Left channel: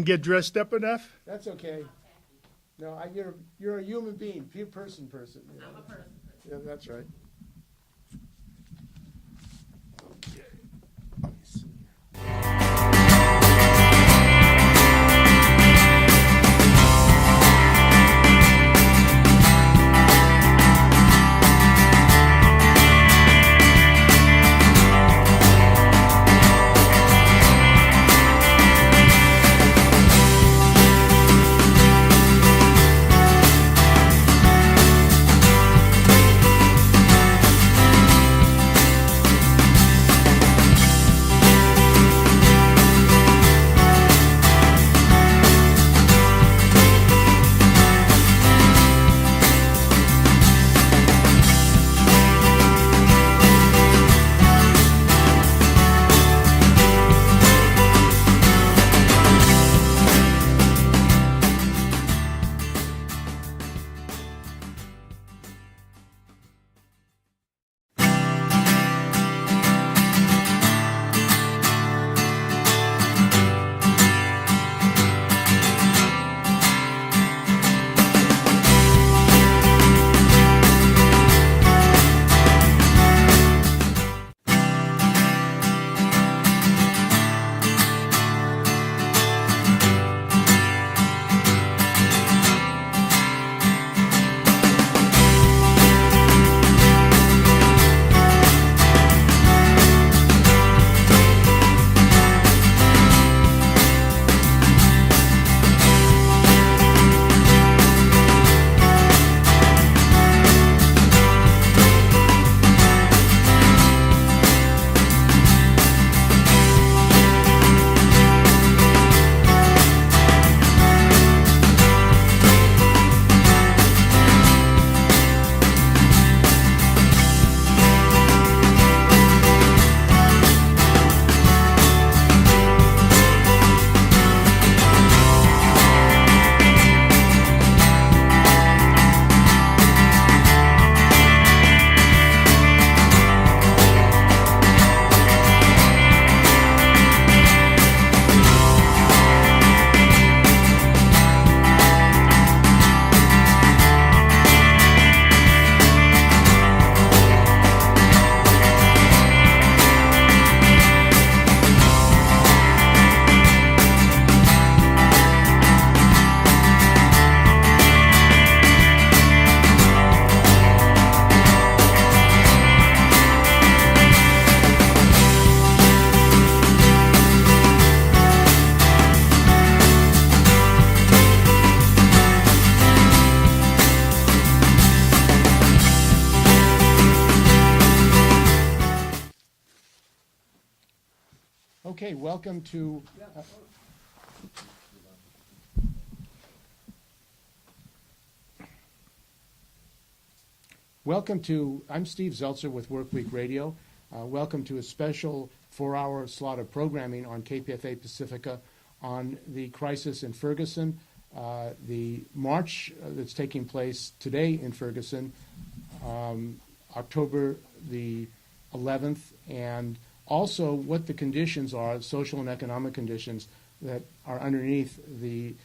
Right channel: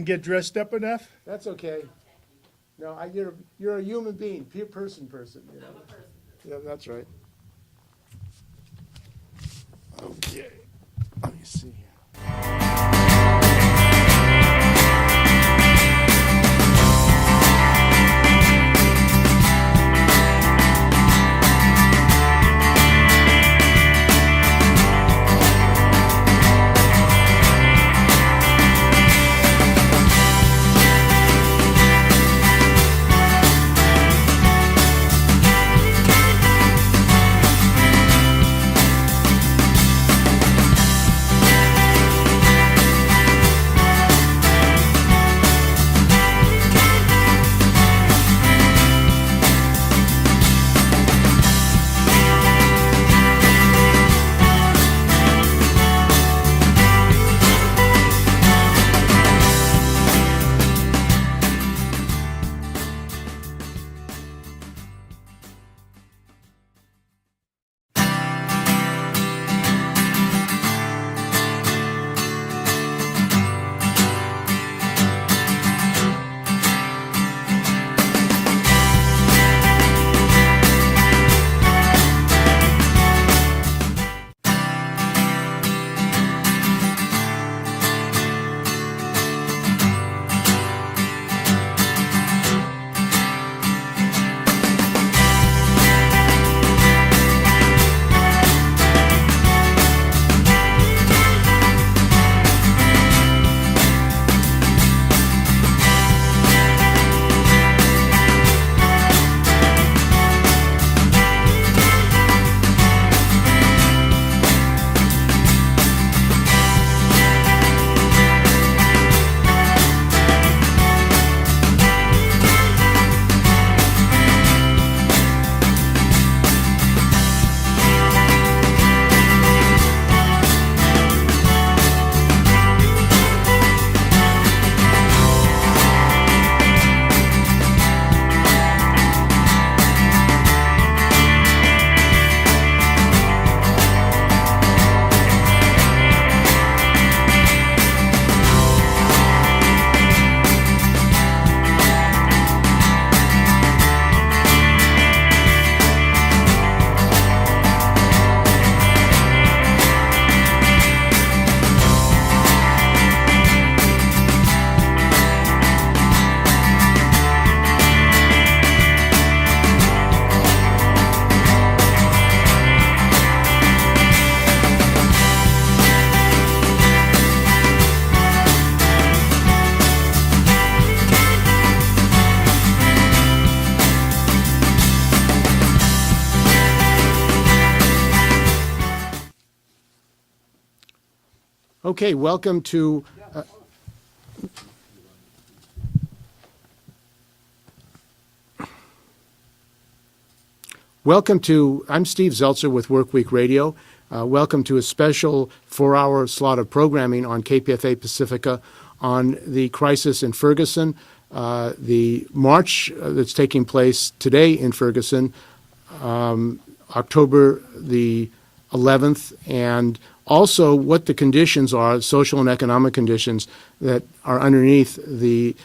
didn't get dressed up enough? That's okay. No, you're a human being, person. You know? I'm a person. Yeah, that's right. Okay. Let me see. Okay, welcome to I'm Steve Zeltzer with Workweek Radio. Welcome to a special 4-hour slot of programming on KPFA Pacifica on the crisis in Ferguson, the march that's taking place today in Ferguson, October the 11th, and also what the conditions are, social and economic conditions that are underneath the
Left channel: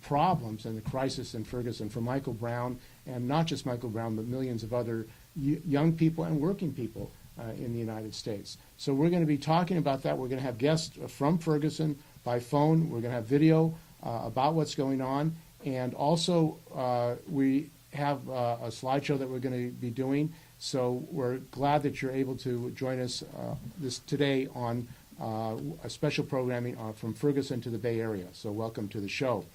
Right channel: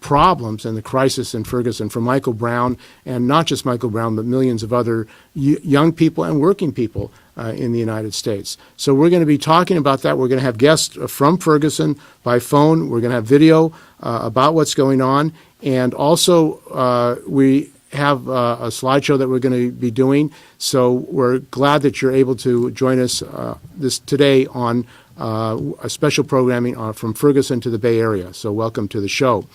problems and the crisis in Ferguson for Michael Brown, and not just Michael Brown, but millions of other young people and working people in the United States. So we're going to be talking about that. We're going to have guests from Ferguson by phone. We're going to have video about what's going on. And also we have a slideshow that we're going to be doing. So we're glad that you're able to join us today on a special programming from Ferguson to the Bay Area. So welcome to the show.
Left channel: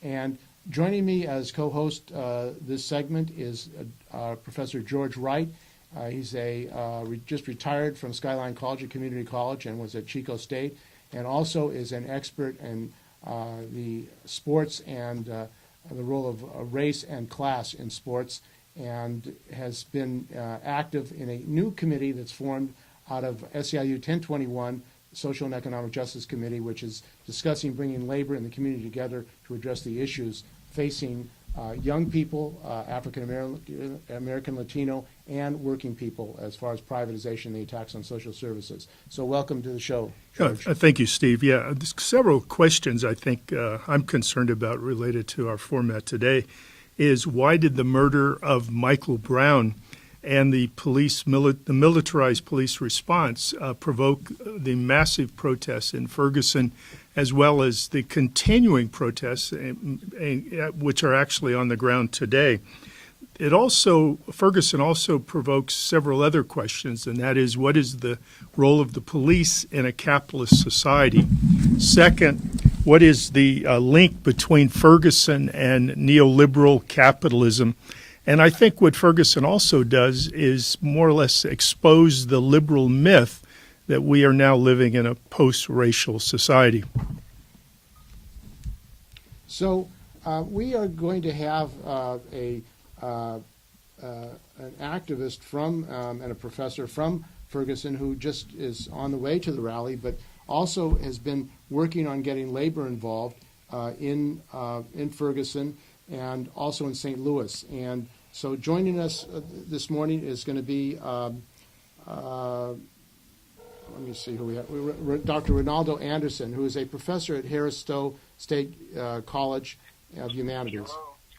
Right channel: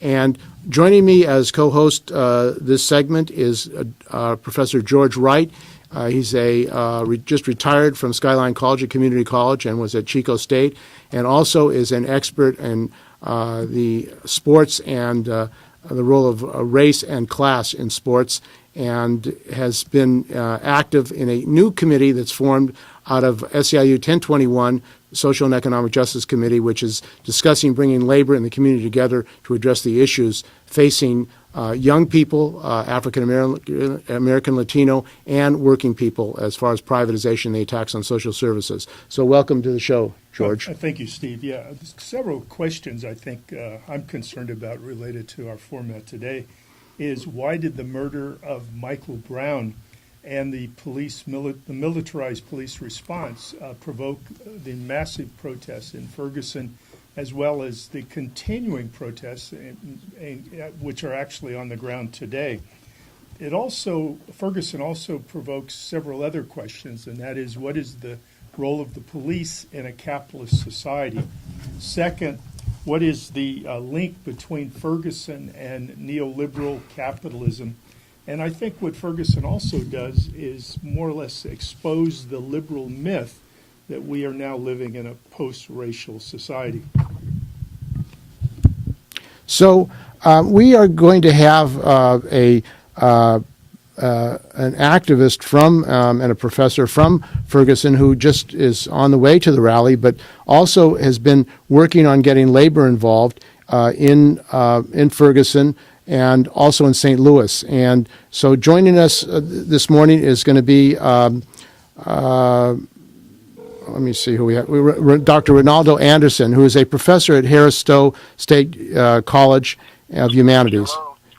And joining me as co-host this segment is Professor George Wright. He's just retired from Skyline College, a community college, and was at Chico State, and also is an expert in the sports and the role of race and class in sports, and has been active in a new committee that's formed out of SEIU 1021, Social and Economic Justice Committee, which is discussing bringing labor and the community together to address the issues facing young people, African American, Latino, and working people as far as privatization, the attacks on social services. So welcome to the show, George. Thank you, Steve. Yeah, there's several questions I think I'm concerned about related to our format today is why did the murder of Michael Brown and the militarized police response provoke the massive protests in Ferguson, as well as the continuing protests, which are actually on the ground today. Ferguson also provokes several other questions, and that is, what is the role of the police in a capitalist society? Second, what is the link between Ferguson and neoliberal capitalism? And I think what Ferguson also does is more or less expose the liberal myth that we are now living in a post-racial society. So we are going to have an activist from and a professor from Ferguson who just is on the way to the rally, but also has been working on getting labor involved in Ferguson and also in St. Louis. And so joining us this morning is going to be, let me see who we have, Dr. Ronaldo Anderson, who is a professor at Harris Stowe State College of Humanities.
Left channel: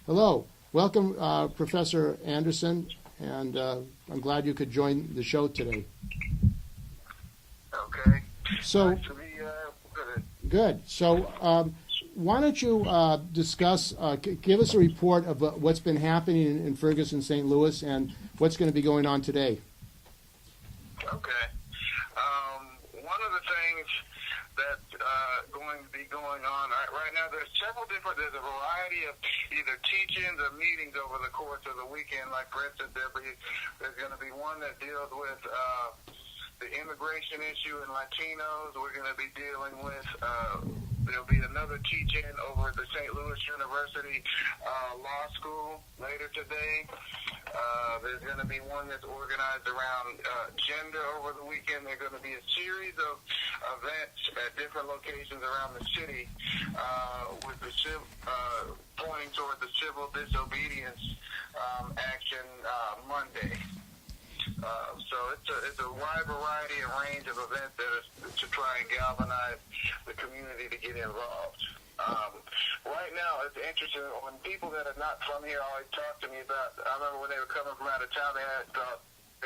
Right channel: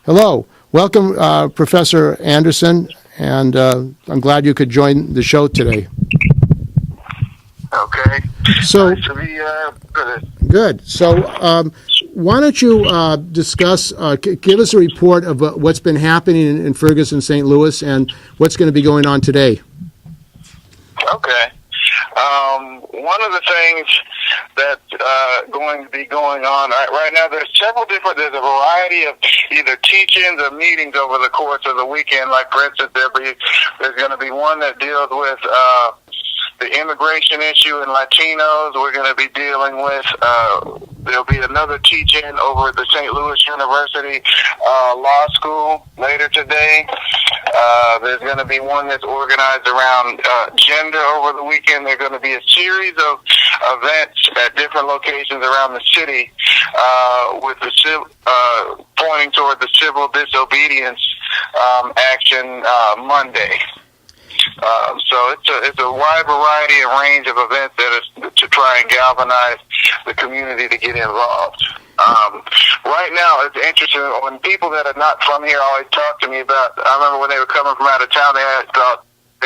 Hello. Welcome, Professor Anderson, and I'm glad you could join the show today. Okay. So, nice to be good. So, why don't you discuss, give us a report of what's been happening in Ferguson, St. Louis, and what's going to be going on today? Okay. One of the things that's going to be going on right now, there's a variety of either teach-ins or meetings over the course of the weekend. Like, for instance, there's going to be one that deals with the immigration issue in Latinos. We're going to be dealing with, there'll be another teach-in over at the St. Louis University Law School later today. There's going to be one that's organized around gender over the weekend. There's going to be a series of events at different locations around the city with the pointing toward the civil disobedience action Monday. So it's a wide variety and range of events that is to try and galvanize the community to get involved. Right now, it's interesting when people that are not from here always talk to me about. I remember when they were coming from out of town, they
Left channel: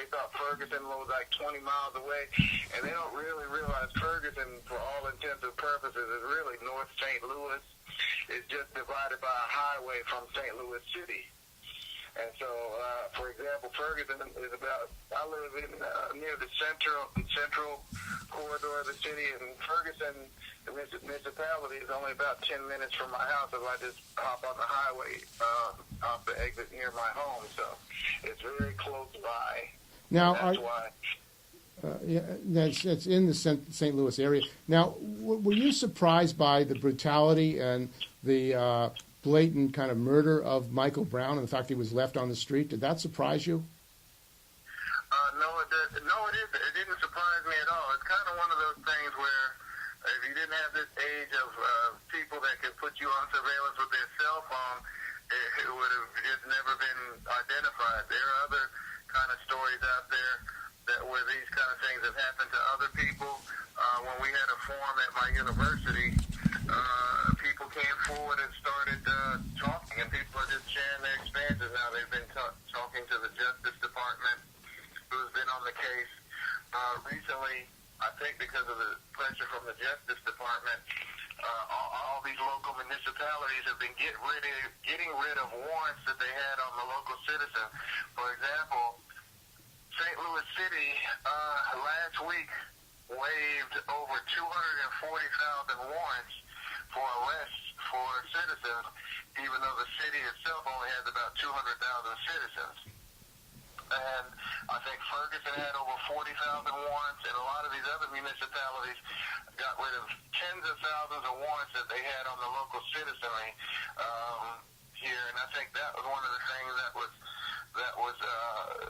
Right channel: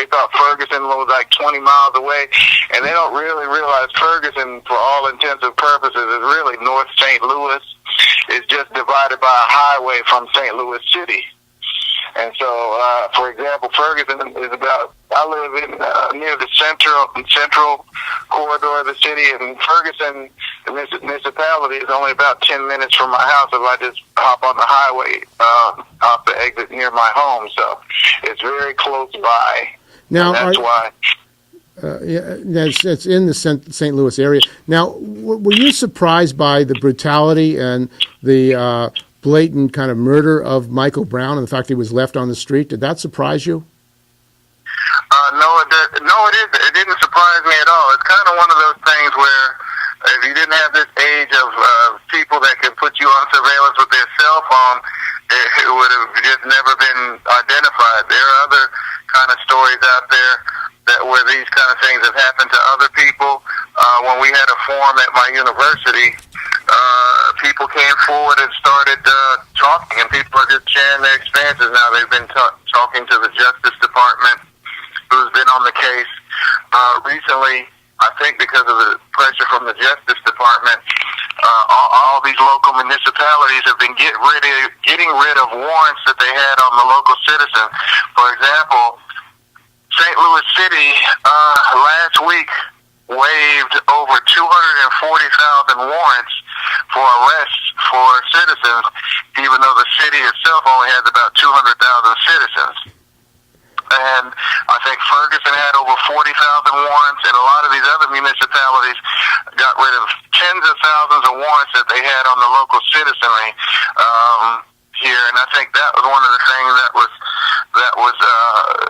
thought Ferguson was like 20 miles away, and they don't really realize Ferguson, for all intents and purposes, is really North St. Louis. It's just divided by a highway from St. Louis City. And so, for example, Ferguson is I live in near the central corridor of the city, and Ferguson, the municipality, is only about 10 minutes from my house if I just hop on the highway off the exit near my home. So it's very close by. Now, that's why. It's in the St. Louis area. Now, were you surprised by the brutality and the blatant kind of murder of Michael Brown and the fact that he was left on the street? Did that surprise you? No, it didn't surprise me at all. It's kind of one of those things where if you didn't have this age of people that can put you on surveillance with their cell phone, it would have just never been identified. There are other kind of stories out there where these kind of things have happened to other people. When we had a forum at my university, people came forward and started talking, and people are just sharing their experiences now. They've been talking to the Justice Department, who's been on the case. Recently, I think because of the pressure from the Justice Department, all these local municipalities have been getting rid of warrants that they had on the local citizen. For example, St. Louis City last week waived over 240,000 warrants for arrests for citizens, even though the city itself only has about 200,000 citizens. And I think Ferguson had over 40,000 warrants, and a lot of these other municipalities got rid of tens of thousands of warrants that they had on the local citizenry here. And I think that was one of the things that was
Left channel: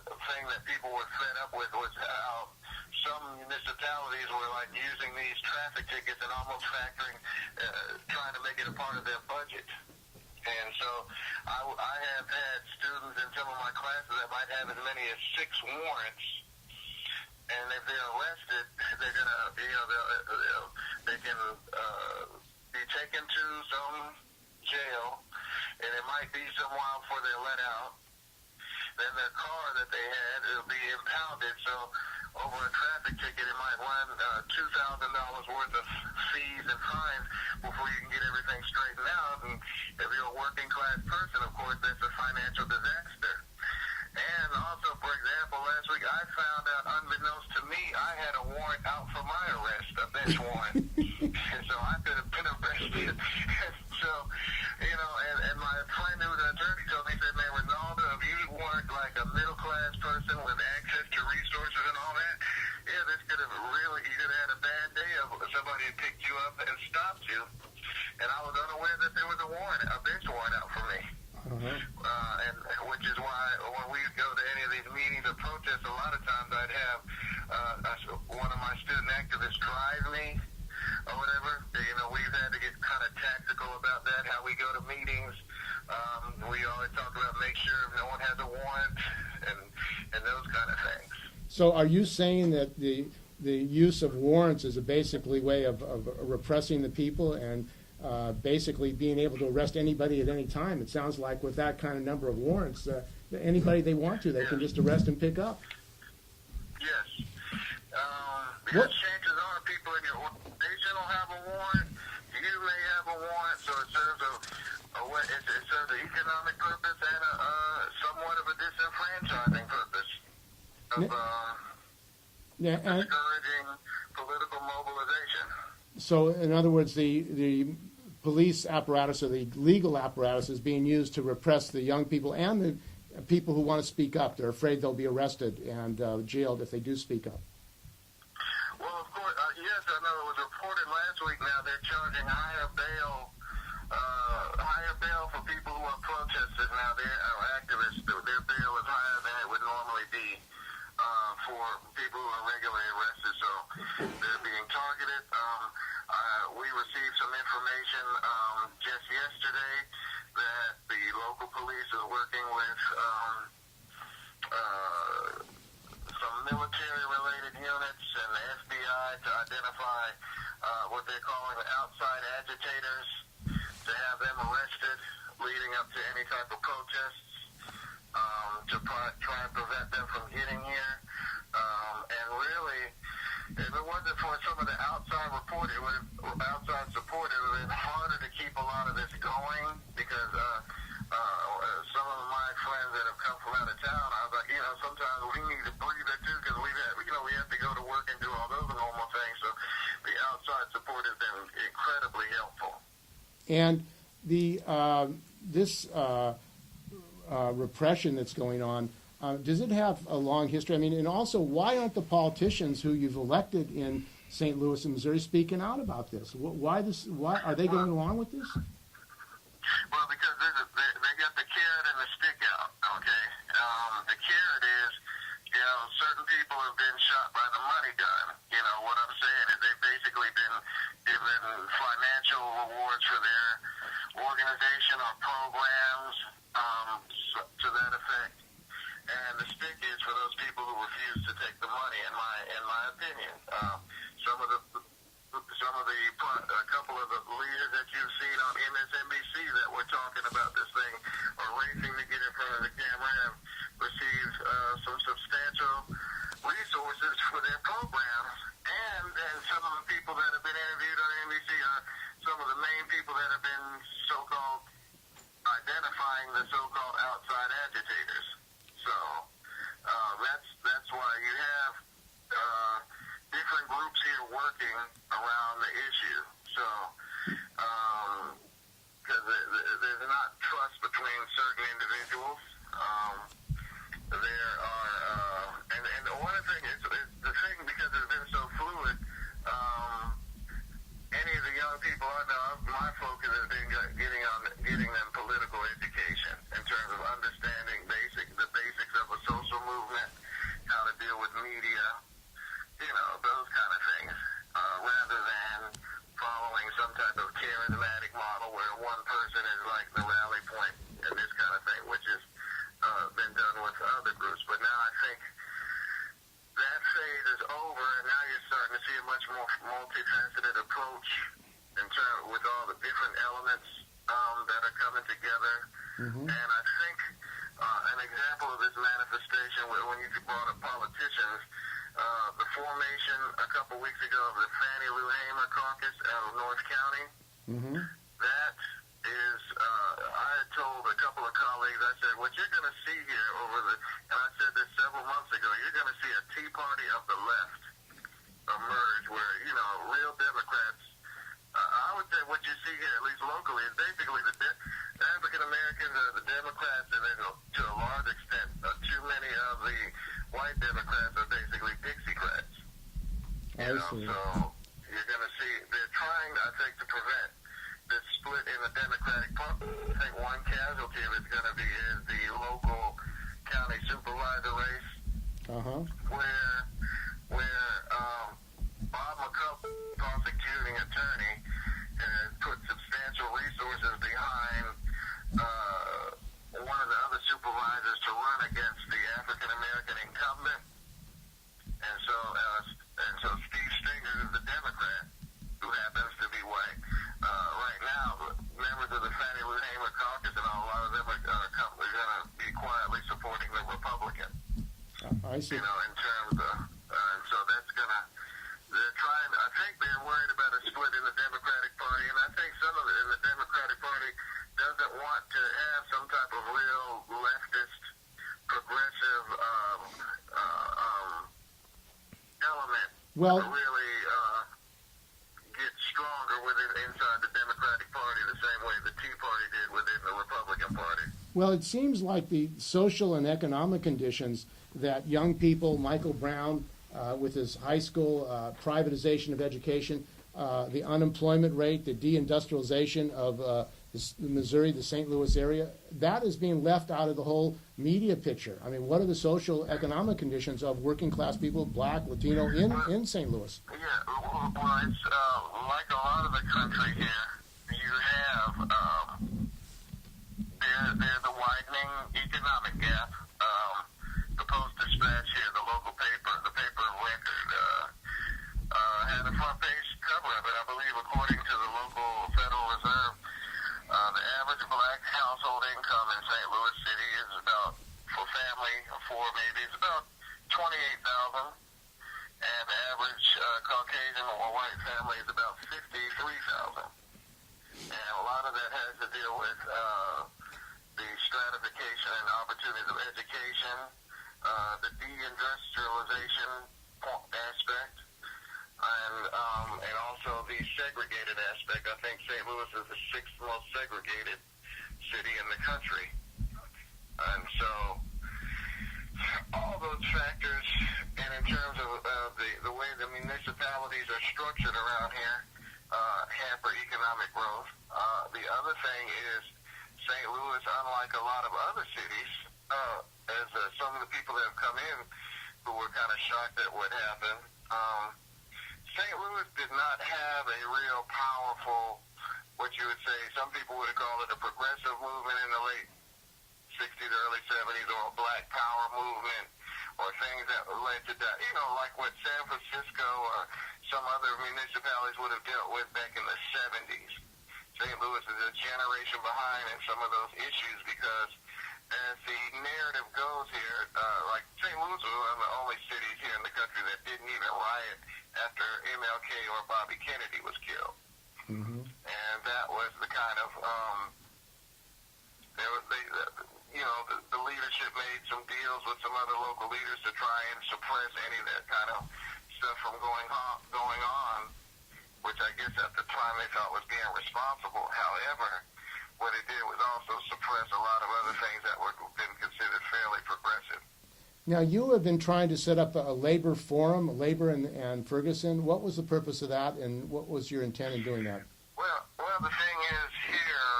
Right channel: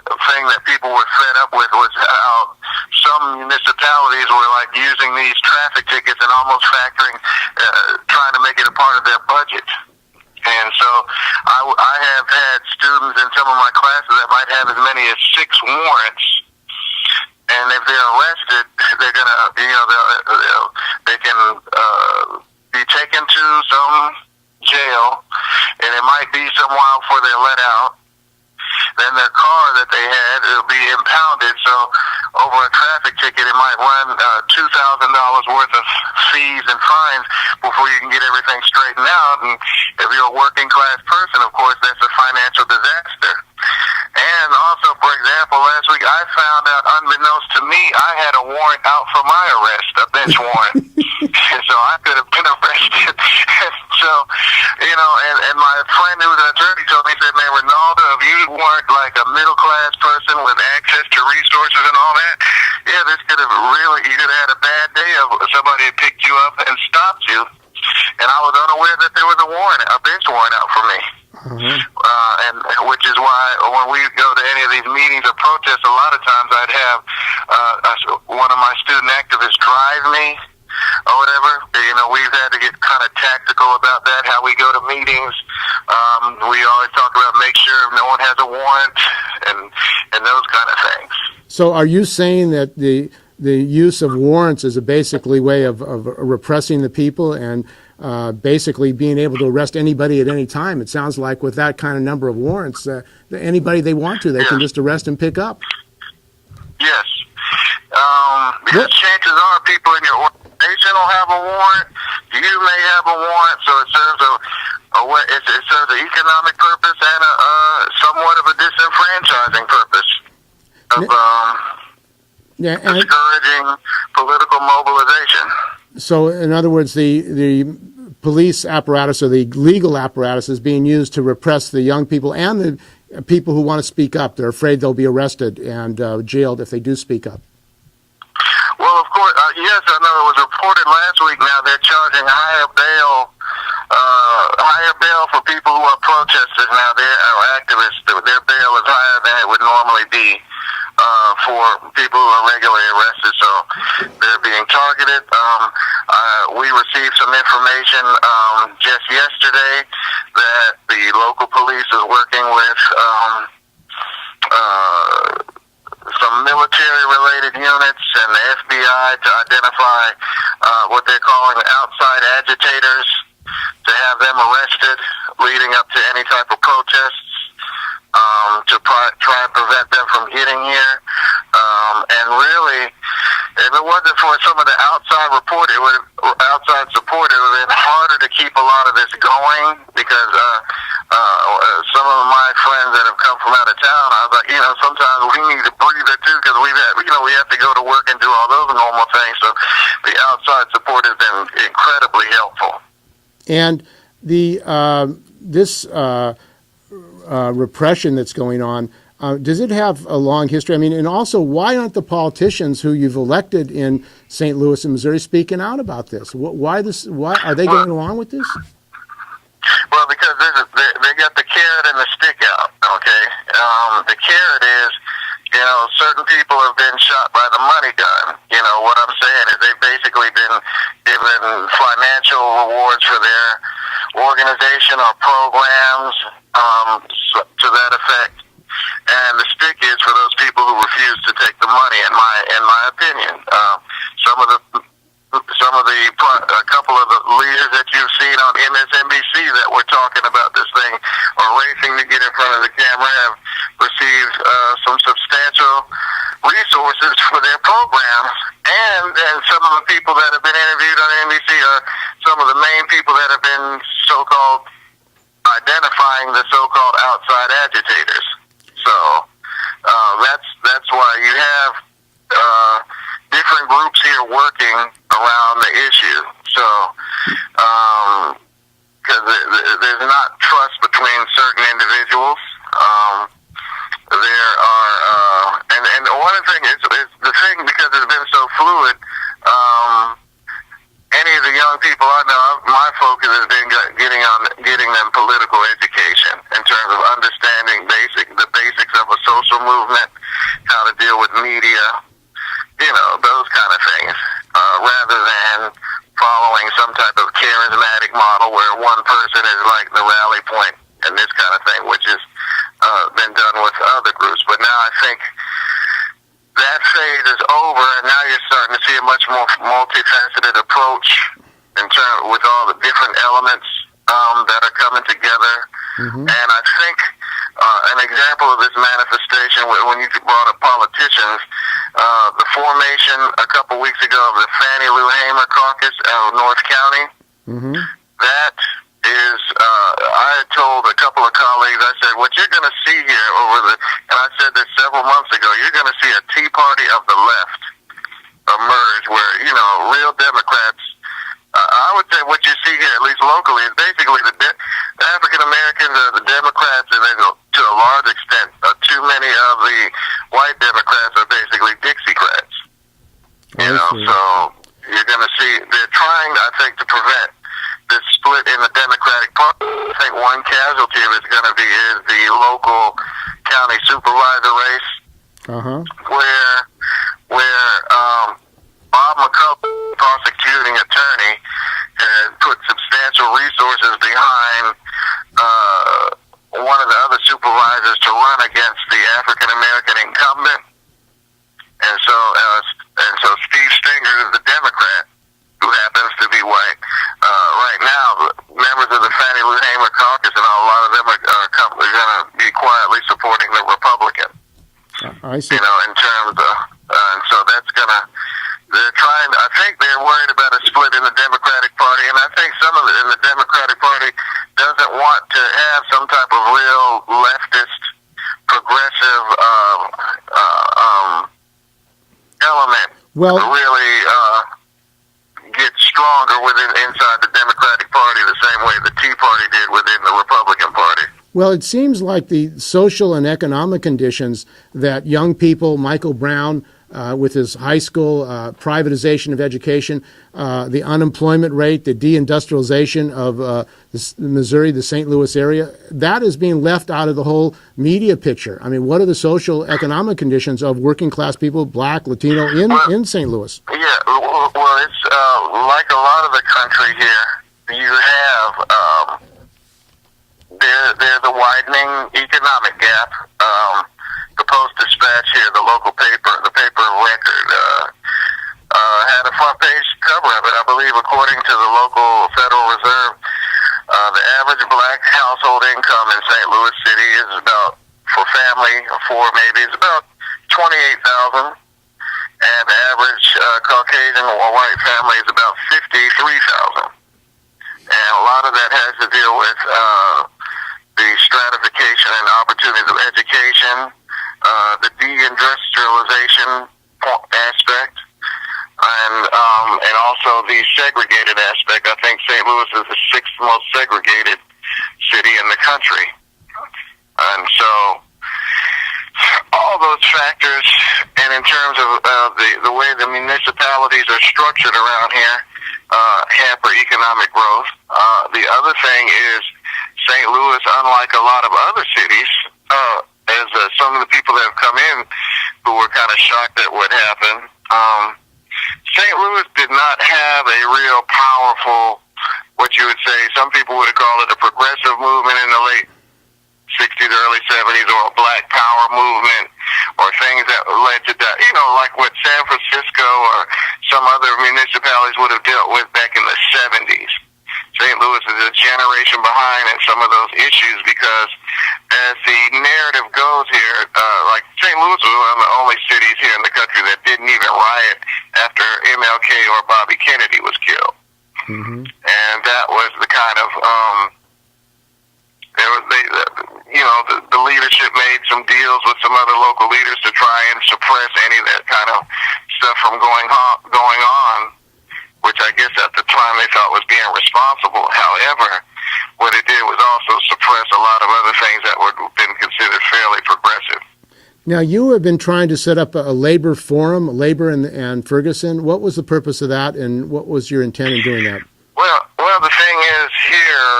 a thing that people were fed up with, was how some municipalities were like using these traffic tickets and almost trying to make it a part of their budget. And And so I have had students in some of my classes that might have as many as 6 warrants. And if they're arrested, they're gonna, they can be taken to some jail, and it might be some while before they're let out. Then their car that they had, it'll be impounded. So over a traffic ticket, it might run $2,000 worth of fees and fines before you can get everything straightened out. And if you're a working class person, of course, that's a financial disaster. And also, for example, last week I found out, unbeknownst to me, I had a warrant out for my arrest, a bench warrant. And so I could have been arrested. So, and my friend who was an attorney told me, he said, man, Ronaldo, if you weren't like a middle-class person with access to resources and all that, yeah, this could have you could have had a bad day of somebody had picked you up and stopped you. And I was unaware that there was a bench warrant out for me. And which is why when we go to any of these meetings or protests, a lot of times I'd have one of my student activists drive me or whatever. We've had to get kind of tactical about that, how we go to meetings. We always talk about make sure no one has a warrant and those kind of things. So are you saying that the use of warrants is a basically way of repressing the people and basically being able to arrest anybody at any time? It sounds like with that kind of number of warrants, anybody they want to, they can just arrest and pick up. Yes. Because chances are people in your organization will have a warrant. You may have a warrant, so it serves it serves an economic purpose and somewhat of a disenfranchising purpose of discouraging political mobilization. So, in other words, the police apparatus or the legal apparatus is being used to repress the young people and the people who want to speak up. They're afraid they'll be arrested and jailed if they do speak up. Well, of course, yes, I know it was reported last week. Now they're charging higher bail for people who are protesters. Now they're activists. Their bail is higher than it would normally be for people who are regularly arrested. So they're being targeted. We received some information just yesterday that the local police is working with some military-related units and the FBI to identify what they're calling outside agitators, to have them arrested leading up to any type of protests, to try and prevent them from getting here. And really, if it wasn't for some of the outside support, it would have been harder to keep a lot of this going, because some of my friends that have come from out of town, I was like, sometimes we need a breather too, because we have to go to work and do all those normal things. So the outside support has been incredibly helpful. And this repression that's going on, does it have a long history? I mean, and also, why aren't the politicians who you've elected in St. Louis and Missouri speaking out about this? Why are they going along with this? Well, because they got the carrot and the stick out. Okay, the carrot is, certain people have been shot by the money gun. What I'm saying is they've basically been given financial rewards for their organization or programs to that effect. And the stick is for those people who refuse to take the money. In my opinion, a couple of the leaders that you've seen on MSNBC that were talking about this thing or racing to get in front of the camera have received some substantial resources for their programs. And some of the people that have been interviewed on NBC are some of the main people that have been so-called identifying the so-called outside agitators. So that's why you have different groups here working around the issue. So because there's not trust between certain individuals. There are and one thing is the thing, because it's been so fluid. Any of the young people I know, my focus has been getting them political education in terms of understanding the basics of a social movement, how to deal with media, those kind of things, rather than following some type of charismatic model where one one person is like the rally point and this kind of thing, which has been done with other groups. But now I think that phase is over, and now you're starting to see a much more multifaceted approach with all the different elements that are coming together. And I think an example of this manifestation, when you brought up politicians, the formation a couple weeks ago of the Fannie Lou Hamer Caucus out of North County, that is, I had told a couple of colleagues, I said, what you're going to see here and I said this several months ago, you're going to see a Tea Party of the left emerge where, real Democrats, I would say what you see here, at least locally, is basically the African Americans are the Democrats, and then to a large extent, too many of the white Democrats are basically Dixiecrats. So you're going to see, they're trying, I think, to prevent this split in the Democratic Party. I think one casualty of it's going to be is the local county supervisor race, where Bob McCullough, prosecuting attorney, has put substantial resources behind one of the other supervisors to run against the African American incumbent, and so Steve Stenger is the Democrat who happens to be white. Right now, members of the Fannie Lou Hamer Caucus and a lot of them are going to be quietly supporting the Republican. I see. In terms of, and so that's going to. They're trying. I think they're worried about a split in the Democratic Party, and I think some of it in the Democratic Party doesn't want to have some type of real leftist, progressive element. Well, really get stronger inside the Democratic Party the same way the Tea Party did within the Republican Party. Well, it seems like the social and economic conditions that young people, Michael Brown, with his high school privatization of education, the unemployment rate, the deindustrialization of Missouri, the St. Louis area, that is being left out of the whole media picture. I mean, what are the social economic conditions of working class people, black, Latino, in St. Louis? Yeah, well, it's like a lot of the country here, you have there's a widening economic gap. The Post-Dispatch here, the local paper, the paper of record, had a front page cover of it. I believe, according to the local Federal Reserve, the average black household income in St. Louis City is about, for family of four maybe, is about $28,000, and the average Caucasian or white family is about $53,000. And a lot of that has to deal with the stratification and opportunities of education, the deindustrialization aspect, and also the segregated aspect. I think St. Louis is the sixth most segregated city in the country. And so all those factors, and in terms of the way the municipalities are structured around here, hamper economic growth. The other thing is St. Louis, unlike a lot of other cities, as some of the people that have come in who were kind of shocked at what happened, St. Louis did not have a real powerful, what you would say, some people would have called it a progressive movement in the late 60s, early 70s, or a black power movement, or things that led to that, like what San Francisco or some other municipalities would have dealt with back in the 70s. St. Louis is a generation behind in some of those issues because as the narrative goes here, like St. Louis was one of the only cities here in the country that didn't even riot after MLK or Bobby Kennedy was killed. And that was the kind of, the leadership made some deals with some other local leaders to try and suppress any of that kind of stuff from going on, which I guess at the time they thought was being responsible. However, what it did was also suppress a lot of other things that would have been considered fairly progressive. Now, you have been trying to set up a labor forum, labor and Ferguson. What was the purpose of that, and what was your intent in doing that? Well, the thing is here,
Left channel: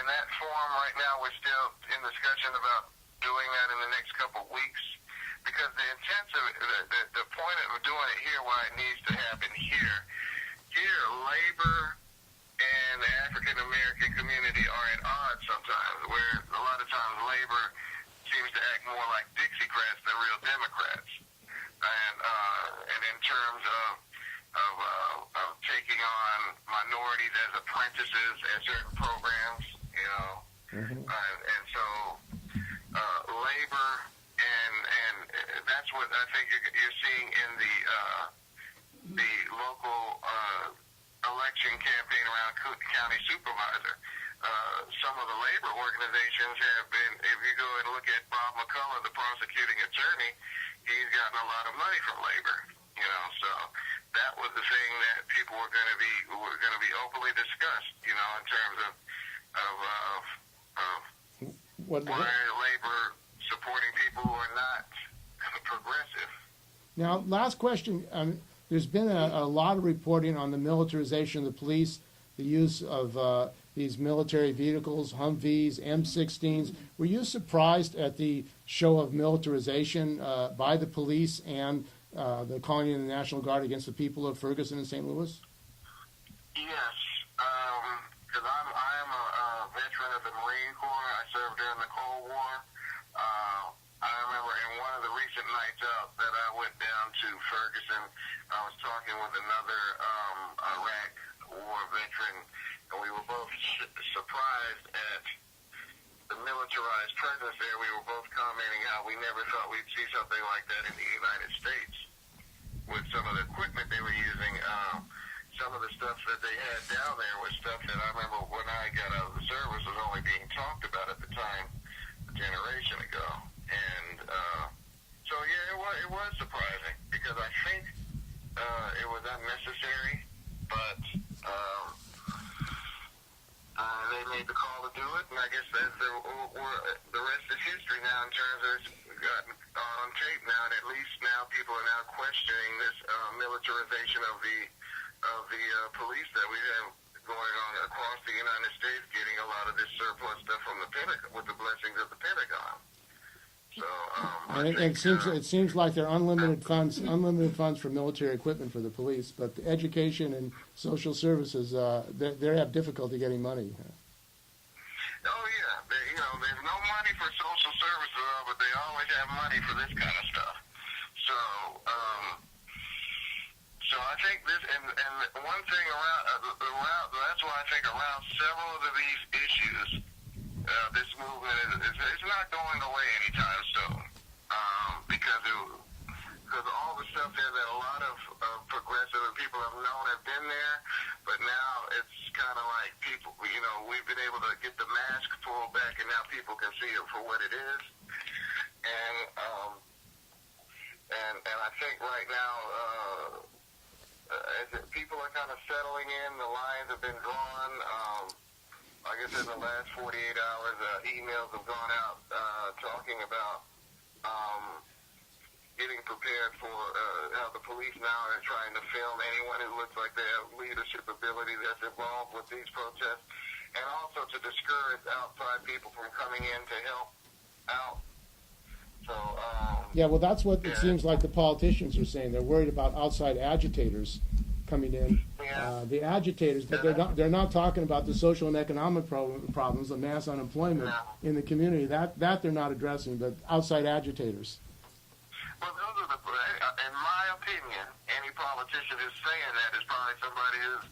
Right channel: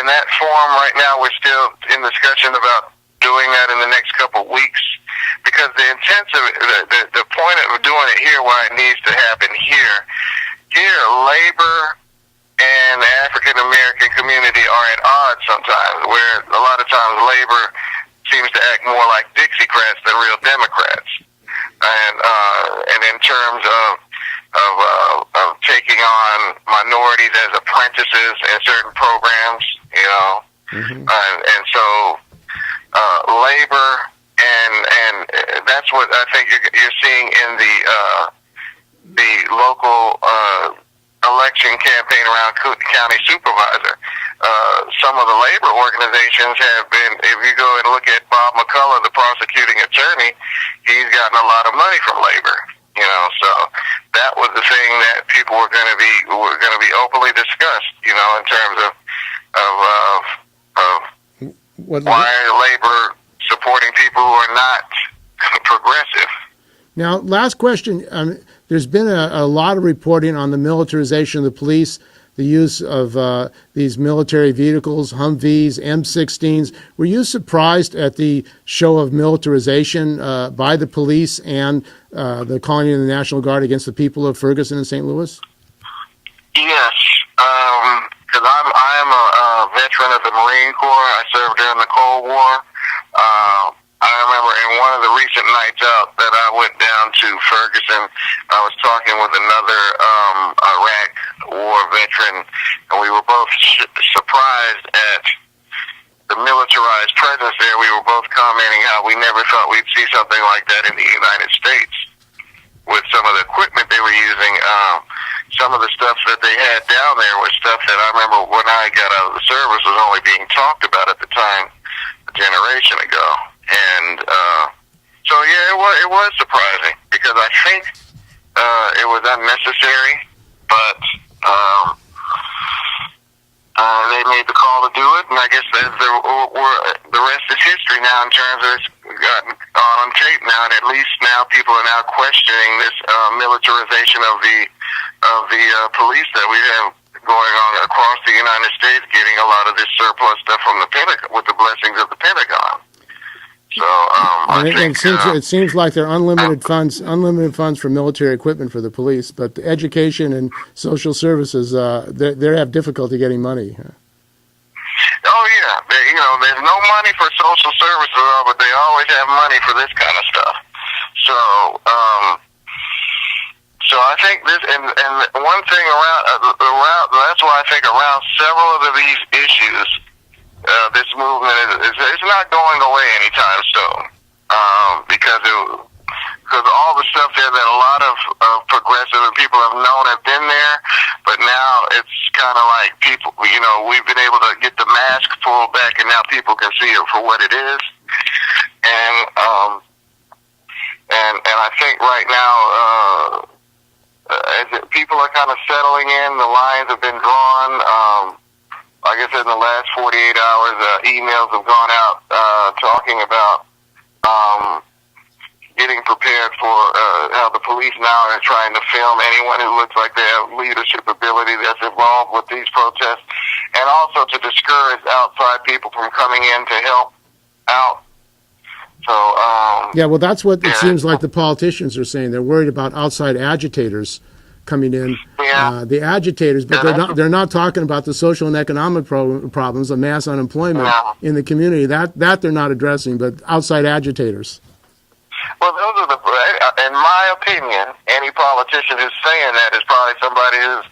in that forum right now, we're still in discussion about doing that in the next couple of weeks, because the intent of it, the point of doing it here, why it needs to happen here, labor and the African American community are at odds sometimes, where a lot of times labor seems to act more like Dixiecrats than real Democrats. And in terms of taking on minorities as apprentices in certain programs, you know, and so labor and that's what I think you're seeing in the local election campaign around county supervisor. Some of the labor organizations have been, if you go and look at Bob McCullough, the prosecuting attorney, he's gotten a lot of money from labor, you know, so that was the thing that people were going to be openly discussed, you know, in terms of why labor supporting people who are not progressive. Now, last question. There's been a lot of reporting on the militarization of the police, the use of these military vehicles, Humvees, M16s. Were you surprised at the show of militarization by the police and the calling in the National Guard against the people of Ferguson and St. Louis? Yes, because I'm a veteran of the Marine Corps. I served during the Cold War. I remember in one of the recent nights out that I went down to Ferguson, I was talking with another Iraq War veteran, and we were both surprised at the militarized presence there. We were both commenting how we never thought we'd see something like that in the United States with some of the equipment they were using. Some of the stuff that they had down there was stuff that I remember when I got out of the service was only being talked about at the time a generation ago. And so, yeah, it was surprising because I think it was unnecessary, but they made the call to do it, and I guess the rest is history now in terms of it's gotten on tape now, and at least now people are now questioning this militarization of the police that we have going on across the United States, getting a lot of this surplus stuff from the Pentagon with the blessings of the Pentagon. So I think it seems like there are unlimited funds for military equipment for the police, but the education and social services they have difficulty getting money. Oh yeah, there's no money for social services, but they always have money for this kind of stuff. So I think this and one thing around that's why I think around several of these issues. This movement it's not going away anytime soon, because all the stuff there that a lot of progressive people have known have been there, but now it's kind of like people, we've been able to get the mask pulled back, and now people can see it for what it is, and I think right now people are kind of settling in. The lines have been drawn. Like I said, in the last 48 hours, emails have gone out talking about getting prepared for how the police now are trying to film anyone who looks like they have leadership ability that's involved with these protests, and also to discourage outside people from coming in to help out. So yeah, well, that's what it seems like the politicians are saying. They're worried about outside agitators coming in, the agitators, but they're not talking about the social and economic problems of mass unemployment in the community. That they're not addressing, but outside agitators. Well, those are in my opinion, any politician who's saying that is probably somebody who's,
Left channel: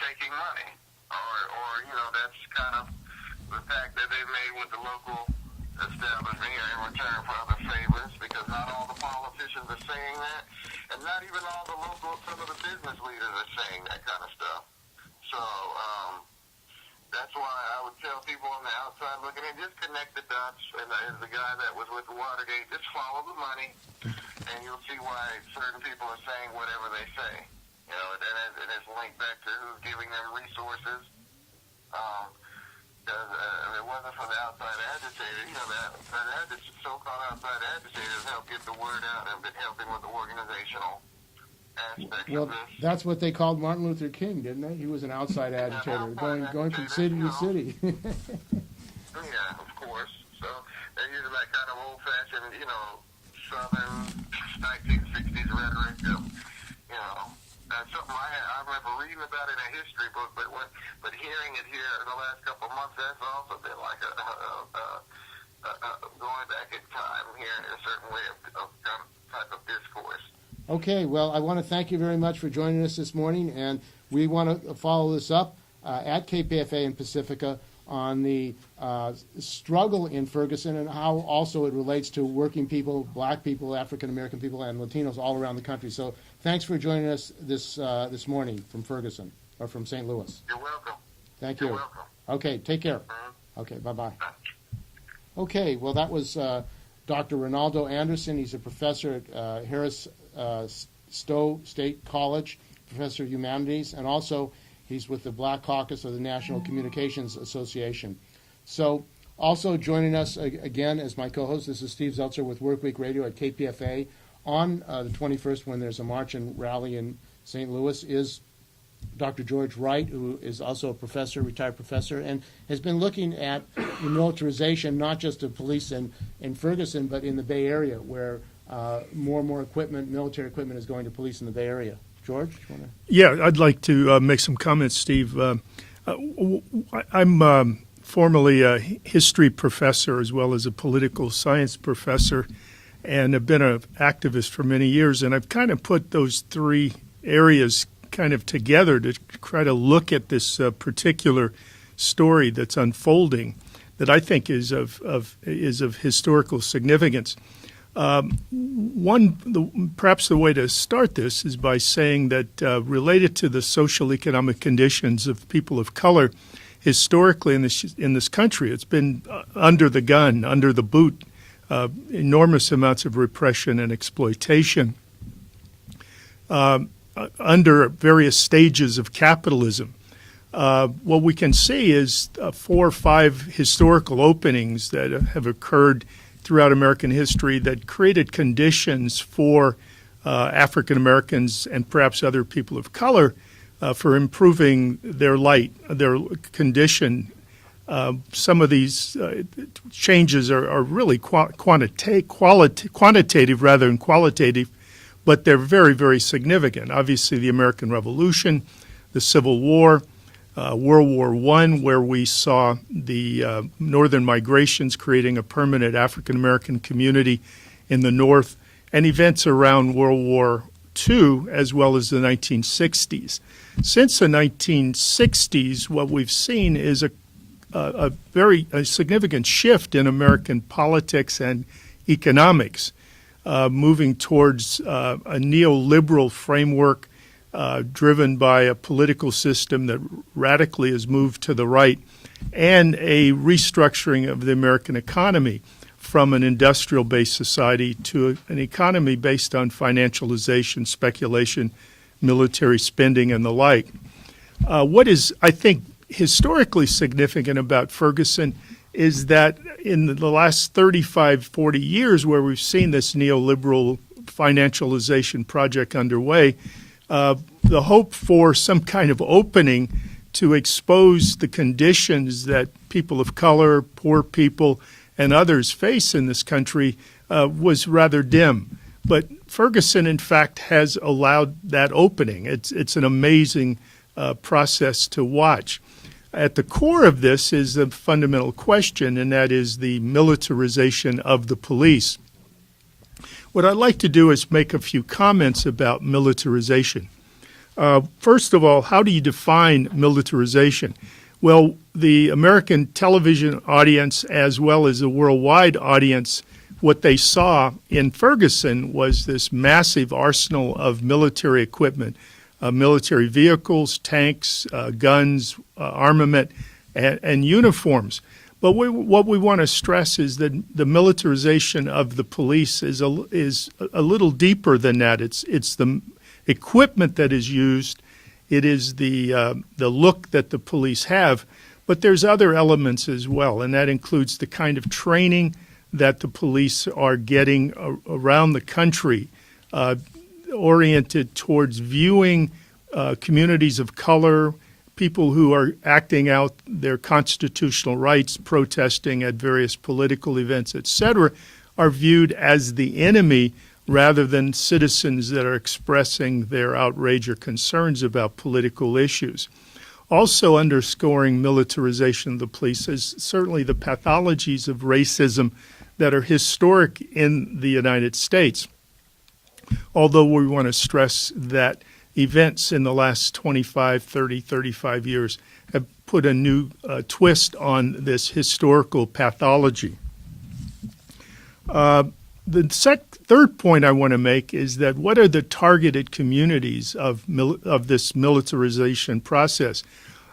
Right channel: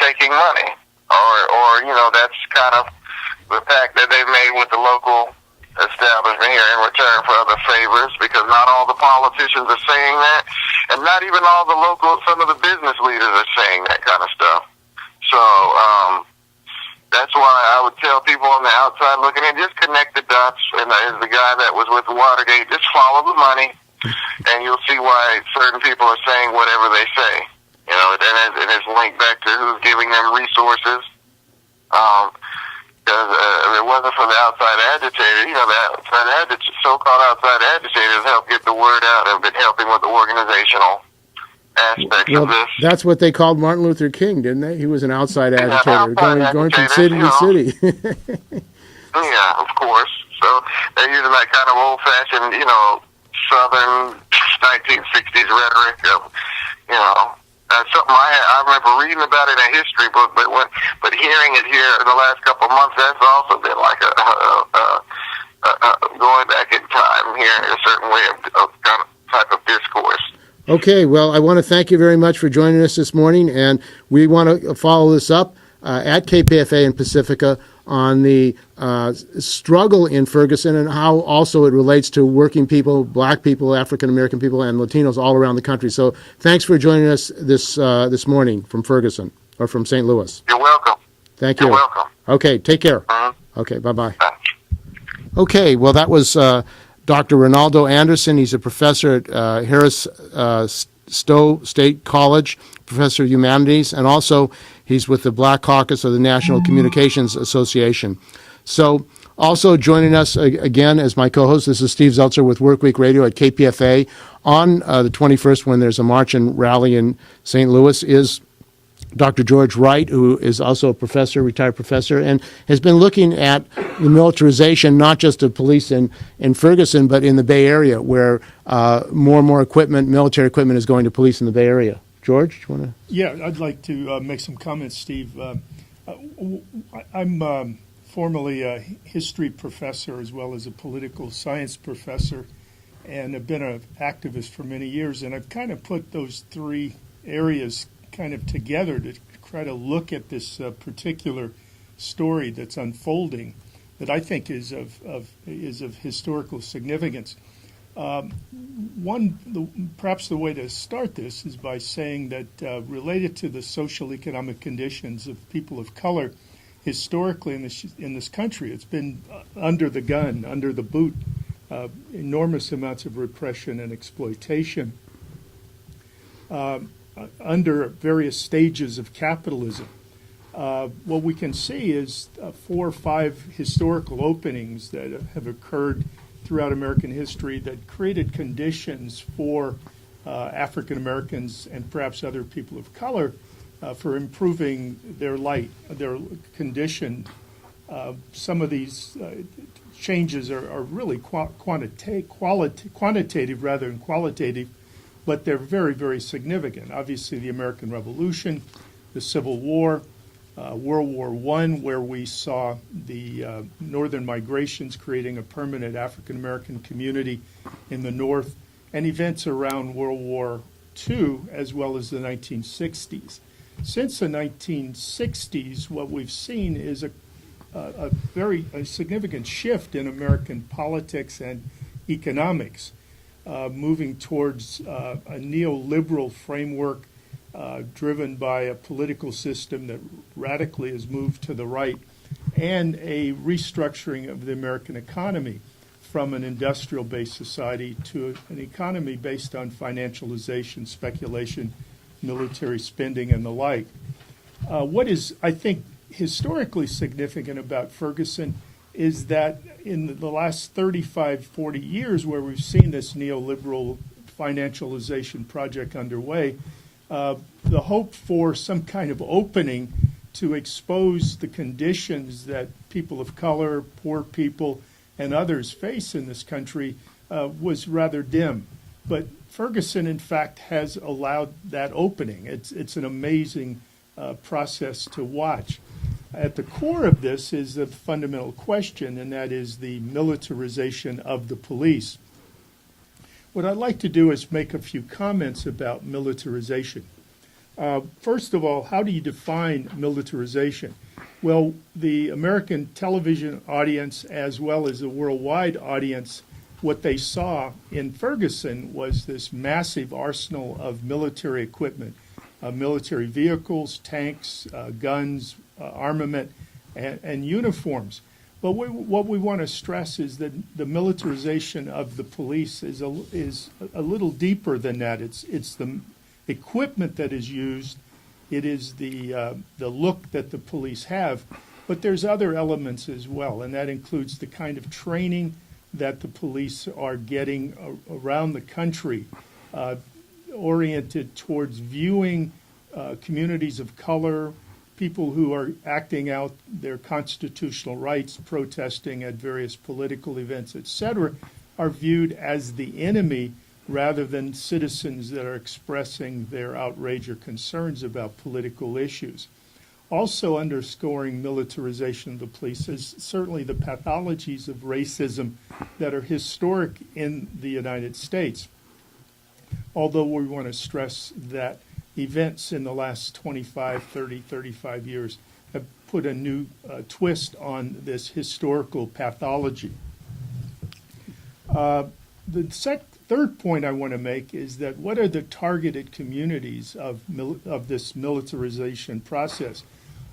taking money, or that's kind of the pact that they've made with the local establishment here in return for other favors, because not all the politicians are saying that, and not even all the some of the business leaders are saying that kind of stuff. So that's why I would tell people on the outside looking in, just connect the dots, and as the guy that was with Watergate, just follow the money, and you'll see why certain people are saying whatever they say. And it's linked back to who's giving them resources. Because if it wasn't for the outside agitators, the so-called outside agitators help get the word out, have been helping with the organizational aspects of this. That's what they called Martin Luther King, didn't they? He was an outside agitator, going from city to city. Yeah, of course. So they're using that kind of old-fashioned, Southern 1960s rhetoric of, something I remember reading about it in a history book, but hearing it here in the last couple of months, that's also been like going back in time, hearing a certain way of kind of type of discourse. Okay, well, I want to thank you very much for joining us this morning, and we want to follow this up at KPFA in Pacifica on the struggle in Ferguson and how also it relates to working people, black people, African-American people, and Latinos all around the country. So thanks for joining us this morning from Ferguson, or from St. Louis. You're welcome. Thank you. You're welcome. Okay, take care. Okay, bye-bye. Okay, well, that was Dr. Ronaldo Anderson. He's a professor at Harris Stowe State College, professor of humanities, and also he's with the Black Caucus of the National Communications Association. So also joining us again as my co-host, this is Steve Zeltzer with Workweek Radio at KPFA. On the 21st, when there's a march and rally in St. Louis, is Dr. George Wright, who is also a professor, retired professor, and has been looking at the militarization, not just of police in Ferguson, but in the Bay Area, where more and more equipment, military equipment, is going to police in the Bay Area. George, do you want to? Yeah, I'd like to make some comments, Steve. I'm formerly a history professor as well as a political science professor, and have been an activist for many years, and I've kind of put those three areas kind of together to try to look at this particular story that's unfolding that I think is of historical significance. Perhaps the way to start this is by saying that related to the social economic conditions of people of color, historically in this country, it's been under the gun, under the boot, enormous amounts of repression and exploitation. Under various stages of capitalism. What we can see is 4 or 5 historical openings that have occurred throughout American history that created conditions for African Americans and perhaps other people of color for improving their condition. Some of these changes are really quantitative rather than qualitative, but they're very, very significant. Obviously, the American Revolution, the Civil War, World War I, where we saw the northern migrations creating a permanent African-American community in the North, and events around World War II, as well as the 1960s. Since the 1960s, what we've seen is a very significant shift in American politics and economics. Moving towards a neoliberal framework driven by a political system that radically has moved to the right, and a restructuring of the American economy from an industrial-based society to an economy based on financialization, speculation, military spending, and the like. What is, I think, historically significant about Ferguson is that in the last 35, 40 years where we've seen this neoliberal financialization project underway, the hope for some kind of opening to expose the conditions that people of color, poor people, and others face in this country was rather dim. But Ferguson, in fact, has allowed that opening. It's an amazing process to watch. At the core of this is a fundamental question, and that is the militarization of the police. What I'd like to do is make a few comments about militarization. First of all, how do you define militarization? Well, the American television audience, as well as the worldwide audience, what they saw in Ferguson was this massive arsenal of military equipment, military vehicles, tanks, guns, armament, and uniforms. But what we want to stress is that the militarization of the police is a little deeper than that. It's the equipment that is used. It is the look that the police have. But there's other elements as well, and that includes the kind of training that the police are getting around the country, oriented towards viewing communities of color, people who are acting out their constitutional rights, protesting at various political events, etc., are viewed as the enemy rather than citizens that are expressing their outrage or concerns about political issues. Also underscoring militarization of the police is certainly the pathologies of racism that are historic in the United States. Although we want to stress that events in the last 25, 30, 35 years have put a new twist on this historical pathology. The third point I want to make is that what are the targeted communities of this militarization process?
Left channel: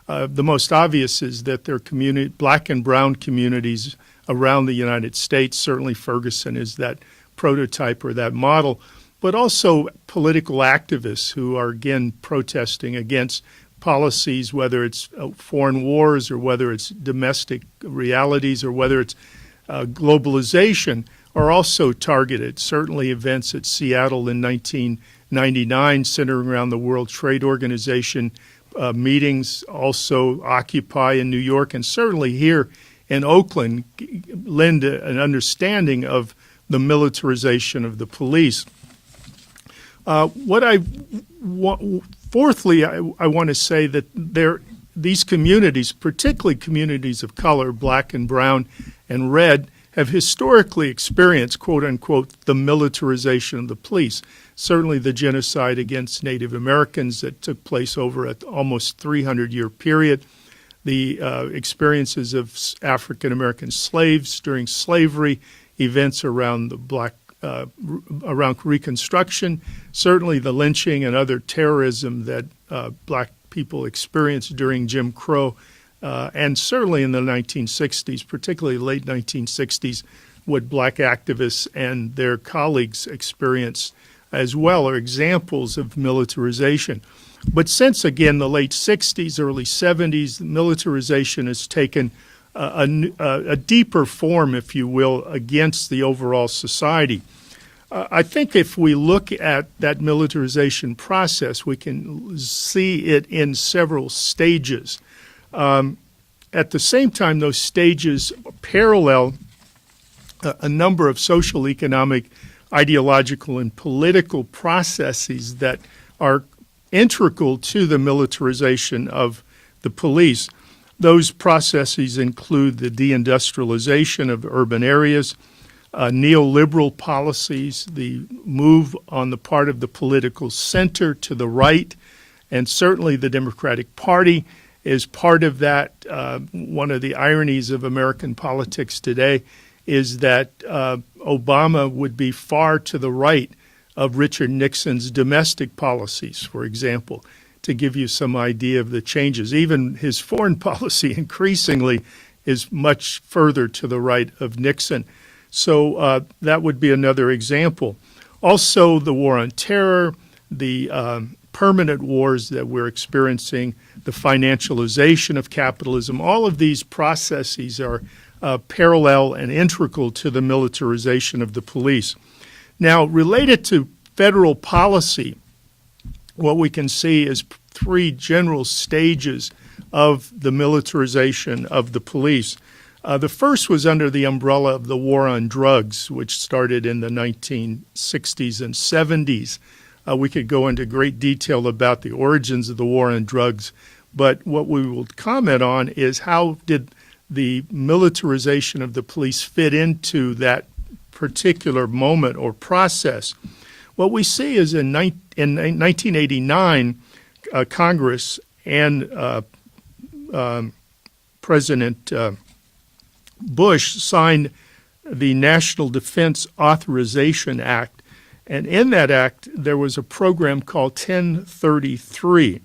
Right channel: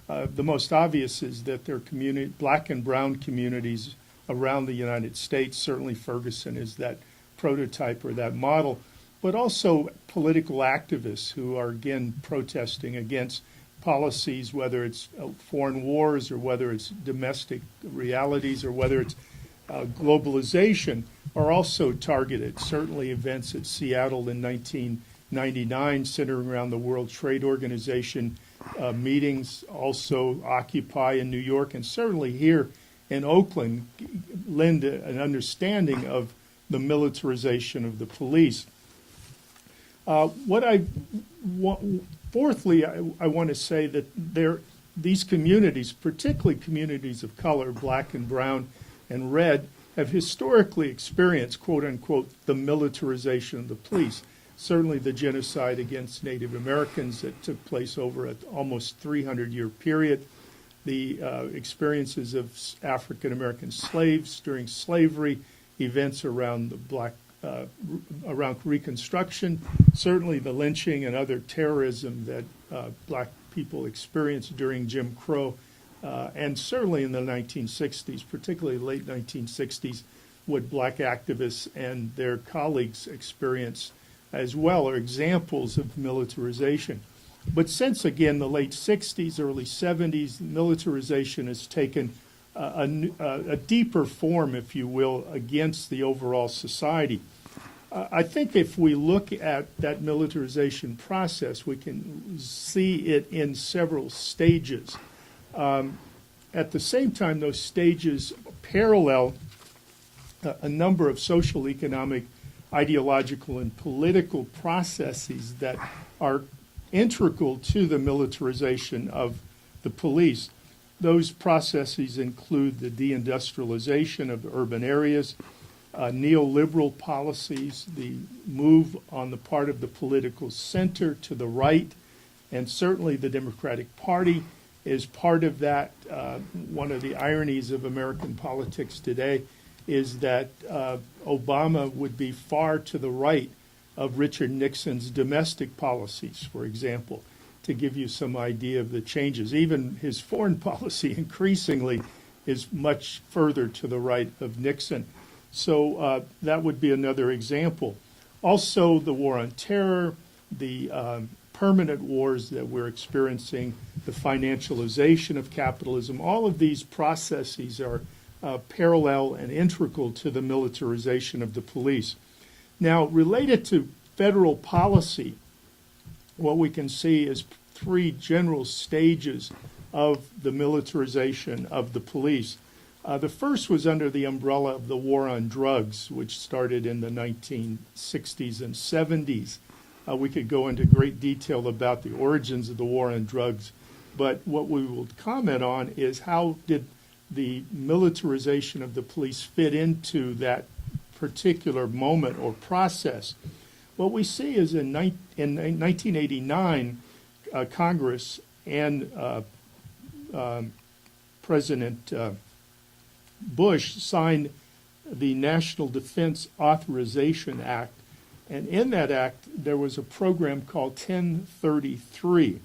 The most obvious is that there are black and brown communities around the United States. Certainly Ferguson is that prototype or that model, but also political activists who are, again, protesting against policies, whether it's foreign wars or whether it's domestic realities or whether it's globalization, are also targeted. Certainly events at Seattle in 1999 centering around the World Trade Organization meetings, also Occupy in New York, and certainly here in Oakland lend an understanding of the militarization of the police. Fourthly, I want to say that these communities, particularly communities of color, black and brown and red, have historically experienced, quote unquote, the militarization of the police. Certainly the genocide against Native Americans that took place over an almost 300-year period, the experiences of African American slaves during slavery, events around around Reconstruction, certainly the lynching and other terrorism that black people experienced during Jim Crow, and certainly in the 1960s, particularly late 1960s, what black activists and their colleagues experienced as well are examples of militarization. But since, again, the late 60s, early 70s, militarization has taken a deeper form, if you will, against the overall society. I think if we look at that militarization process, we can see it in several stages. At the same time, those stages parallel a number of social, economic, ideological, and political processes that are integral to the militarization of the police. Those processes include the deindustrialization of urban areas, neoliberal policies, the move on the part of the political center to the right, and certainly the Democratic Party is part of that. One of the ironies of American politics today is that Obama would be far to the right of Richard Nixon's domestic policies, for example, to give you some idea of the changes. Even his foreign policy increasingly is much further to the right of Nixon. So that would be another example. Also, the war on terror, the permanent wars that we're experiencing, the financialization of capitalism, all of these processes are parallel and integral to the militarization of the police. Now, related to federal policy, what we can see is three general stages of the militarization of the police. The first was under the umbrella of the war on drugs, which started in the 1960s and 70s. We could go into great detail about the origins of the war on drugs, but what we will comment on is how did the militarization of the police fit into that particular moment or process. What we see is in 1989, Congress and President Bush signed the National Defense Authorization Act, and in that act there was a program called 1033.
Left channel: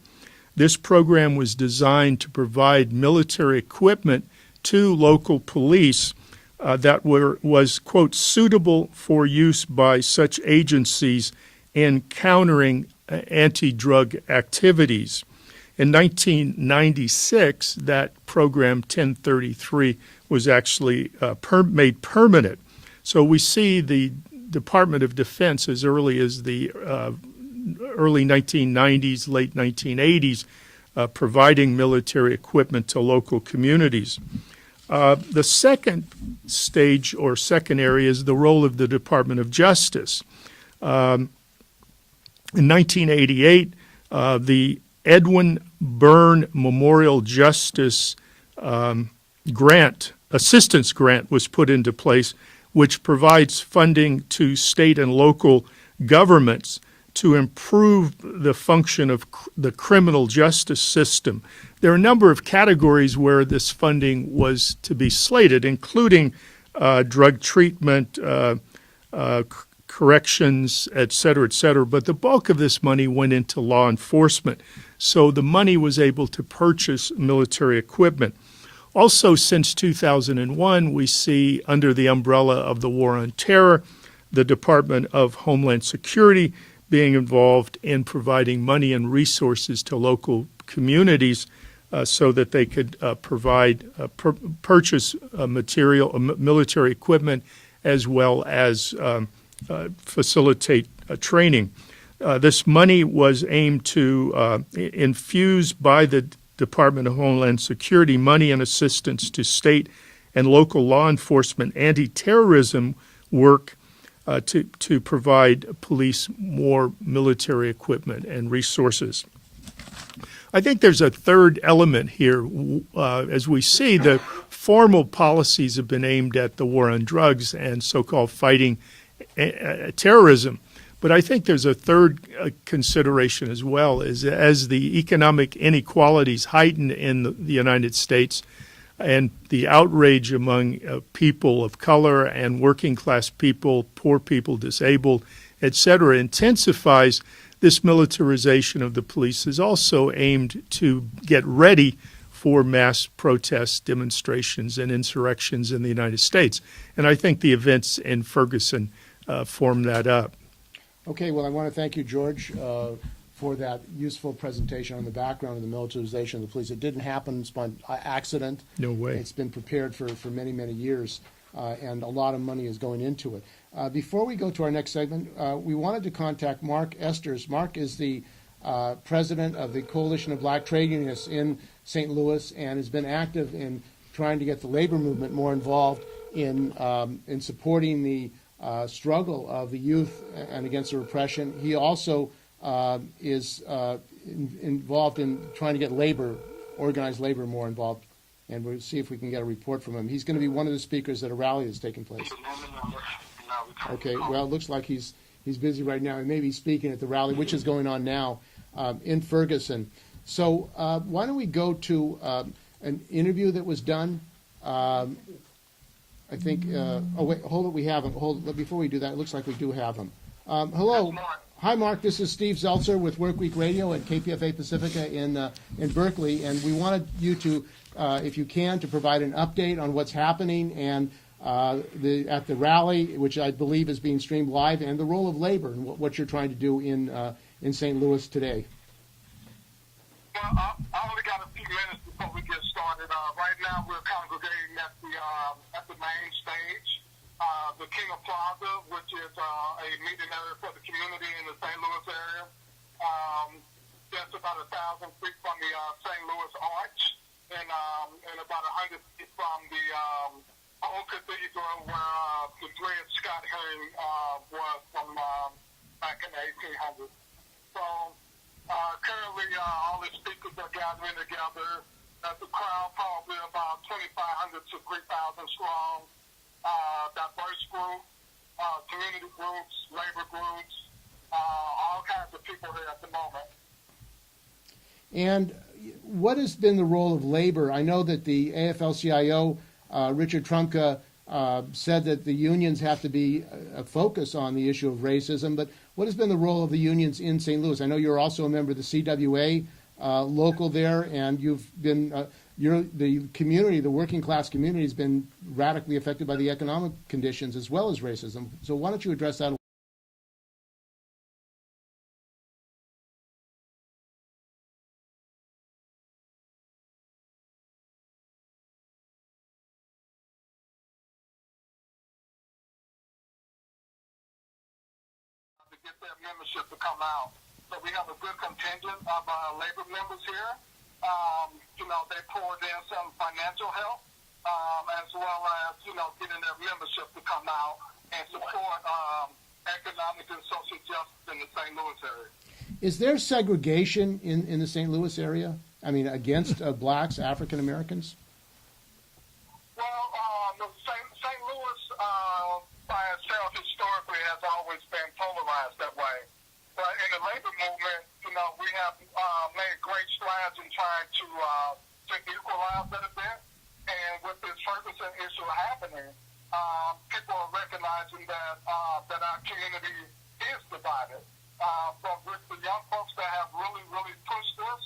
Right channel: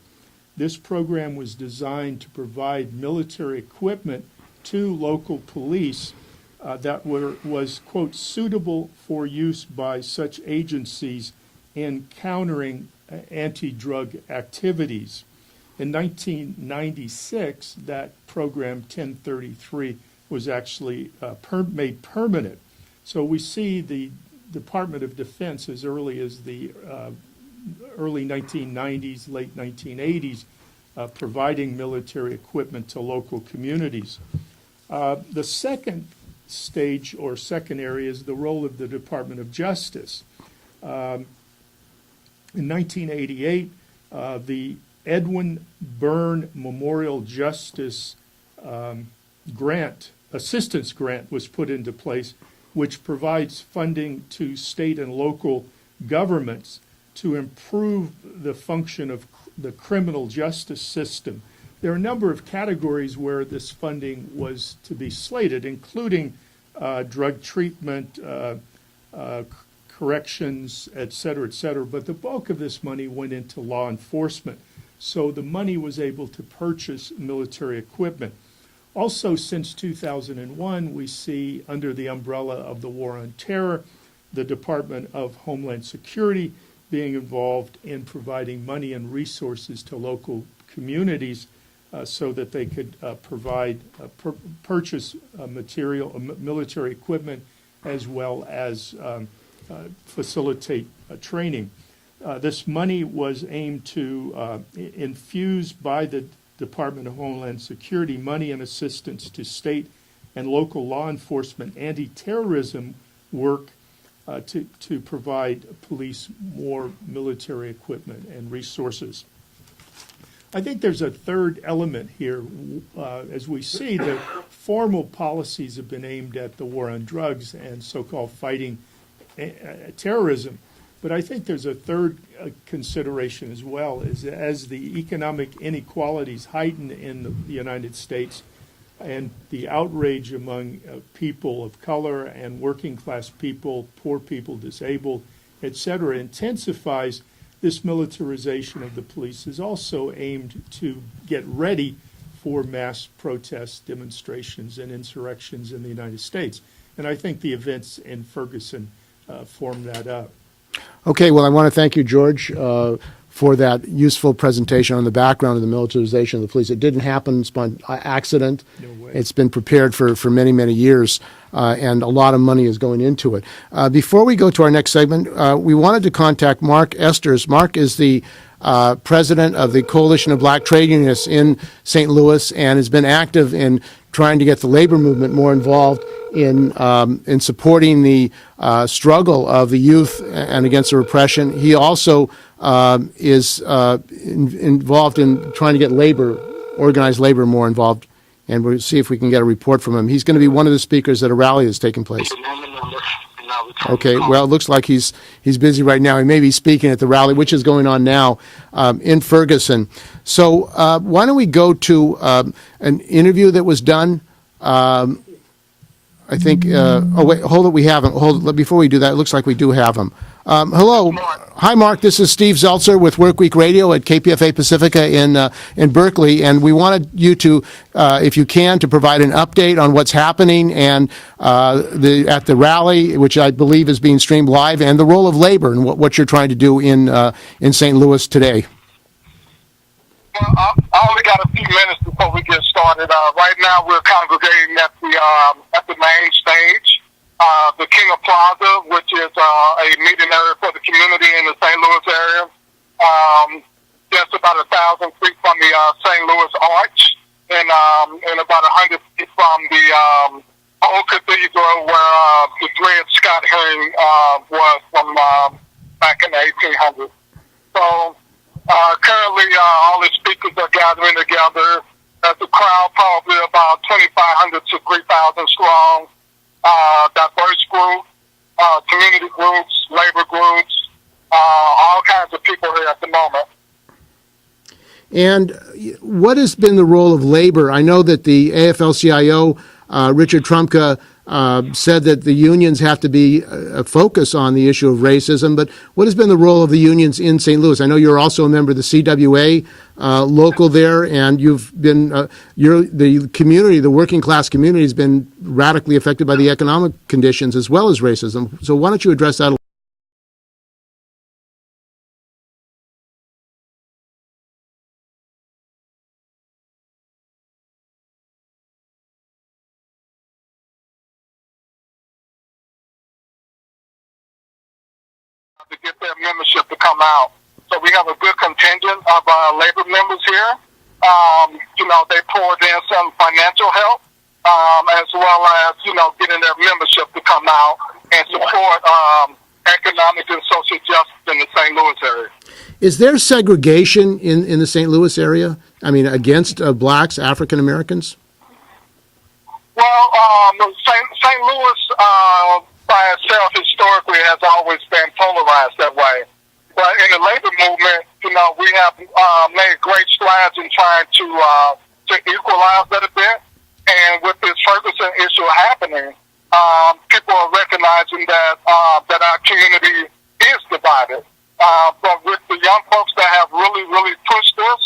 This program was designed to provide military equipment to local police that was, quote, suitable for use by such agencies in countering anti-drug activities. In 1996, that program 1033 was actually made permanent. So we see the Department of Defense as early as the early 1990s, late 1980s, providing military equipment to local communities. The second stage or second area is the role of the Department of Justice. In 1988, the Edwin Byrne Memorial Justice assistance grant was put into place, which provides funding to state and local governments to improve the function of the criminal justice system. There are a number of categories where this funding was to be slated, including drug treatment, corrections, et cetera, but the bulk of this money went into law enforcement. So the money was able to purchase military equipment. Also, since 2001, we see, under the umbrella of the War on Terror, the Department of Homeland Security being involved in providing money and resources to local communities so that they could purchase military equipment, as well as facilitate training. This money was aimed to infuse by the Department of Homeland Security money and assistance to state and local law enforcement anti-terrorism work to provide police more military equipment and resources. I think there's a third element here. As we see, the formal policies have been aimed at the war on drugs and so-called fighting terrorism. But I think there's a third consideration as well, is as the economic inequalities heighten in the United States and the outrage among people of color and working class people, poor people, disabled, et cetera, intensifies, this militarization of the police is also aimed to get ready for mass protests, demonstrations, and insurrections in the United States. And I think the events in Ferguson form that up. Okay, well, I want to thank you, George, for that useful presentation on the background of the militarization of the police. It didn't happen by accident. No way. It's been prepared for many, many years, and a lot of money is going into it. Before we go to our next segment, we wanted to contact Mark Esters. Mark is the president of the Coalition of Black Trade Unionists in St. Louis and has been active in trying to get the labor movement more involved in supporting the struggle of the youth and against the repression. He also is involved in trying to get organized labor more involved, and we'll see if we can get a report from him. He's going to be one of the speakers at a rally that's taking place. Okay, well, it looks like he's busy right now. He may be speaking at the rally, which is going on now in Ferguson. So why don't we go to an interview that was done I think, oh, wait, hold it, we haven't. Hold it, before we do that, it looks like we do have him. Hello. Hi, Mark. This is Steve Zeltzer with Workweek Radio at KPFA Pacifica in Berkeley, and we wanted you to, if you can, to provide an update on what's happening and at the rally, which I believe is being streamed live, and the role of labor and what you're trying to do in St. Louis today. Well, I only got a few minutes before we get started. Right now, we're congregating at the main stage, the King of Plaza, which is a meeting area for the community in the St. Louis area. Just about 1,000 feet from the St. Louis Arch, and about 100 feet from the old cathedral where the Dred Scott hearing was from back in the 1800s. So. Currently, all the speakers are gathering together. There's a crowd probably about 2,500 to 3,000 strong, diverse group, community groups, labor groups, all kinds of people here at the moment. And what has been the role of labor? I know that the AFL-CIO, Richard Trumka, said that the unions have to be a focus on the issue of racism, but what has been the role of the unions in St. Louis? I know you're also a member of the CWA local there, and you've been, the community, the working class community has been radically affected by the economic conditions as well as racism. So why don't you address that a little? To get their membership to come out. So we have a good contingent of labor members here. They poured in some financial help, as well as, getting their membership to come out and support economic and social justice in the St. Louis area. Is there segregation in the St. Louis area? I mean, against blacks, African Americans? Well, St. Louis by itself historically has always been polarized that way. But in the labor movement, we have made great strides in trying to equalize that a bit. And with this Ferguson issue happening, people are recognizing that our community is divided. But with the young folks that have really, really pushed this,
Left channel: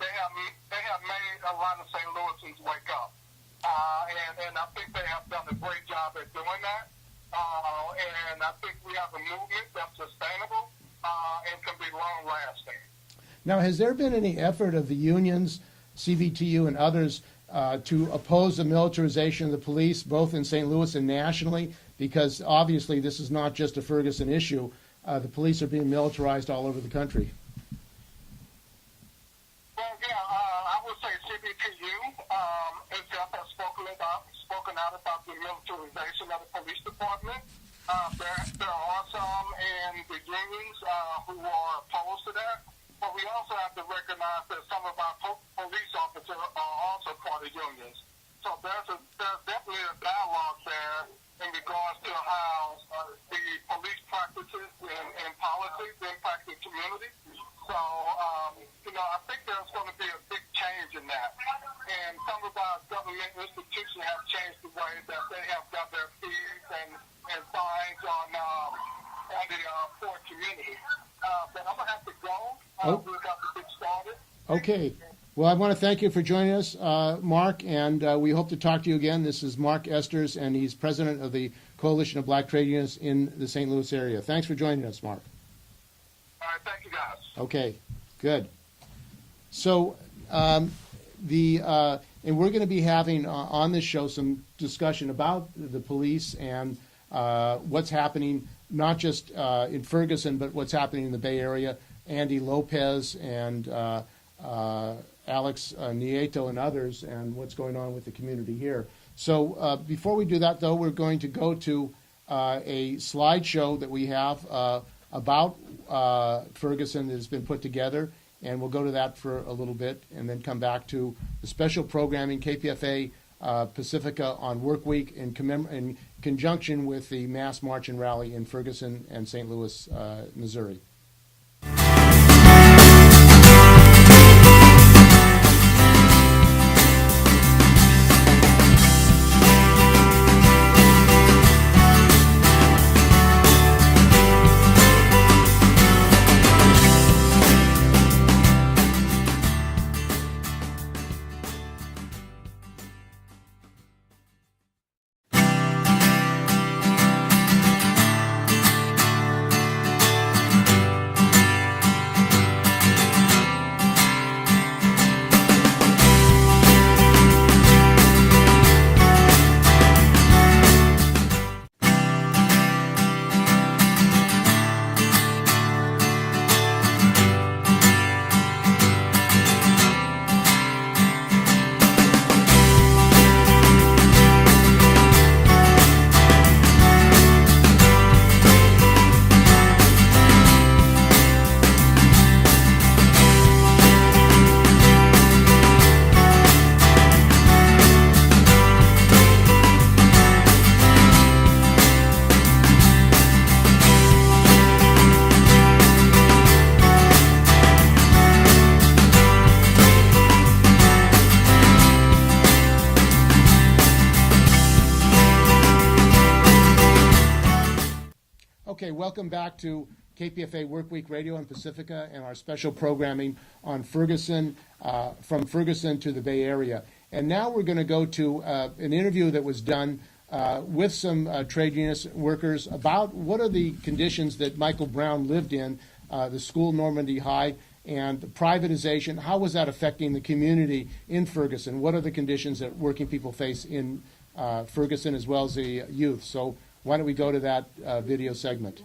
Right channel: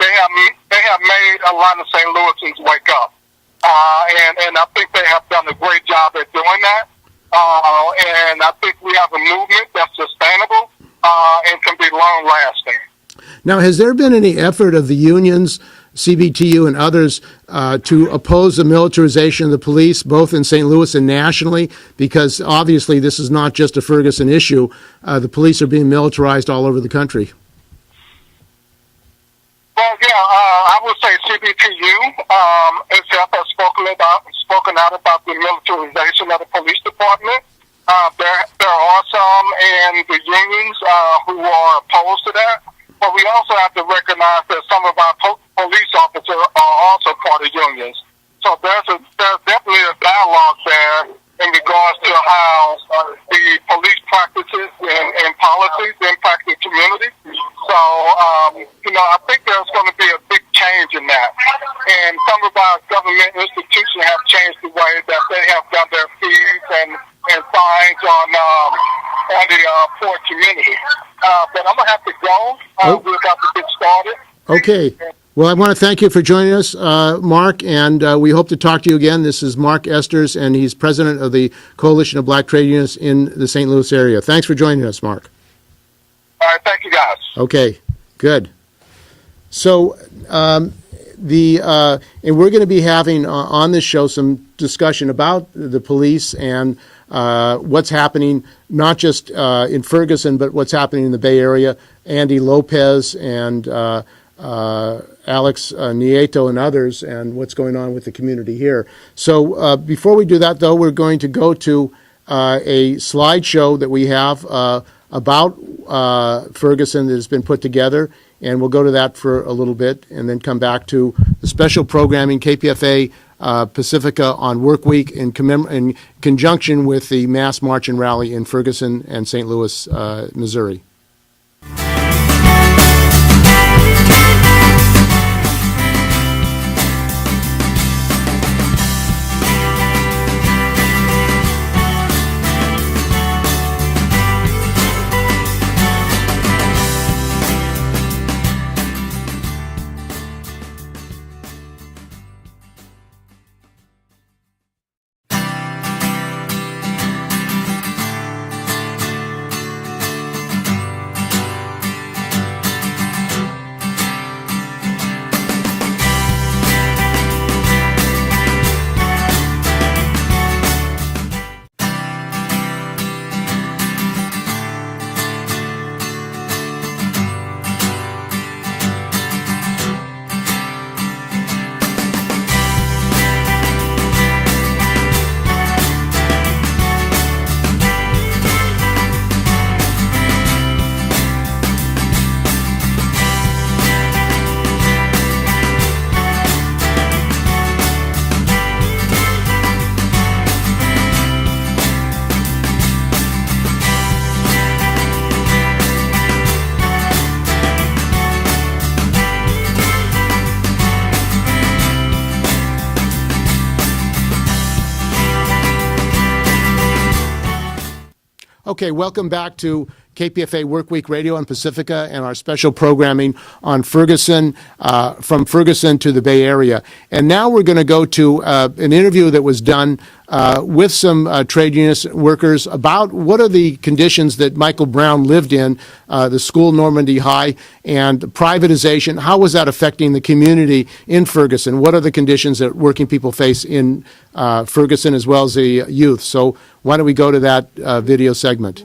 they have made a lot of St. Louisans wake up. And I think they have done a great job at doing that. And I think we have a movement that's sustainable and can be long-lasting. Now, has there been any effort of the unions, CBTU and others, to oppose the militarization of the police, both in St. Louis and nationally? Because obviously this is not just a Ferguson issue. The police are being militarized all over the country. Well, yeah, I would say CBTU itself has spoken out about the militarization of the police department. There are some in the unions who are opposed to that, but we also have to recognize that some of our police officers are also part of unions. So there's definitely a dialogue there in regards to how the police practices and policies impact the community. So, I think there's going to be a big change in that. And some of our government institutions have changed the way that they have done their fees and fines on the poor community. But I'm going to have to go. We're about to get started. Okay. Well, I want to thank you for joining us, Mark, and we hope to talk to you again. This is Mark Esters, and he's president of the Coalition of Black Trade Unions in the St. Louis area. Thanks for joining us, Mark. All right. Thank you, guys. Okay. Good. So, and we're going to be having on this show some discussion about the police and what's happening, not just in Ferguson, but what's happening in the Bay Area. Andy Lopez and Alex Nieto and others, and what's going on with the community here. So before we do that, though, we're going to go to a slideshow that we have about Ferguson that has been put together, and we'll go to that for a little bit and then come back to the special programming, KPFA Pacifica on Work Week in conjunction with the Mass March and Rally in Ferguson and St. Louis, Missouri. Okay, welcome back to KPFA Workweek Radio on Pacifica and our special programming on Ferguson, from Ferguson to the Bay Area. And now we're going to go to an interview that was done with some trade union workers about what are the conditions that Michael Brown lived in, the school Normandy High, and privatization. How was that affecting the community in Ferguson? What are the conditions that working people face in Ferguson as well as the youth? So why don't we go to that video segment?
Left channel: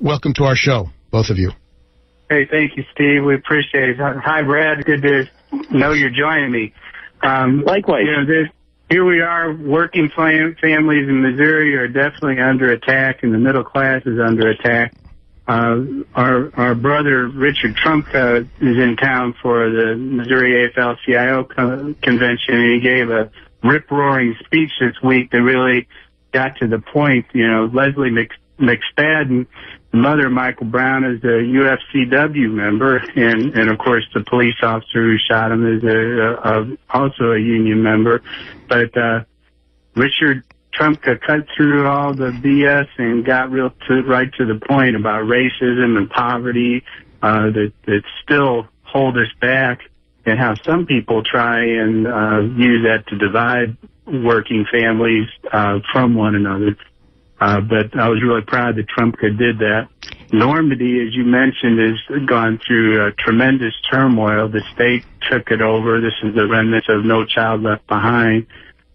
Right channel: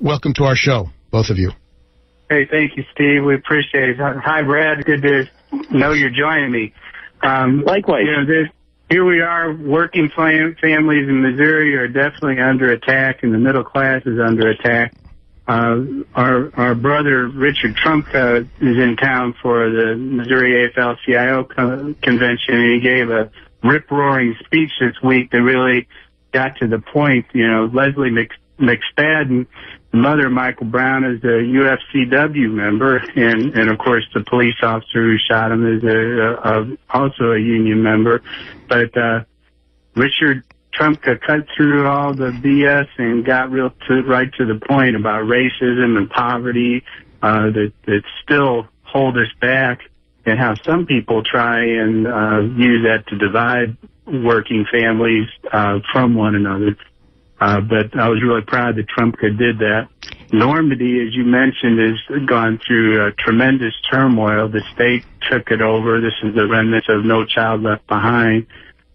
Welcome to our show, both of you. Hey, thank you, Steve. We appreciate it. Hi, Brad. Good to know you're joining me. Likewise. here we are, working families in Missouri are definitely under attack, and the middle class is under attack. Our brother Richard Trumka is in town for the Missouri AFL-CIO convention, and he gave a rip-roaring speech this week that really got to the point. You know, Leslie McSpadden, the mother of Michael Brown, is a UFCW member, and of course the police officer who shot him is also a union member. But Richard Trumka cut through all the BS and got right to the point about racism and poverty that still hold us back, and how some people try and use that to divide working families from one another. But I was really proud that Trumka did that. Normandy, as you mentioned, has gone through tremendous turmoil. The state took it over. This is the remnants of No Child Left Behind.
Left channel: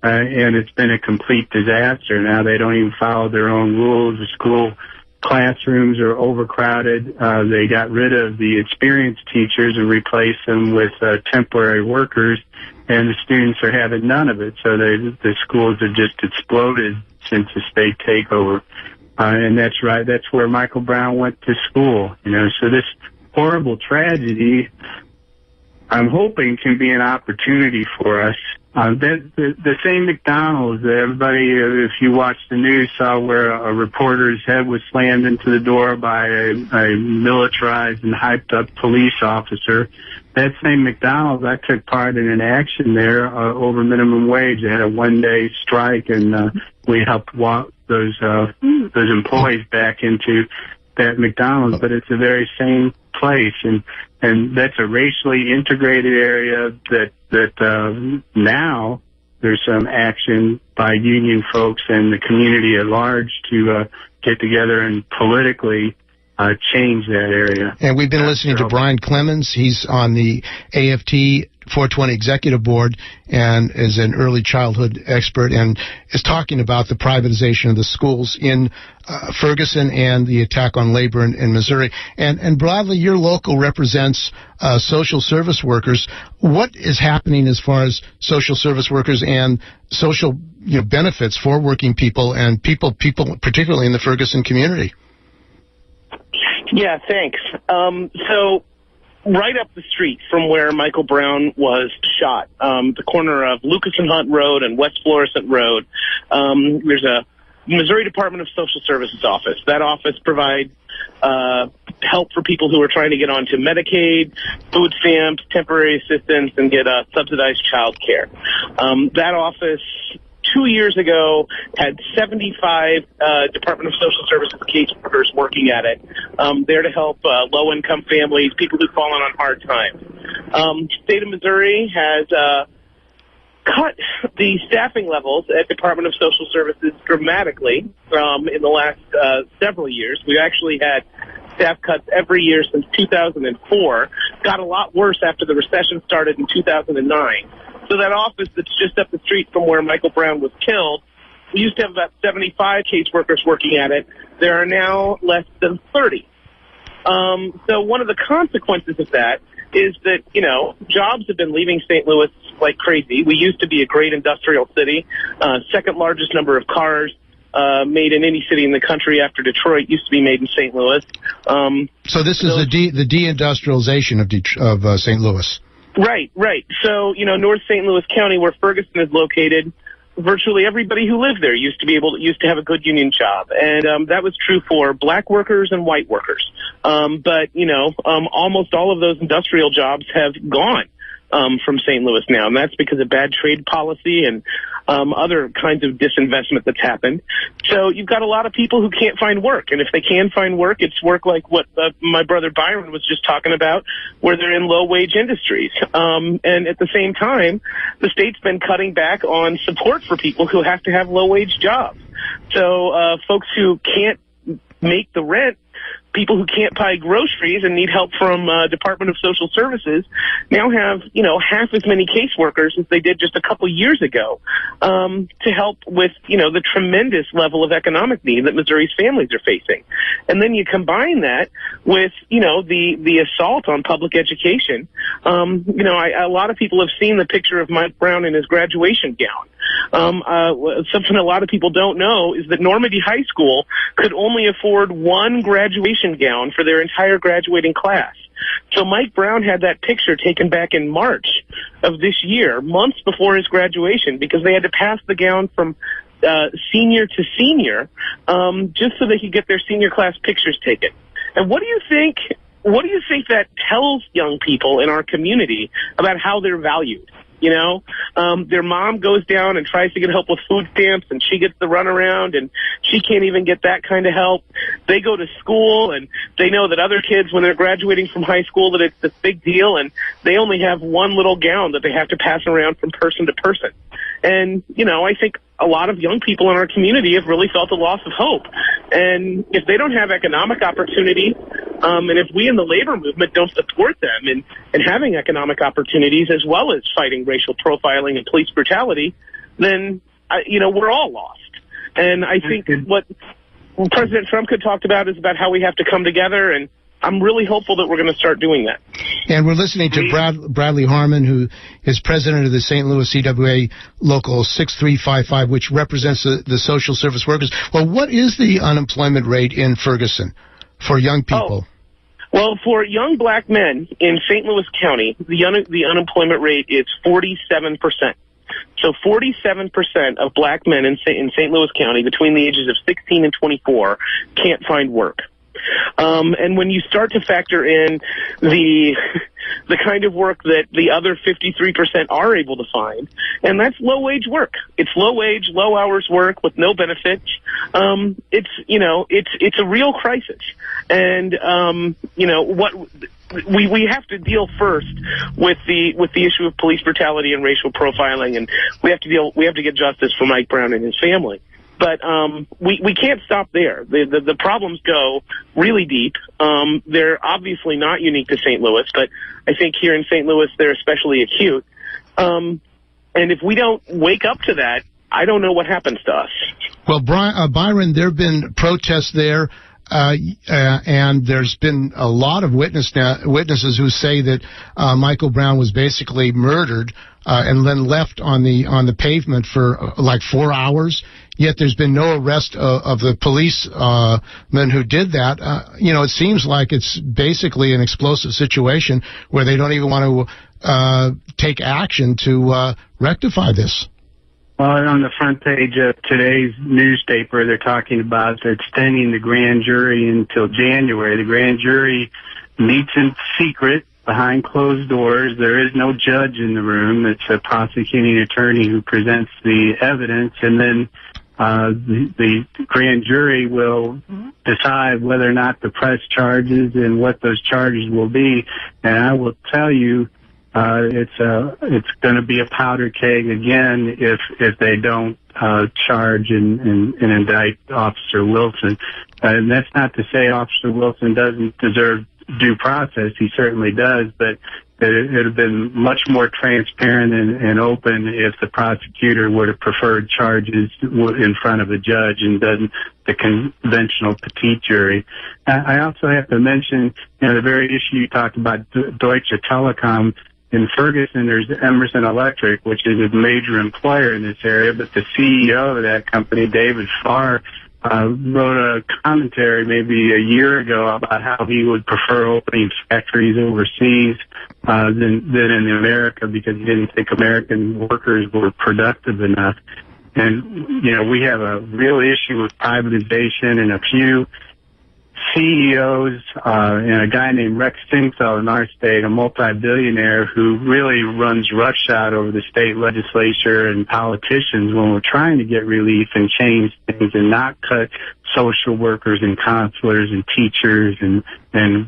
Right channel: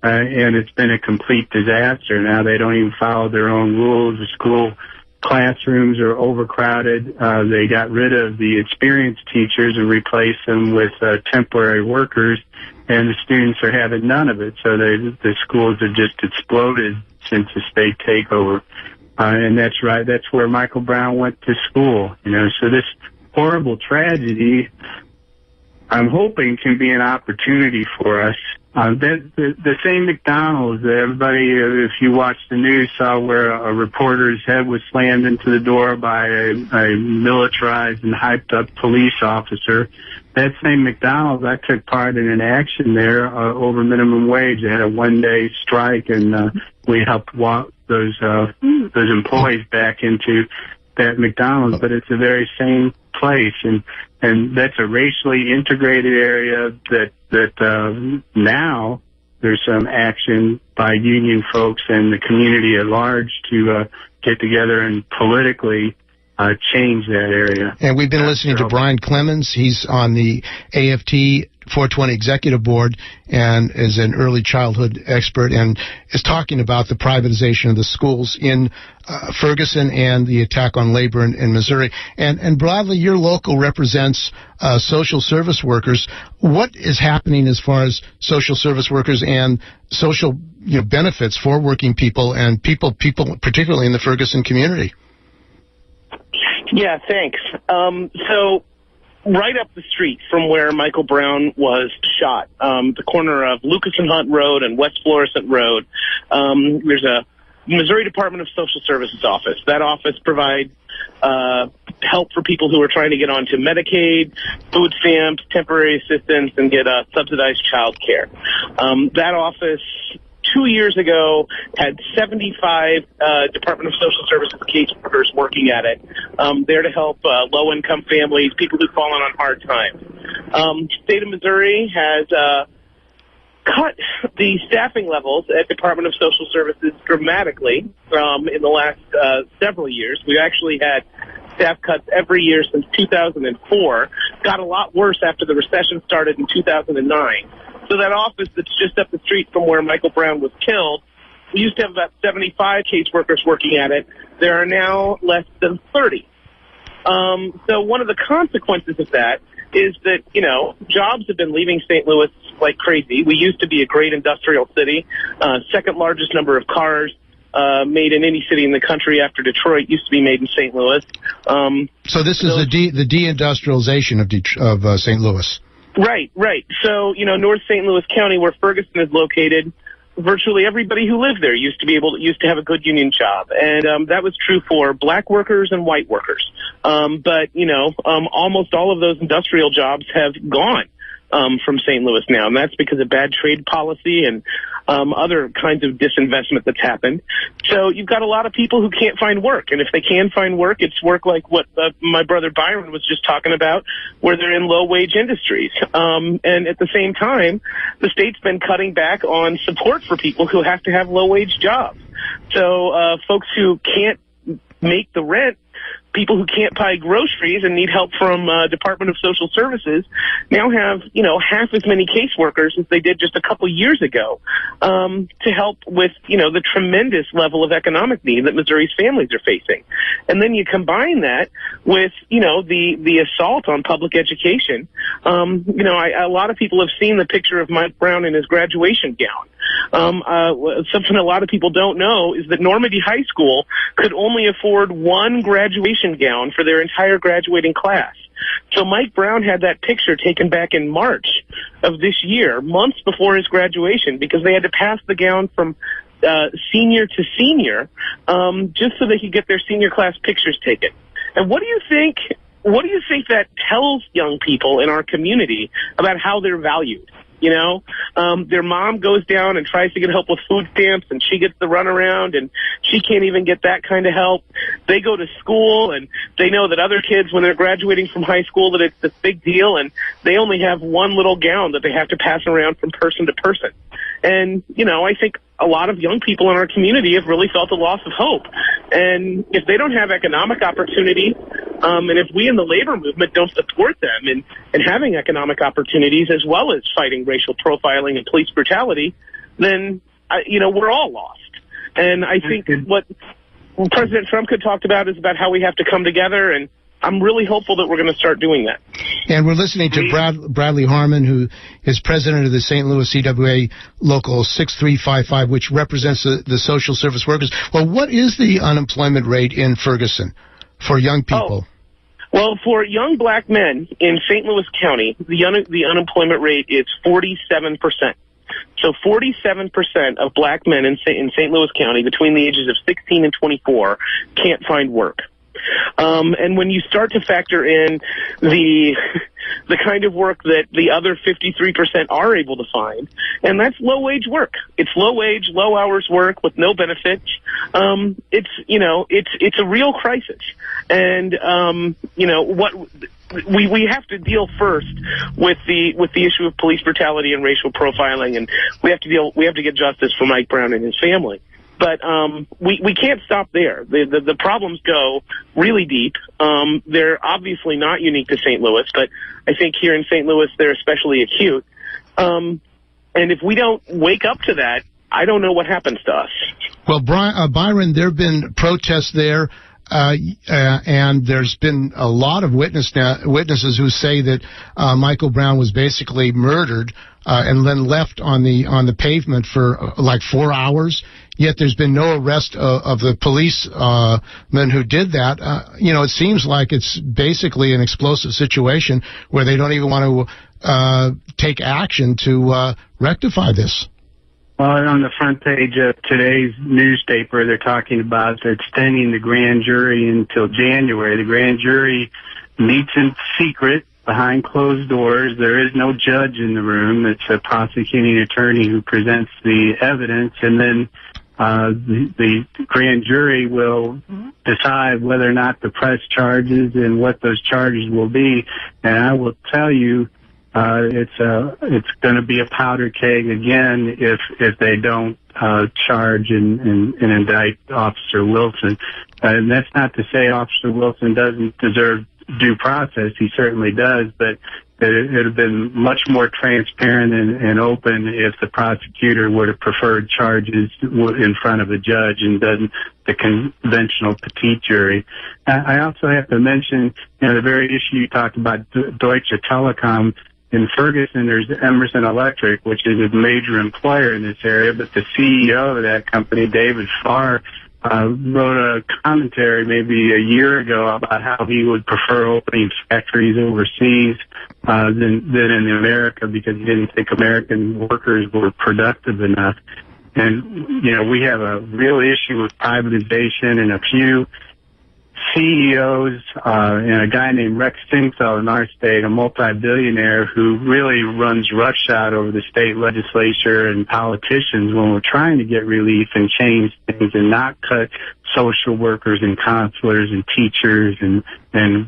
And it's been a complete disaster. Now they don't even follow their own rules. The school classrooms are overcrowded. They got rid of the experienced teachers and replaced them with temporary workers, and the students are having none of it. So the schools have just exploded since the state takeover. And that's right. That's where Michael Brown went to school. You know, so this horrible tragedy, I'm hoping, can be an opportunity for us. The same McDonald's, everybody, if you watched the news, saw where a reporter's head was slammed into the door by a militarized and hyped up police officer. That same McDonald's, I took part in an action there over minimum wage. They had a one-day strike, and we helped walk those employees back into that McDonald's. But it's the very same place, and that's a racially integrated area that now there's some action by union folks and the community at large to get together and politically change that area. And we've been listening to Brian Clemens. He's on the AFT 420 Executive Board and is an early childhood expert and is talking about the privatization of the schools in Ferguson and the attack on labor in Missouri. And broadly, your local represents social service workers. What is happening as far as social service workers and social benefits for working people and people particularly in the Ferguson community? Yeah, thanks. So right up the street from where Michael Brown was shot, the corner of Lucas and Hunt Road and West Florissant Road, there's a Missouri Department of Social Services office. That office provides help for people who are trying to get onto Medicaid, food stamps, temporary assistance, and get subsidized child care. That office 2 years ago had 75 Department of Social Services caseworkers working at it, there to help low-income families, people who've fallen on hard times. State of Missouri has cut the staffing levels at Department of Social Services dramatically in the last several years. We've actually had staff cuts every year since 2004. Got a lot worse after the recession started in 2009. So that office that's just up the street from where Michael Brown was killed, we used to have about 75 caseworkers working at it. There are now less than 30. So one of the consequences of that is that, jobs have been leaving St. Louis like crazy. We used to be a great industrial city, second largest number of cars made in any city in the country after Detroit used to be made in St. Louis. So this is the deindustrialization of St. Louis. Right. So, North St. Louis County, where Ferguson is located, virtually everybody who lived there used to have a good union job. And that was true for black workers and white workers. But almost all of those industrial jobs have gone from St. Louis now, and that's because of bad trade policy and other kinds of disinvestment that's happened. So you've got a lot of people who can't find work, and if they can find work, it's work like what my brother Byron was just talking about, where they're in low-wage industries. And at the same time, the state's been cutting back on support for people who have to have low-wage jobs. So folks who can't make the rent, people who can't buy groceries and need help from Department of Social Services now have, half as many caseworkers as they did just a couple years ago to help with, the tremendous level of economic need that Missouri's families are facing. And then you combine that with, the assault on public education. A lot of people have seen the picture of Mike Brown in his graduation gown. Something a lot of people don't know is that Normandy High School could only afford one graduation gown for their entire graduating class. So Mike Brown had that picture taken back in March of this year, months before his graduation, because they had to pass the gown from senior to senior, just so they could get their senior class pictures taken. And what do you think that tells young people in our community about how they're valued? You know, their mom goes down and tries to get help with food stamps, and she gets the runaround, and she can't even get that kind of help. They go to school, and they know that other kids, when they're graduating from high school, that it's this big deal, and they only have one little gown that they have to pass around from person to person. And, you know, I think a lot of young people in our community have really felt a loss of hope. And if they don't have economic opportunity, and if we in the labor movement don't support them in having economic opportunities as well as fighting racial profiling and police brutality, then, you know, we're all lost. And I think what President Trump had talked about is about how we have to come together, and I'm really hopeful that we're going to start doing that. And we're listening to Bradley Harmon, who is president of the St. Louis CWA Local 6355, which represents the social service workers. Well, what is the unemployment rate in Ferguson for young people? Well, for young black men in St. Louis County, the unemployment rate is 47%. So 47% of black men in St. Louis County between the ages of 16 and 24 can't find work. And when you start to factor in the kind of work that the other 53% are able to find, and that's low-wage work. It's low-wage, low-hours work with no benefits. It's a real crisis. And, you know, what we have to deal first with the issue of police brutality and racial profiling, and we have to get justice for Mike Brown and his family. But we can't stop there. The problems go really deep. They're obviously not unique to St. Louis, but I think here in St. Louis they're especially acute. And if we don't wake up to that, I don't know what happens to us. Well, Byron, there have been protests there. And there's been a lot of witnesses who say that Michael Brown was basically murdered and then left on the pavement for like 4 hours. Yet there's been no arrest of the policemen who did that. It seems like it's basically an explosive situation where they don't even want to take action to rectify this. Well, on the front page of today's newspaper, they're talking about extending the grand jury until January. The grand jury meets in secret behind closed doors. There is no judge in the room. It's a prosecuting attorney who presents the evidence, and then the grand jury will decide whether or not to press charges and what those charges will be. And I will tell you, it's going to be a powder keg again if they don't charge and indict Officer Wilson. And that's not to say Officer Wilson doesn't deserve due process. He certainly does, but it would have been much more transparent and open if the prosecutor would have preferred charges in front of a judge and done the conventional petite jury. I also have to mention, the very issue you talked about, Deutsche Telekom. In Ferguson, there's Emerson Electric, which is a major employer in this area, but the CEO of that company, David Farr, wrote a commentary maybe a year ago about how he would prefer opening factories overseas than in America because he didn't think American workers were productive enough. And, we have a real issue with privatization, and a few CEOs and a guy named Rex Singfeld in our state, a multi-billionaire who really runs roughshod over the state legislature and politicians when we're trying to get relief and change things and not cut social workers and counselors and teachers and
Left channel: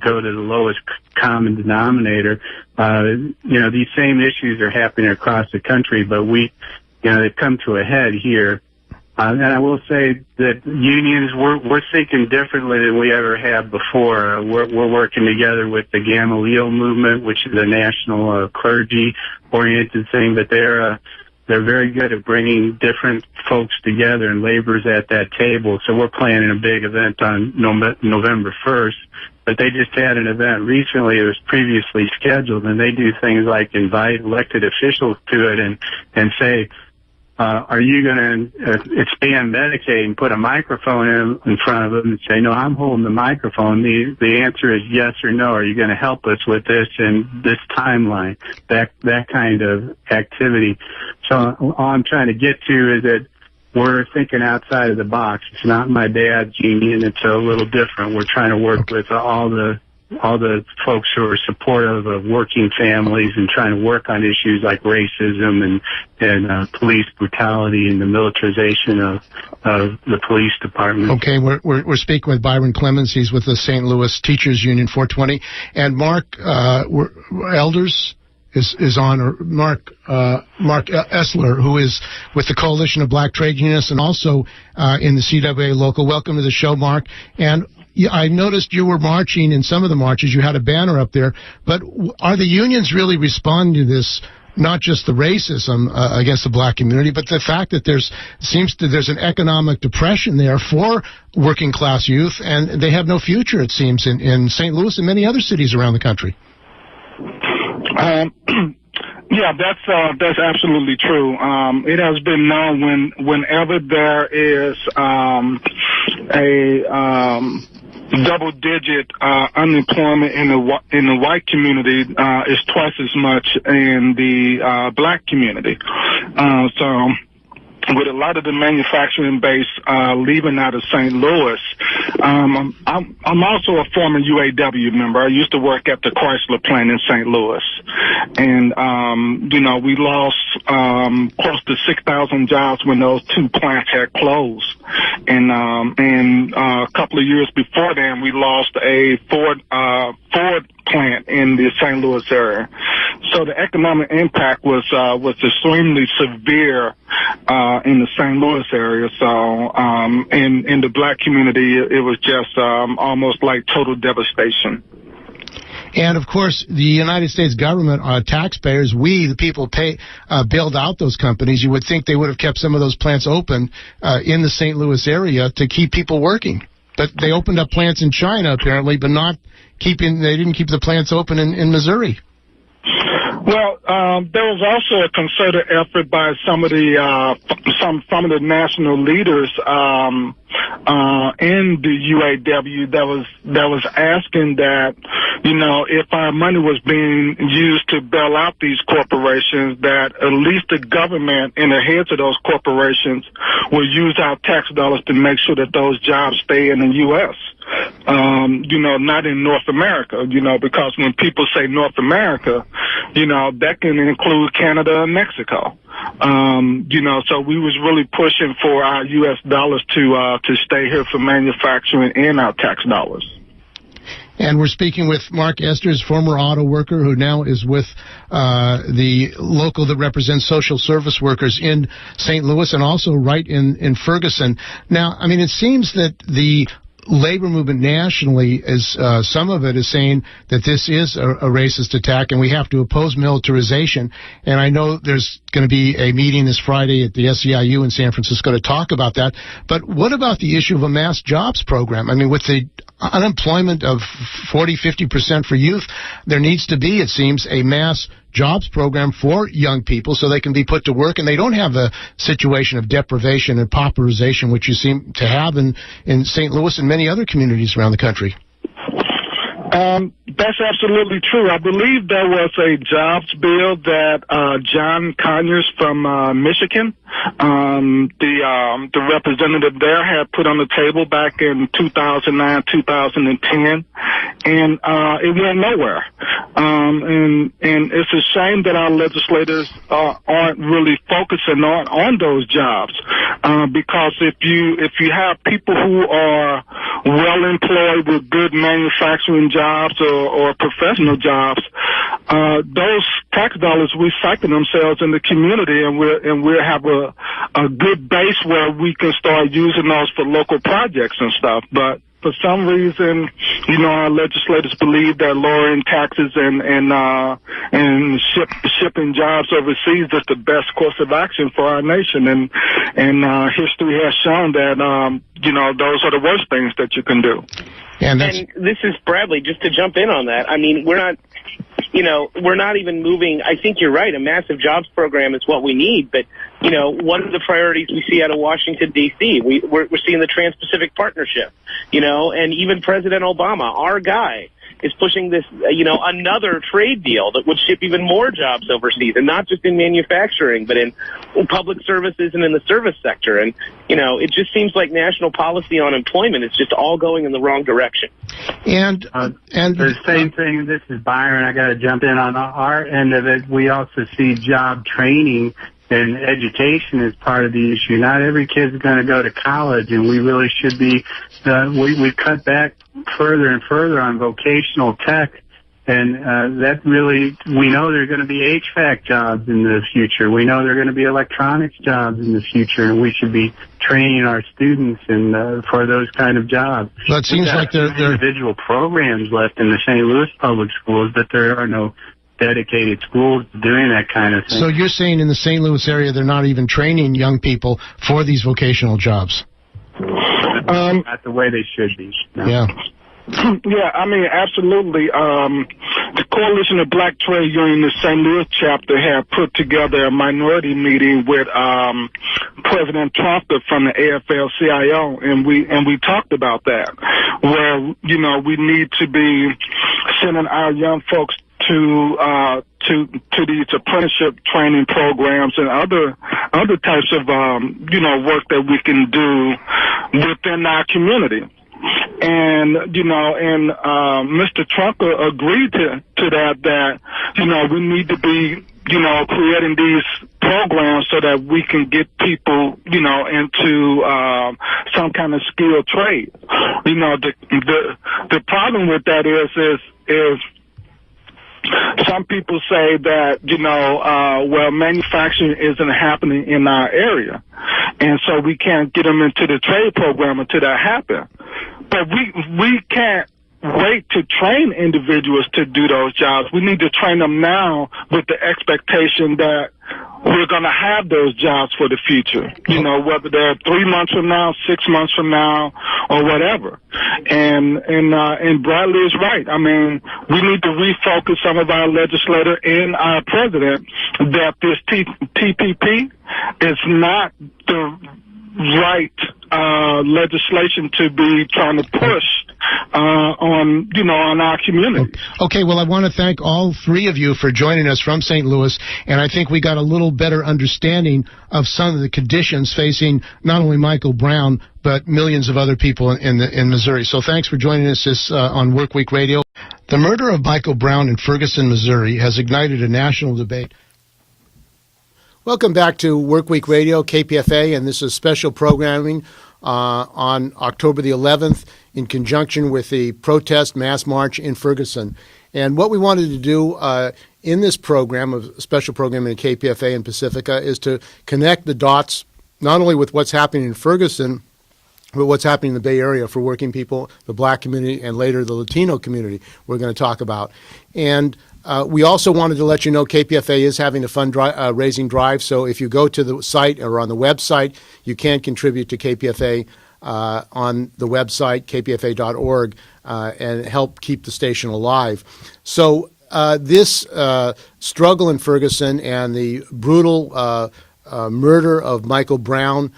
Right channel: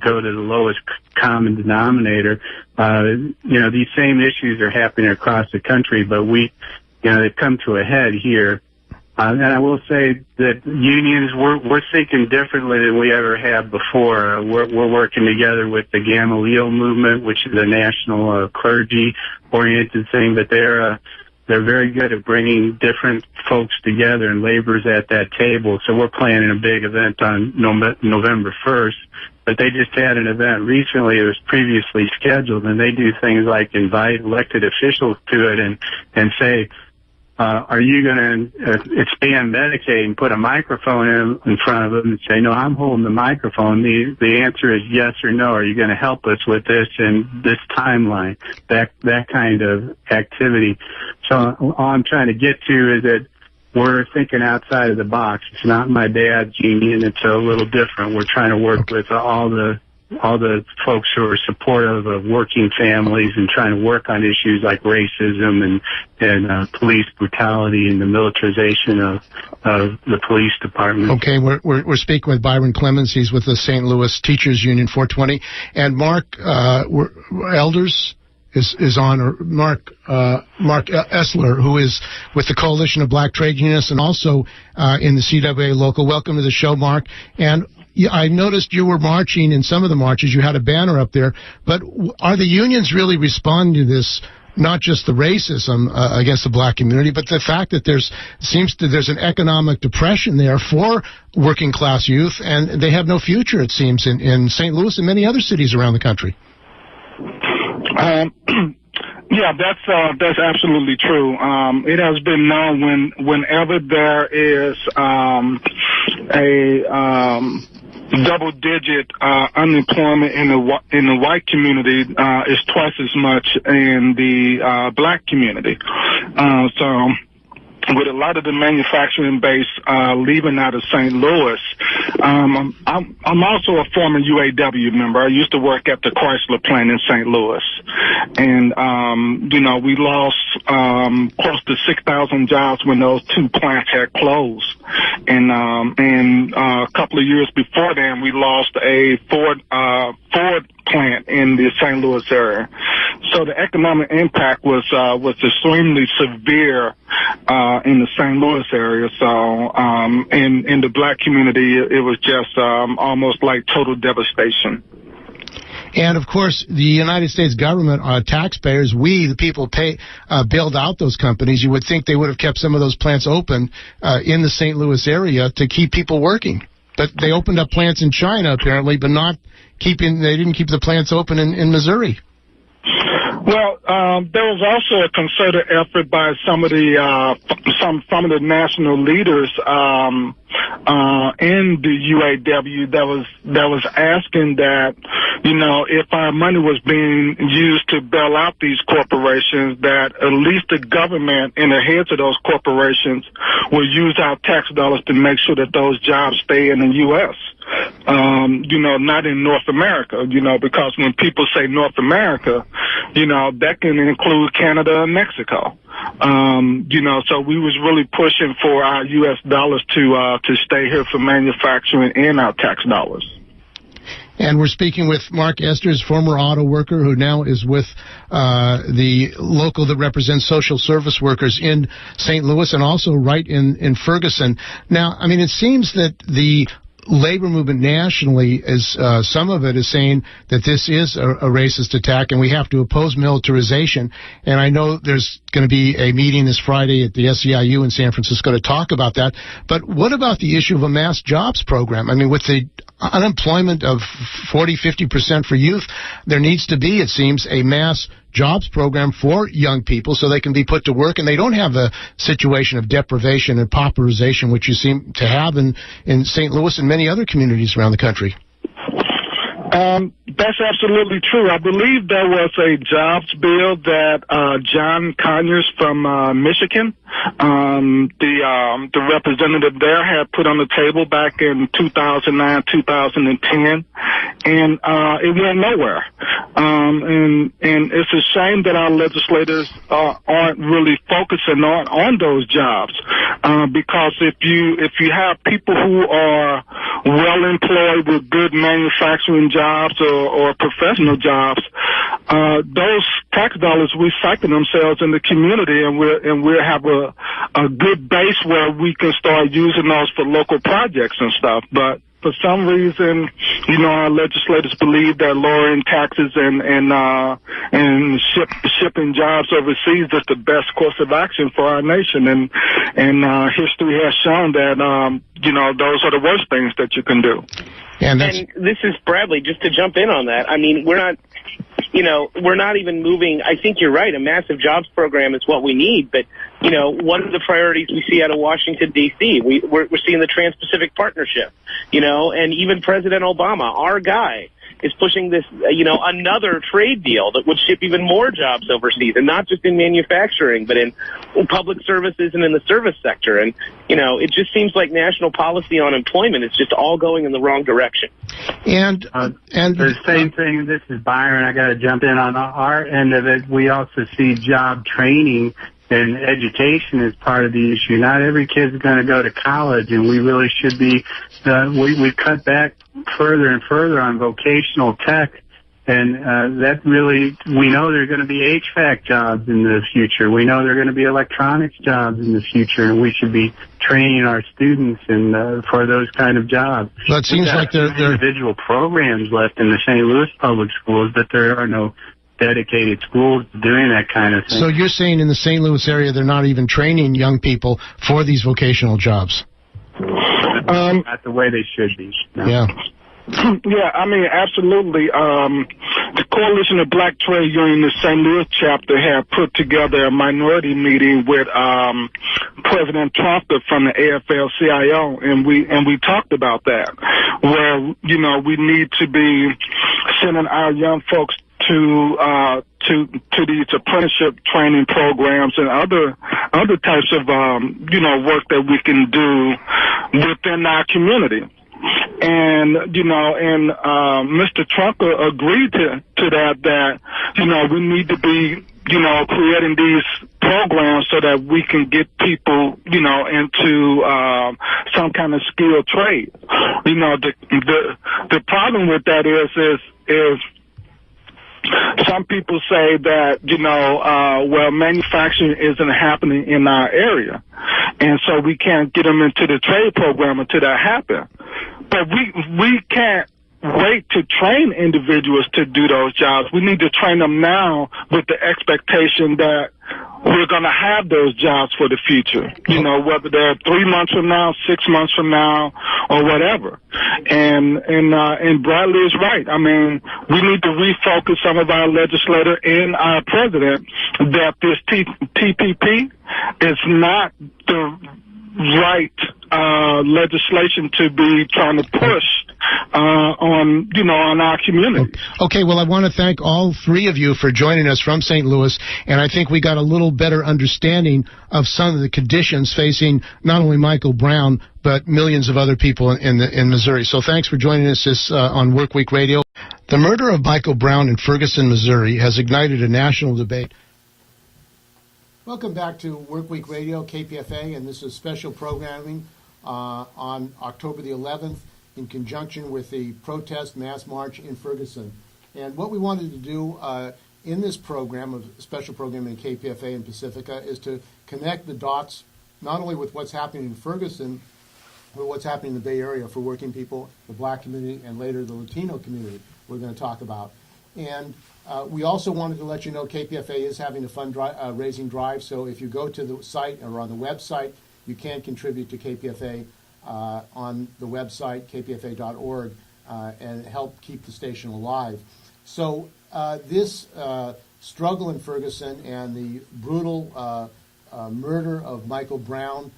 go to the lowest common denominator. These same issues are happening across the country, but they've come to a head here. And I will say that unions, we're thinking differently than we ever have before. We're working together with the Gamaliel movement, which is a national clergy-oriented thing, but they're very good at bringing different folks together, and labor's at that table. So we're planning a big event on November 1st. But they just had an event recently. It was previously scheduled, and they do things like invite elected officials to it and say, are you going to expand Medicaid and put a microphone in front of them and say, no, I'm holding the microphone? The answer is yes or no. Are you going to help us with this and this timeline, that kind of activity? So all I'm trying to get to is that we're thinking outside of the box. It's not my dad's union. It's a little different. We're trying to work with all the folks who are supportive of working families and trying to work on issues like racism and police brutality and the militarization of the police department. Okay, we're speaking with Byron Clemens. He's with the St. Louis Teachers Union 420, and Mark Elders is on, or Mark Essler, who is with the Coalition of Black Trade Unionists and also in the CWA local. Welcome to the show, Mark. And I noticed you were marching in some of the marches. You had a banner up there. But are the unions really responding to this, not just the racism against the black community, but the fact that there's an economic depression there for working class youth, and they have no future, it seems, in St. Louis and many other cities around the country? Yeah, that's absolutely true. It has been known whenever there is a double-digit unemployment in the white community, is twice as much in the black community. So with a lot of the manufacturing base leaving out of St. Louis, I'm also a former UAW member. I used to work at the Chrysler plant in St. Louis, and we lost close to 6,000 jobs when those two plants had closed, and a couple of years before then, we lost a Ford plant in the St. Louis area. So the economic impact was extremely severe in the St. Louis area. So in the black community, it was just almost like total devastation. And, of course, the United States government, taxpayers, we, the people, bailed out those companies. You would think they would have kept some of those plants open in the St. Louis area to keep people working. But they opened up plants in China, apparently, but they didn't keep the plants open in Missouri. Well, there was also a concerted effort by some of the national leaders in the UAW that was asking that, if our money was being used to bail out these corporations, that at least the government and the heads of those corporations will use our tax dollars to make sure that those jobs stay in the U.S. Not in North America, because when people say North America, that can include Canada and Mexico. So we was really pushing for our U.S. dollars to stay here for manufacturing and our tax dollars. And we're speaking with Mark Esters, former auto worker who now is with the local that represents social service workers in St. Louis and also right in Ferguson. Now, it seems that the labor movement nationally is some of it is saying that this is a racist attack and we have to oppose militarization. And I know there's going to be a meeting this Friday at the SEIU in San Francisco to talk about that. But what about the issue of a mass jobs program? With the unemployment of 40-50% for youth, there needs to be, it seems, a mass jobs program for young people so they can be put to work and they don't have a situation of deprivation and pauperization, which you seem to have in St. Louis and many other communities around the country. That's absolutely true. I believe there was a jobs bill that John Conyers from Michigan, the representative there, had put on the table back in 2009, 2010, and it went nowhere. And it's a shame that our legislators aren't really focusing on those jobs, because if you have people who are well employed with good manufacturing jobs or professional jobs, those tax dollars recycle themselves in the community, and we'll have a good base where we can start using those for local projects and stuff. But for some reason, our legislators believe that lowering taxes and shipping jobs overseas is the best course of action for our nation. And history has shown that, those are the worst things that you can do. And this is Bradley, just to jump in on that. We're not, we're not even moving. I think you're right. A massive jobs program is what we need. But, what are the priorities we see out of Washington, D.C.? We're seeing the Trans-Pacific Partnership, and even President Obama, our guy, is pushing this, another trade deal that would ship even more jobs overseas, and not just in manufacturing, but in public services and in the service sector. And, it just seems like national policy on employment is just all going in the wrong direction. And the same thing, this is Byron, I got to jump in on our end of it. We also see job training and education is part of the issue. Not every kid's going to go to college, and we really should be, we cut back further and further on vocational tech, and that really, we know there are going to be HVAC jobs in the future. We know there are going to be electronics jobs in the future, and we should be training our students for those kind of jobs. Well, it seems like there are individual programs left in the St. Louis public schools, but there are no dedicated schools doing that kind of thing. So you're saying in the St. Louis area they're not even training young people for these vocational jobs? Not the way they should be. No. Yeah. Yeah, I mean, absolutely. The Coalition of Black Trade Union, the St. Louis chapter, had put together a minority meeting with President Trump from the AFL-CIO, and we talked about that, where we need to be sending our young folks to these apprenticeship training programs and other types of work that we can do within our community. And Mr. Trump agreed to that we need to be creating these programs so that we can get people into some kind of skilled trade. The problem with that is some people say that, manufacturing isn't happening in our area, and so we can't get them into the trade program until that happens. But we can't wait to train individuals to do those jobs. We need to train them now with the expectation that we're going to have those jobs for the future, whether they're 3 months from now, 6 months from now, or whatever. And Bradley is right. I mean, we need to refocus some of our legislators and our president that this TPP is not the right legislation to be trying to push on our community. Okay, well, I want to thank all three of you for joining us from St. Louis, and I think we got a little better understanding of some of the conditions facing not only Michael Brown, but millions of other people in Missouri. So thanks for joining us on Workweek Radio. The murder of Michael Brown in Ferguson, Missouri has ignited a national debate. Welcome back to Workweek Radio, KPFA, and this is special programming on October the 11th in conjunction with the protest mass march in Ferguson. And what we wanted to do in this program, a special program in KPFA and Pacifica, is to connect the dots not only with what's happening in Ferguson, but what's happening in the Bay Area for working people, the black community, and later the Latino community we're going to talk about. And we also wanted to let you know KPFA is having a fundraising drive, so if you go to the site or on the website, you can contribute to KPFA on the website, kpfa.org, and help keep the station alive. So this struggle in Ferguson and the brutal murder of Michael Brown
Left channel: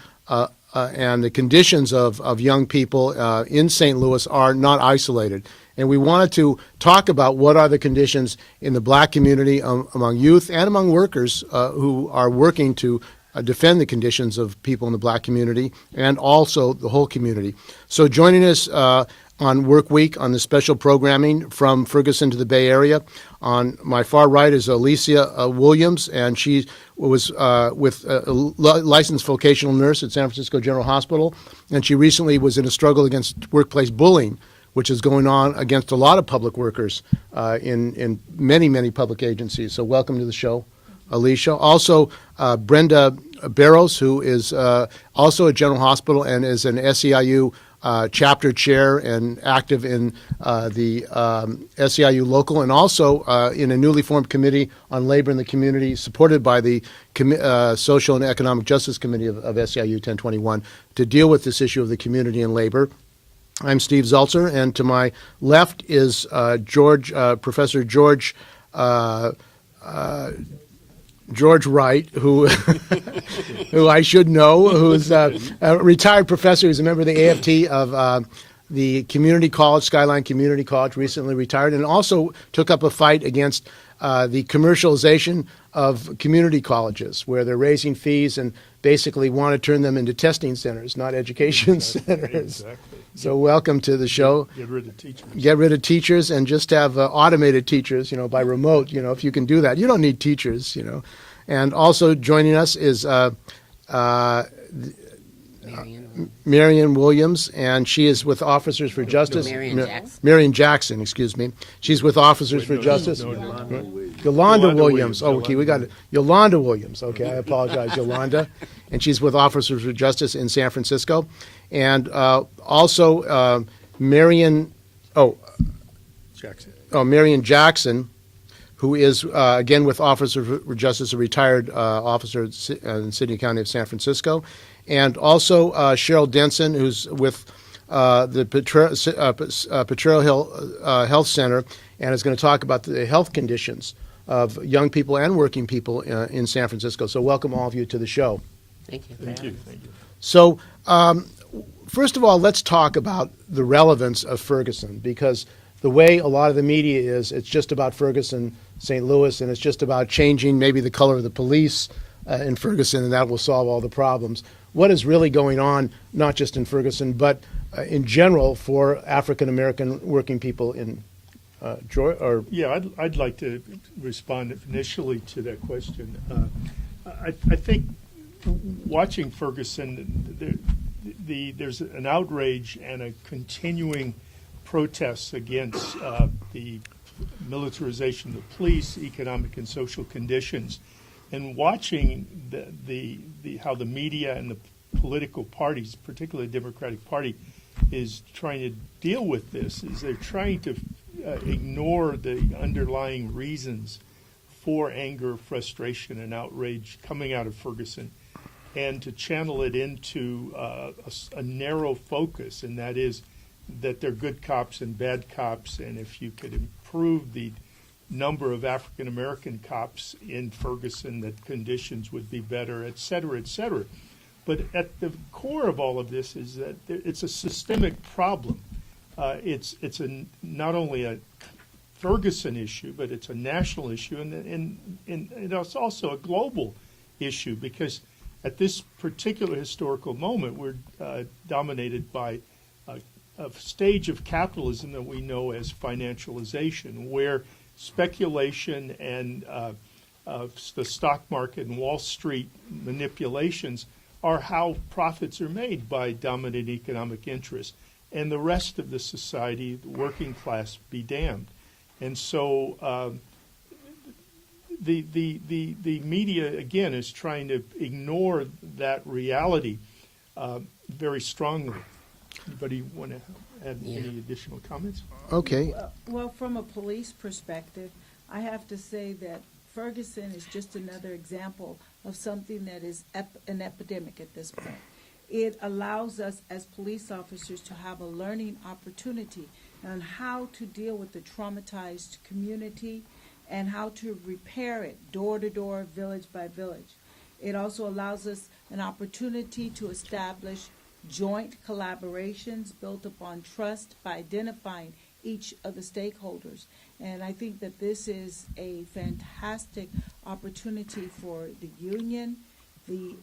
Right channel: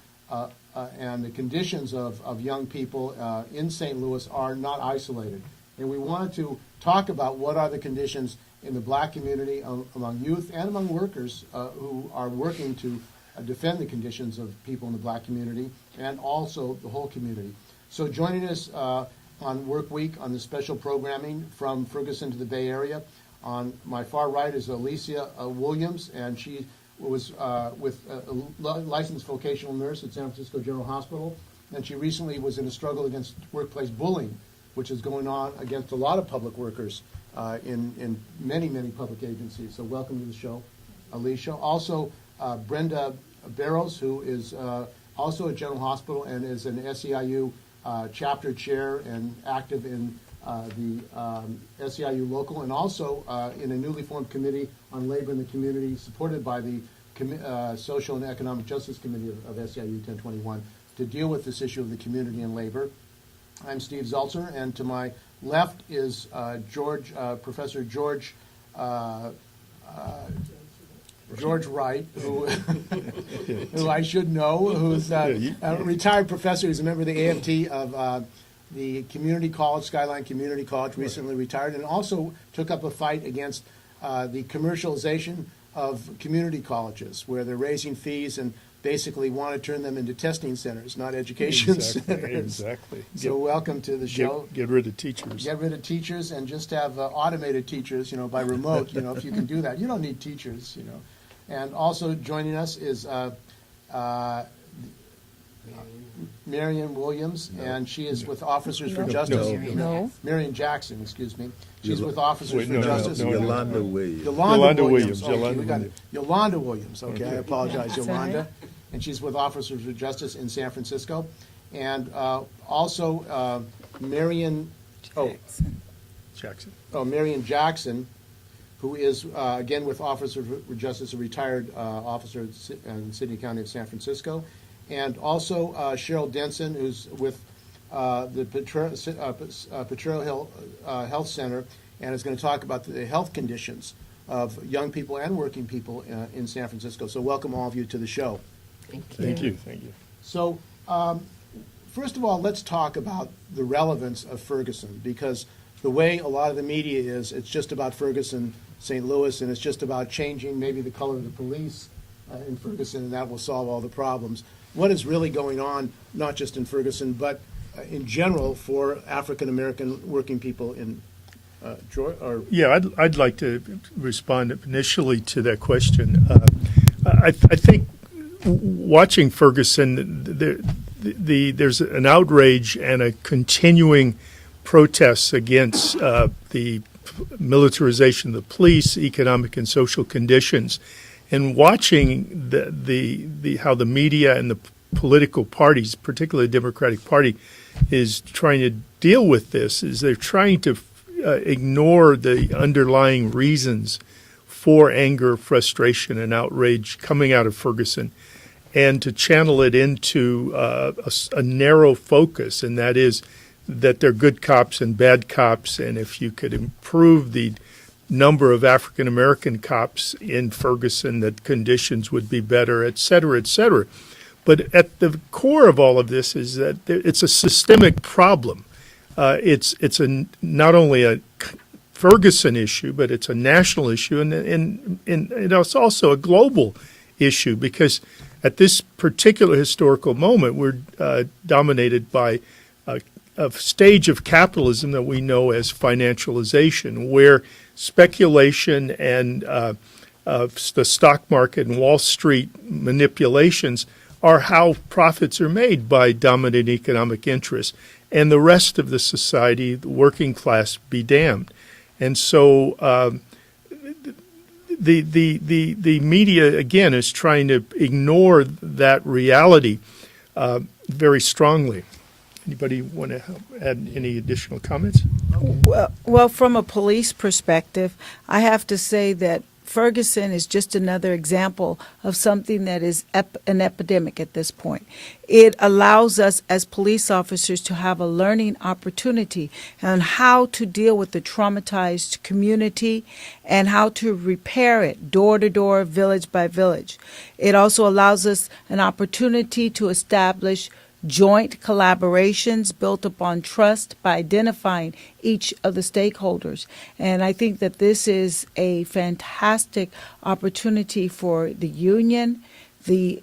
and the conditions of young people in St. Louis are not isolated. And we wanted to talk about what are the conditions in the black community among youth and among workers who are working to defend the conditions of people in the black community and also the whole community. So joining us on Work Week on the special programming from Ferguson to the Bay Area, on my far right is Alicia Williams, and she was with a licensed vocational nurse at San Francisco General Hospital, and she recently was in a struggle against workplace bullying, which is going on against a lot of public workers in many, many public agencies. So welcome to the show, Alicia. Also, Brenda Barrows, who is also at General Hospital and is an SEIU chapter chair and active in the SEIU local, and also in a newly formed committee on labor in the community, supported by the Social and Economic Justice Committee of SEIU 1021, to deal with this issue of the community and labor. I'm Steve Zeltzer, and to my left is Professor George George Wright, who who I should know, who's a retired professor. He's a member of the AFT of the community college, Skyline Community College, recently retired, and also took up a fight against the commercialization of community colleges, where they're raising fees and basically want to turn them into testing centers, not education centers. Exactly. So welcome to the show. Get rid of teachers. Get rid of teachers and just have automated teachers, by remote, if you can do that. You don't need teachers, And also joining us is Marion Williams, and she is with Officers for Justice. Marion Jackson, excuse me. She's with Officers for Justice. Yolanda Williams. Yolanda Williams. Oh, okay, we got it. Yolanda Williams. Okay, I apologize, Yolanda. And she's with Officers for Justice in San Francisco. And also Marion Jackson, who is, again, with Officers for Justice, a retired officer in the City and County of San Francisco. And also Cheryl Denson, who's with the Potrero Hill Health Center, and is going to talk about the health conditions of young people and working people in San Francisco. So welcome all of you to the show. Thank you. Thank you. So first of all, let's talk about the relevance of Ferguson, because the way a lot of the media is, it's just about Ferguson, St. Louis, and it's just about changing maybe the color of the police in Ferguson, and that will solve all the problems. What is really going on, not just in Ferguson, but in general for African-American working people in Georgia? Yeah, I'd like to respond initially to that question. I think watching Ferguson, there's an outrage and a continuing protests against the militarization of the police, economic and social conditions. And watching how the media and the political parties, particularly the Democratic Party, is trying to deal with this, is they're trying to ignore the underlying reasons for anger, frustration, and outrage coming out of Ferguson, and to channel it into a narrow focus, and that is that they're good cops and bad cops, and if you could improve the number of African American cops in Ferguson, that conditions would be better, et cetera, et cetera. But at the core of all of this is that it's a systemic problem. It's not only a Ferguson issue, but it's a national issue, and it's also a global issue, because at this particular historical moment, we're dominated by a stage of capitalism that we know as financialization, where speculation and the stock market and Wall Street manipulations are how profits are made by dominant economic interests, and the rest of the society, the working class, be damned. And so the media, again, is trying to ignore that reality very strongly. Anybody want to add any additional comments? Okay. Well, from a police perspective, I have to say that Ferguson is just another example of something that is an epidemic at this point. It allows us as police officers to have a learning opportunity on how to deal with the traumatized community and how to repair it door to door, village by village. It also allows us an opportunity to establish joint collaborations built upon trust by identifying each of the stakeholders. And I think that this is a fantastic opportunity for the union, the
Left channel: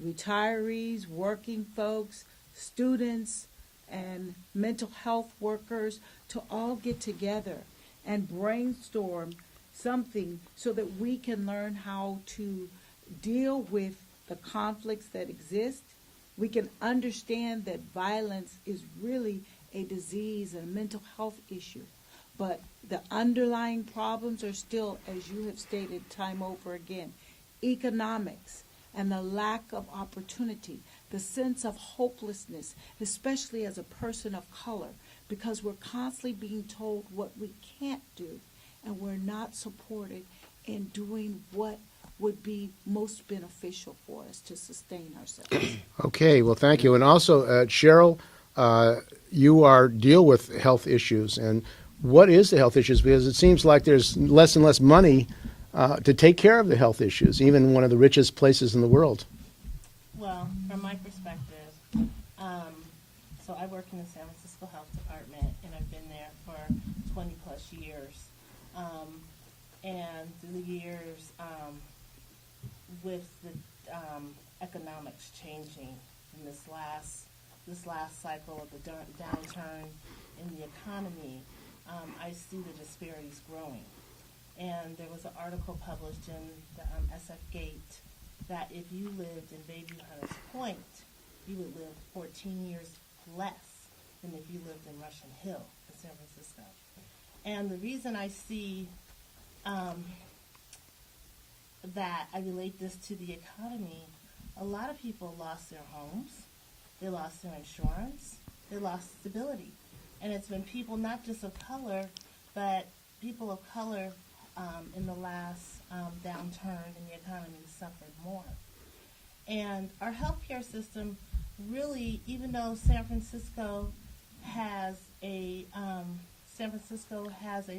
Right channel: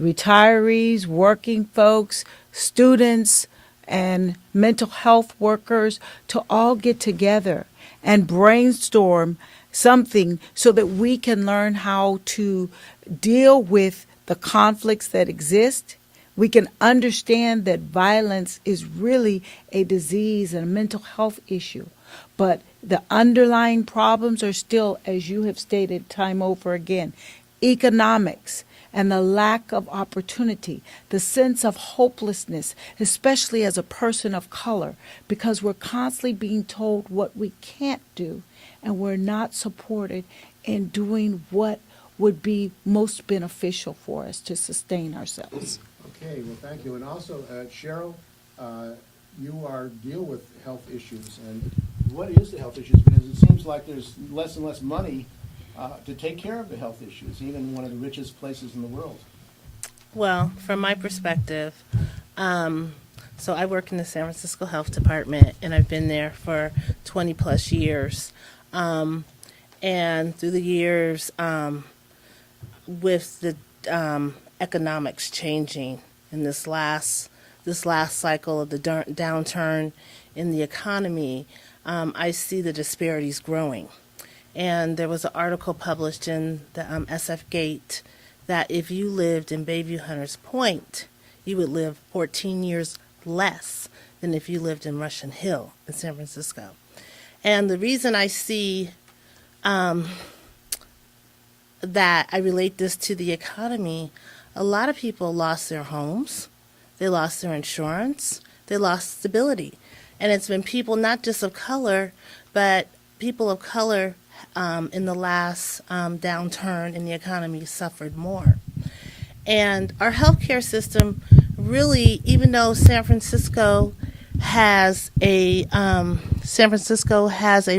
retirees, working folks, students, and mental health workers to all get together and brainstorm something so that we can learn how to deal with the conflicts that exist. We can understand that violence is really a disease and a mental health issue, but the underlying problems are still, as you have stated time over again, economics and the lack of opportunity, the sense of hopelessness, especially as a person of color, because we're constantly being told what we can't do, and we're not supported in doing what would be most beneficial for us to sustain ourselves. Okay, well, thank you. And also, Cheryl, you deal with health issues, and what is the health issues? Because it seems like there's less and less money to take care of the health issues, even one of the richest places in the world. Well, from my perspective, so I work in the San Francisco Health Department, and I've been there for 20 plus years. And through the years, with the economics changing in this last cycle of the downturn in the economy, I see the disparities growing. And there was an article published in the SF Gate that if you lived in Bayview Hunters Point, you would live 14 years less than if you lived in Russian Hill in San Francisco. And the reason I see that I relate this to the economy, a lot of people lost their homes, they lost their insurance, they lost stability. And it's been people not just of color, but people of color in the last downturn in the economy suffered more. And our healthcare system really, even though San Francisco has a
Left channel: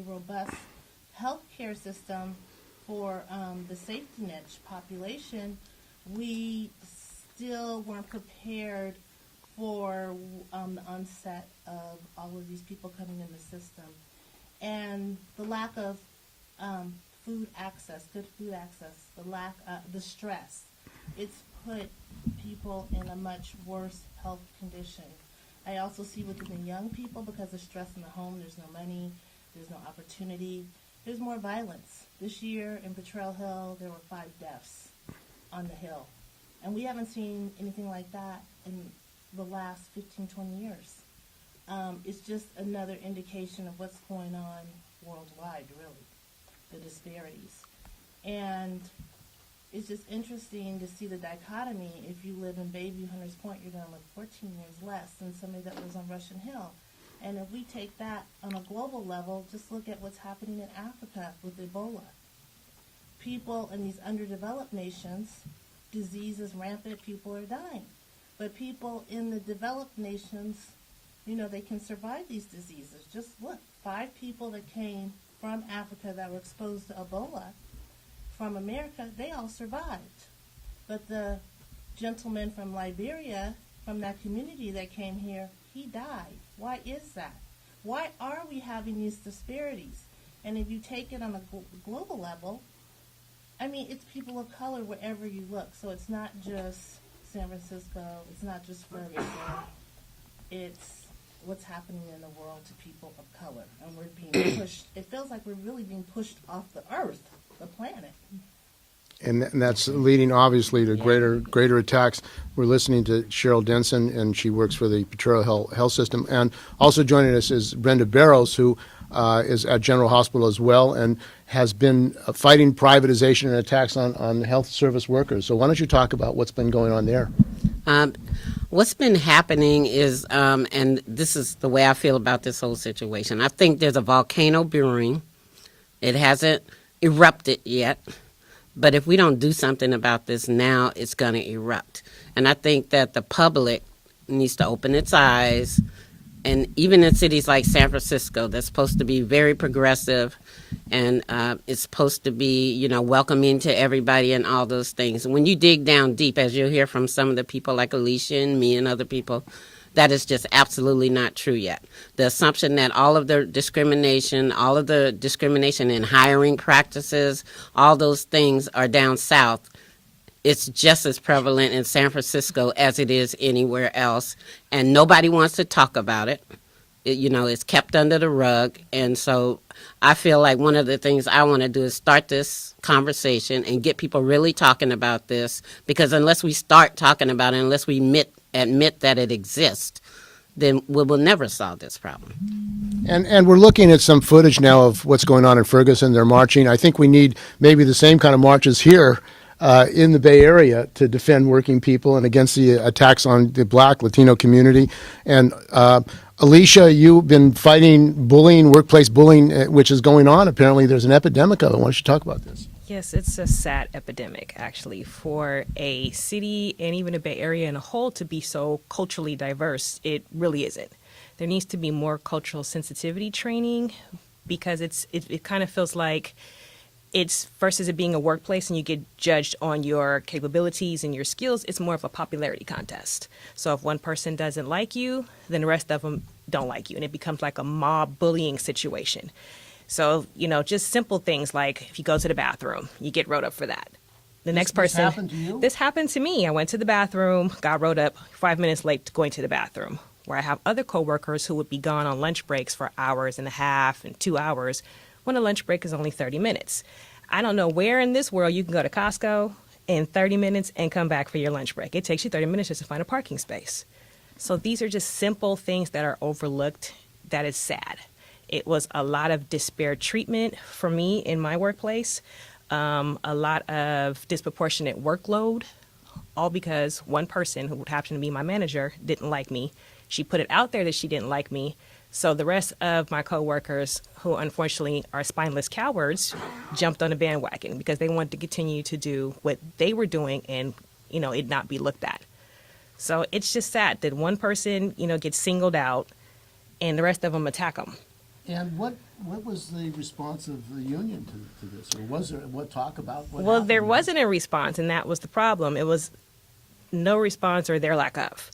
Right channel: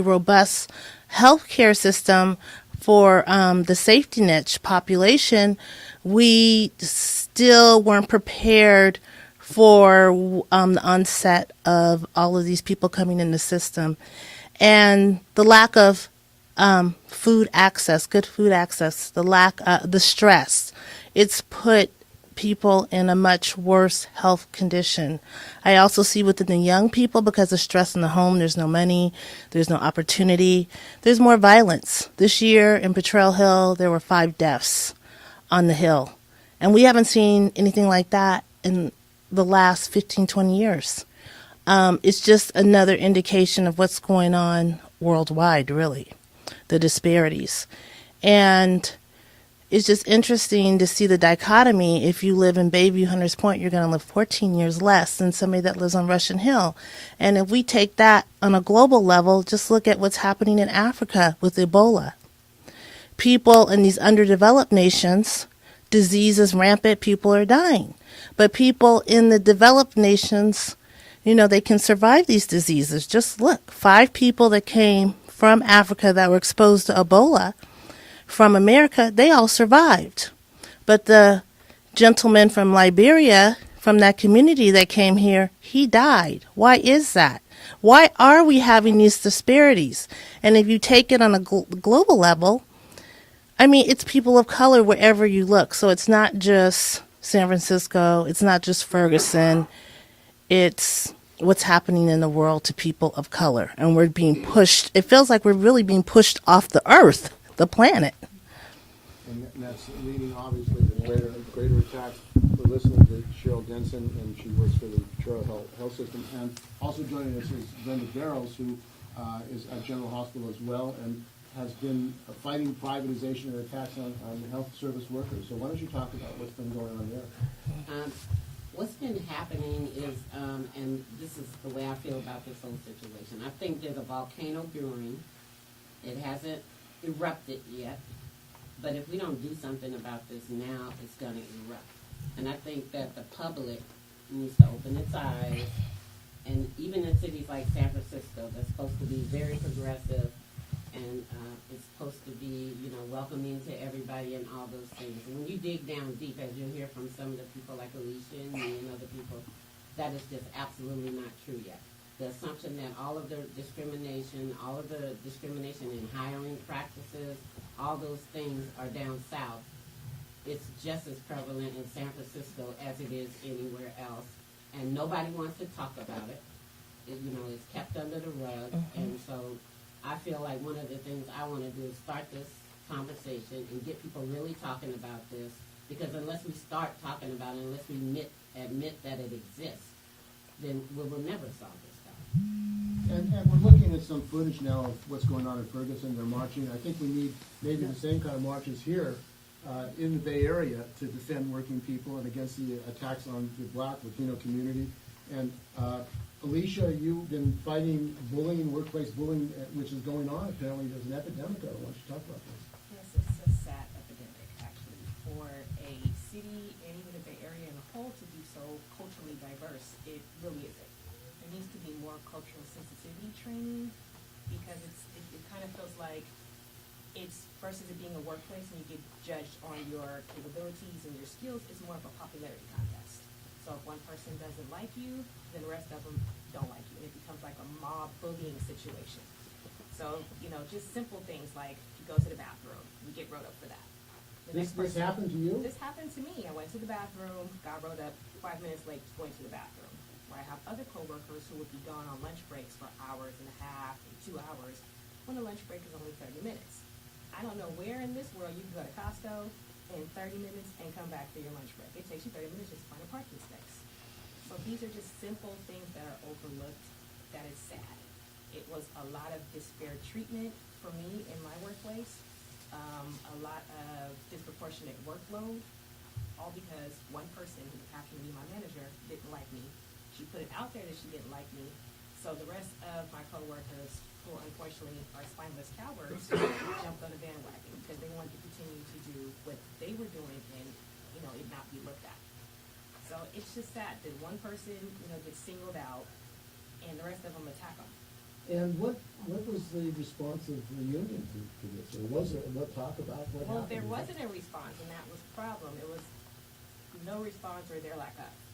robust healthcare system for the safety net population, we still weren't prepared for the onset of all of these people coming in the system. And the lack of food access, good food access, the stress, it's put people in a much worse health condition. I also see within the young people, because of stress in the home, there's no money, there's no opportunity, there's more violence. This year in Potrero Hill, there were 5 deaths on the Hill. And we haven't seen anything like that in the last 15, 20 years. It's just another indication of what's going on worldwide, really, the disparities. And it's just interesting to see the dichotomy. If you live in Bayview Hunters Point, you're going to live 14 years less than somebody that lives on Russian Hill. And if we take that on a global level, just look at what's happening in Africa with Ebola. People in these underdeveloped nations, disease is rampant, people are dying. But people in the developed nations, you know, they can survive these diseases. Just look, 5 people that came from Africa that were exposed to Ebola from America, they all survived. But the gentleman from Liberia, from that community that came here, he died. Why is that? Why are we having these disparities? And if you take it on a global level, I mean, it's people of color wherever you look. So it's not just San Francisco, it's not just Ferguson, it's what's happening in the world to people of color. And we're being pushed, it feels like we're really being pushed off the earth, the planet. And that's leading, obviously, to greater attacks. We're listening to Cheryl Denson, and she works for the Potrero Health System. And also joining us is Brenda Barrows, who is at General Hospital as well, and has been fighting privatization and attacks on health service workers. So why don't you talk about what's been going on there? What's been happening is, and this is the way I feel about this whole situation, I think there's a volcano brewing. It hasn't erupted yet. But if we don't do something about this now, it's going to erupt. And I think that the public needs to open its eyes. And even in cities like San Francisco, that's supposed to be very progressive, and it's supposed to be, you know, welcoming to everybody and all those things. And when you dig down deep, as you'll hear from some of the people like Alicia and me and other people, that is just absolutely not true yet. The assumption that all of the discrimination in hiring practices, all those things are down south, it's just as prevalent in San Francisco as it is anywhere else. And nobody wants to talk about it. You know, it's kept under the rug. And so I feel like one of the things I want to do is start this conversation and get people really talking about this, because unless we start talking about it, unless we admit that it exists, then we will never solve this problem. And we're looking at some footage now of what's going on in Ferguson. They're marching. I think we need maybe the same kind of marches here in the Bay Area to defend working people and against the attacks on the Black Latino community. And Alicia, you've been fighting bullying, workplace bullying, which is going on. Apparently there's an epidemic of it. Why don't you talk about this? Yes, it's a sad epidemic, actually, for a city and even a Bay Area in a whole to be so culturally diverse. It really isn't. there needs to be more cultural sensitivity training, because it kind of feels like it's, versus it being a workplace and you get judged on your capabilities and your skills, it's more of a popularity contest. So if one person doesn't like you, then the rest of them don't like you, and it becomes like a mob bullying situation. So, just simple things like if you go to the bathroom, you get wrote up for that. The next person. This happened to you? This happened to me. I went to the bathroom, got wrote up 5 minutes late going to the bathroom, where I have other coworkers who would be gone on lunch breaks for hours and a half and 2 hours when a lunch break is only 30 minutes. I don't know where in this world you can go to Costco in 30 minutes and come back for your lunch break. It takes you 30 minutes just to find a parking space. So these are just simple things that are overlooked. That is sad. It was a lot of disparate treatment for me in my workplace, a lot of disproportionate workload, all because one person who happened to be my manager didn't like me. She put it out there that she didn't like me. So the rest of my coworkers, who unfortunately are spineless cowards, jumped on the bandwagon because they wanted to continue to do what they were doing and, it not be looked at. So it's just sad that one person, gets singled out and the rest of them attack them. And what was the response of the union to this? Or was there, what talk about what Well, happened? there wasn't a response, and that was the problem. It was no response or their lack of.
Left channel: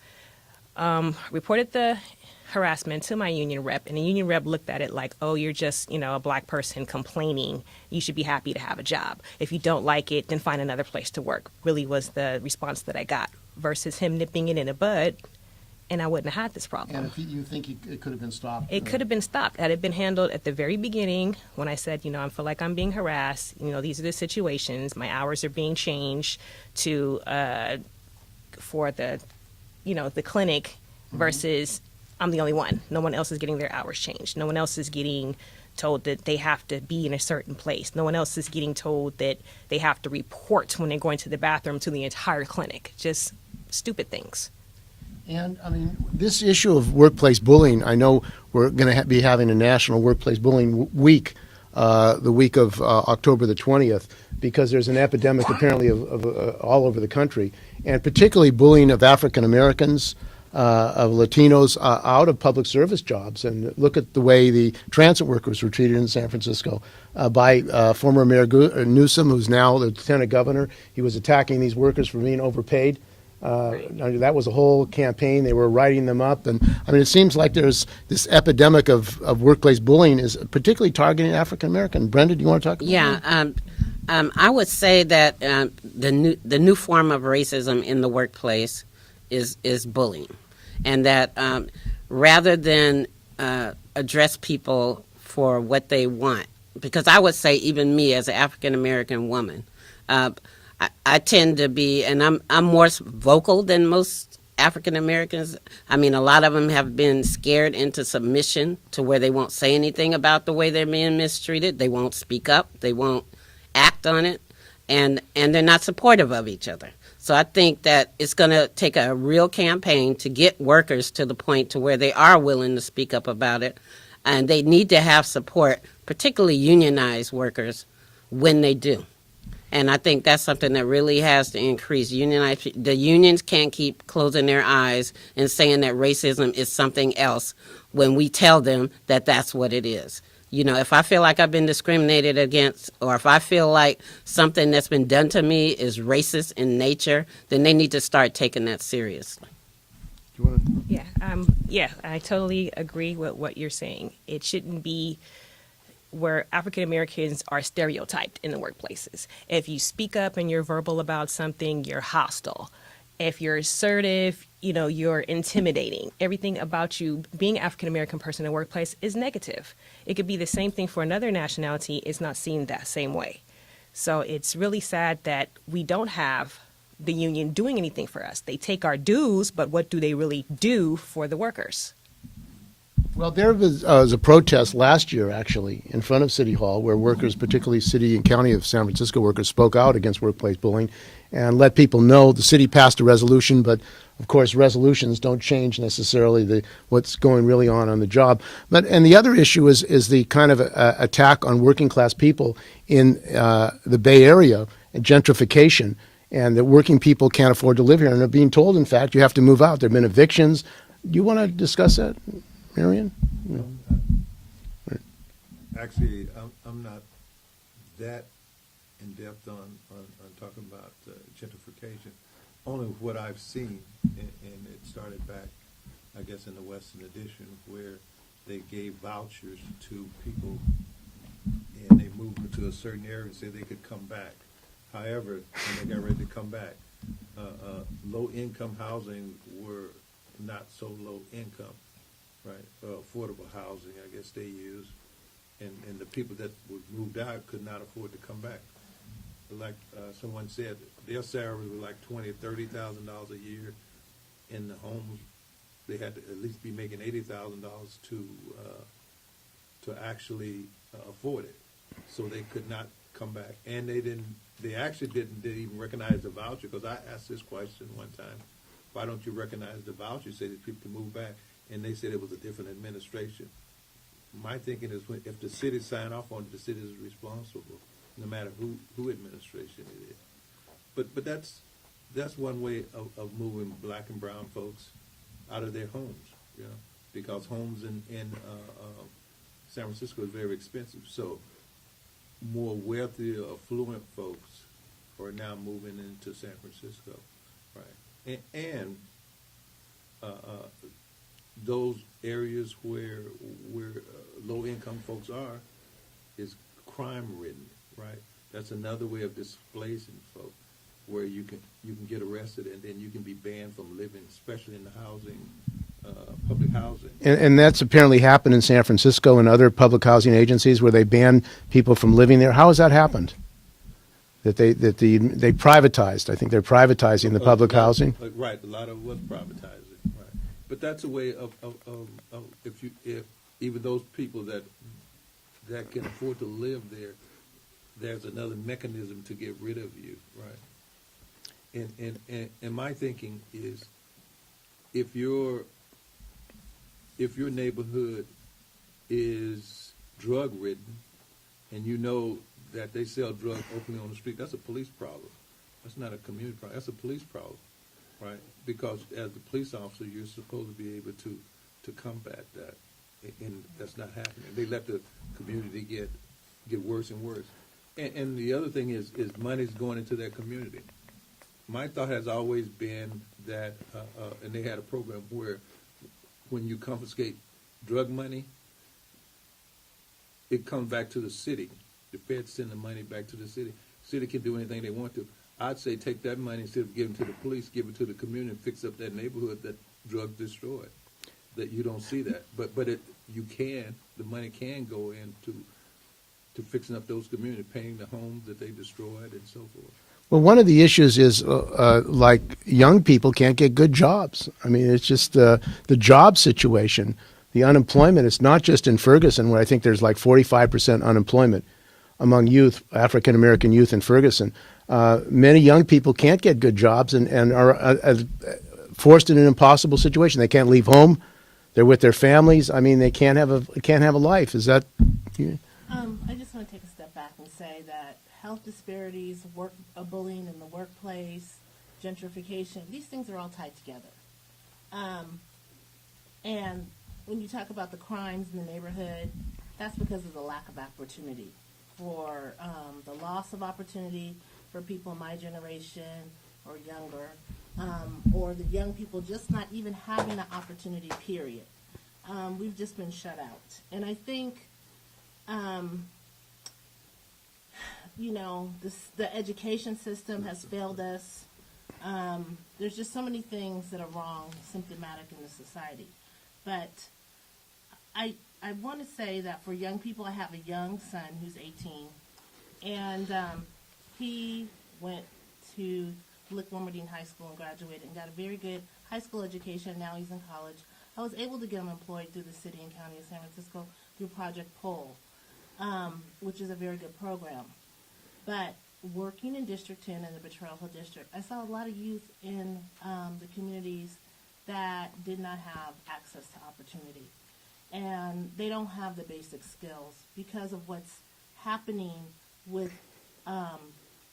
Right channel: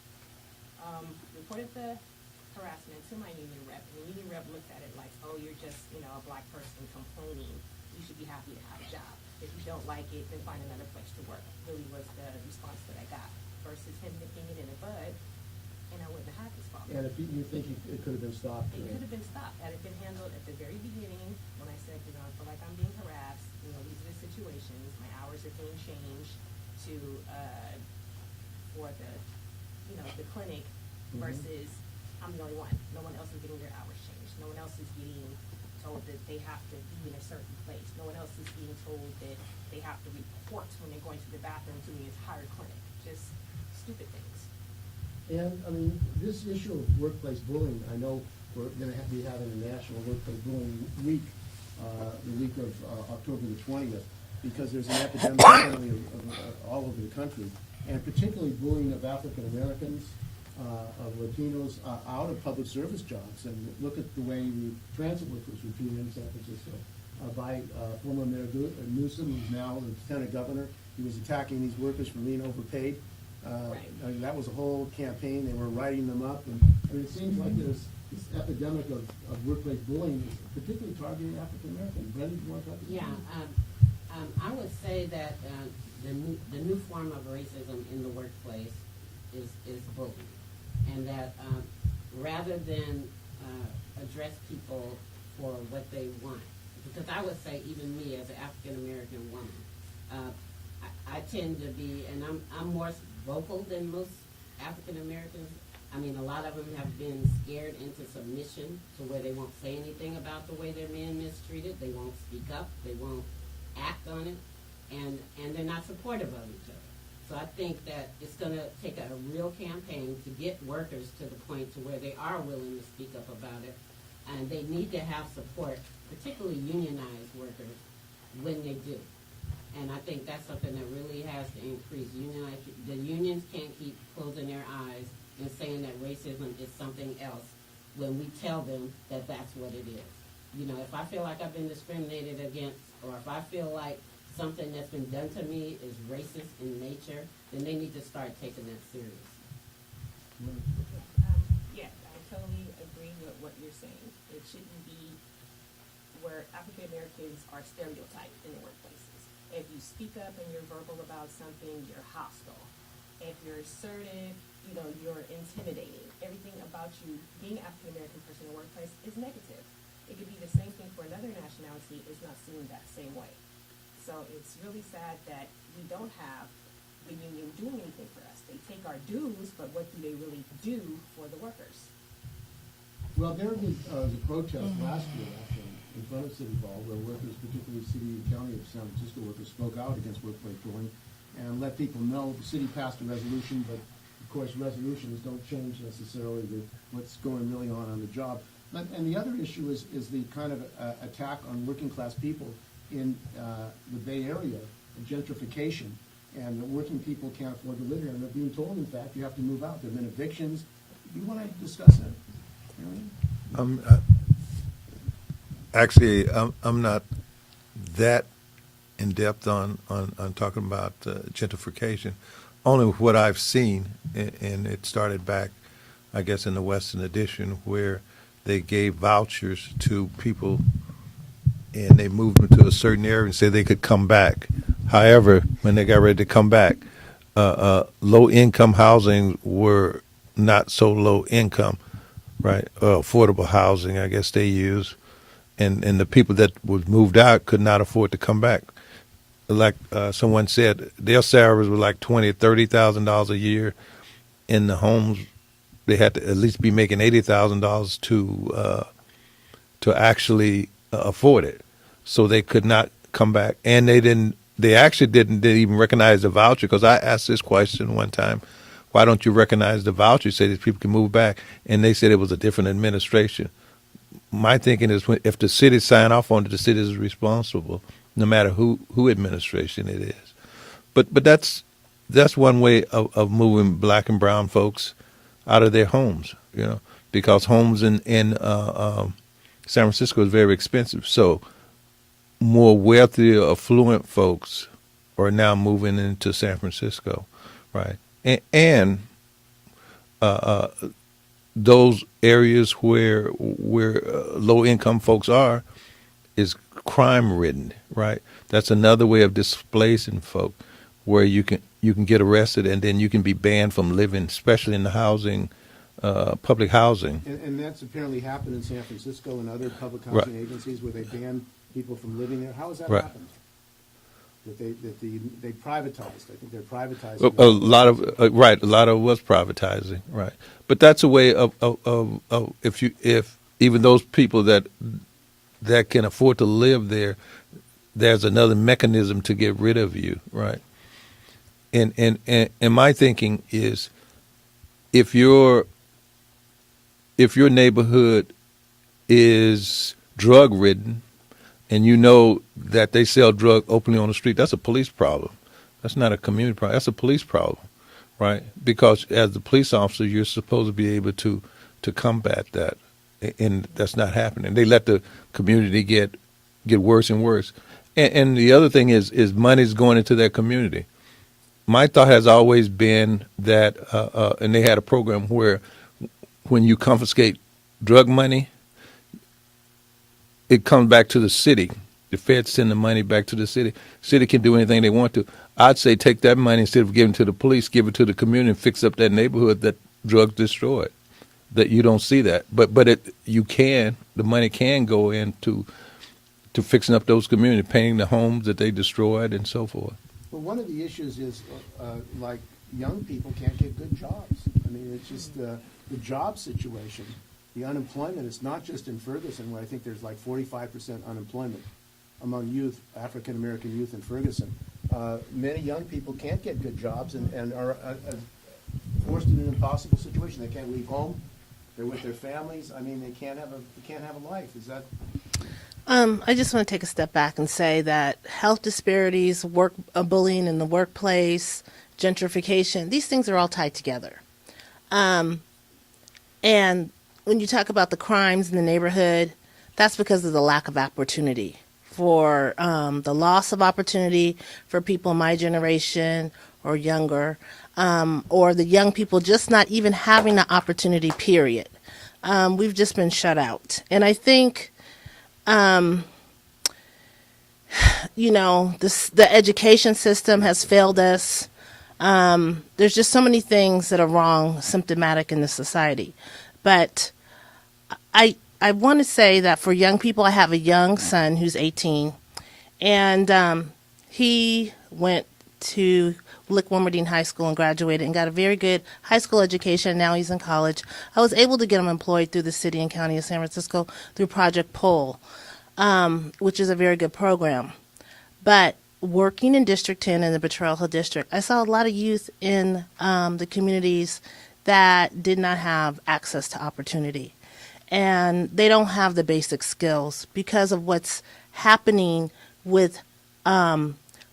Reported the harassment to my union rep, and the union rep looked at it like, oh, you're just, a black person complaining. You should be happy to have a job. If you don't like it, then find another place to work, really was the response that I got, versus him nipping it in the bud, and I wouldn't have had this problem. And if you think it could have been stopped? It could have been stopped. Had it been handled at the very beginning, when I said, I feel like I'm being harassed, these are the situations, my hours are being changed to, for the, the clinic, versus I'm the only one. No one else is getting their hours changed. No one else is getting told that they have to be in a certain place. No one else is getting told that they have to report when they're going to the bathroom to the entire clinic. Just stupid things. And, this issue of workplace bullying, I know we're going to be having a National Workplace Bullying Week, the week of October the 20th, because there's an epidemic apparently of all over the country, and particularly bullying of African Americans, of Latinos out of public service jobs. And look at the way the transit workers were treated in San Francisco by former Mayor Newsom, who's now the lieutenant governor. He was attacking these workers for being overpaid. That was a whole campaign. They were writing them up. And it seems like there's this epidemic of workplace bullying is particularly targeting African American. Brenda, do you want to talk about that? Yeah. I would say that the new form of racism in the workplace is bullying. And that rather than address people for what they want, because I would say even me as an African American woman, I tend to be, and I'm more vocal than most African Americans. A lot of them have been scared into submission to where they won't say anything about the way they're being mistreated. They won't speak up. They won't act on it, and they're not supportive of each other. So I think that it's going to take a real campaign to get workers to the point to where they are willing to speak up about it, and they need to have support, particularly unionized workers, when they do. And I think that's something that really has to increase. The unions can't keep closing their eyes and saying that racism is something else when we tell them that that's what it is. If I feel like I've been discriminated against, or if I feel like something that's been done to me is racist in nature, then they need to start taking that seriously. Yeah, I totally agree with what you're saying. It shouldn't be where African Americans are stereotyped in the workplaces. If you speak up and you're verbal about something, you're hostile. If you're assertive, you're intimidating. Everything about you being an African American person in the workplace is negative. It could be the same thing for another nationality. It's not seen that same way. So it's really sad that we don't have the union doing anything for us. They take our dues, but what do they really do for the workers? Well, there was a protest last year, actually, in front of City Hall, where workers, particularly city and county of San Francisco workers, spoke out against workplace bullying and let people know. The city passed a resolution, but of course, resolutions don't change necessarily what's going really on the job. And the other issue is the kind of attack on working class people in the Bay Area, gentrification, and that working people can't afford to live here and are being told, in fact, you have to move out. There have been evictions. Do you want to discuss that? Marion? Actually, I'm not that in depth on talking about gentrification. Only what I've seen, and it started back, I guess, in the Western Addition, where they gave vouchers to people, and they moved them to a certain area and said they could come back. However, when they got ready to come back, low-income housing were not so low income, right? Affordable housing, I guess they use. And the people that was moved out could not afford to come back. Like someone said, their salaries were like $20,000, $30,000 a year. In the homes, they had to at least be making $80,000 to actually afford it. So they could not come back, and they actually didn't even recognize the voucher, because I asked this question one time: why don't you recognize the voucher? Say these people can move back, and they said it was a different administration. My thinking is, if the city sign off on it, the city is responsible, no matter who administration it is. But that's one way of moving black and brown folks out of their homes, because homes in San Francisco is very expensive. So more wealthy, affluent folks are now moving into San Francisco, right? And those areas where low-income folks are is crime-ridden, right? That's another way of displacing folk, where you can get arrested and then you can be banned from living, especially in the housing, public housing. And that's apparently happened in San Francisco and other public housing agencies where they ban people from living there. How has that happened? That they privatized. I think they're privatizing the public housing. Right, a lot of it was privatizing, right. But that's a way of if even those people that can afford to live there, there's another mechanism to get rid of you, right? And my thinking is, if your neighborhood is drug ridden, and you know that they sell drug openly on the street, that's a police problem. That's not a community problem. That's a police problem, right? Because as the police officer, you're supposed to be able to combat that, and that's not happening. They let the community get worse and worse. And the other thing is money's going into their community. My thought has always been that, and they had a program where when you confiscate drug money, it comes back to the city. The feds send the money back to the city. City can do anything they want to. I'd say take that money, instead of giving it to the police, give it to the community and fix up that neighborhood that drugs destroyed. That you don't see that, but the money can go into fixing up those communities, painting the homes that they destroyed, and so forth. Well, one of the issues is like young people can't get good jobs. I mean, it's just the job situation. The unemployment is not just in Ferguson, where I think there's like 45% unemployment among youth, African American youth in Ferguson. Many young people can't get good jobs and are forced in an impossible situation. They can't leave home. They're with their families. I mean, they can't have a life. Is that? I just want to take a step back and say that health disparities, bullying in the workplace, gentrification, these things are all tied together. And when you talk about the crimes in the neighborhood, that's because of the lack of opportunity, for the loss of opportunity for people my generation or younger, or the young people just not even having the opportunity, period. We've just been shut out. And I think, the education system has failed us. There's just so many things that are wrong, symptomatic in the society. But I want to say that for young people, I have a young son who's 18, and he went to Lick-Wilmerdine High School and graduated and got a very good high school education. Now he's in college. I was able to get him employed through the city and county of San Francisco through Project Pole, which is a very good program. But working in District 10 in the Betrayal Hill District, I saw a lot of youth in the communities that did not have access to opportunity. And they don't have the basic skills because of what's happening with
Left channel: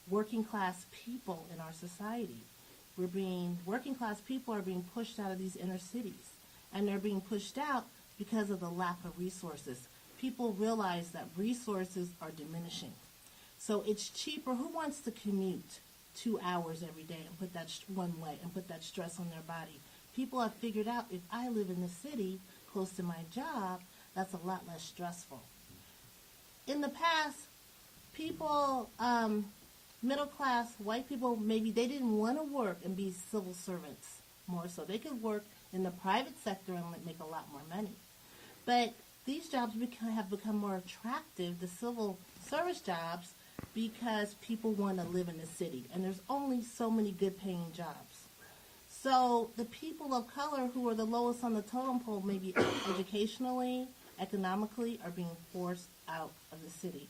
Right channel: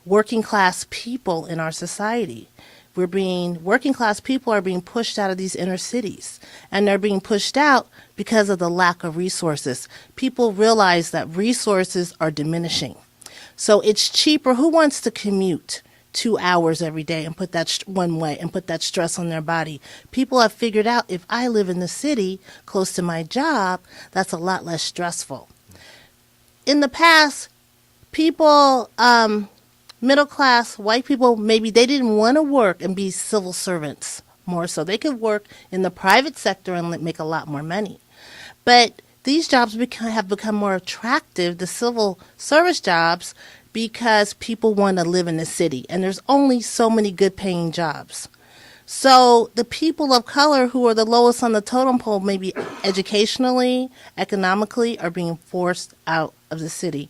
working class people in our society. working class people are being pushed out of these inner cities, and they're being pushed out because of the lack of resources. People realize that resources are diminishing. So it's cheaper. Who wants to commute 2 hours every day and put that one way and put that stress on their body? People have figured out, if I live in the city close to my job, that's a lot less stressful. In the past, people, middle class white people, maybe they didn't want to work and be civil servants more so. They could work in the private sector and make a lot more money. But these jobs have become more attractive, the civil service jobs, because people want to live in the city, and there's only so many good paying jobs. So the people of color who are the lowest on the totem pole, maybe educationally, economically, are being forced out of the city.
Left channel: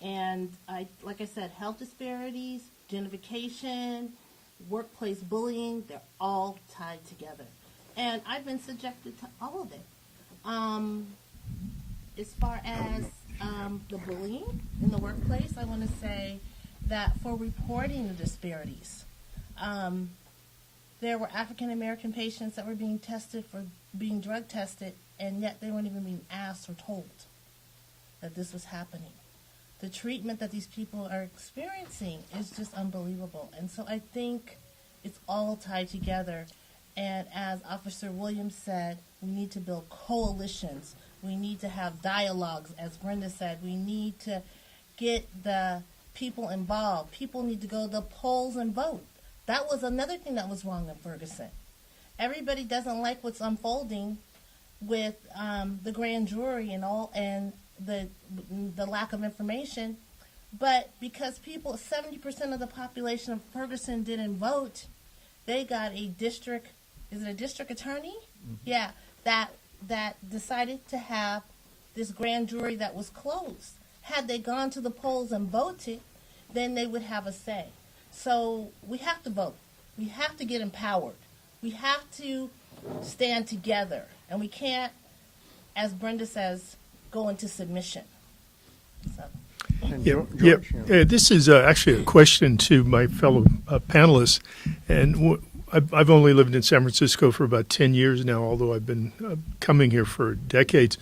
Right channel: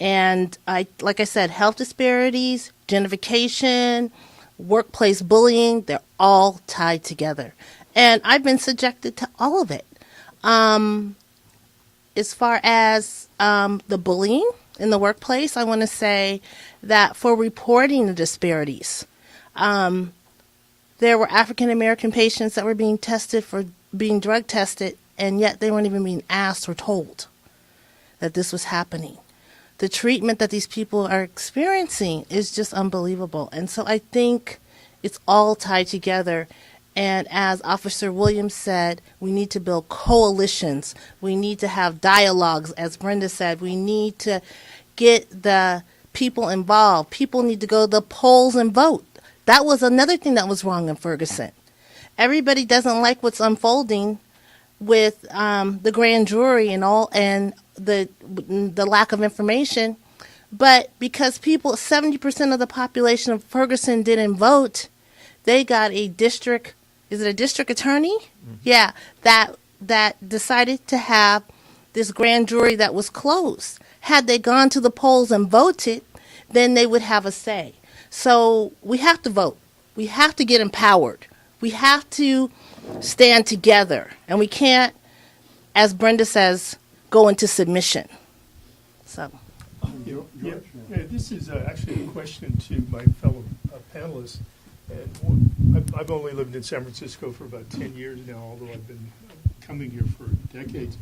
And like I said, health disparities, gentrification, workplace bullying, they're all tied together. And I've been subjected to all of it. As far as the bullying in the workplace, I want to say that for reporting the disparities, there were African American patients that were being tested for being drug tested, and yet they weren't even being asked or told that this was happening. The treatment that these people are experiencing is just unbelievable. And so I think it's all tied together. And as Officer Williams said, we need to build coalitions. We need to have dialogues. As Brenda said, we need to get the people involved. People need to go to the polls and vote. That was another thing that was wrong in Ferguson. Everybody doesn't like what's unfolding with the grand jury and all, and the lack of information. But because 70% of the population of Ferguson didn't vote, they got a district. Is it a district attorney? Mm-hmm. Yeah, that decided to have this grand jury that was closed. Had they gone to the polls and voted, then they would have a say. So we have to vote. We have to get empowered. We have to stand together. And we can't, as Brenda says, go into submission. So. This is actually a question to my fellow panelists. And I've only lived in San Francisco for about 10 years now, although I've been coming here for decades.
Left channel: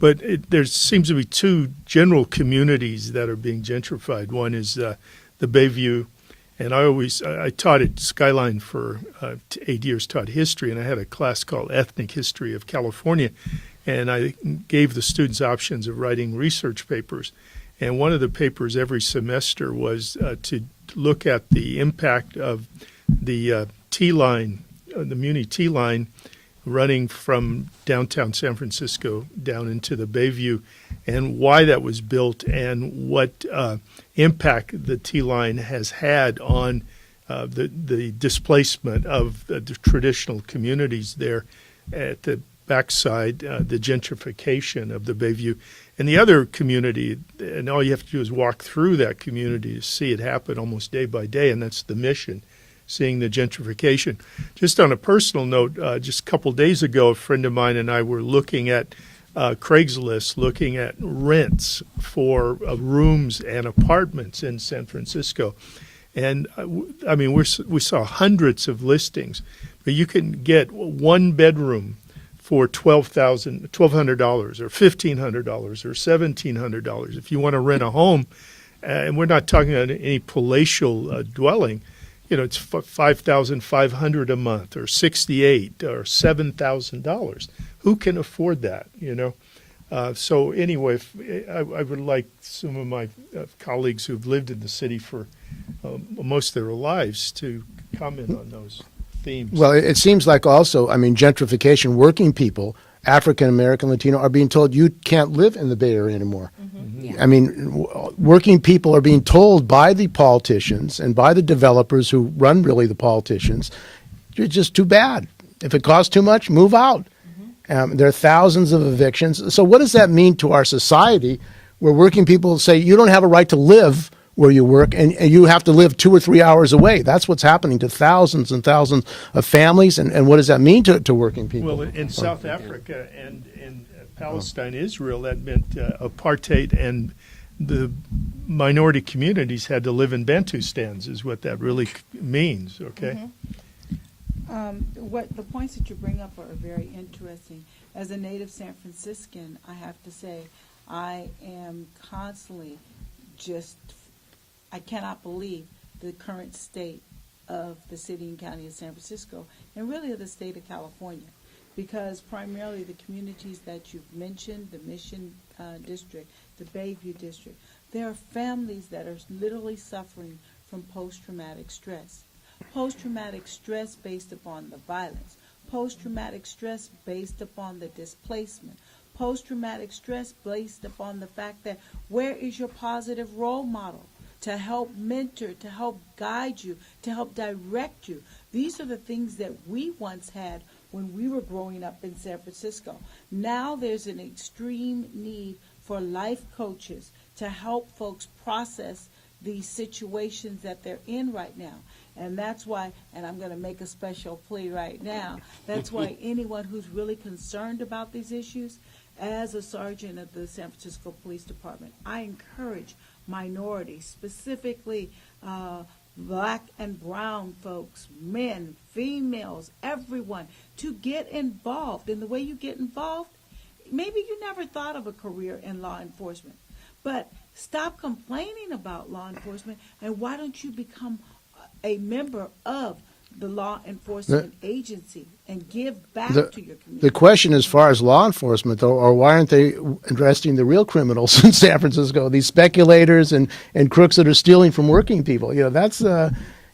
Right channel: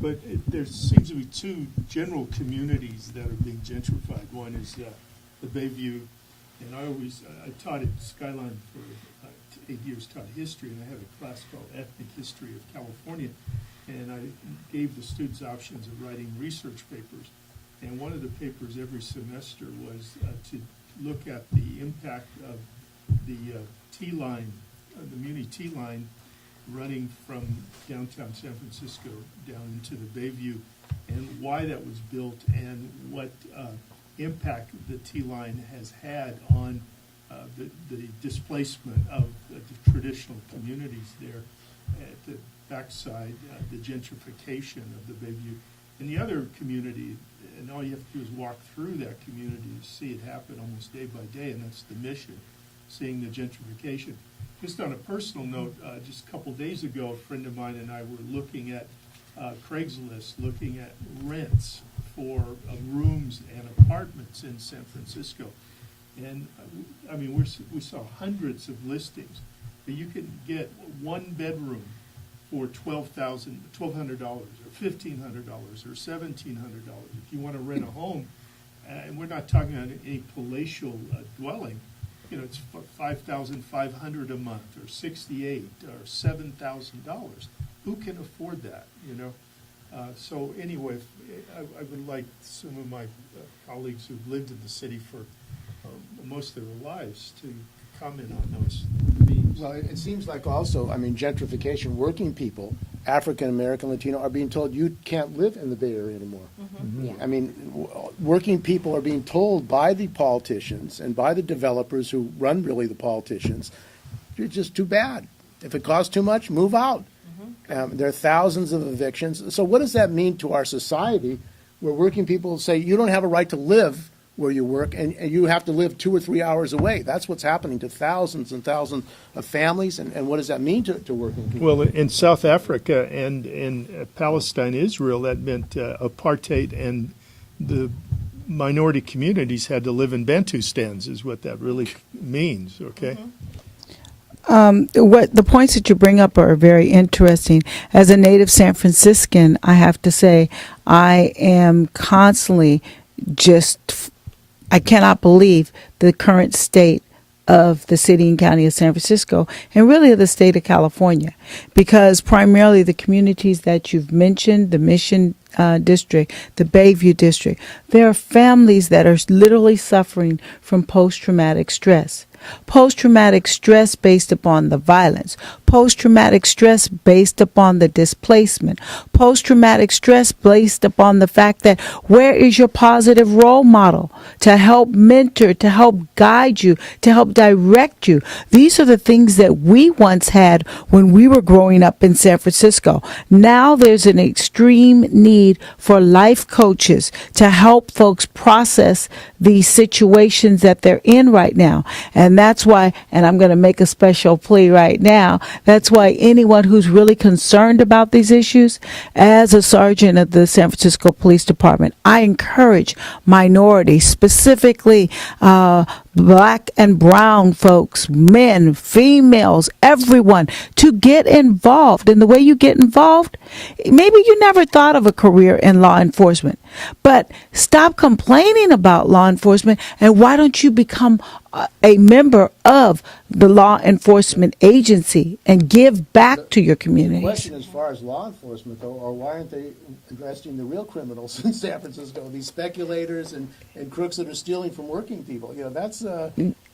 But there seems to be two general communities that are being gentrified. One is the Bayview, and I taught at Skyline for 8 years, taught history, and I had a class called Ethnic History of California, and I gave the students options of writing research papers. And one of the papers every semester was to look at the impact of the T-line, the Muni T-line, running from downtown San Francisco down into the Bayview, and why that was built and what impact the T-line has had on the displacement of the traditional communities there at the backside, the gentrification of the Bayview. And the other community, and all you have to do is walk through that community to see it happen almost day by day, and that's the Mission, seeing the gentrification. Just on a personal note, just a couple days ago, a friend of mine and I were looking at Craigslist, looking at rents for rooms and apartments in San Francisco. And I mean, we saw hundreds of listings, but you can get one bedroom for $1,200 or $1,500 or $1,700 if you want to rent a home. And we're not talking about any palatial dwelling. You know, it's $5,500 a month or $6,800 or $7,000. Who can afford that? You know. So anyway, I would like some of my colleagues who've lived in the city for most of their lives to comment on those themes. Well, it seems like also, I mean, gentrification, working people, African American, Latino, are being told you can't live in the Bay Area anymore. Mm-hmm. Yeah. I mean, working people are being told by the politicians and by the developers who run really the politicians, you're just too bad. If it costs too much, move out. There are thousands of evictions. So what does that mean to our society where working people say you don't have a right to live where you work and you have to live 2 or 3 hours away? That's what's happening to thousands and thousands of families. And what does that mean to working people? Well, in South Africa and in Palestine, Israel, that meant apartheid, and the minority communities had to live in Bantustans is what that really means, okay? Mm-hmm. what the points that you bring up are very interesting. As a native San Franciscan, I have to say I am constantly I cannot believe the current state of the city and county of San Francisco, and really of the state of California, because primarily the communities that you've mentioned, the Mission District, the Bayview District, there are families that are literally suffering from post-traumatic stress. Post-traumatic stress based upon the violence, post-traumatic stress based upon the displacement, post-traumatic stress based upon the fact that where is your positive role model to help mentor, to help guide you, to help direct you? These are the things that we once had when we were growing up in San Francisco. Now there's an extreme need for life coaches to help folks process these situations that they're in right now. And that's why, and I'm going to make a special plea right now, that's why anyone who's really concerned about these issues, as a sergeant of the San Francisco Police Department, I encourage minorities, specifically black and brown folks, men, females, everyone, to get involved. And the way you get involved, maybe you never thought of a career in law enforcement, but stop complaining about law enforcement, and why don't you become a member of the law enforcement agency and give back to your community? The question as far as law enforcement, though, or why aren't they arresting the real criminals in San Francisco, these speculators and crooks that are stealing from working people? That's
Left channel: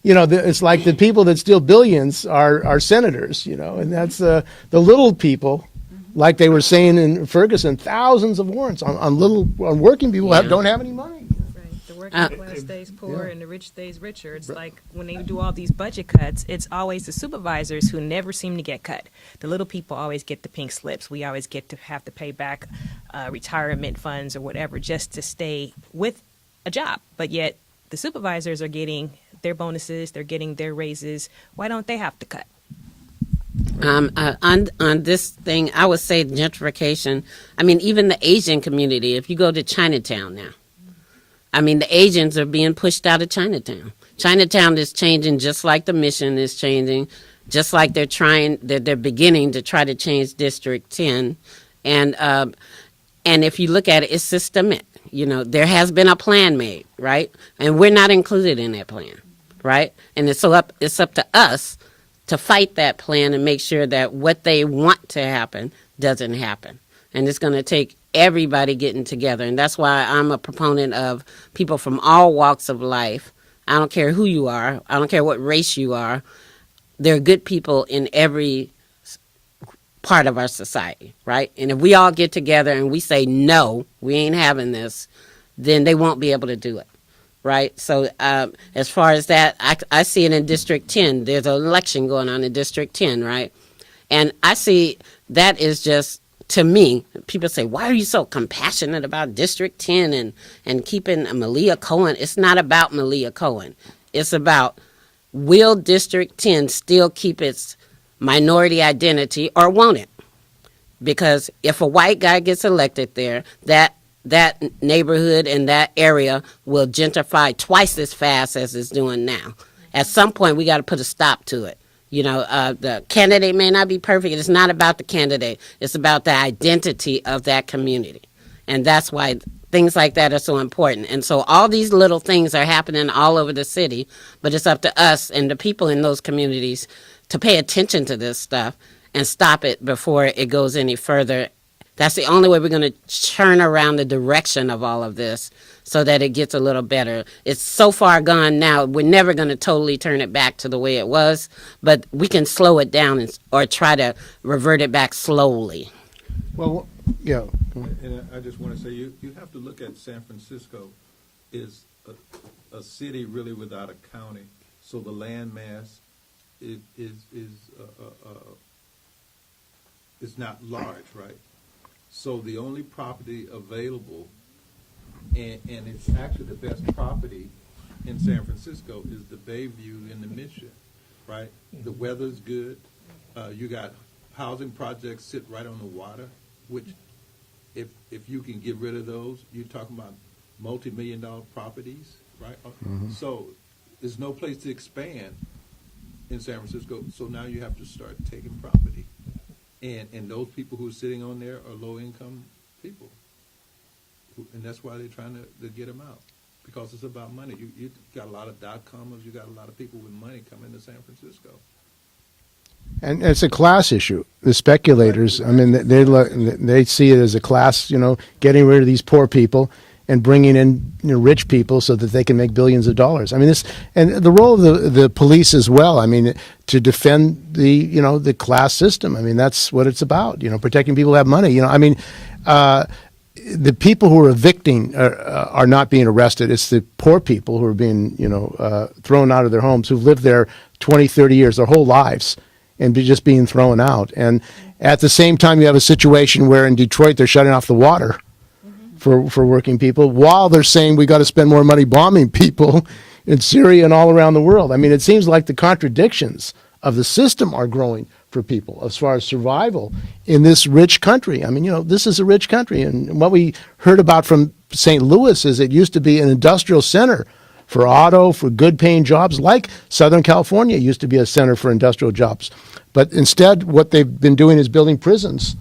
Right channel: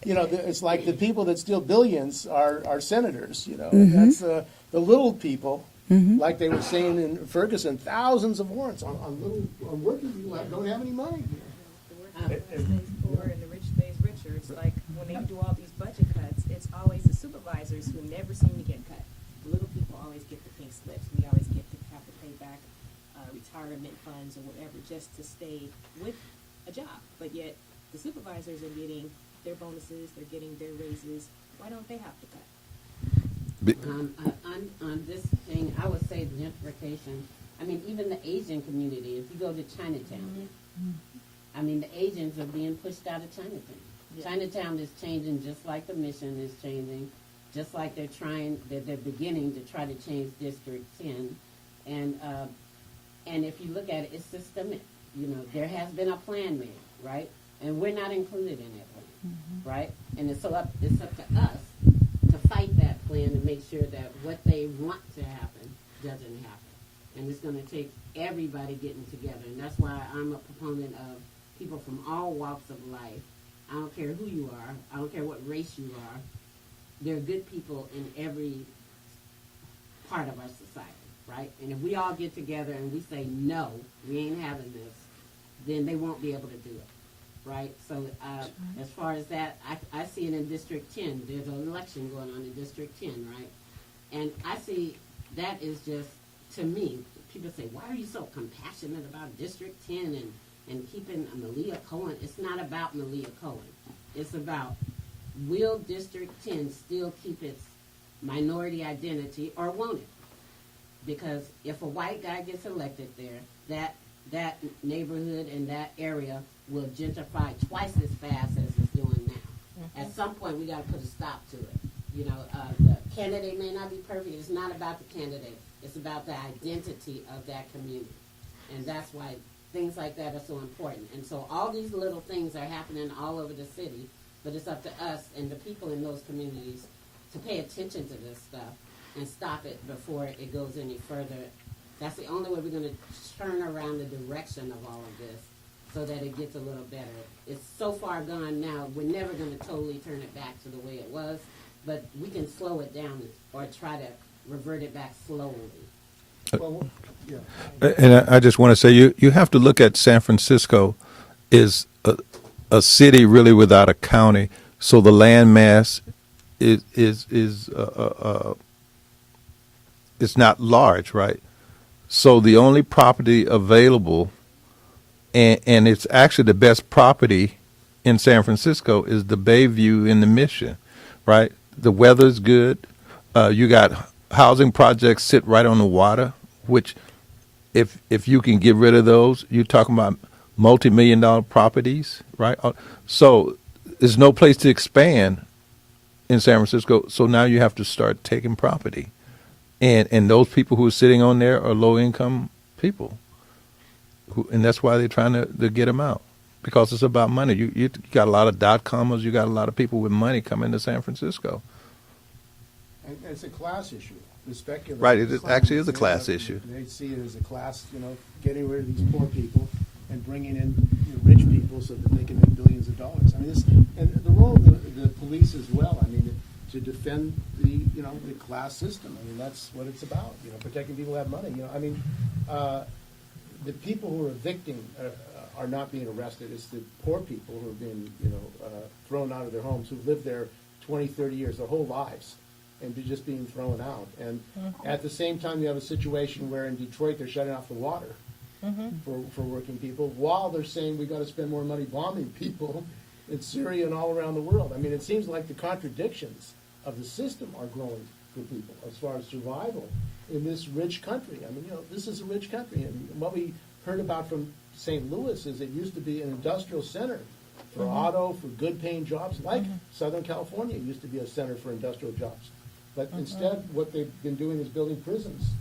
it's like the people that steal billions are senators, and that's the little people. Like they were saying in Ferguson, thousands of warrants on working people who don't have any money. The working class stays poor and the rich stays richer. It's like when they do all these budget cuts, it's always the supervisors who never seem to get cut. The little people always get the pink slips. We always get to have to pay back retirement funds or whatever just to stay with a job. But yet the supervisors are getting their bonuses, they're getting their raises. Why don't they have to cut? On this thing, I would say gentrification. I mean, even the Asian community, if you go to Chinatown now, I mean, the Asians are being pushed out of Chinatown. Chinatown is changing just like the Mission is changing, just like they're beginning to try to change District 10. And if you look at it, it's systemic. There has been a plan made, right? And we're not included in that plan, right? And it's up to us to fight that plan and make sure that what they want to happen doesn't happen. And it's going to take everybody getting together. And that's why I'm a proponent of people from all walks of life. I don't care who you are. I don't care what race you are. There are good people in every part of our society, right? And if we all get together and we say, no, we ain't having this, then they won't be able to do it. Right. So as far as that, I see it in District 10. There's an election going on in District 10. Right. And I see that is just, to me, people say, why are you so compassionate about District 10 and keeping Malia Cohen? It's not about Malia Cohen. It's about, will District 10 still keep its minority identity or won't it? Because if a white guy gets elected there, that neighborhood and that area will gentrify twice as fast as it's doing now. At some point, we got to put a stop to it. The candidate may not be perfect. It's not about the candidate. It's about the identity of that community. And that's why things like that are so important. And so all these little things are happening all over the city, but it's up to us and the people in those communities to pay attention to this stuff and stop it before it goes any further. That's the only way we're going to turn around the direction of all of this so that it gets a little better. It's so far gone now, we're never going to totally turn it back to the way it was, but we can slow it down or try to revert it back slowly. Well, yeah. And I just want to say, you have to look at San Francisco is a city really without a county, so the land mass is not large, right? So the only property available, and it's actually the best property in San Francisco, is the Bayview and the Mission, right? The weather's good. You got housing projects sit right on the water, which if you can get rid of those, you're talking about multi-million-dollar properties, right? So there's no place to expand in San Francisco. So now you have to start taking property, and those people who are sitting on there are low income people, and that's why they're trying to get them out, because it's about money. You got a lot of dot-commers, you got a lot of people with money coming to San Francisco. And it's a class issue. The speculators, Right, it actually is a class issue. they see it as a class, getting rid of these poor people and bringing in rich people so that they can make billions of dollars. I mean, and the role of the police as well. I mean, to defend the class system. I mean, that's what it's about. Protecting people who have money. I mean, the people who are evicting are not being arrested. It's the poor people who are being thrown out of their homes, who've lived there 20, 30 years, their whole lives, and just being thrown out. And at the same time, you have a situation where in Detroit they're shutting off the water for working people, while they're saying we got to spend more money bombing people in Syria and all around the world. I mean, it seems like the contradictions of the system are growing for people as far as survival in this rich country. I mean, this is a rich country. And what we heard about from St. Louis is it used to be an industrial center for auto, for good-paying jobs, like Southern California used to be a center for industrial jobs. But instead, what they've been doing is building prisons.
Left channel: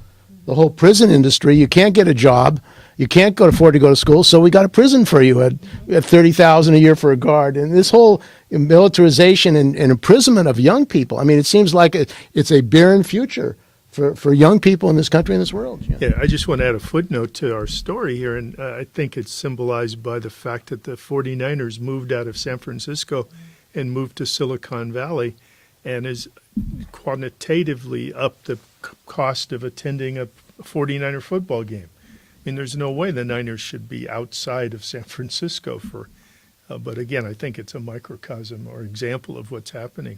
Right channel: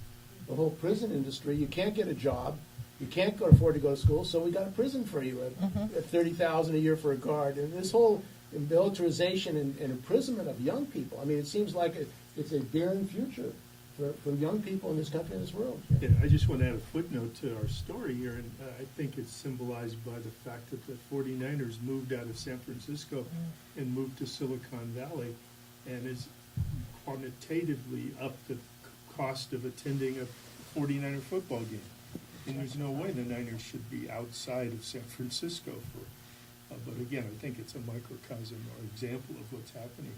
The whole prison industry, you can't get a job, you can't afford to go to school, so we got a prison for you at $30,000 a year for a guard. And this whole militarization and imprisonment of young people, I mean, it seems like it's a barren future for young people in this country and this world. Yeah, I just want to add a footnote to our story here, and I think it's symbolized by the fact that the 49ers moved out of San Francisco and moved to Silicon Valley, and is quantitatively up the cost of attending a 49er football game. I mean, there's no way the Niners should be outside of San Francisco but again, I think it's a microcosm or example of what's happening.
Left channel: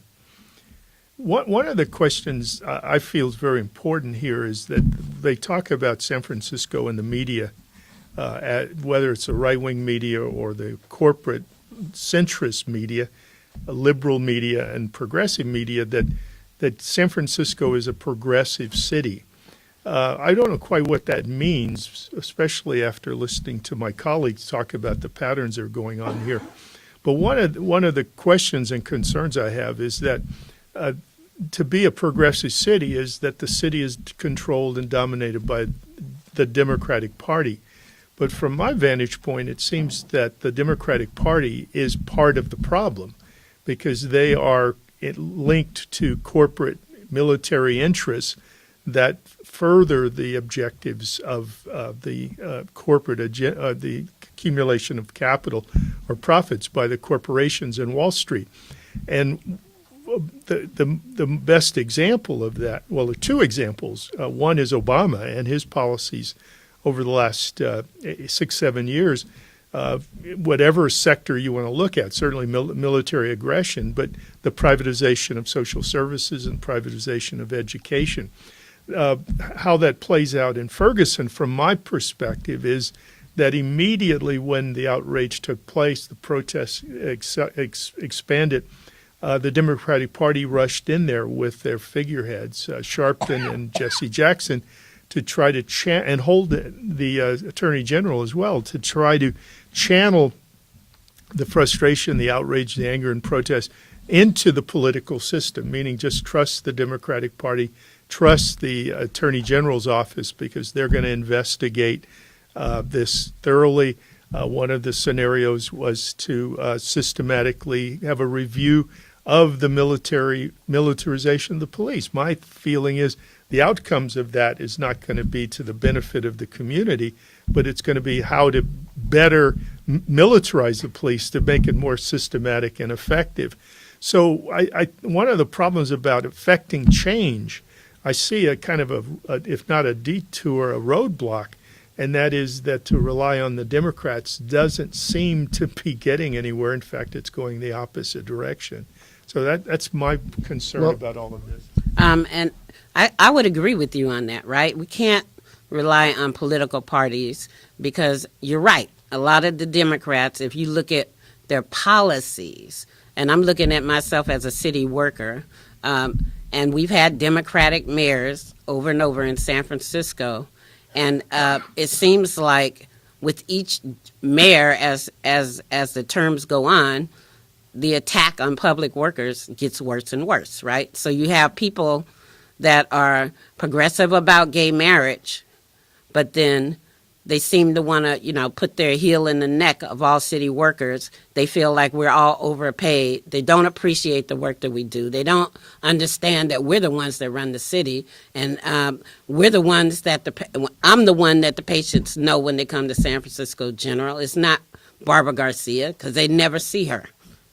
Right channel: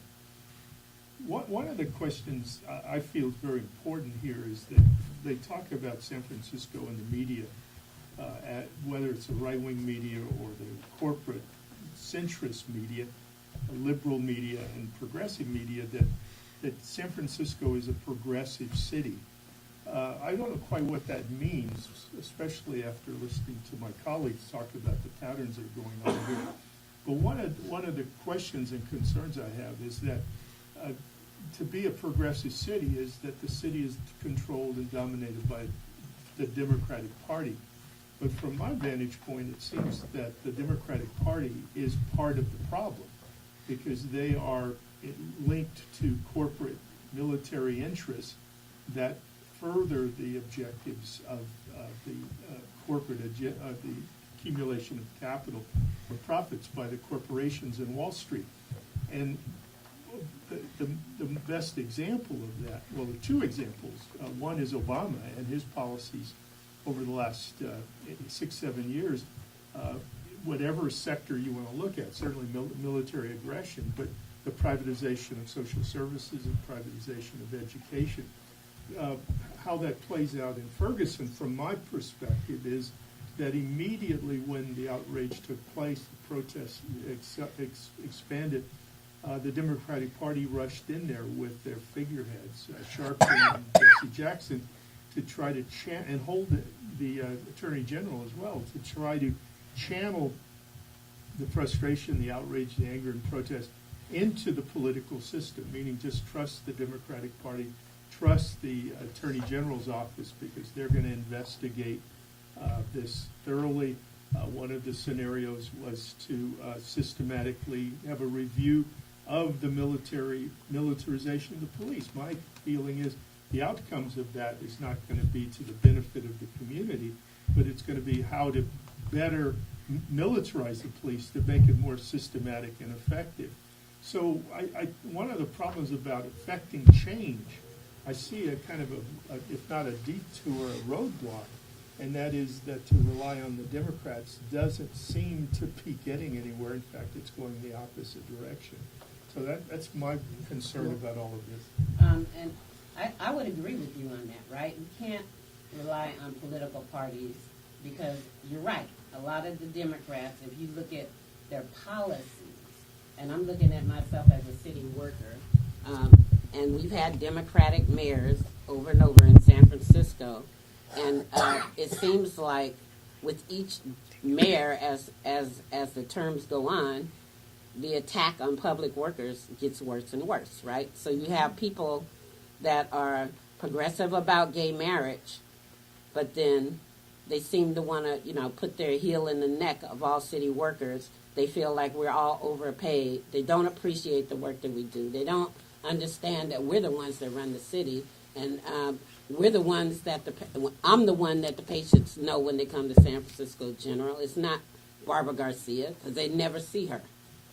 One of the questions I feel is very important here is that they talk about San Francisco in the media, whether it's the right-wing media or the corporate centrist media, liberal media and progressive media, that San Francisco is a progressive city. I don't know quite what that means, especially after listening to my colleagues talk about the patterns that are going on here. But one of the questions and concerns I have is that to be a progressive city is that the city is controlled and dominated by the Democratic Party. But from my vantage point, it seems that the Democratic Party is part of the problem, because they are linked to corporate military interests that further the objectives of the corporate agenda, the accumulation of capital or profits by the corporations in Wall Street. And the best example of that, well, there are two examples. One is Obama and his policies over the last 6-7 years. Whatever sector you want to look at, certainly military aggression, but the privatization of social services and privatization of education. How that plays out in Ferguson, from my perspective, is that immediately when the outrage took place, the protests expanded, the Democratic Party rushed in there with their figureheads, Sharpton and Jesse Jackson, to try to and hold the Attorney General as well, to try to channel the frustration, the outrage, the anger and protest into the political system, meaning just trust the Democratic Party, trust the Attorney General's office, because they're going to investigate this thoroughly. One of the scenarios was to systematically have a review of the militarization of the police. My feeling is the outcomes of that is not going to be to the benefit of the community, but it's going to be how to better militarize the police to make it more systematic and effective. So one of the problems about affecting change, I see a kind of if not a detour, a roadblock, and that is that to rely on the Democrats doesn't seem to be getting anywhere. In fact, it's going the opposite direction. So that's my concern about all of this. And I would agree with you on that, right? We can't rely on political parties, because you're right. A lot of the Democrats, if you look at their policies, and I'm looking at myself as a city worker, and we've had Democratic mayors over and over in San Francisco, and it seems like with each mayor, as the terms go on, the attack on public workers gets worse and worse, right? So you have people that are progressive about gay marriage, but then they seem to want to, put their heel in the neck of all city workers. They feel like we're all overpaid. They don't appreciate the work that we do. They don't understand that we're the ones that run the city, and we're the ones that I'm the one that the patients know when they come to San Francisco General. It's not Barbara Garcia, because they never see her,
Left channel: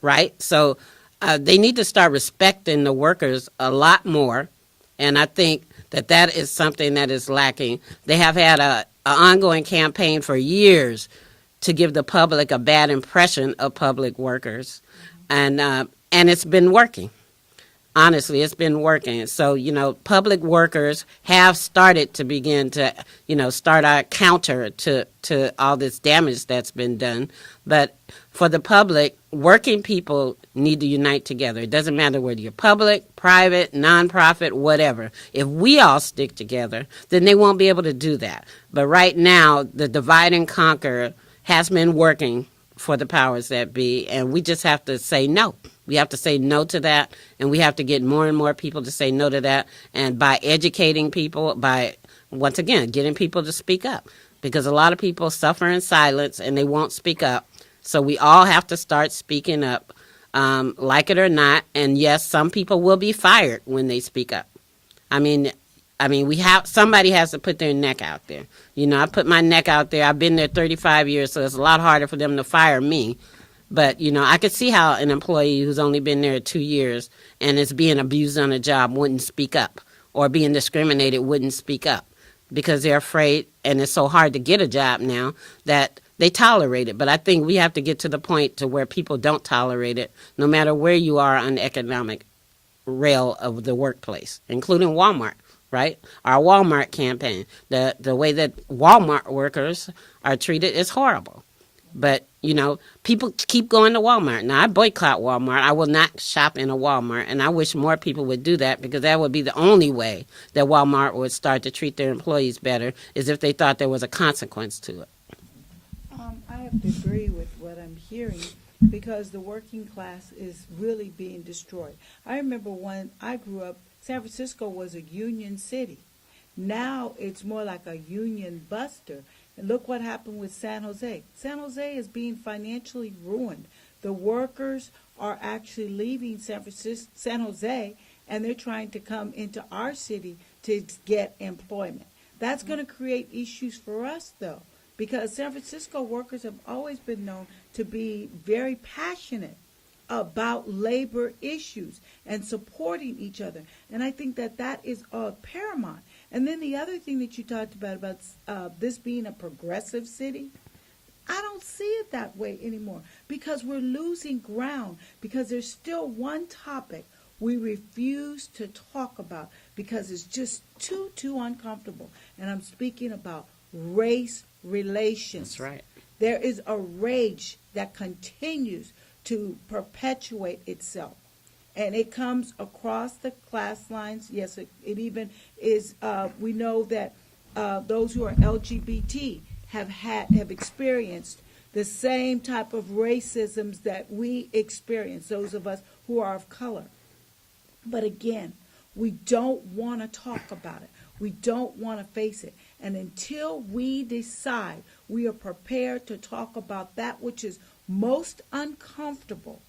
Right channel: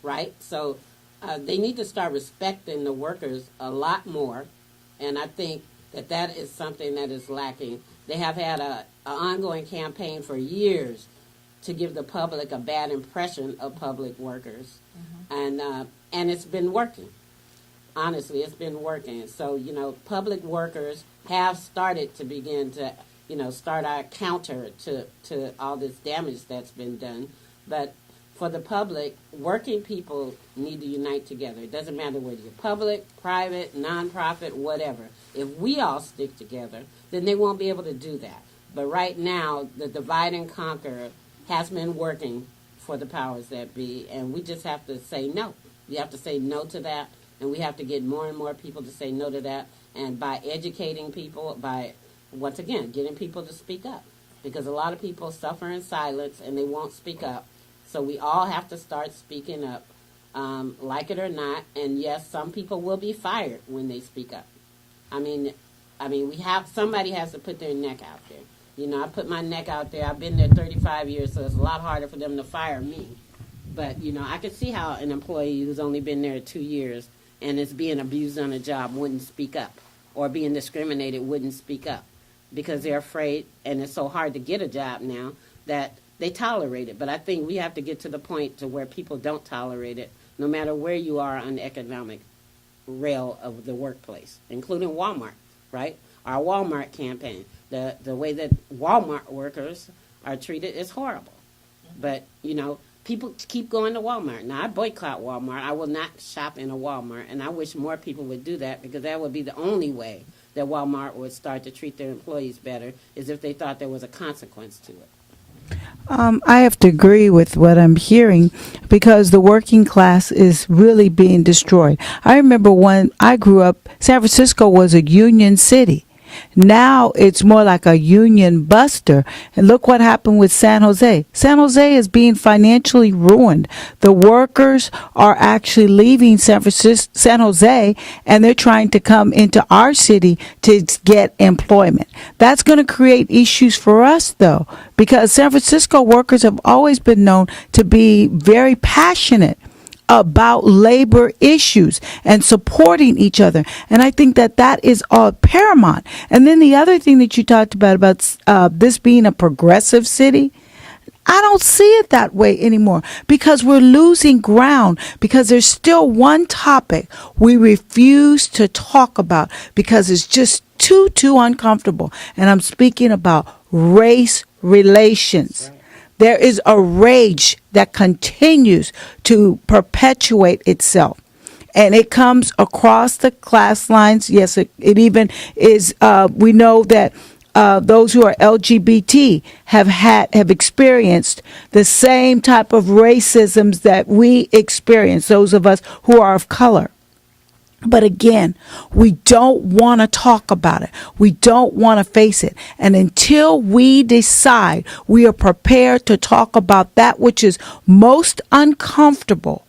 right? So they need to start respecting the workers a lot more, and I think that is something that is lacking. They have had an ongoing campaign for years to give the public a bad impression of public workers, and it's been working. Honestly, it's been working. So, public workers have started to begin to, start our counter to all this damage that's been done. But for the public, working people need to unite together. It doesn't matter whether you're public, private, nonprofit, whatever. If we all stick together, then they won't be able to do that. But right now, the divide and conquer has been working for the powers that be, and we just have to say no. We have to say no to that, and we have to get more and more people to say no to that. And by educating people, by, once again, getting people to speak up, because a lot of people suffer in silence and they won't speak up. So we all have to start speaking up, like it or not. And yes, some people will be fired when they speak up. I mean, somebody has to put their neck out there. I put my neck out there. I've been there 35 years, so it's a lot harder for them to fire me. But, I could see how an employee who's only been there 2 years and is being abused on a job wouldn't speak up, or being discriminated wouldn't speak up, because they're afraid, and it's so hard to get a job now that they tolerate it. But I think we have to get to the point to where people don't tolerate it, no matter where you are on the economic rail of the workplace, including Walmart, right? Our Walmart campaign, the way that Walmart workers are treated is horrible. But, people keep going to Walmart. Now, I boycott Walmart. I will not shop in a Walmart, and I wish more people would do that, because that would be the only way that Walmart would start to treat their employees better, is if they thought there was a consequence to it. I have to agree with what I'm hearing, because the working class is really being destroyed. I remember when I grew up, San Francisco was a union city. Now it's more like a union buster. And look what happened with San Jose. San Jose is being financially ruined. The workers are actually leaving San Jose, and they're trying to come into our city to get employment. That's going to create issues for us, though, because San Francisco workers have always been known to be very passionate about labor issues and supporting each other. And I think that is all paramount. And then the other thing that you talked about this being a progressive city, I don't see it that way anymore, because we're losing ground, because there's still one topic we refuse to talk about because it's just too uncomfortable. And I'm speaking about race relations. That's right. There is a rage that continues to perpetuate itself. And it comes across the class lines. Yes, it even is. We know that those who are LGBT have experienced the same type of racisms that we experience, those of us who are of color. But again, we don't want to talk about it. We don't want to face it. And until we decide we are prepared to talk about that which is most uncomfortable,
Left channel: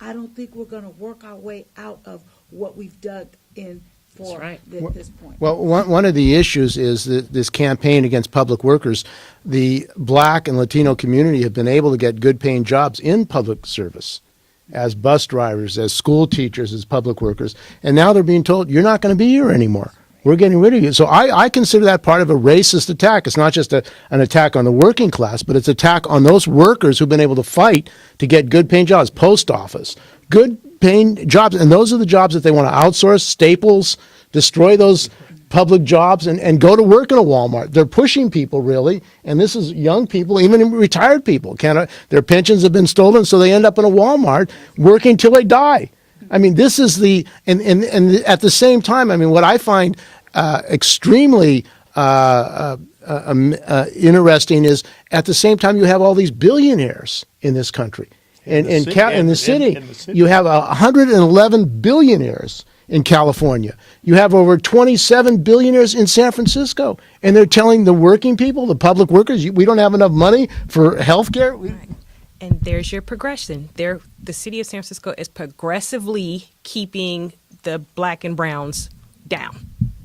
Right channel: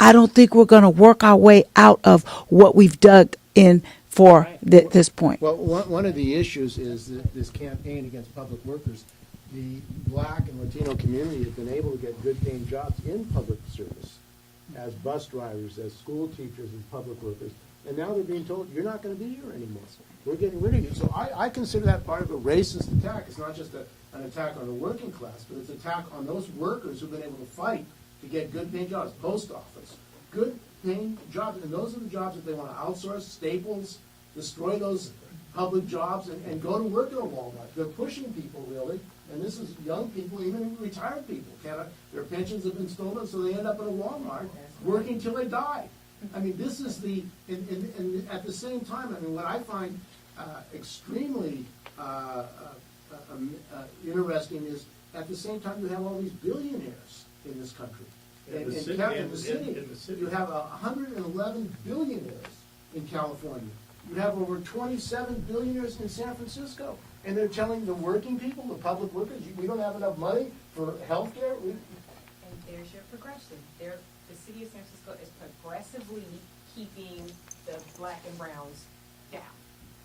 I don't think we're going to work our way out of what we've dug in for this point. Well, one of the issues is that this campaign against public workers, the Black and Latino community have been able to get good paying jobs in public service, as bus drivers, as school teachers, as public workers. And now they're being told, you're not going to be here anymore. We're getting rid of you. So I consider that part of a racist attack. It's not just an attack on the working class, but it's an attack on those workers who've been able to fight to get good paying jobs, post office, good paying jobs. And those are the jobs that they want to outsource, Staples, destroy those public jobs and go to work in a Walmart. They're pushing people, really, and this is young people, even retired people. Their pensions have been stolen, so they end up in a Walmart working till they die. I mean, this is and at the same time, I mean, what I find extremely interesting is at the same time you have all these billionaires in this country. In the city, in the in city, the city. you have 111 billionaires in California. You have over 27 billionaires in San Francisco, and they're telling the working people, the public workers, we don't have enough money for health care. And there's your progression. The city of San Francisco is progressively keeping the black and browns down.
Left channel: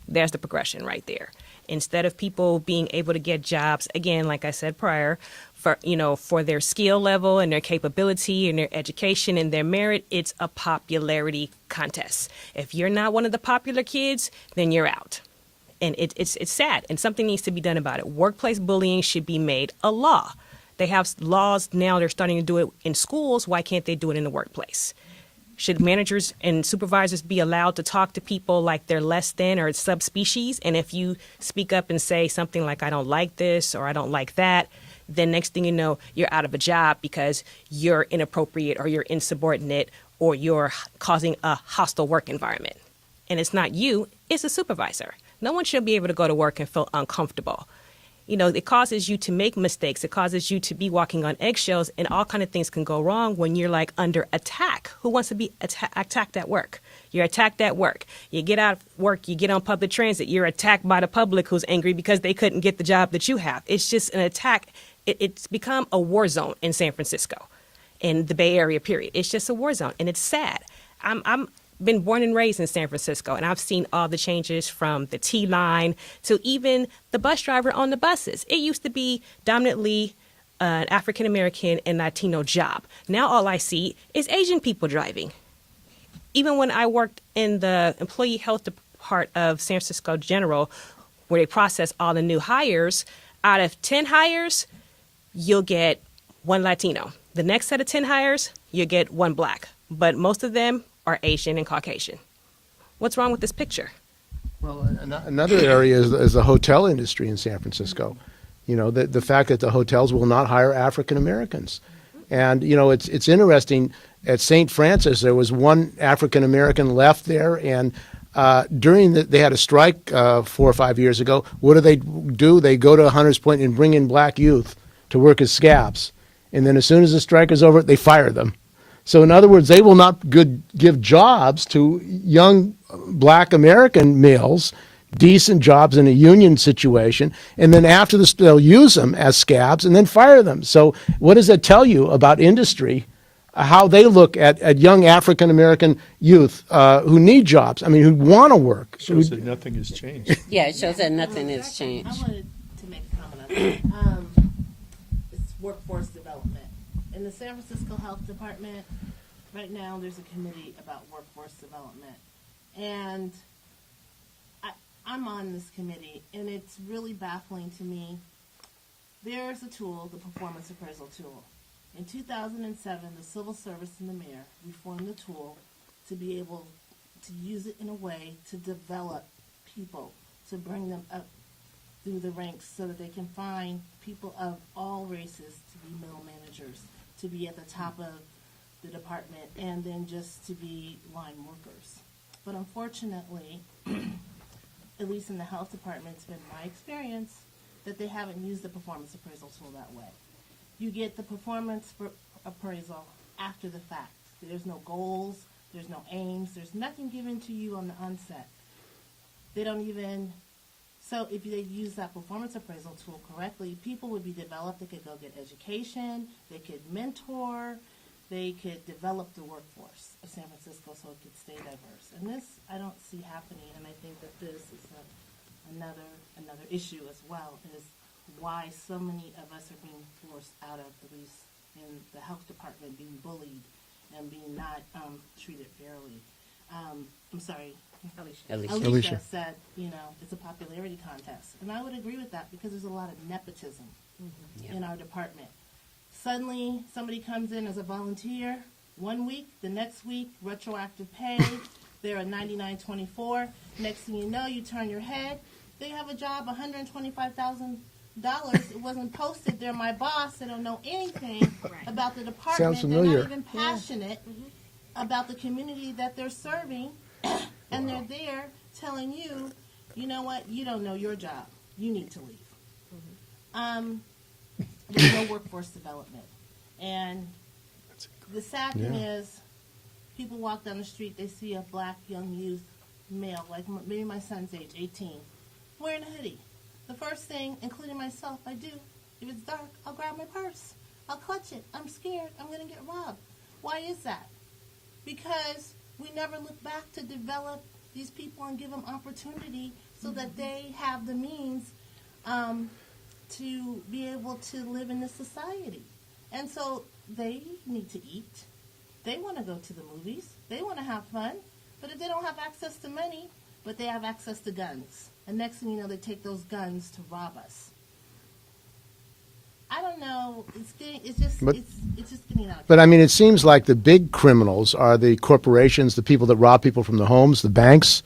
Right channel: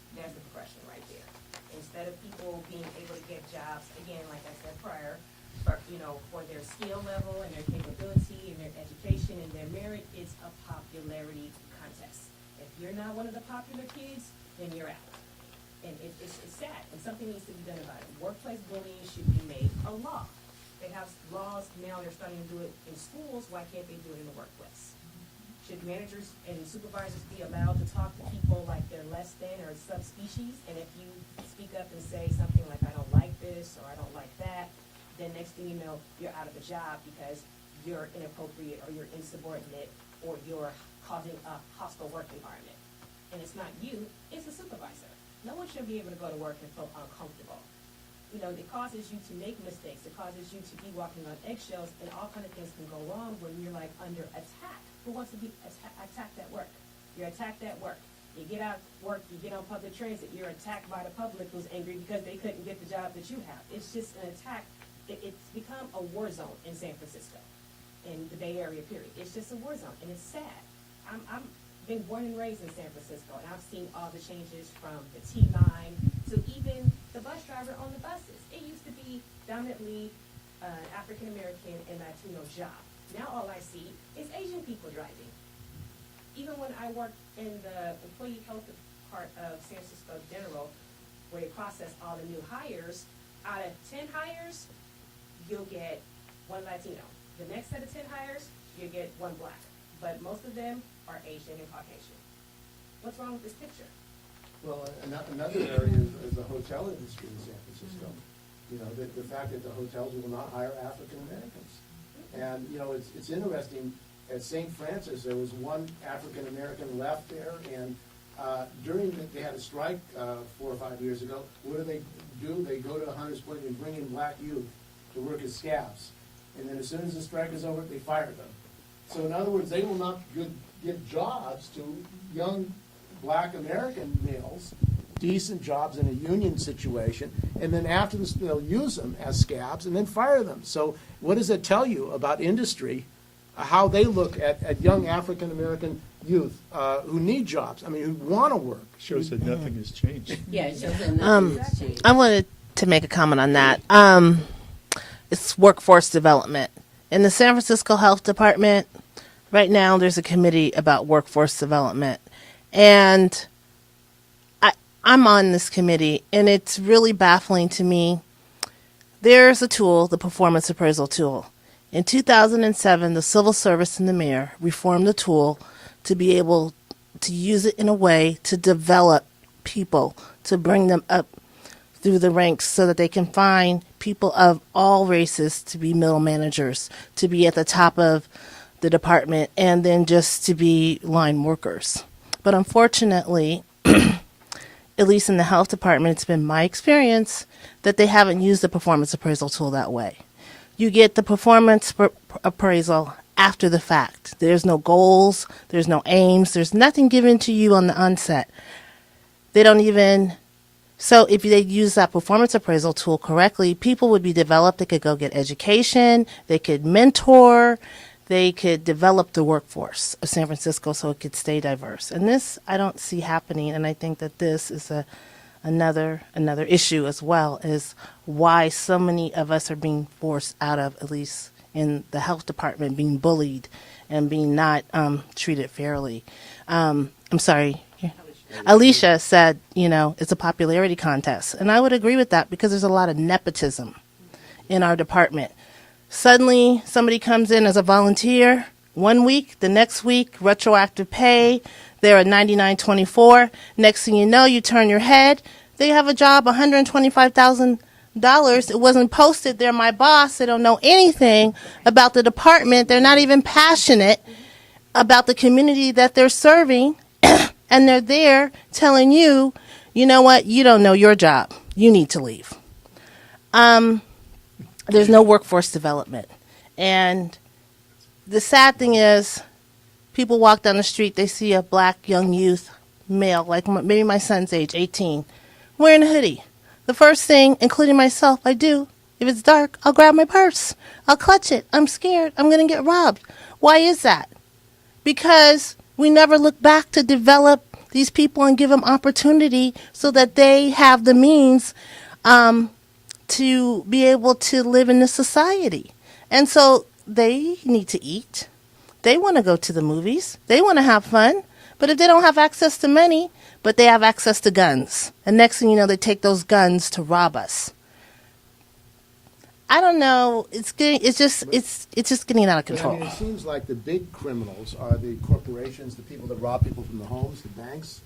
There's the progression right there. Instead of people being able to get jobs, again, like I said prior, for their skill level and their capability and their education and their merit, it's a popularity contest. If you're not one of the popular kids, then you're out. And it's sad, and something needs to be done about it. Workplace bullying should be made a law. They have laws now, they're starting to do it in schools. Why can't they do it in the workplace? Should managers and supervisors be allowed to talk to people like they're less than or subspecies? And if you speak up and say something like, I don't like this or I don't like that, then next thing you know, you're out of a job because you're inappropriate or you're insubordinate or you're causing a hostile work environment. And it's not you, it's a supervisor. No one should be able to go to work and feel uncomfortable. It causes you to make mistakes. It causes you to be walking on eggshells, and all kind of things can go wrong when you're like under attack. Who wants to be attacked at work? You're attacked at work. You get out of work, you get on public transit, you're attacked by the public who's angry because they couldn't get the job that you have. It's just an attack. It's become a war zone in San Francisco, in the Bay Area, period. It's just a war zone, and it's sad. I'm been born and raised in San Francisco, and I've seen all the changes from the T-line to even the bus driver on the buses. It used to be dominantly an African-American and Latino job. Now all I see is Asian people driving. Even when I worked in the employee health part of San Francisco General, where they process all the new hires, out of 10 hires, you'll get 1 Latino. The next set of 10 hires, you'll get 1 black. But most of them are Asian and Caucasian. What's wrong with this picture? Well, another area is the hotel industry in San Francisco. The fact that the hotels will not hire African Americans. And, it's interesting. At St. Francis, there was 1 African American left there, and they had a strike 4 or 5 years ago. What do? They go to Hunters Point and bring in black youth to work as scabs. And then as soon as the strike is over, they fire them. So in other words, they will not give jobs to young black American males, decent jobs in a union situation, and then after this, they'll use them as scabs and then fire them. So what does that tell you about industry, how they look at young African American youth who need jobs, who want to work? Shows that nothing has changed. Yeah, it shows that nothing has changed. I wanted to make a comment on that. It's workforce development. In the San Francisco Health Department, right now there's a committee about workforce development. And I'm on this committee, and it's really baffling to me. There's a tool, the performance appraisal tool. In 2007, the civil service and the mayor reformed the tool to be able to use it in a way to develop people, to bring them up through the ranks so that they can find people of all races to be middle managers, to be at the top of the department, and then just to be line workers. But unfortunately, at least in the health department, it's been my experience that they haven't used the performance appraisal tool that way. You get the performance appraisal after the fact. There's no goals, there's no aims, there's nothing given to you on the onset. They don't even... So if they use that performance appraisal tool correctly, people would be developed. They could go get education. They could mentor. They could develop the workforce of San Francisco so it could stay diverse. And this I don't see happening. And I think that this is another issue as well, is why so many of us are being forced out of, at least in the health department, being bullied and being not treated fairly. I'm sorry. Alicia said, it's a popularity contest. And I would agree with that because there's a lot of nepotism in our department. Suddenly, somebody comes in as a volunteer 1 week, the next week, retroactive pay, they're at $99.24. Next thing you know, you turn your head, they have a job, $125,000. It wasn't posted. They're my boss. They don't know anything about the department. They're not even passionate about the community that they're serving. And they're there telling you, you know what, you don't know your job. You need to leave. There's no workforce development. And the sad thing is, people walk down the street, they see a black young youth, male, like maybe my son's age, 18, wearing a hoodie. The first thing, including myself, I do, if it's dark, I'll grab my purse. I'll clutch it. I'm scared. I'm going to get robbed. Why is that? Because we never look back to develop these people and give them opportunity so that they have the means to be able to live in this society. And so they need to eat. They want to go to the movies. They want to have fun. But if they don't have access to money, but they have access to guns, and next thing you know, they take those guns to rob us. I don't know. It's just getting out of control. But I mean, it seems like the big criminals are the corporations, the people that rob people from the homes, the banks,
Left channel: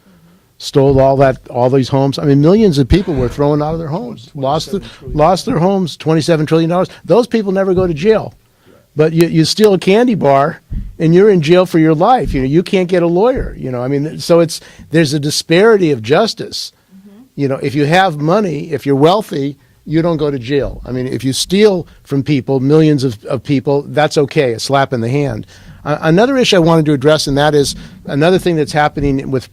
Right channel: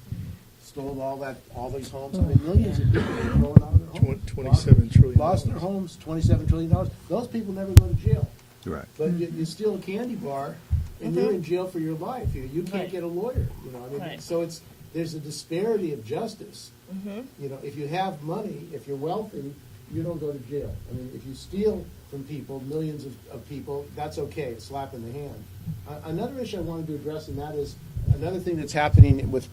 stole all these homes. I mean, millions of people were thrown out of their homes, lost their homes, $27 trillion. Those people never go to jail. Right. But you steal a candy bar, and you're in jail for your life. You can't get a lawyer. I mean, so there's a disparity of justice. Mm-hmm. If you have money, if you're wealthy, you don't go to jail. I mean, if you steal from people, millions of people, that's okay, a slap in the hand. Another issue I wanted to address, and that is another thing that's happening with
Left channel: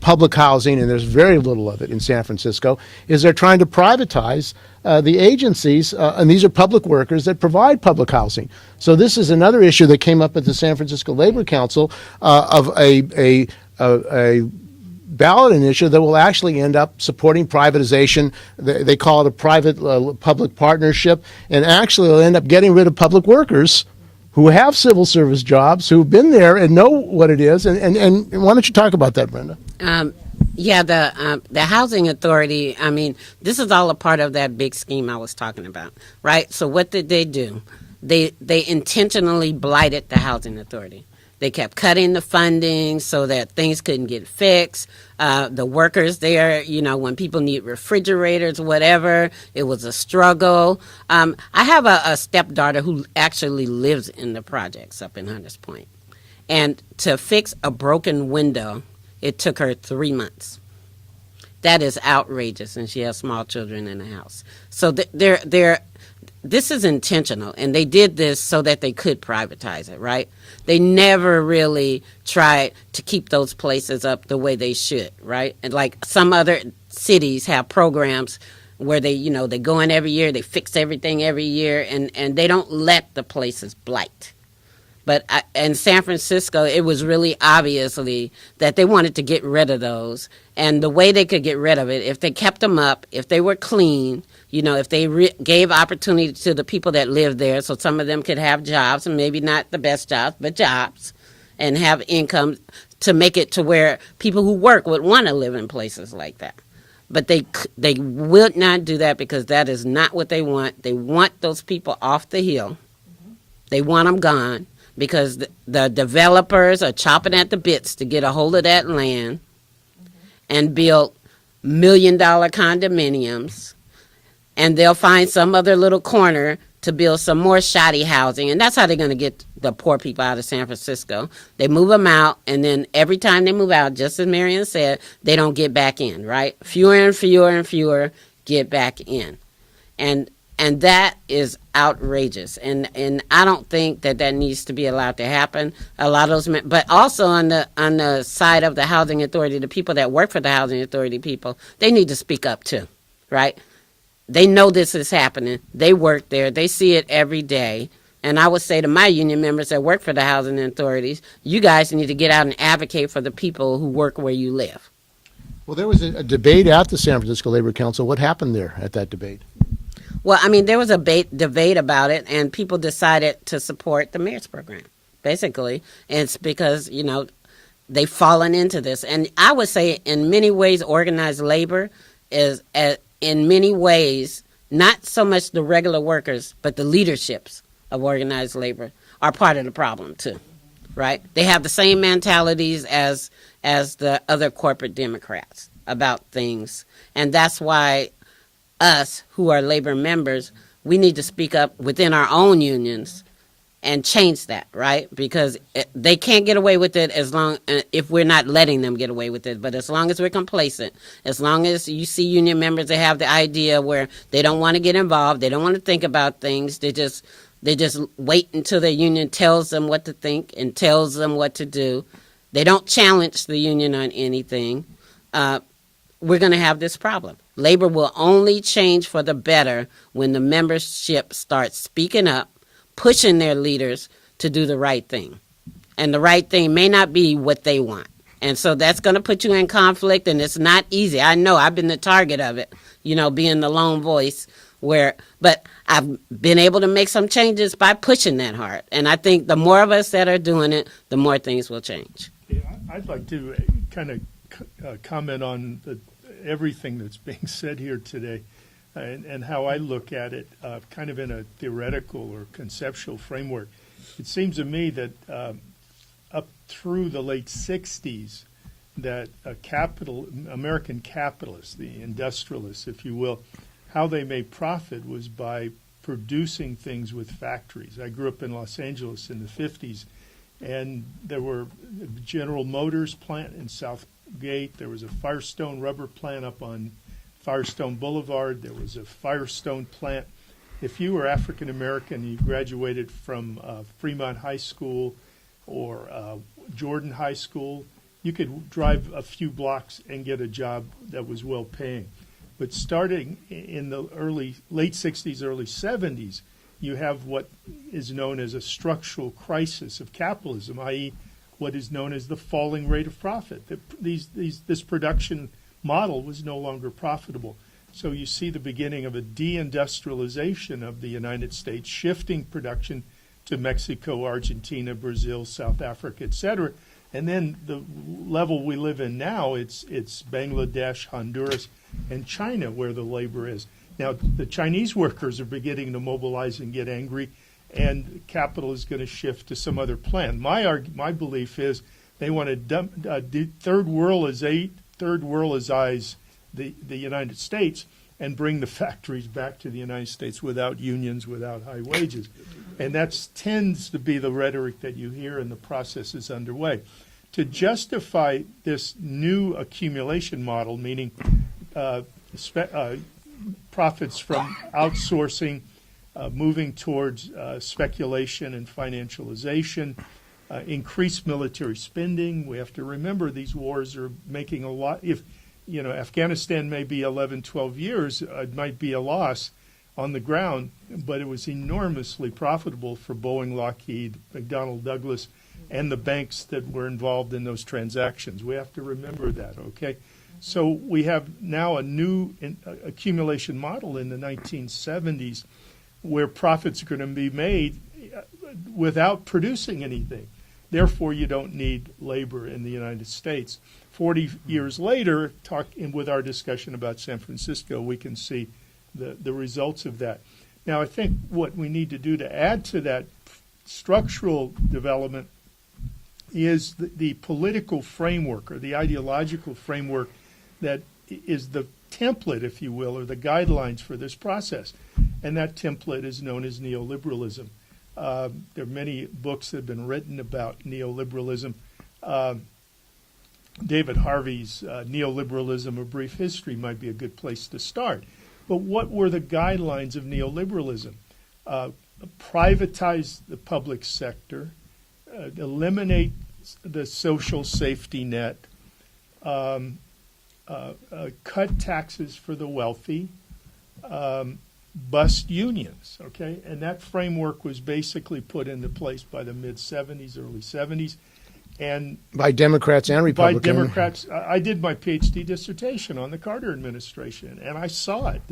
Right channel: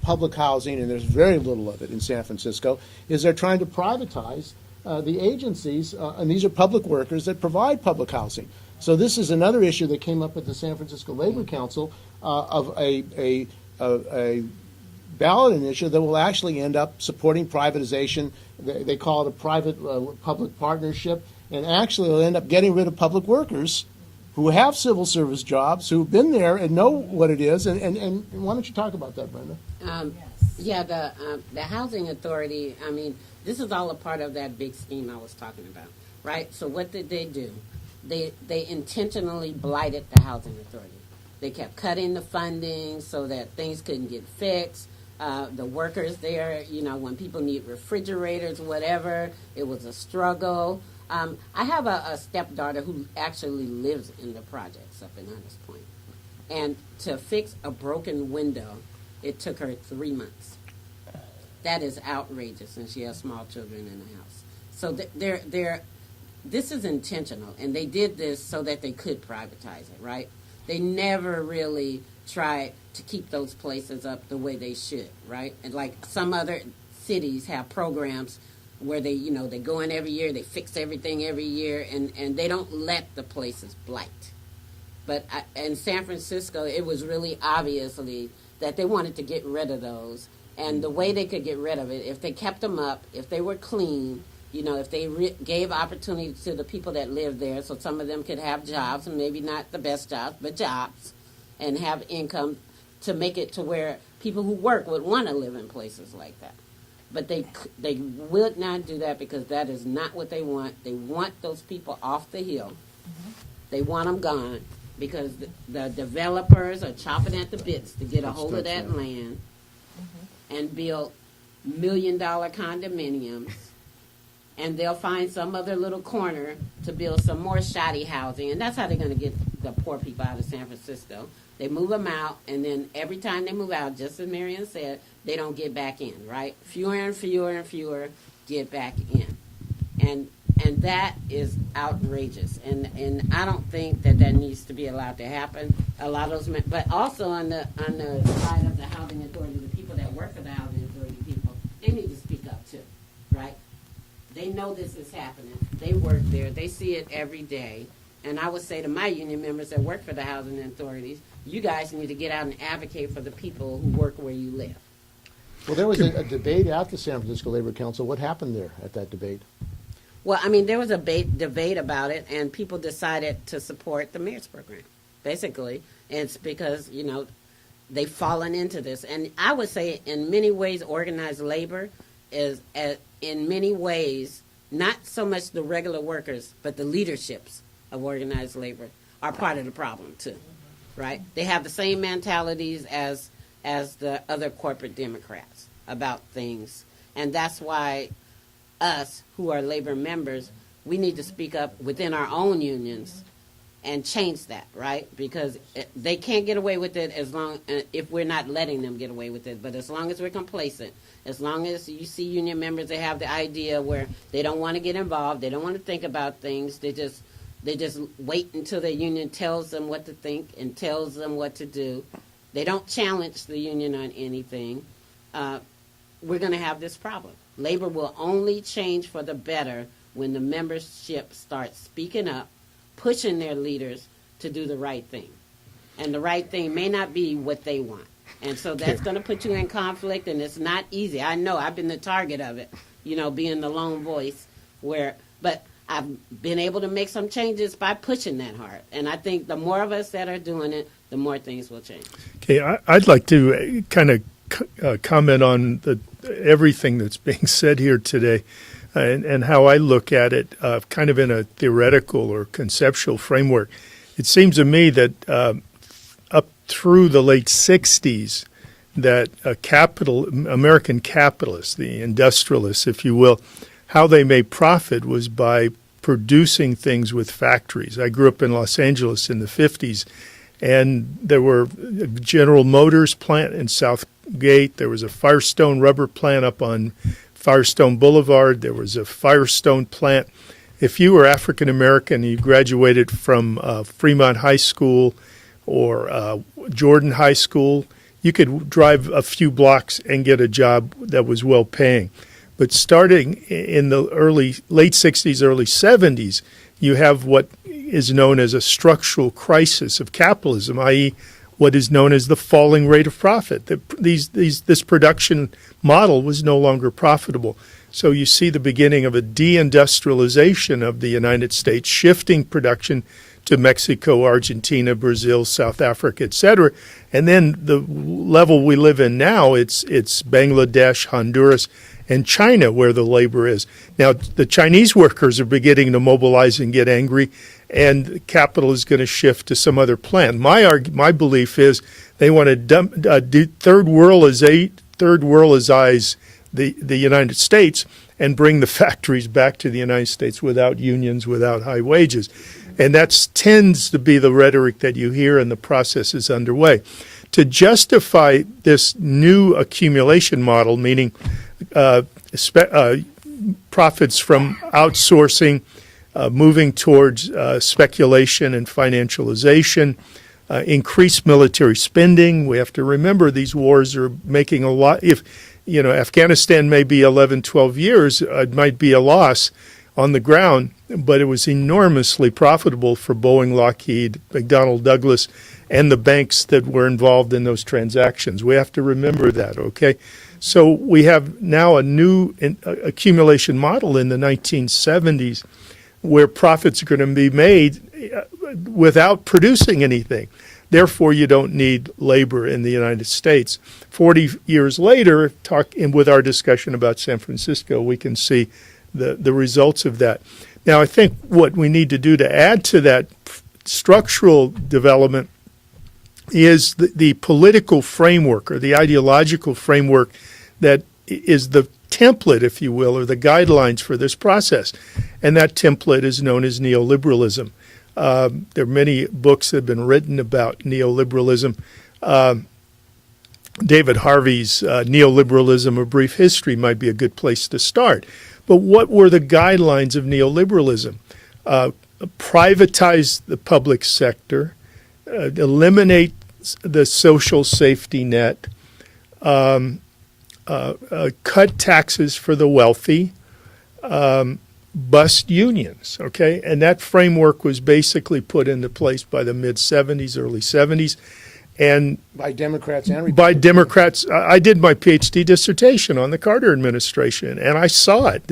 public housing, and there's very little of it in San Francisco, is they're trying to privatize the agencies, and these are public workers that provide public housing. So this is another issue that came up at the San Francisco Labor Council of a ballot initiative that will actually end up supporting privatization. They call it a private-public partnership, and actually they'll end up getting rid of public workers who have civil service jobs, who've been there and know what it is. And why don't you talk about that, Brenda? Yeah, the housing authority, I mean, this is all a part of that big scheme I was talking about, right? So what did they do? They intentionally blighted the housing authority. They kept cutting the funding so that things couldn't get fixed. The workers there, when people need refrigerators, whatever, it was a struggle. I have a stepdaughter who actually lives in the projects up in Hunters Point. And to fix a broken window, it took her 3 months. That is outrageous, and she has small children in the house. So this is intentional, and they did this so that they could privatize it, right? They never really tried to keep those places up the way they should, right? And like some other cities have programs where they go in every year, they fix everything every year, and they don't let the places blight. But in San Francisco, it was really obviously that they wanted to get rid of those. And the way they could get rid of it, if they kept them up, if they were clean, if they gave opportunity to the people that lived there so some of them could have jobs, and maybe not the best jobs, but jobs, and have income to make it to where people who work would want to live in places like that. But they would not do that because that is not what they want. They want those people off the hill. They want them gone because the developers are chopping at the bits to get a hold of that land and build $1 million condominiums. And they'll find some other little corner to build some more shoddy housing. And that's how they're going to get the poor people out of San Francisco. They move them out, and then every time they move out, just as Marion said, they don't get back in, right? Fewer and fewer and fewer get back in. And that is outrageous. And I don't think that needs to be allowed to happen. A lot of those, but also on the side of the housing authority, the people that work for the housing authority people, they need to speak up too, right? They know this is happening. They work there. They see it every day. And I would say to my union members that work for the housing authorities, you guys need to get out and advocate for the people who work where you live. Well, there was a debate at the San Francisco Labor Council. What happened there at that debate? Well, I mean, there was a debate about it, and people decided to support the mayor's program, basically. And it's because, they've fallen into this. And I would say in many ways organized labor is in many ways, not so much the regular workers, but the leaderships of organized labor are part of the problem too, right? They have the same mentalities as the other corporate Democrats about things. And that's why us, who are labor members, we need to speak up within our own unions and change that, right? Because they can't get away with it if we're not letting them get away with it. But as long as we're complacent, as long as you see union members that have the idea where they don't want to get involved, they don't want to think about things, they just They just wait until the union tells them what to think and tells them what to do. They don't challenge the union on anything. We're going to have this problem. Labor will only change for the better when the membership starts speaking up, pushing their leaders to do the right thing. And the right thing may not be what they want. And so that's going to put you in conflict, and it's not easy. I know I've been the target of it, being the lone voice but I've been able to make some changes by pushing that hard. And I think the more of us that are doing it, the more things will change. Okay, I'd like to kind of comment on everything that's being said here today and how I look at it kind of in a theoretical or conceptual framework. It seems to me that up through the late 60s, that American capitalists, the industrialists, if you will, how they made profit was by producing things with factories. I grew up in Los Angeles in the 50s, and there were a General Motors plant in Southgate. There was a Firestone rubber plant up on Firestone Boulevard. There was a Firestone plant. If you were African American, you graduated from Fremont High School or Jordan High School, you could drive a few blocks and get a job that was well paying. But starting in the late 60s, early 70s, you have what is known as a structural crisis of capitalism, i.e., what is known as the falling rate of profit. This production model was no longer profitable. So you see the beginning of a deindustrialization of the United States, shifting production to Mexico, Argentina, Brazil, South Africa, et cetera. And then the level we live in now, it's Bangladesh, Honduras, and China where the labor is. Now, the Chinese workers are beginning to mobilize and get angry, and capital is going to shift to some other plant. My belief is they want to third worldize the United States and bring the factories back to the United States without unions, without high wages. And that tends to be the rhetoric that you hear, and the process is underway. To justify this new accumulation model, meaning profits from outsourcing, moving towards speculation and financialization, increased military spending. We have to remember these wars are making a lot. If Afghanistan may be 11, 12 years, it might be a loss on the ground, but it was enormously profitable for Boeing, Lockheed, McDonnell Douglas, and the banks that were involved in those transactions. We have to remember that, okay? So we have now a new accumulation model in the 1970s where profits are going to be made without producing anything. Therefore, you don't need labor in the United States. 40 years later, with our discussion about San Francisco, we can see the results of that. Now, I think what we need to do to add to that structural development is the political framework or the ideological framework that is the template, if you will, or the guidelines for this process. And that template is known as neoliberalism. There are many books that have been written about neoliberalism. David Harvey's Neoliberalism, A Brief History might be a good place to start. But what were the guidelines of neoliberalism? Privatize the public sector, eliminate the social safety net, cut taxes for the wealthy, bust unions, okay? And that framework was basically put into place by the mid-'70s, early '70s. And by Democrats and Republicans. By Democrats. I did my PhD dissertation on the Carter administration, and I saw it.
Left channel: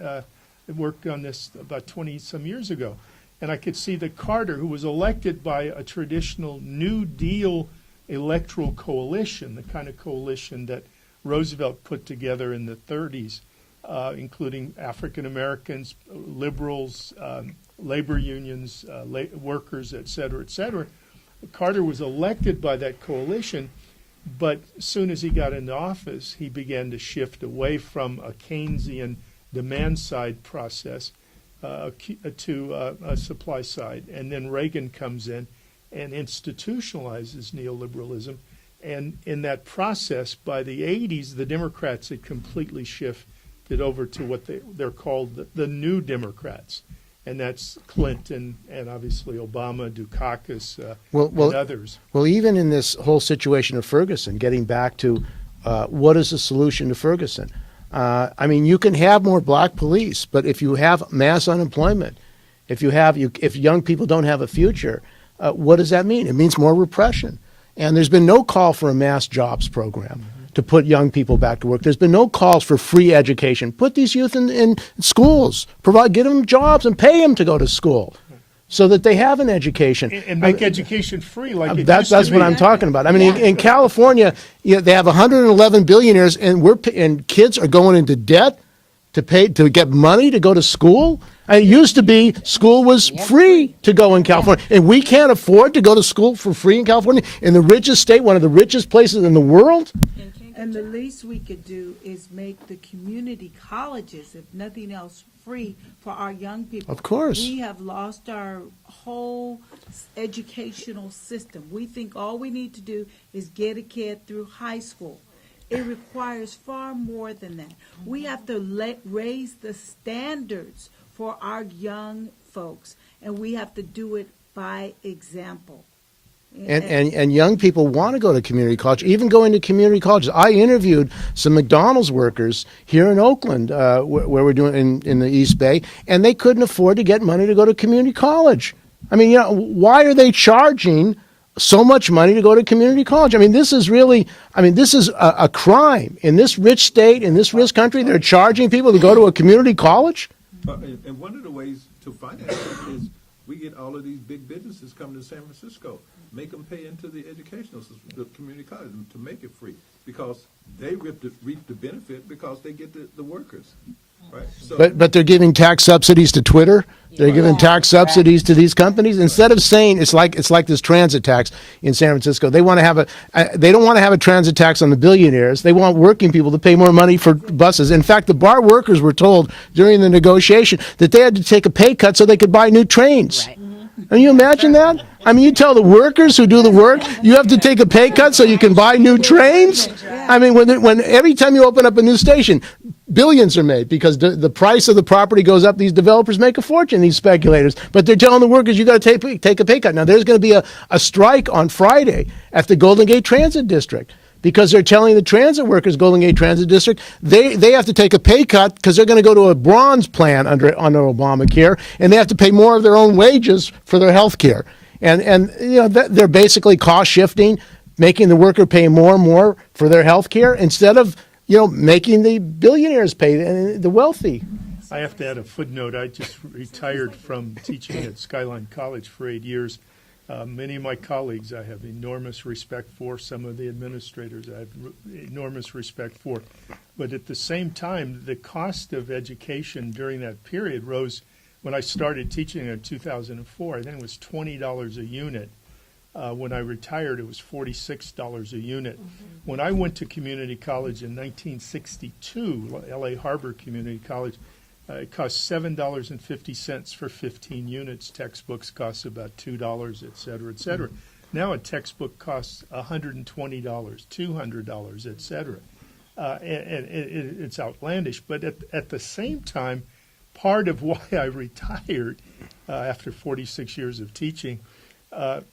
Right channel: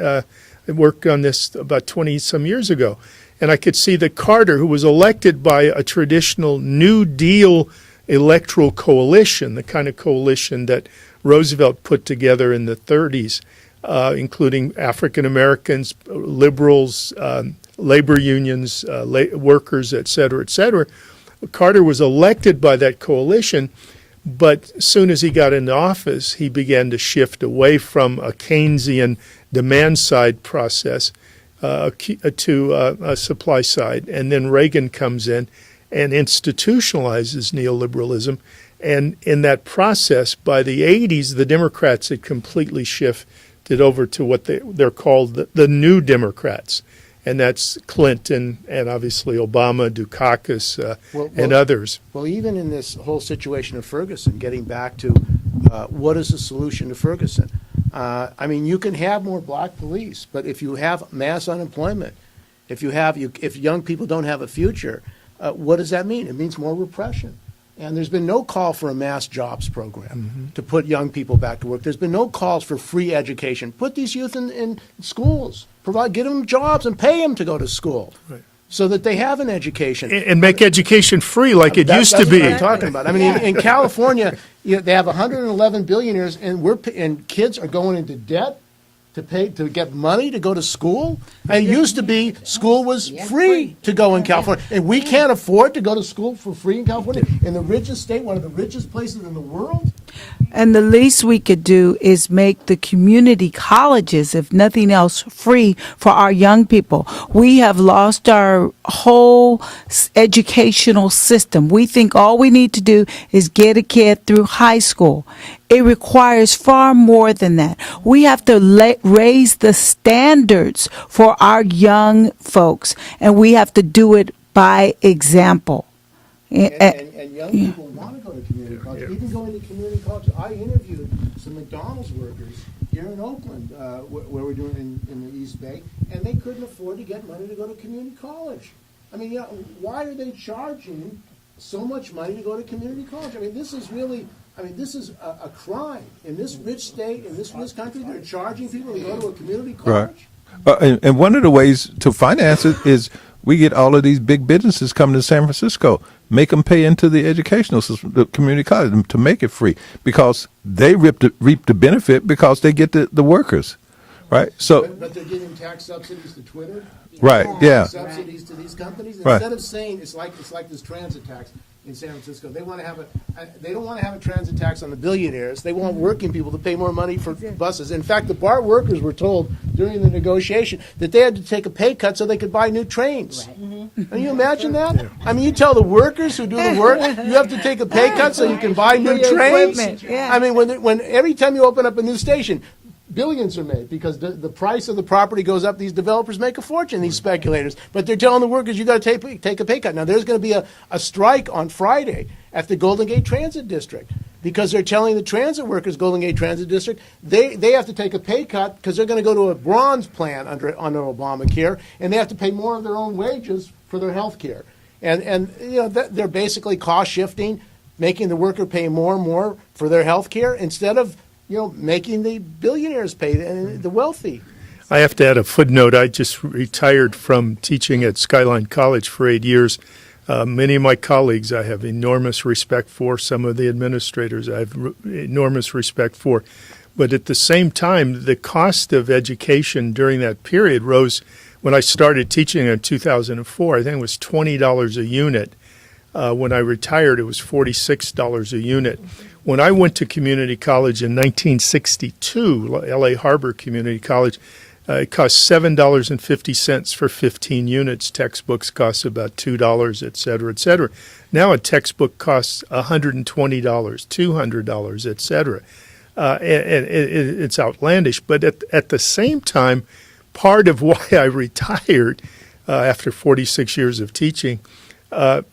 I worked on this about 20-some years ago. And I could see that Carter, who was elected by a traditional New Deal electoral coalition, the kind of coalition that Roosevelt put together in the 30s, including African Americans, liberals, labor unions, workers, et cetera, Carter was elected by that coalition, but as soon as he got into office, he began to shift away from a Keynesian demand-side process to a supply side. And then Reagan comes in and institutionalizes neoliberalism. And in that process, by the 80s, the Democrats had completely shifted over to what they're called the New Democrats. and that's Clinton and obviously Obama, Dukakis, Well, and others. Well, even in this whole situation of Ferguson, getting back to what is the solution to Ferguson? I mean, you can have more black police, but if you have mass unemployment, if young people don't have a future, what does that mean? It means more repression. And there's been no call for a mass jobs program to put young people back to work. There's been no calls for free education. Put these youth in schools, get them jobs and pay them to go to school. So that they have an education. And make education free like it used to be. That's what I'm talking about. I mean, in California, they have 111 billionaires, and kids are going into debt to get money to go to school. It used to be school was free to go in California, and we can't afford to go to school for free in California, in the richest state, one of the richest places in the world. And the least we could do is make the community colleges, if nothing else, free for our young people. Of course. We have lost our whole educational system. We think all we need to do is get a kid through high school. It requires far more than that. We have to raise the standards for our young folks, and we have to do it by example. And young people want to go to community college, even going to community colleges. I interviewed some McDonald's workers here in Oakland, where we're doing in the East Bay, and they couldn't afford to get money to go to community college. I mean, why are they charging so much money to go to community college? I mean, this is a crime. In this rich state, in this rich country, they're charging people to go to a community college? And one of the ways to finance it is we get all of these big businesses coming to San Francisco, make them pay into the educational system, the community college, to make it free, because they reap the benefit because they get the workers, right? So, but they're giving tax subsidies to Twitter. They're giving tax subsidies to these companies instead of saying it's like this transit tax in San Francisco. They want to have they don't want to have a transit tax on the billionaires. They want working people to pay more money for buses. In fact, the bar workers were told during the negotiation that they had to take a pay cut so they could buy new trains. Right. Can you imagine that? I mean, you tell the workers who do the work, you have to take a pay cut so you can buy new trains? I mean, when every time you open up a new station, billions are made because the price of the property goes up. These developers make a fortune, these speculators. But they're telling the workers, you got to take a pay cut. Now, there's going to be a strike on Friday at the Golden Gate Transit District because they're telling the transit workers, Golden Gate Transit District, they have to take a pay cut because they're going to go to a bronze plan under Obamacare, and they have to pay more of their own wages for their health care. And they're basically cost shifting, making the worker pay more and more for their health care instead of making the billionaires pay, the wealthy. I have to add a footnote. I just retired from teaching at Skyline College for 8 years. Many of my colleagues I have enormous respect for. Some of the administrators I have enormous respect for. But at the same time, the cost of education during that period rose. When I started teaching in 2004, I think it was $20 a unit. When I retired, it was $46 a unit. When I went to community college in 1962, LA Harbor Community College, it cost $7.50 for 15 units. Textbooks cost about $2, et cetera, et cetera. Now a textbook costs $120, $200, et cetera. And it's outlandish. But at the same time, part of why I retired after 46 years of teaching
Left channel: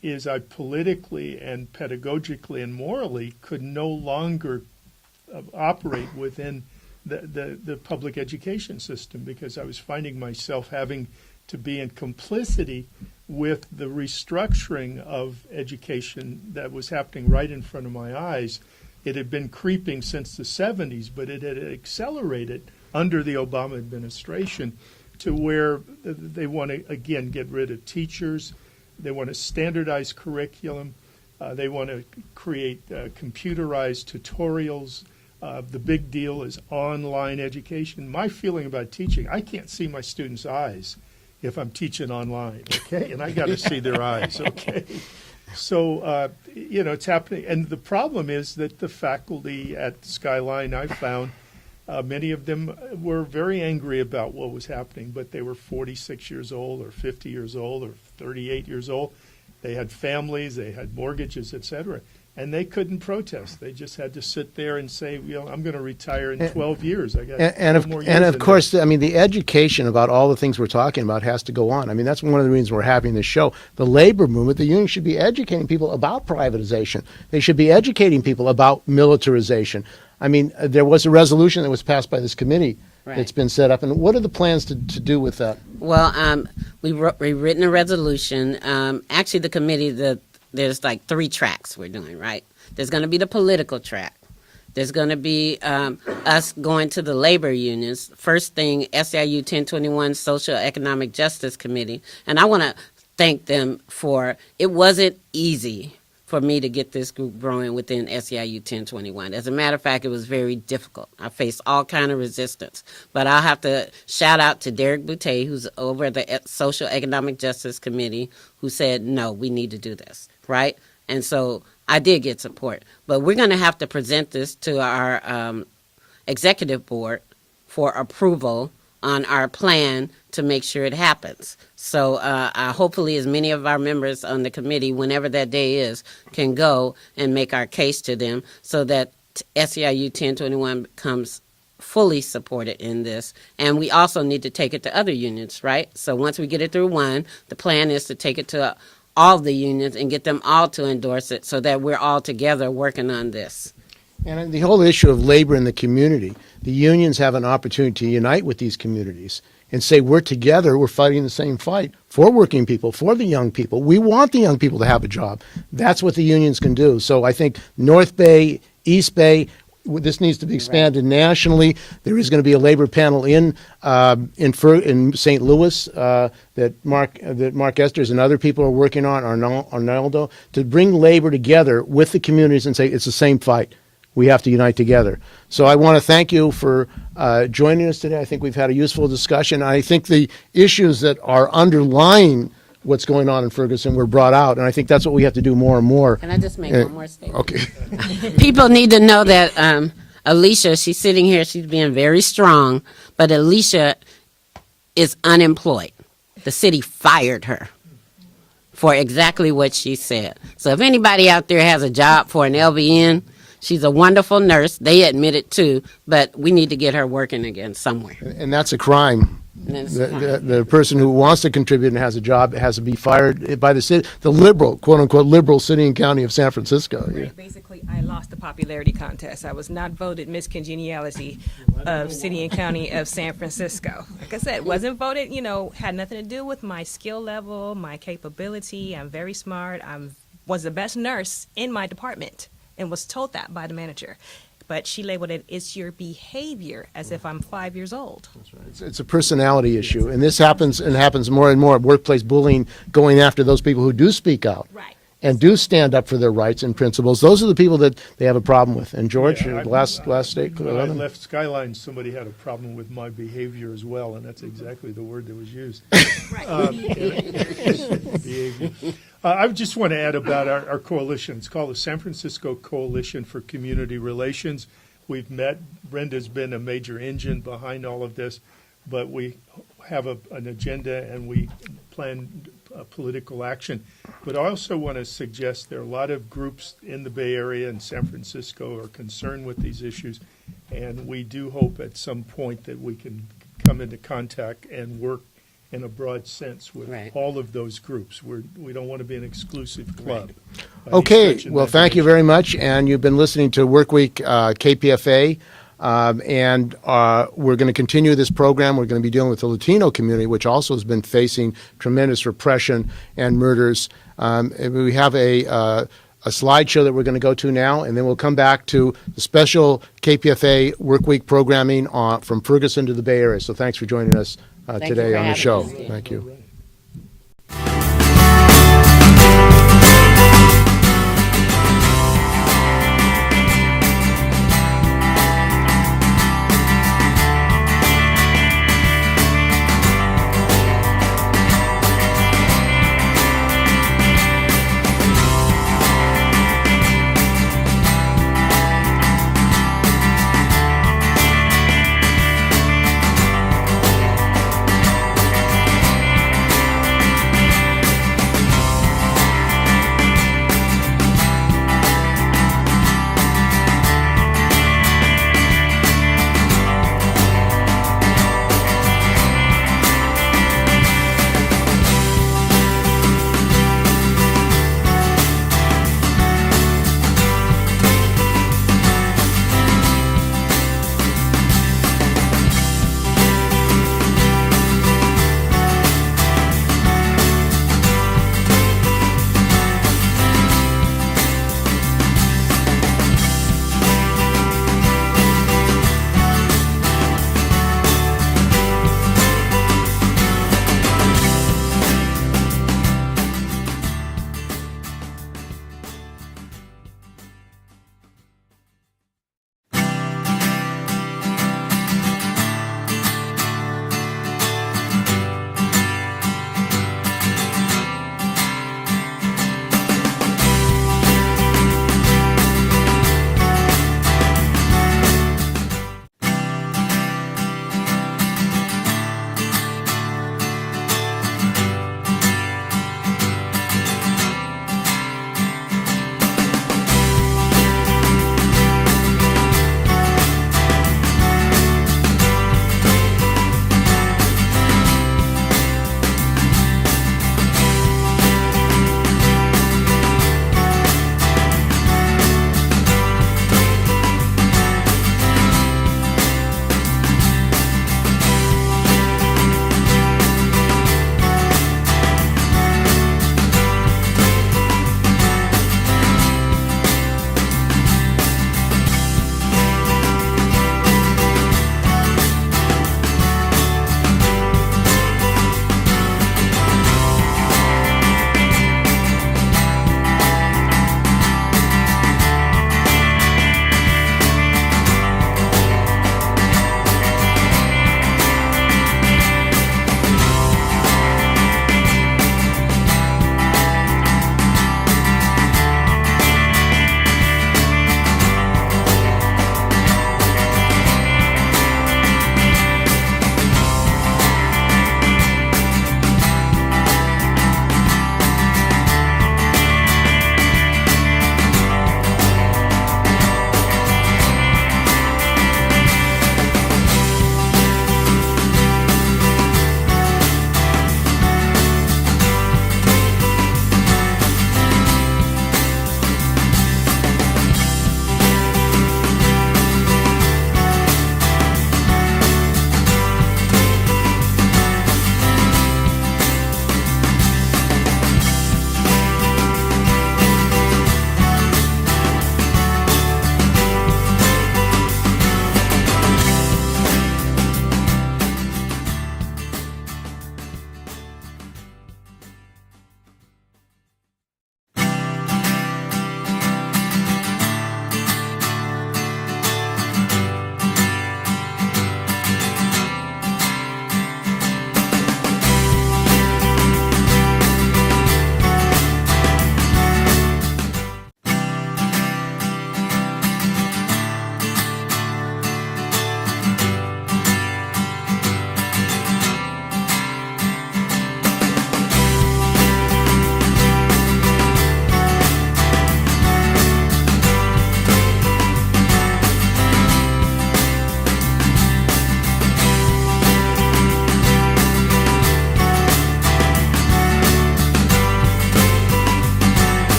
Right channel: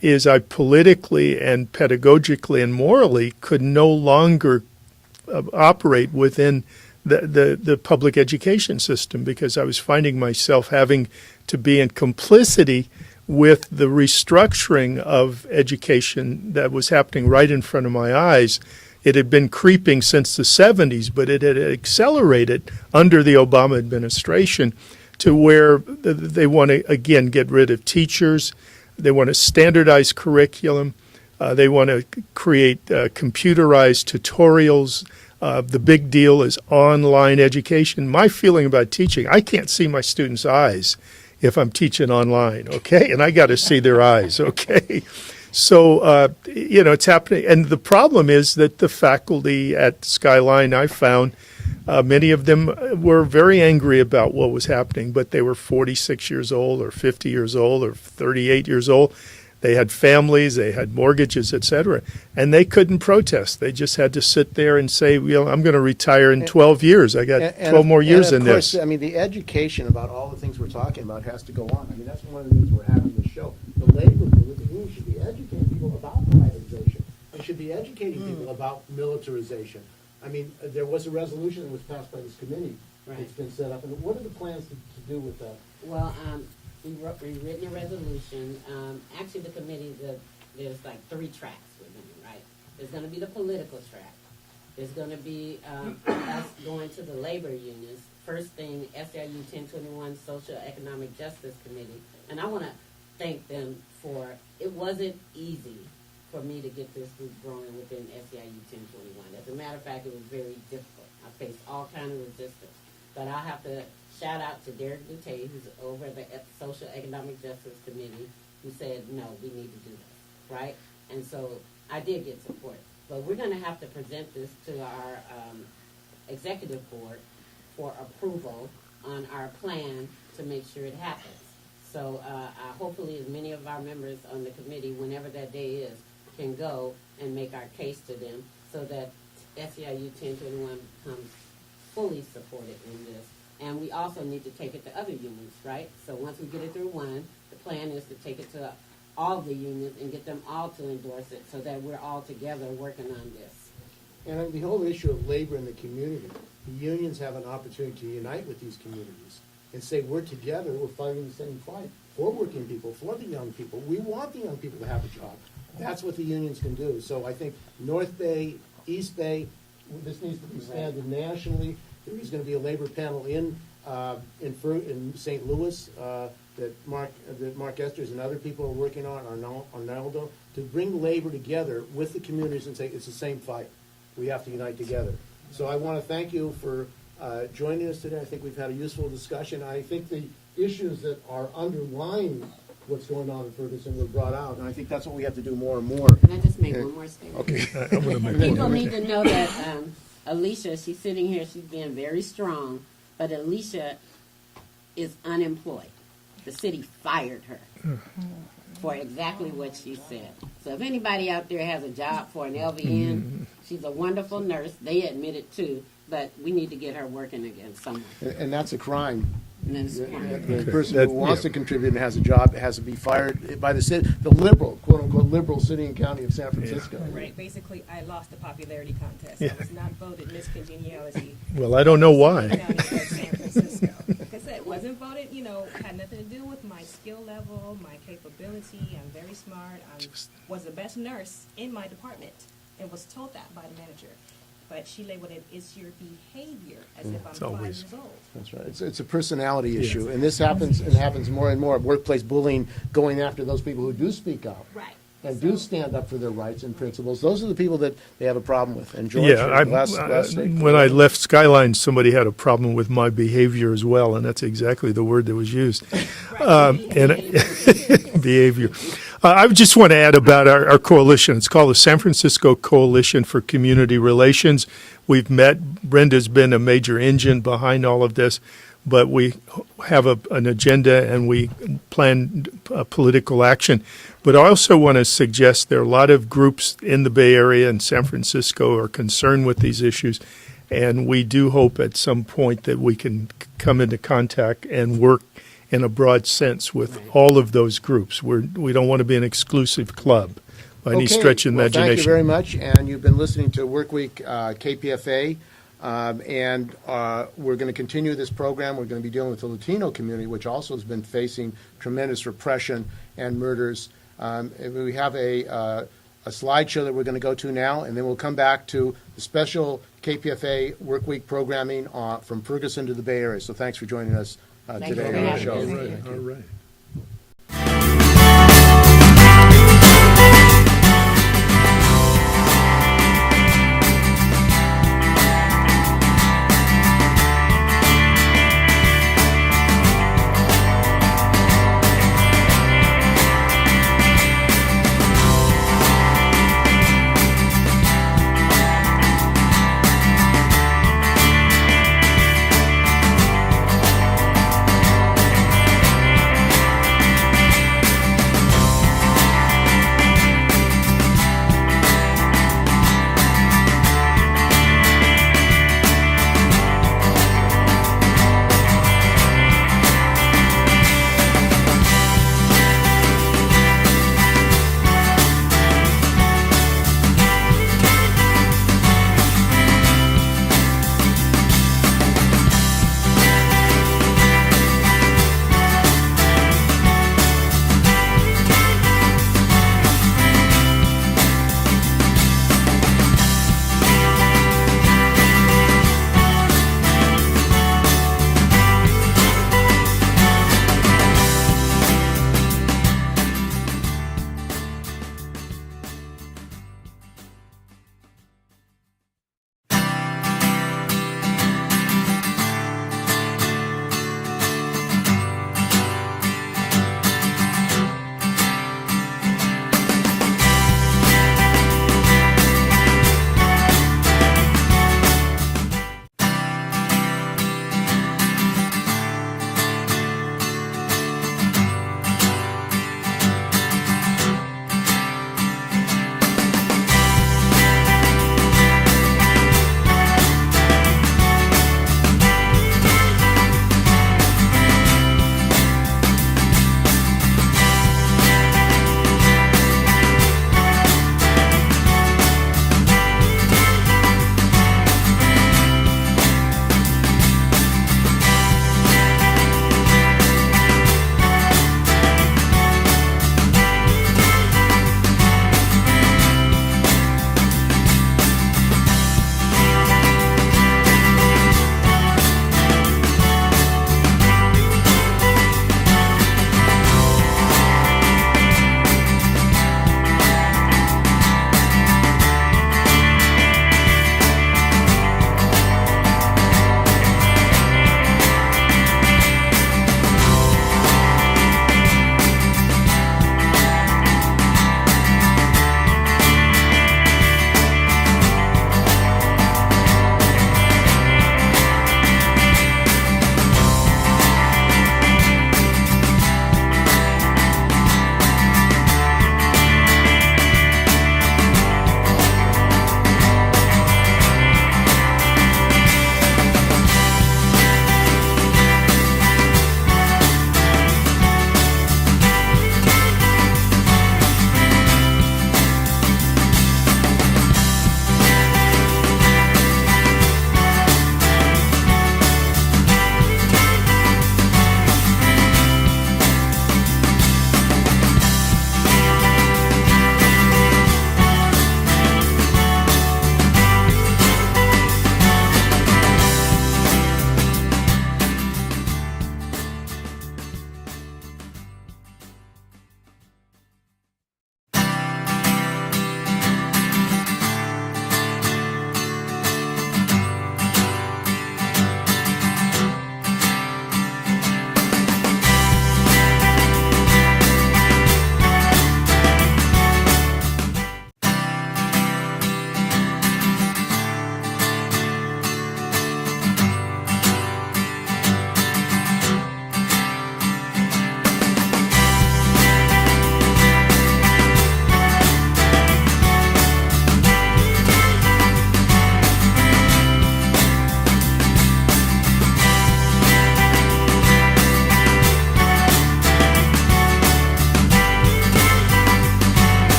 is I politically and pedagogically and morally could no longer operate within the public education system because I was finding myself having to be in complicity with the restructuring of education that was happening right in front of my eyes. It had been creeping since the 70s, but it had accelerated under the Obama administration to where they want to, again, get rid of teachers. They want to standardize curriculum. They want to create computerized tutorials. The big deal is online education. My feeling about teaching, I can't see my students' eyes if I'm teaching online, okay? And I got to see their eyes, okay? So, it's happening. And the problem is that the faculty at Skyline, I found, many of them were very angry about what was happening, but they were 46 years old or 50 years old or 38 years old. They had families, they had mortgages, et cetera, and they couldn't protest. They just had to sit there and say, I'm going to retire in 12 years. I got 12 more years in this. And of course, I mean, the education about all the things we're talking about has to go on. I mean, that's one of the reasons we're having this show. The labor movement, the union should be educating people about privatization. They should be educating people about militarization. I mean, there was a resolution that was passed by this committee that's been set up. And what are the plans to do with that? Well, we've written a resolution. Actually, the committee, there's like 3 tracks we're doing, right? There's going to be the political track. There's going to be us going to the labor unions. First thing, SEIU 1021 Social Economic Justice Committee. And I want to thank them for, it wasn't easy for me to get this group growing within SEIU 1021. As a matter of fact, it was very difficult. I faced all kind of resistance. But I'll have to shout out to Derek Boutte, who's over at the Social Economic Justice Committee, who said, no, we need to do this, right? And so I did get support. But we're going to have to present this to our executive board for approval on our plan to make sure it happens. So hopefully as many of our members on the committee, whenever that day is, can go and make our case to them so that SEIU 1021 becomes fully supported in this. And we also need to take it to other unions, right? So once we get it through one, the plan is to take it to all the unions and get them all to endorse it so that we're all together working on this. And the whole issue of labor in the community, the unions have an opportunity to unite with these communities and say, we're together, we're fighting the same fight for working people, for the young people. We want the young people to have a job. That's what the unions can do. So I think North Bay, East Bay, this needs to be expanded nationally. There is going to be a labor panel in St. Louis that Mark Esters and other people are working on, Arnaldo, to bring labor together with the communities and say, it's the same fight. We have to unite together. So I want to thank you for joining us today. I think we've had a useful discussion. I think the issues that are underlying what's going on in Ferguson were brought out, and I think that's what we have to do more and more. Can I just make one more statement? Okay. People need to know that Alicia, she's sitting here, she's being very strong, but Alicia is unemployed. The city fired her for exactly what she said. So if anybody out there has a job for an LVN, she's a wonderful nurse. They admit it too, but we need to get her working again somewhere. And that's a crime. The person who wants to contribute and has a job has to be fired by the city, the liberal, quote unquote, liberal city and county of San Francisco. Right. Basically, I lost the popularity contest. I was not voted Miss Congeniality. Well, I don't know why. City and County of San Francisco. Like I said, wasn't voted. Had nothing to do with my skill level, my capability. I'm very smart. I was the best nurse in my department, and was told that by the manager. But she labeled it, it's your behavior, as if I'm 5 years old. That's right. It's a personality issue, and this happens more and more. Workplace bullying, going after those people who do speak out. Right. And do stand up for their rights and principles. Those are the people that they have a problem with. And George, last statement. When I left Skyline, somebody had a problem with my behavior as well, and that's exactly the word that was used. Behavior. I just want to add about our coalition. It's called the San Francisco Coalition for Community Relations. We've met. Brenda's been a major engine behind all of this, but we have an agenda and we plan political action. But I also want to suggest there are a lot of groups in the Bay Area and San Francisco are concerned with these issues, and we do hope at some point that we can come into contact and work in a broad sense with all of those groups. We don't want to be an exclusive club by any stretch of the imagination. Thank you very much, and you've been listening to Workweek KPFA. And we're going to continue this program. We're going to be dealing with the Latino community, which also has been facing tremendous repression and murders. We have a slideshow that we're going to go to now, and then we'll come back to the special KPFA Workweek programming from Ferguson to the Bay Area. So thanks for joining us today on the show. Thank you.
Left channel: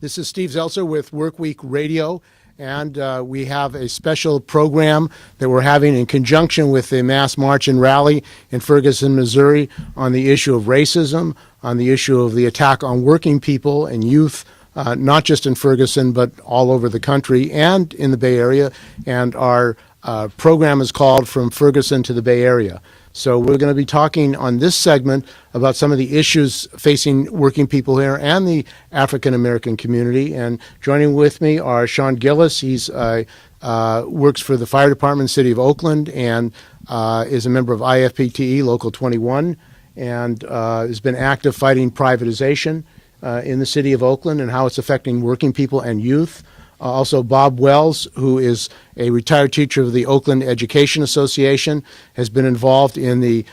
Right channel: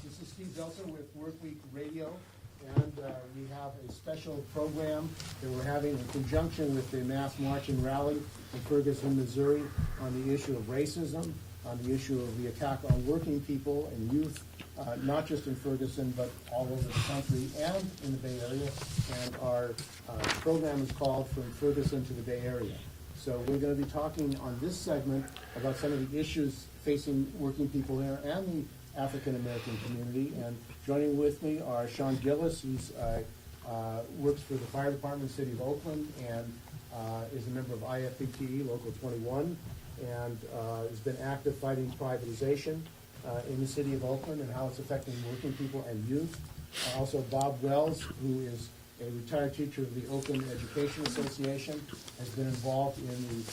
This is Steve Zeltzer with Workweek Radio, and we have a special program that we're having in conjunction with the Mass March and Rally in Ferguson, Missouri, on the issue of racism, on the issue of the attack on working people and youth, not just in Ferguson, but all over the country and in the Bay Area. And our program is called From Ferguson to the Bay Area. So we're going to be talking on this segment about some of the issues facing working people here and the African American community. And joining with me are Sean Gillis. He's works for the Fire Department in the City of Oakland and is a member of IFPTE Local 21 and has been active fighting privatization in the City of Oakland and how it's affecting working people and youth. Also, Bob Wells, who is a retired teacher of the Oakland Education Association, has been involved in the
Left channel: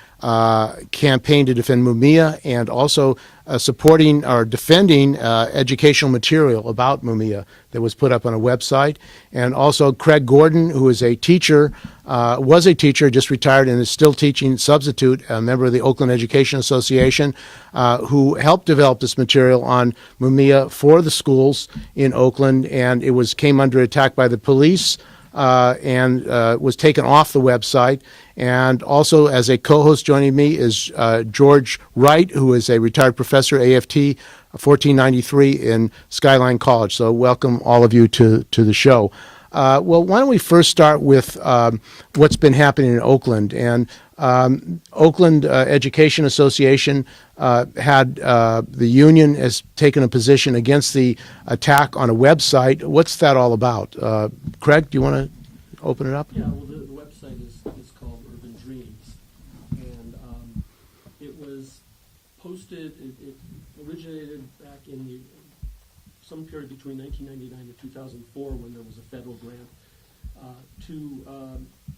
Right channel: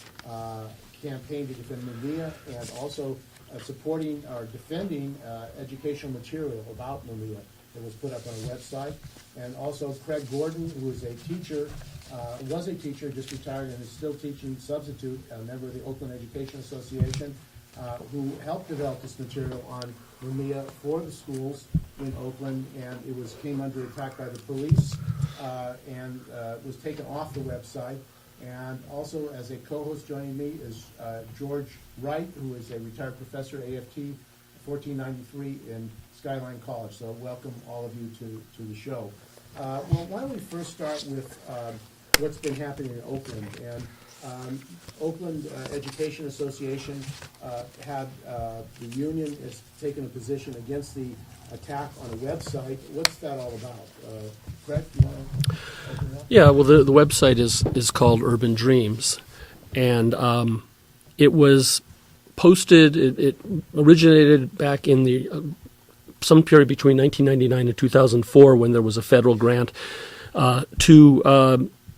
campaign to defend Mumia and also supporting or defending educational material about Mumia that was put up on a website. And also Craig Gordon, who is a teacher, was a teacher, just retired, and is still teaching substitute, a member of the Oakland Education Association, who helped develop this material on Mumia for the schools in Oakland, and it came under attack by the police and was taken off the website. And also, as a co-host joining me is George Wright, who is a retired professor, AFT 1493 in Skyline College. So welcome all of you to the show. Well, why don't we first start with what's been happening in Oakland. And Oakland Education Association had the union has taken a position against the attack on a website. What's that all about? Craig, do you want to open it up? Yeah, well, the website is called Urban Dreams, and it was posted. It originated back in the some period between 1999 and 2004 when there was a federal grant to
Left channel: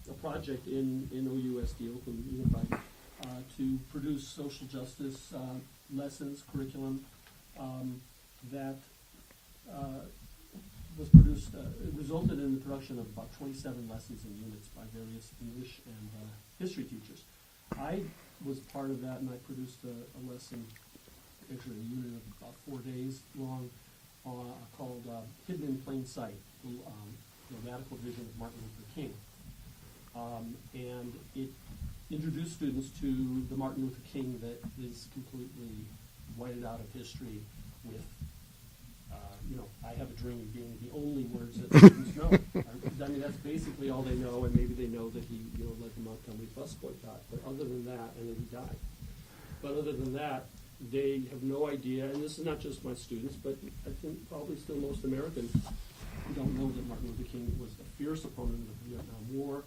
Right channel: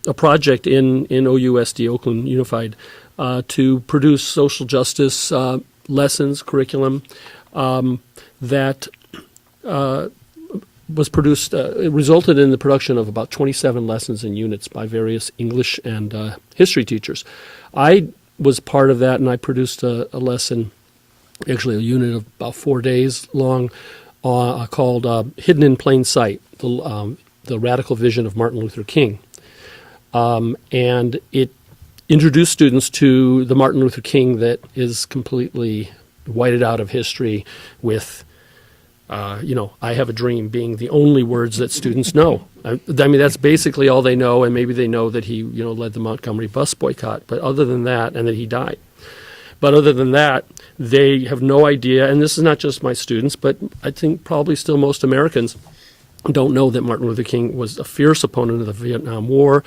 a project in OUSD, Oakland Unified, to produce social justice lessons, curriculum that was produced. It resulted in the production of about 27 lessons and units by various English and history teachers. I was part of that, and I produced a lesson, actually a unit of about 4 days long, called Hidden in Plain Sight, the Radical Vision of Martin Luther King. And it introduced students to the Martin Luther King that is completely whited out of history with, I have a dream being the only words that students know. I mean, that's basically all they know, and maybe they know that he, led the Montgomery bus boycott, but other than that, and that he died. But other than that, they have no idea, and this is not just my students, but I think probably still most Americans don't know that Martin Luther King was a fierce opponent of the Vietnam War,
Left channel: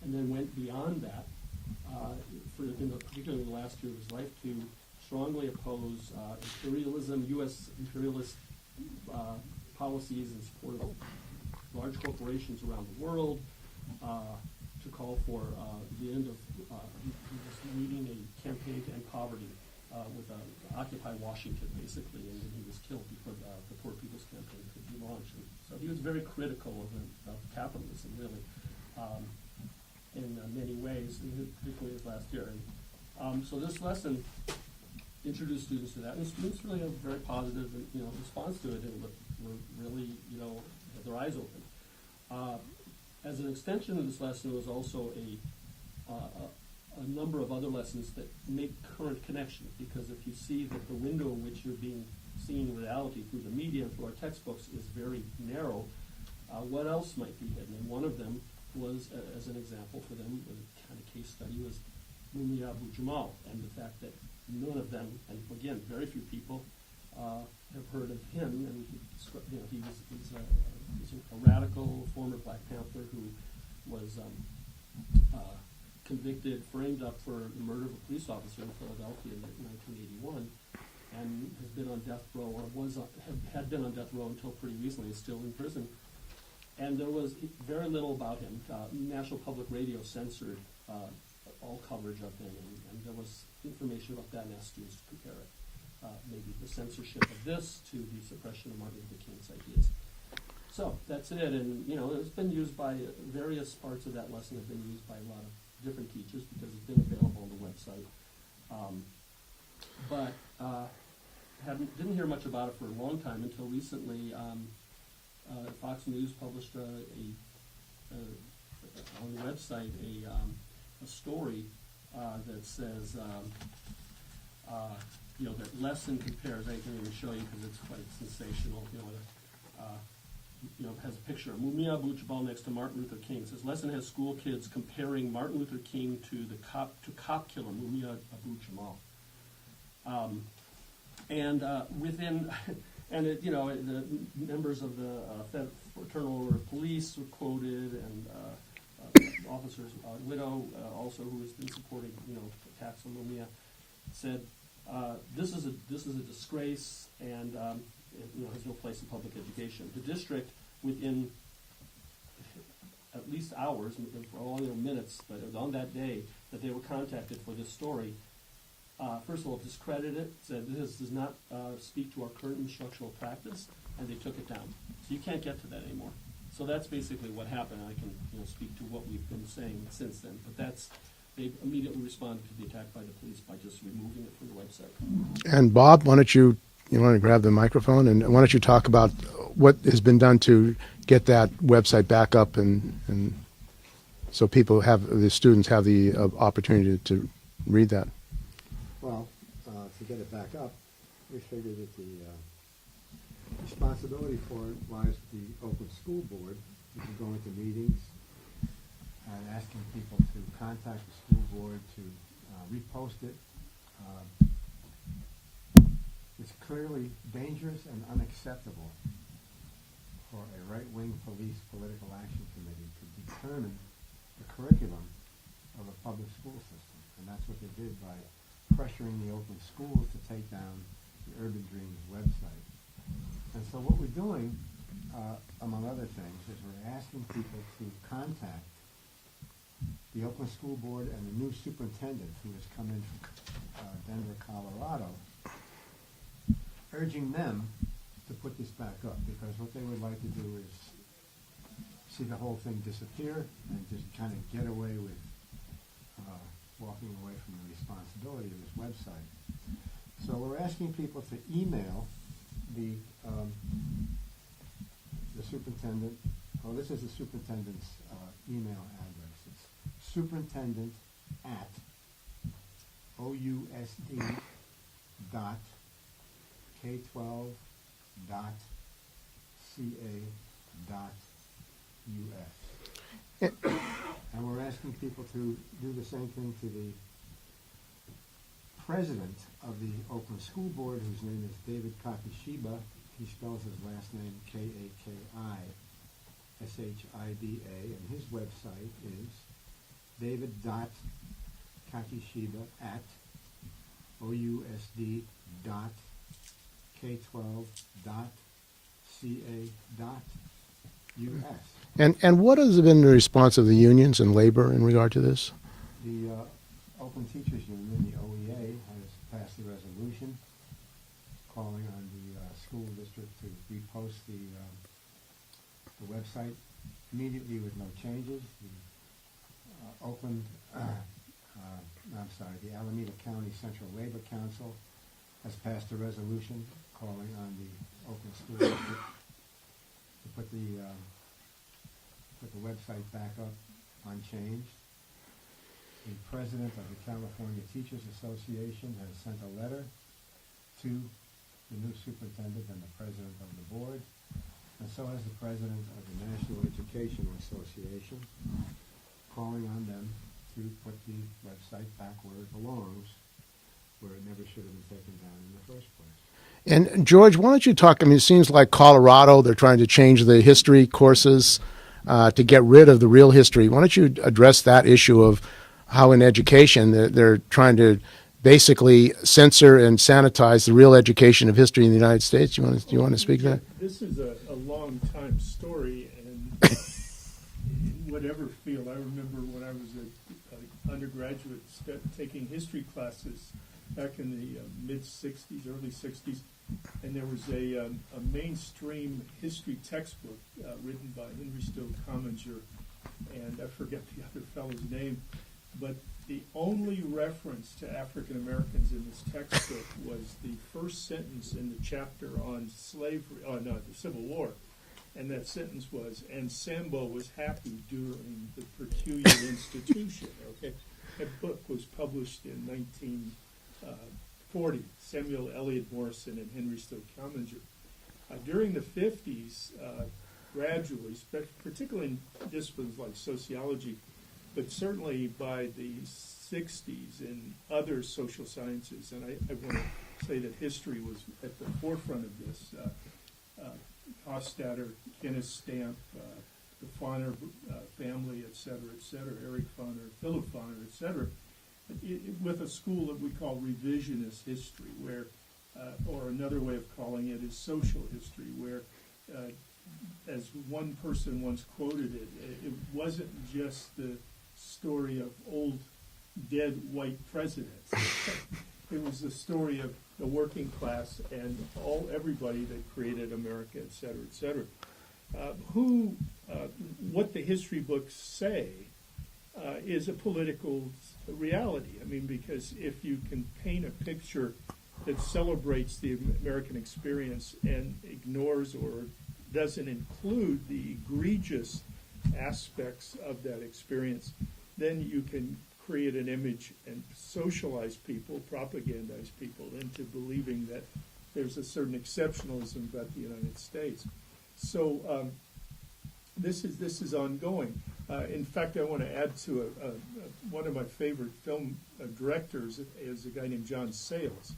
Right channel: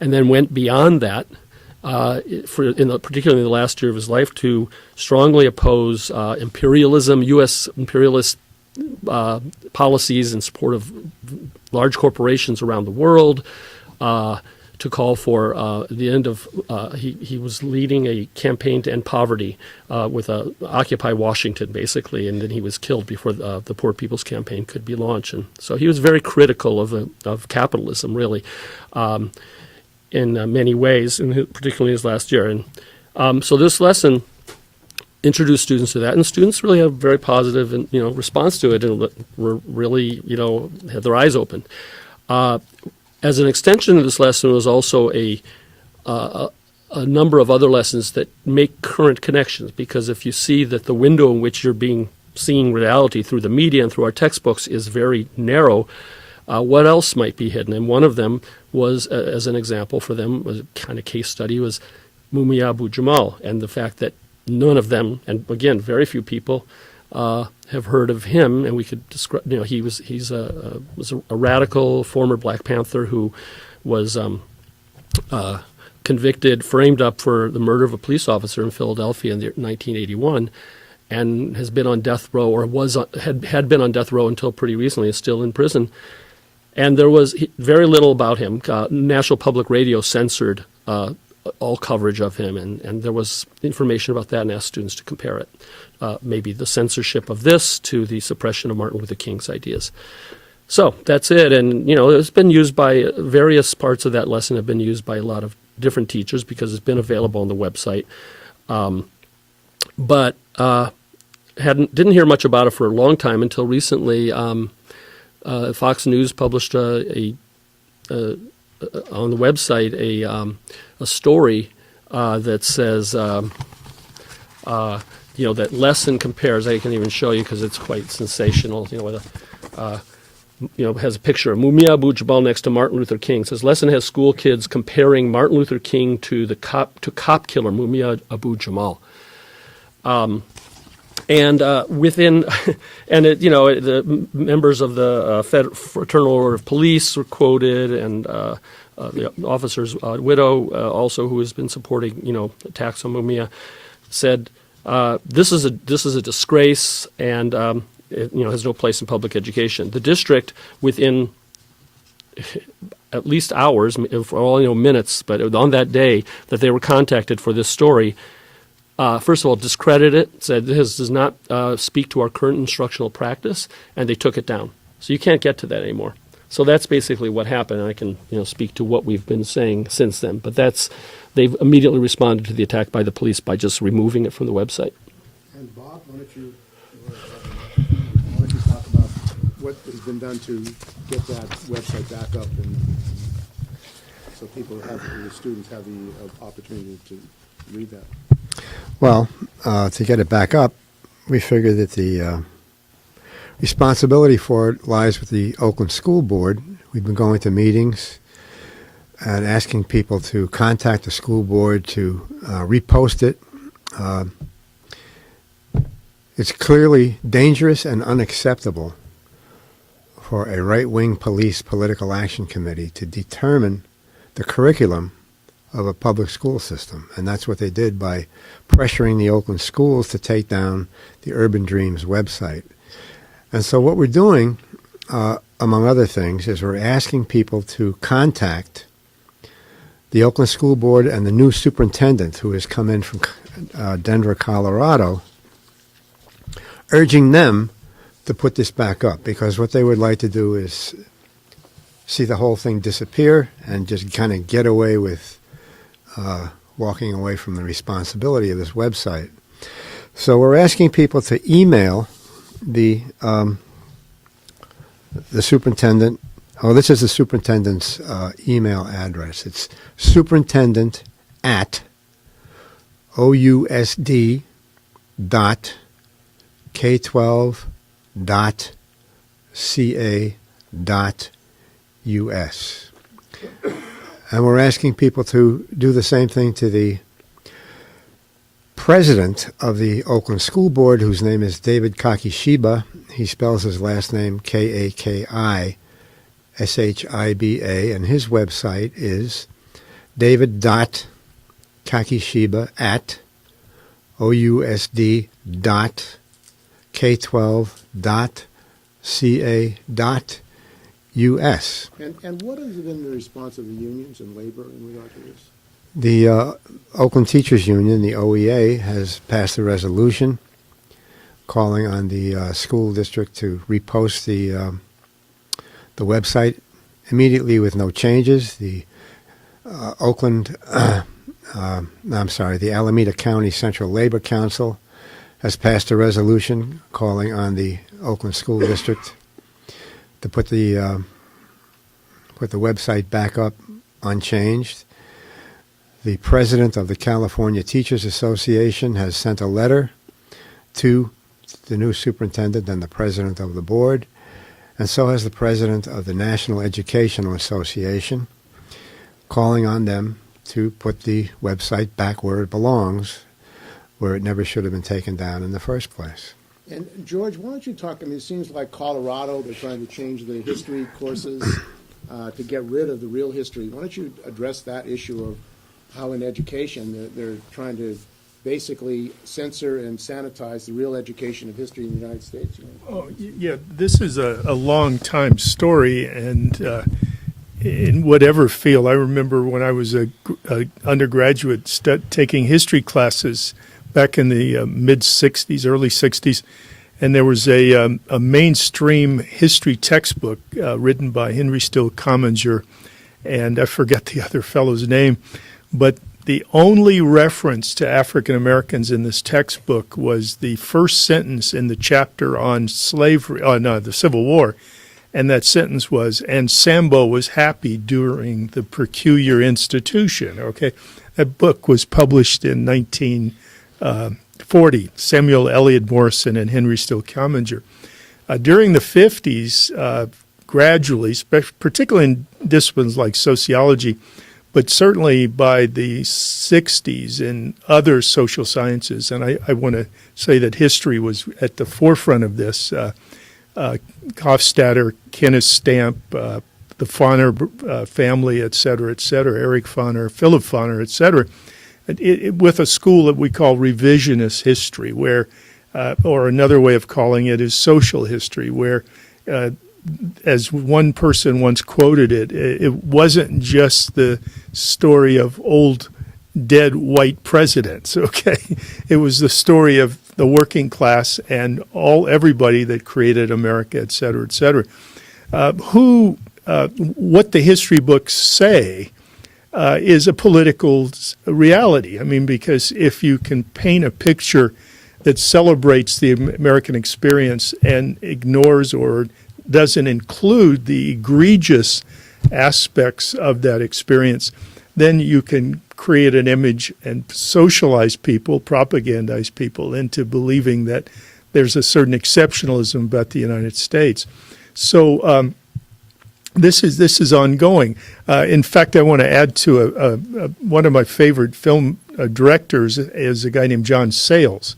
and then went beyond that, particularly in the last year of his life, to strongly oppose imperialism, U.S. imperialist policies in support of large corporations around the world, to call for the end of, he was leading a campaign to end poverty with Occupy Washington, basically, and then he was killed before the Poor People's Campaign could be launched. And so he was very critical of capitalism, really, in many ways, and particularly his last year. And so this lesson introduced students to that, and students really have a very positive and response to it, and were really had their eyes open. As an extension of this lesson was also a number of other lessons that make current connections, because if you see that the window in which you're seeing reality through the media and through our textbooks is very narrow, what else might be hidden? And one of them was, as an example for them, was a kind of case study, was Mumia Abu-Jamal, and the fact that none of them, and again, very few people, have heard of him, and we could describe. He's a radical former Black Panther who was convicted, framed up for the murder of a police officer in Philadelphia in 1981, and has been on death row, or had been on death row until pretty recently. Is still in prison, and there was very little about him. National Public Radio censored all coverage of him, and there was information about that, and asked students to compare it. Maybe the censorship of this to the suppression of Martin Luther King's ideas. So that's it, and it's been used by various parts of that lesson have been used by a lot of different teachers because it's been available on the website. But didn't hear much about it for a long time until recently. Fox News published on the website a story that says that lesson compares. I can even show you because it's quite sensational. Has a picture of Mumia Abu-Jamal next to Martin Luther King. It says lesson has school kids comparing Martin Luther King to cop killer Mumia Abu-Jamal. The members of the Fraternal Order of Police were quoted, and the officer's widow, also who has been supporting, attacks on Mumia, said this is a disgrace, and it, has no place in public education. The district, within at least hours, for all minutes, but on that day that they were contacted for this story, first of all, discredited it, said this does not speak to our current instructional practice, and they took it down. So you can't get to that anymore. So that's basically what happened. I can speak to what we've been saying since then, but they've immediately responded to the attack by the police by just removing it from the website. And Bob, why don't you want to grab the microphone, and why don't you talk about what has been done to get that website back up, and so the students have the opportunity to read that. Well, to get it back up, we figure that the responsibility for it lies with the Oakland School Board. We've been going to meetings and asking people to contact the school board to repost it. It's clearly dangerous and unacceptable for a right-wing police political action committee to determine the curriculum of a public school system. And that's what they did by pressuring the Oakland schools to take down the Urban Dreams website. And so what we're doing, among other things, is we're asking people to contact the Oakland School Board and the new superintendent who has come in from Denver, Colorado, urging them to put this back up, because what they would like to do is see the whole thing disappear and just kind of get away with walking away from the responsibility of this website. So we're asking people to email the superintendent. Oh, this is the superintendent's email address. It's superintendent@ousd.k12.ca.us. And we're asking people to do the same thing to the president of the Oakland School Board, whose name is David Kakishiba. He spells his last name Kakishiba, and his website is david.kakishiba@ousd.k12.ca.us. And what has been the response of the unions and labor in regard to this? The Oakland Teachers Union, the OEA, has passed a resolution calling on the school district to repost the website immediately with no changes. The the Alameda County Central Labor Council has passed a resolution calling on the Oakland School District to put the website back up unchanged. The president of the California Teachers Association has sent a letter to the new superintendent and the president of the board, and so has the president of the National Educational Association, calling on them to put the website back where it belongs, where it never should have been taken down in the first place. And George, why don't you talk, it seems like Colorado, they're trying to change the history courses to get rid of the real history. Why don't you address that issue of how in education they're trying to basically censor and sanitize the real education of history in the United States? Do you want to speak to that? This is a long time story, and in whatever field. I remember when I was a undergraduate taking history classes back in the mid-'60s, early 60s, and there was a mainstream history textbook written by Henry Still Commanger, and I forget the other fellow's name, but the only reference to African Americans in this textbook was the first sentence in the chapter on slavery, the Civil War. And that sentence was, and Sambo was happy during the peculiar institution. Okay, that book was published in 1940, Samuel Eliot Morison and Henry Still Commager. During the 50s, gradually, particularly in disciplines like sociology, but certainly by the 60s in other social sciences, and I want to say that history was at the forefront of this, Hofstadter, Kenneth Stamp, the Fauner family, et cetera, Eric Fauner, Philip Fauner, et cetera, with a school that we call revisionist history, where, or another way of calling it is social history, where, as one person once quoted it, it wasn't just the story of old dead white presidents, okay? It was the story of the working class and everybody that created America, et cetera, et cetera. What the history books say is a political reality. I mean, because if you can paint a picture that celebrates the American experience and ignores or doesn't include the egregious aspects of that experience, then you can create an image and socialize people, propagandize people into believing that there's a certain exceptionalism about the United States. So this is ongoing. In fact, I want to add to one of my favorite film directors is a guy named John Sayles,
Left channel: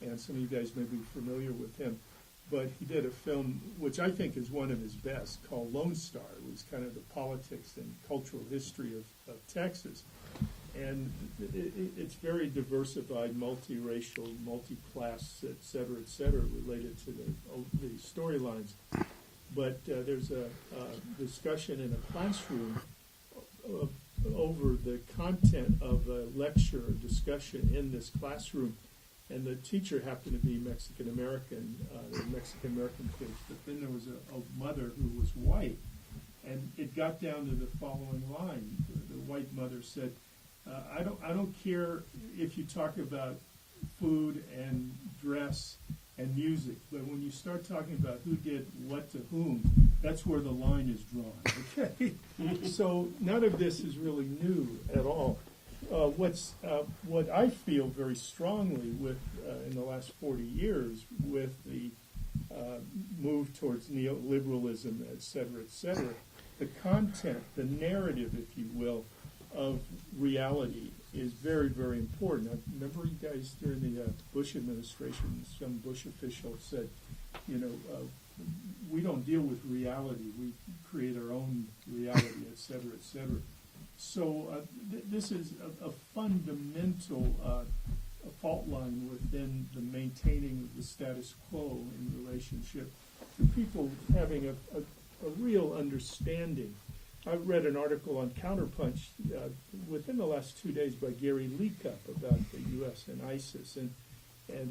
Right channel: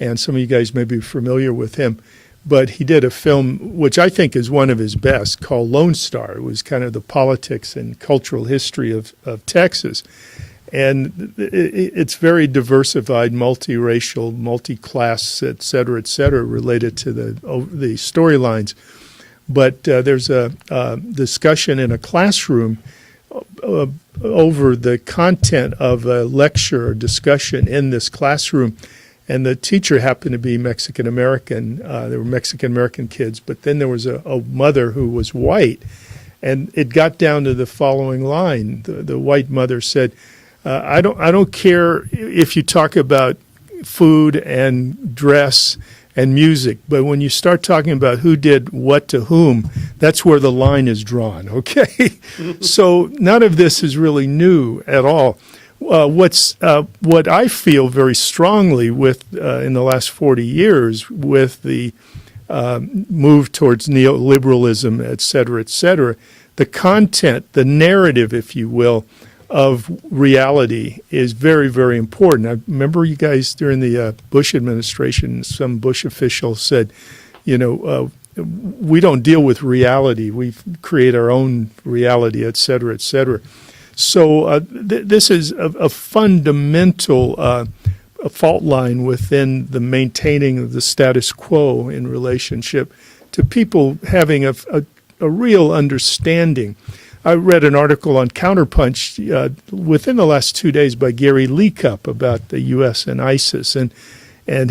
and some of you guys may be familiar with him. But he did a film, which I think is one of his best, called Lone Star. It was kind of the politics and cultural history of Texas. And it's very diversified, multiracial, multi-class, et cetera, related to the storylines. But there's a discussion in a classroom over the content of a lecture or discussion in this classroom. And the teacher happened to be Mexican-American. There were Mexican-American kids, but then there was a mother who was white. And it got down to the following line. The white mother said, I don't care if you talk about food and dress and music, but when you start talking about who did what to whom, that's where the line is drawn, okay? So none of this is really new at all. What I feel very strongly with in the last 40 years with the move towards neoliberalism, et cetera, the content, the narrative, if you will, of reality is very, very important. I remember you guys during the Bush administration, some Bush official said, we don't deal with reality. We create our own reality, et cetera, et cetera. So this is a fundamental a fault line within the maintaining of the status quo in relationship to people having a real understanding. I read an article on Counterpunch within the last 2 days by Gary Leacup about the U.S. and ISIS, and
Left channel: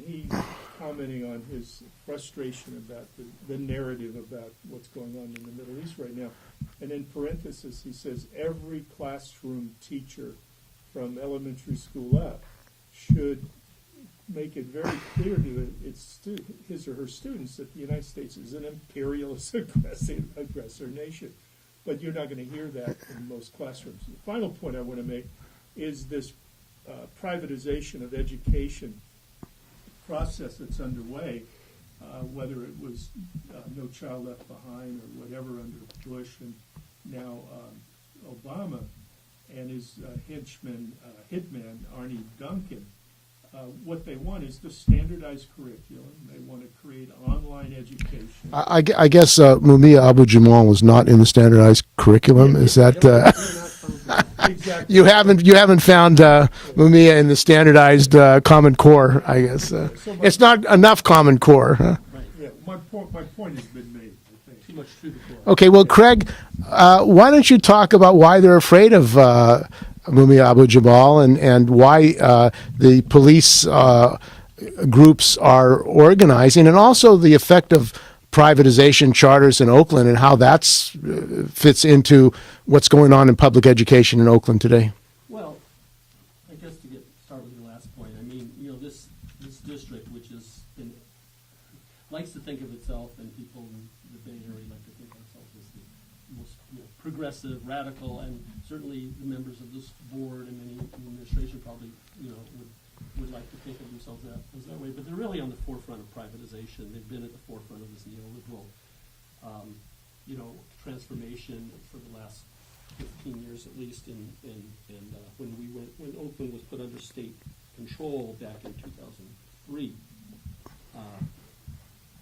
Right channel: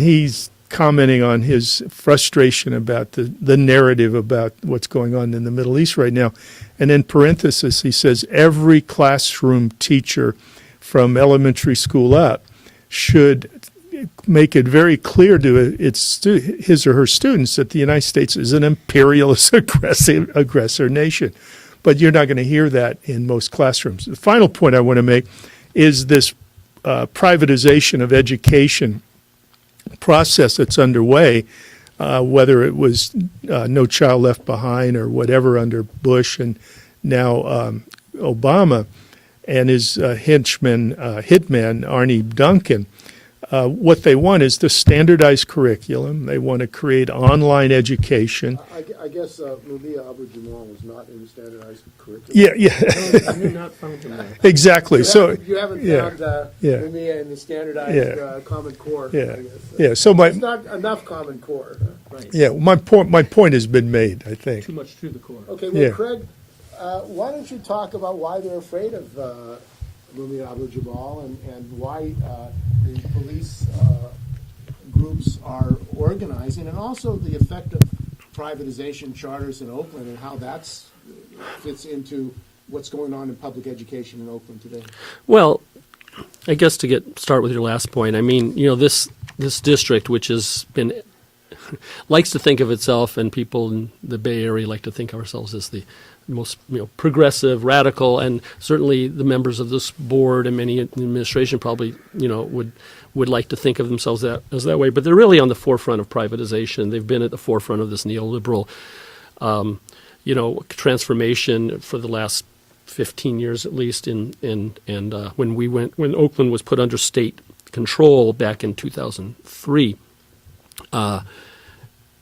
he's commenting on his frustration about the narrative about what's going on in the Middle East right now. And in parenthesis, he says every classroom teacher from elementary school up should make it very clear to his or her students that the United States is an imperialist, aggressor nation. But you're not going to hear that in most classrooms. The final point I want to make is this privatization of education process that's underway, whether it was No Child Left Behind or whatever under Bush and now Obama and his hitman, Arnie Duncan. What they want is the standardized curriculum. They want to create online education. I guess Mumia Abu-Jamal was not in the standardized curriculum. Yeah, Is that exactly? You haven't found Mumia in the standardized Common Core. I guess. So it's not enough Common Core. Huh? Yeah, my point has been made, I think. Too much to the core. Okay, well, Craig, why don't you talk about why they're afraid of Mumia Abu-Jamal and why the police groups are organizing, and also the effect of privatization charters in Oakland and how that fits into what's going on in public education in Oakland today? Well, I guess to start with your last point, I mean, this district, which has been likes to think of itself, and people in the Bay Area like to think of ourselves as the most progressive, radical, and certainly the members of this board and many in the administration probably would like to think of themselves as that way. But they're really on the forefront of privatization. They've been at the forefront of this neoliberal, transformation for the last 15 years at least. When Oakland was put under state control back in 2003.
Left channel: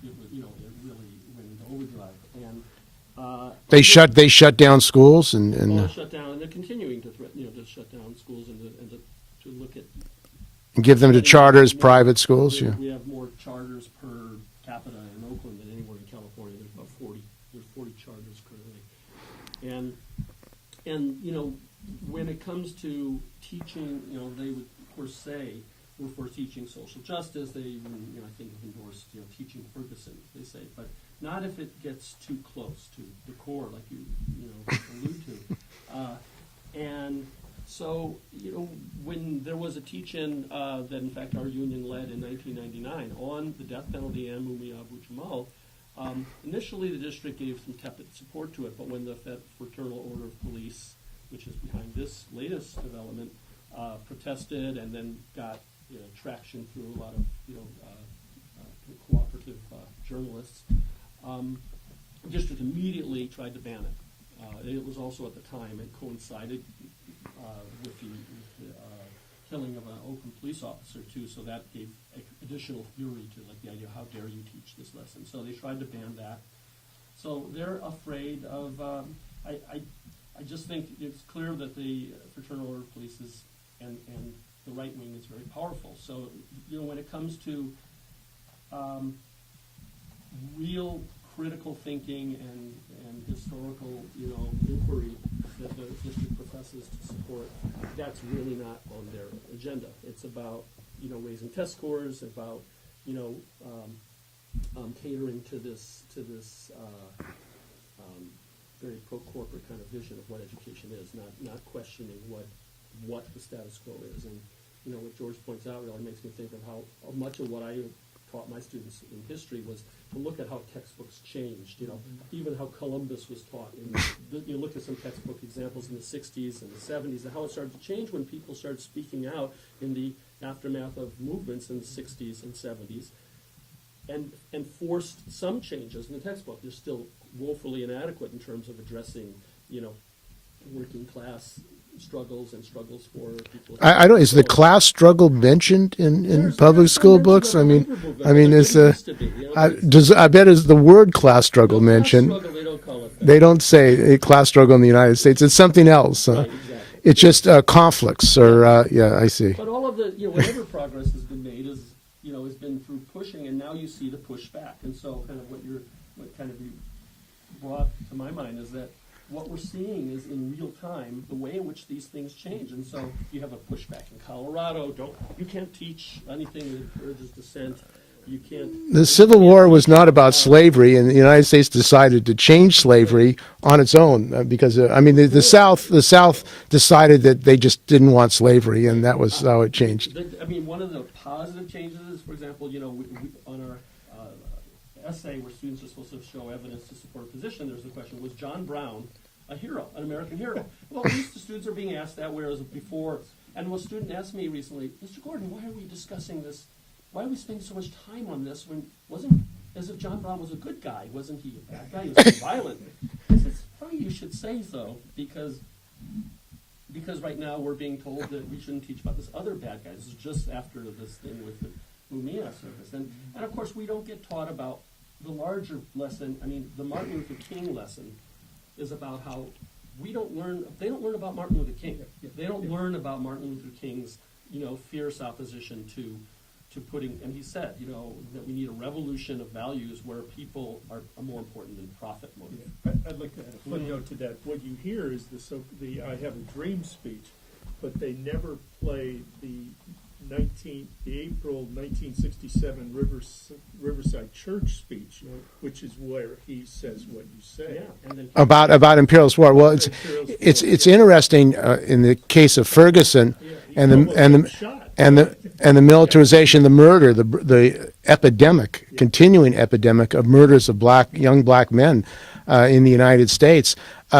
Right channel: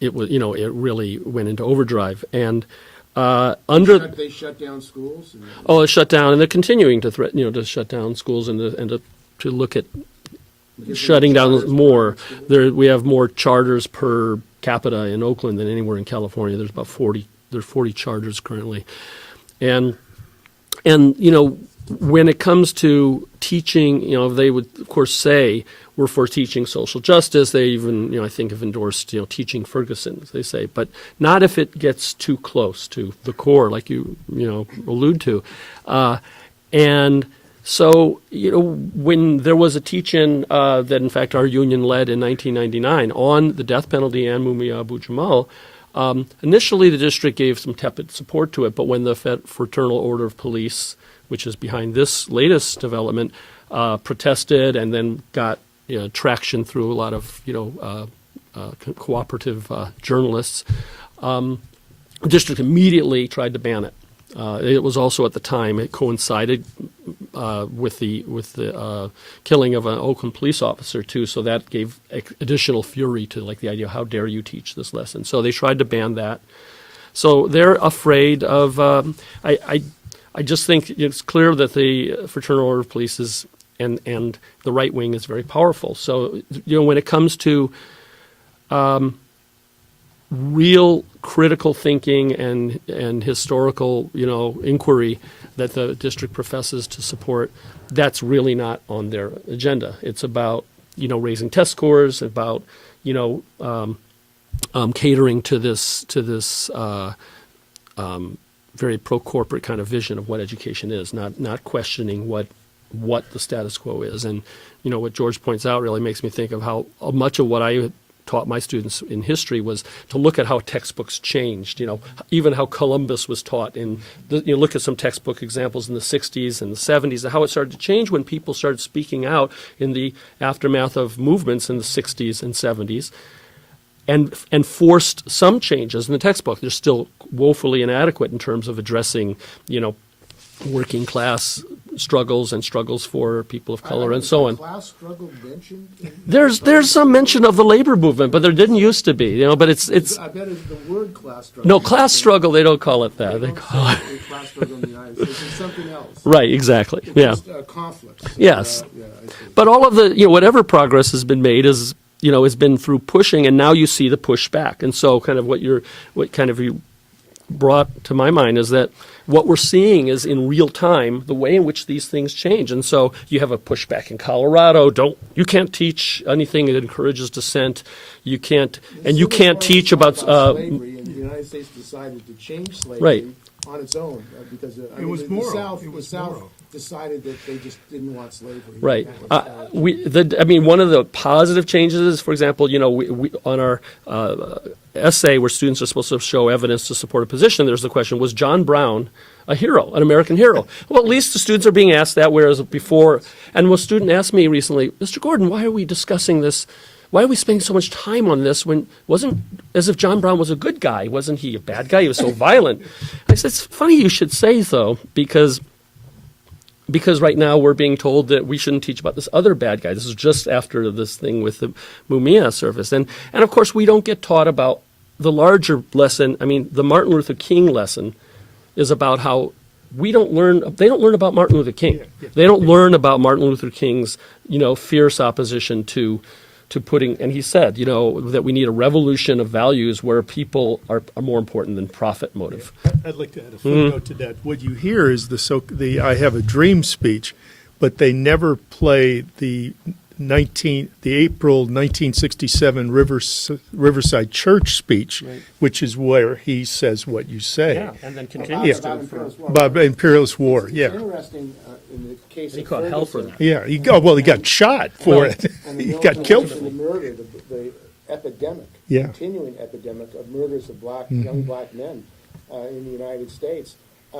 It was, it really went into overdrive, and they shut down schools, and it shut down, and they're continuing to threaten, to shut down schools and to look at give them the charters, private schools. We have more charters per capita in Oakland than anywhere in California. There's about 40. There's 40 charters currently, and when it comes to teaching, they would of course say we're for teaching social justice. They even, I think, have endorsed, teaching Ferguson, as they say, but not if it gets too close to the core, like you allude to. And so, when there was a teach-in that, in fact, our union led in 1999 on the death penalty and Mumia Abu-Jamal, initially the district gave some tepid support to it, but when the Fraternal Order of Police, which is behind this latest development, protested and then got traction through a lot of cooperative journalists, the district immediately tried to ban it. It was also at the time it coincided with the killing of an Oakland police officer too, so that gave additional fury to the idea, how dare you teach this lesson? So they tried to ban that. So they're afraid of. I just think it's clear that the Fraternal Order of Police is and the right wing is very powerful. So when it comes to real critical thinking and historical inquiry that the district professes to support, that's really not on their agenda. It's about raising test scores, about catering to this very pro-corporate kind of vision of what education is, not questioning what the status quo is. And what George points out really makes me think of how much of what I taught my students in history was to look at how textbooks changed, even how Columbus was taught look at some textbook examples in the 60s and the 70s and how it started to change when people started speaking out in the aftermath of movements in the 60s and 70s and forced some changes in the textbook. They're still woefully inadequate in terms of addressing, working class struggles and struggles for people of color. I don't. Is the class struggle mentioned in there's public some school mention books? of the labor movement, but there didn't used to be. But I bet is the word class struggle mentioned? Class struggle. They don't call it that. They don't say a class struggle in the United States. It's something else. Right. Exactly. It's just conflicts. Or, yes. I see. But all of the whatever progress has been made is has been through pushing, and now you see the pushback. And so, kind of what you brought to my mind is that what we're seeing is in real time the way in which these things change. And so you have a pushback in Colorado. You can't teach anything that encourages dissent. You can't. The Civil War was not about slavery, and the United States decided to change slavery on its own because the South decided that they just didn't want slavery, and that was how it changed. One of the positive changes is, for example, we on our essay where students are supposed to show evidence to support a position, there's the question, was John Brown a hero, an American hero? Well, at least the students are being asked that, whereas before, and a student asked me recently, Mr. Gordon, why are we discussing this? Why are we spending so much time on this when it wasn't as if John Brown was a good guy? Wasn't he a bad guy? He was so violent. I said, it's funny you should say so, because right now we're being told that we shouldn't teach about this other bad guy. This is just after this thing with the Mumia service. And of course, we don't get taught about the larger lesson. The Martin Luther King lesson is about how they don't learn about Martin Luther King. They don't learn about Martin Luther King's, fierce opposition to putting, and he said, that we need a revolution of values where people are more important than profit motive. I'd like to add a footnote to that. What you hear is the I have a dream speech, but they never play the April 1967 Riverside Church speech, Right. which is where he says what you say. Yeah, and then About imperialist war. About it's- imperialist war, It's yeah. interesting in the case of Ferguson. Yeah, he and got, the- well, he and got the- shot and for the, it. and the He got militarization, killed. the murder, the epidemic, Yeah. continuing epidemic of murders of young black men in the United States.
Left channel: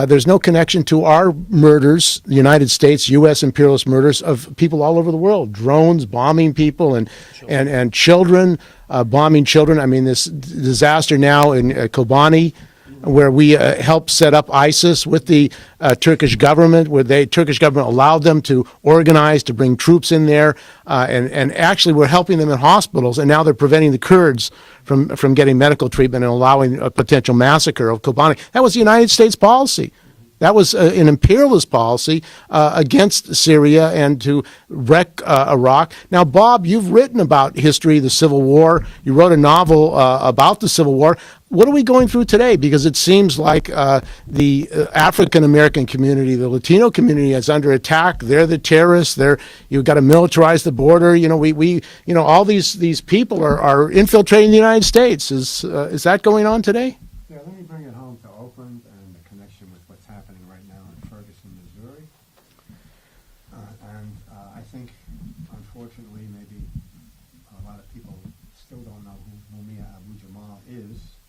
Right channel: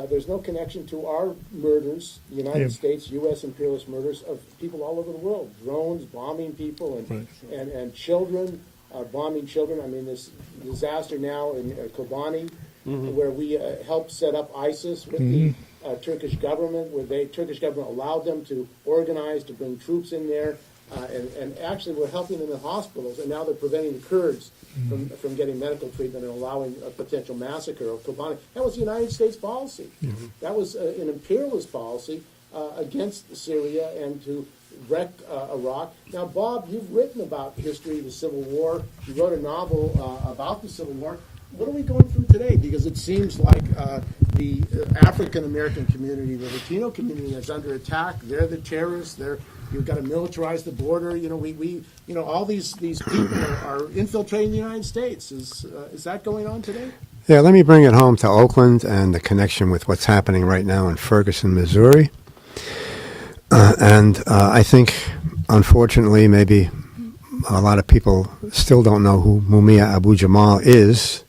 There's no connection to our murders, the United States, U.S. imperialist murders of people all over the world, drones bombing people and children, bombing children. I mean, this disaster now in Kobani, where we helped set up ISIS with the Turkish government, where the Turkish government allowed them to organize, to bring troops in there, and actually we're helping them in hospitals, and now they're preventing the Kurds from getting medical treatment and allowing a potential massacre of Kobani. That was the United States policy. That was an imperialist policy against Syria and to wreck Iraq. Now, Bob, you've written about history, the Civil War. You wrote a novel about the Civil War. What are we going through today? Because it seems like the African American community, the Latino community, is under attack. They're the terrorists. You've got to militarize the border. You know, all these people are infiltrating the United States. Is that going on today? Yeah, let me bring it home to Oakland and the connection with what's happening right now in Ferguson, Missouri. I think, unfortunately, maybe a lot of people still don't know who Mumia Abu-Jamal is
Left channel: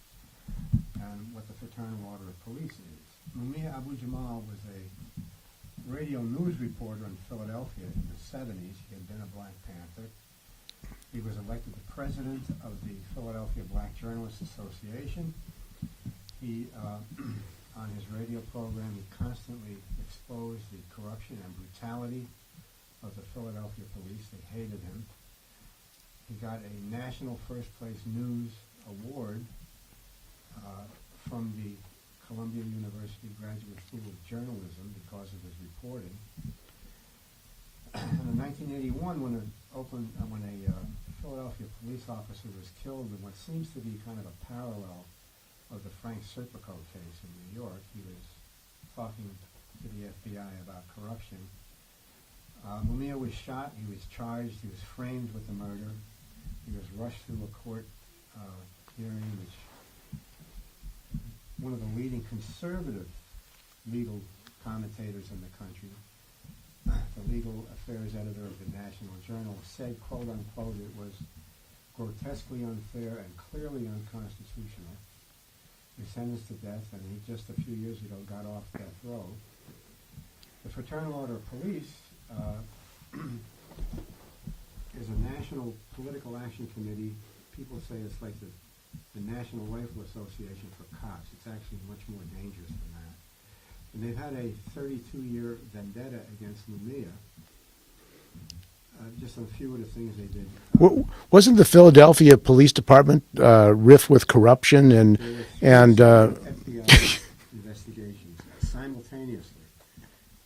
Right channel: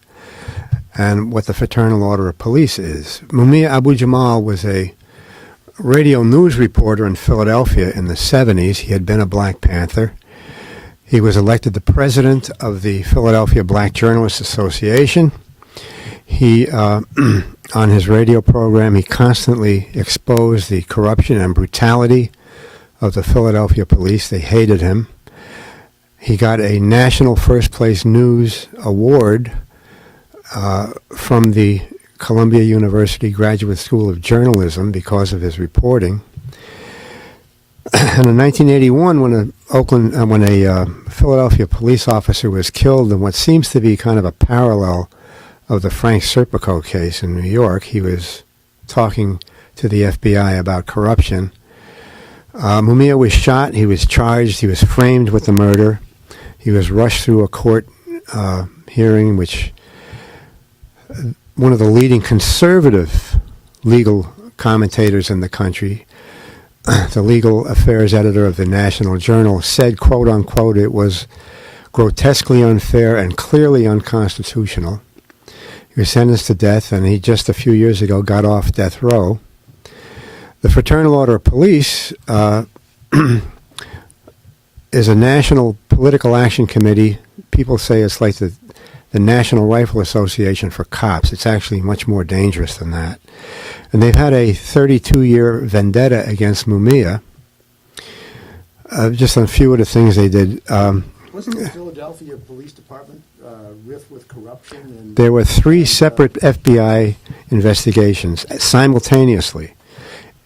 and what the Fraternal Order of Police is. Mumia Abu-Jamal was a radio news reporter in Philadelphia in the 70s. He had been a Black Panther. He was elected the president of the Philadelphia Black Journalists Association. He, on his radio program, he constantly exposed the corruption and brutality of the Philadelphia police. They hated him. He got a National First Place News Award from the Columbia University Graduate School of Journalism because of his reporting. And in 1981, when a Philadelphia police officer was killed in what seems to be kind of a parallel of the Frank Serpico case in New York, he was talking to the FBI about corruption. Mumia was shot. He was charged. He was framed with the murder. He was rushed through a court hearing, which one of the leading conservative legal commentators in the country, the legal affairs editor of the National Journal, said, quote unquote, it was grotesquely unfair and clearly unconstitutional. He was sentenced to death, and he just a few years ago got off death row. The Fraternal Order of Police is a national political action committee. People say it's like the National Rifle Association for cops. It's actually much more dangerous than that. And they've had a 32-year vendetta against Mumia. Just on a few of the things they did. Wasn't the Philadelphia Police Department rife with corruption? And there were three separate FBI investigations simultaneously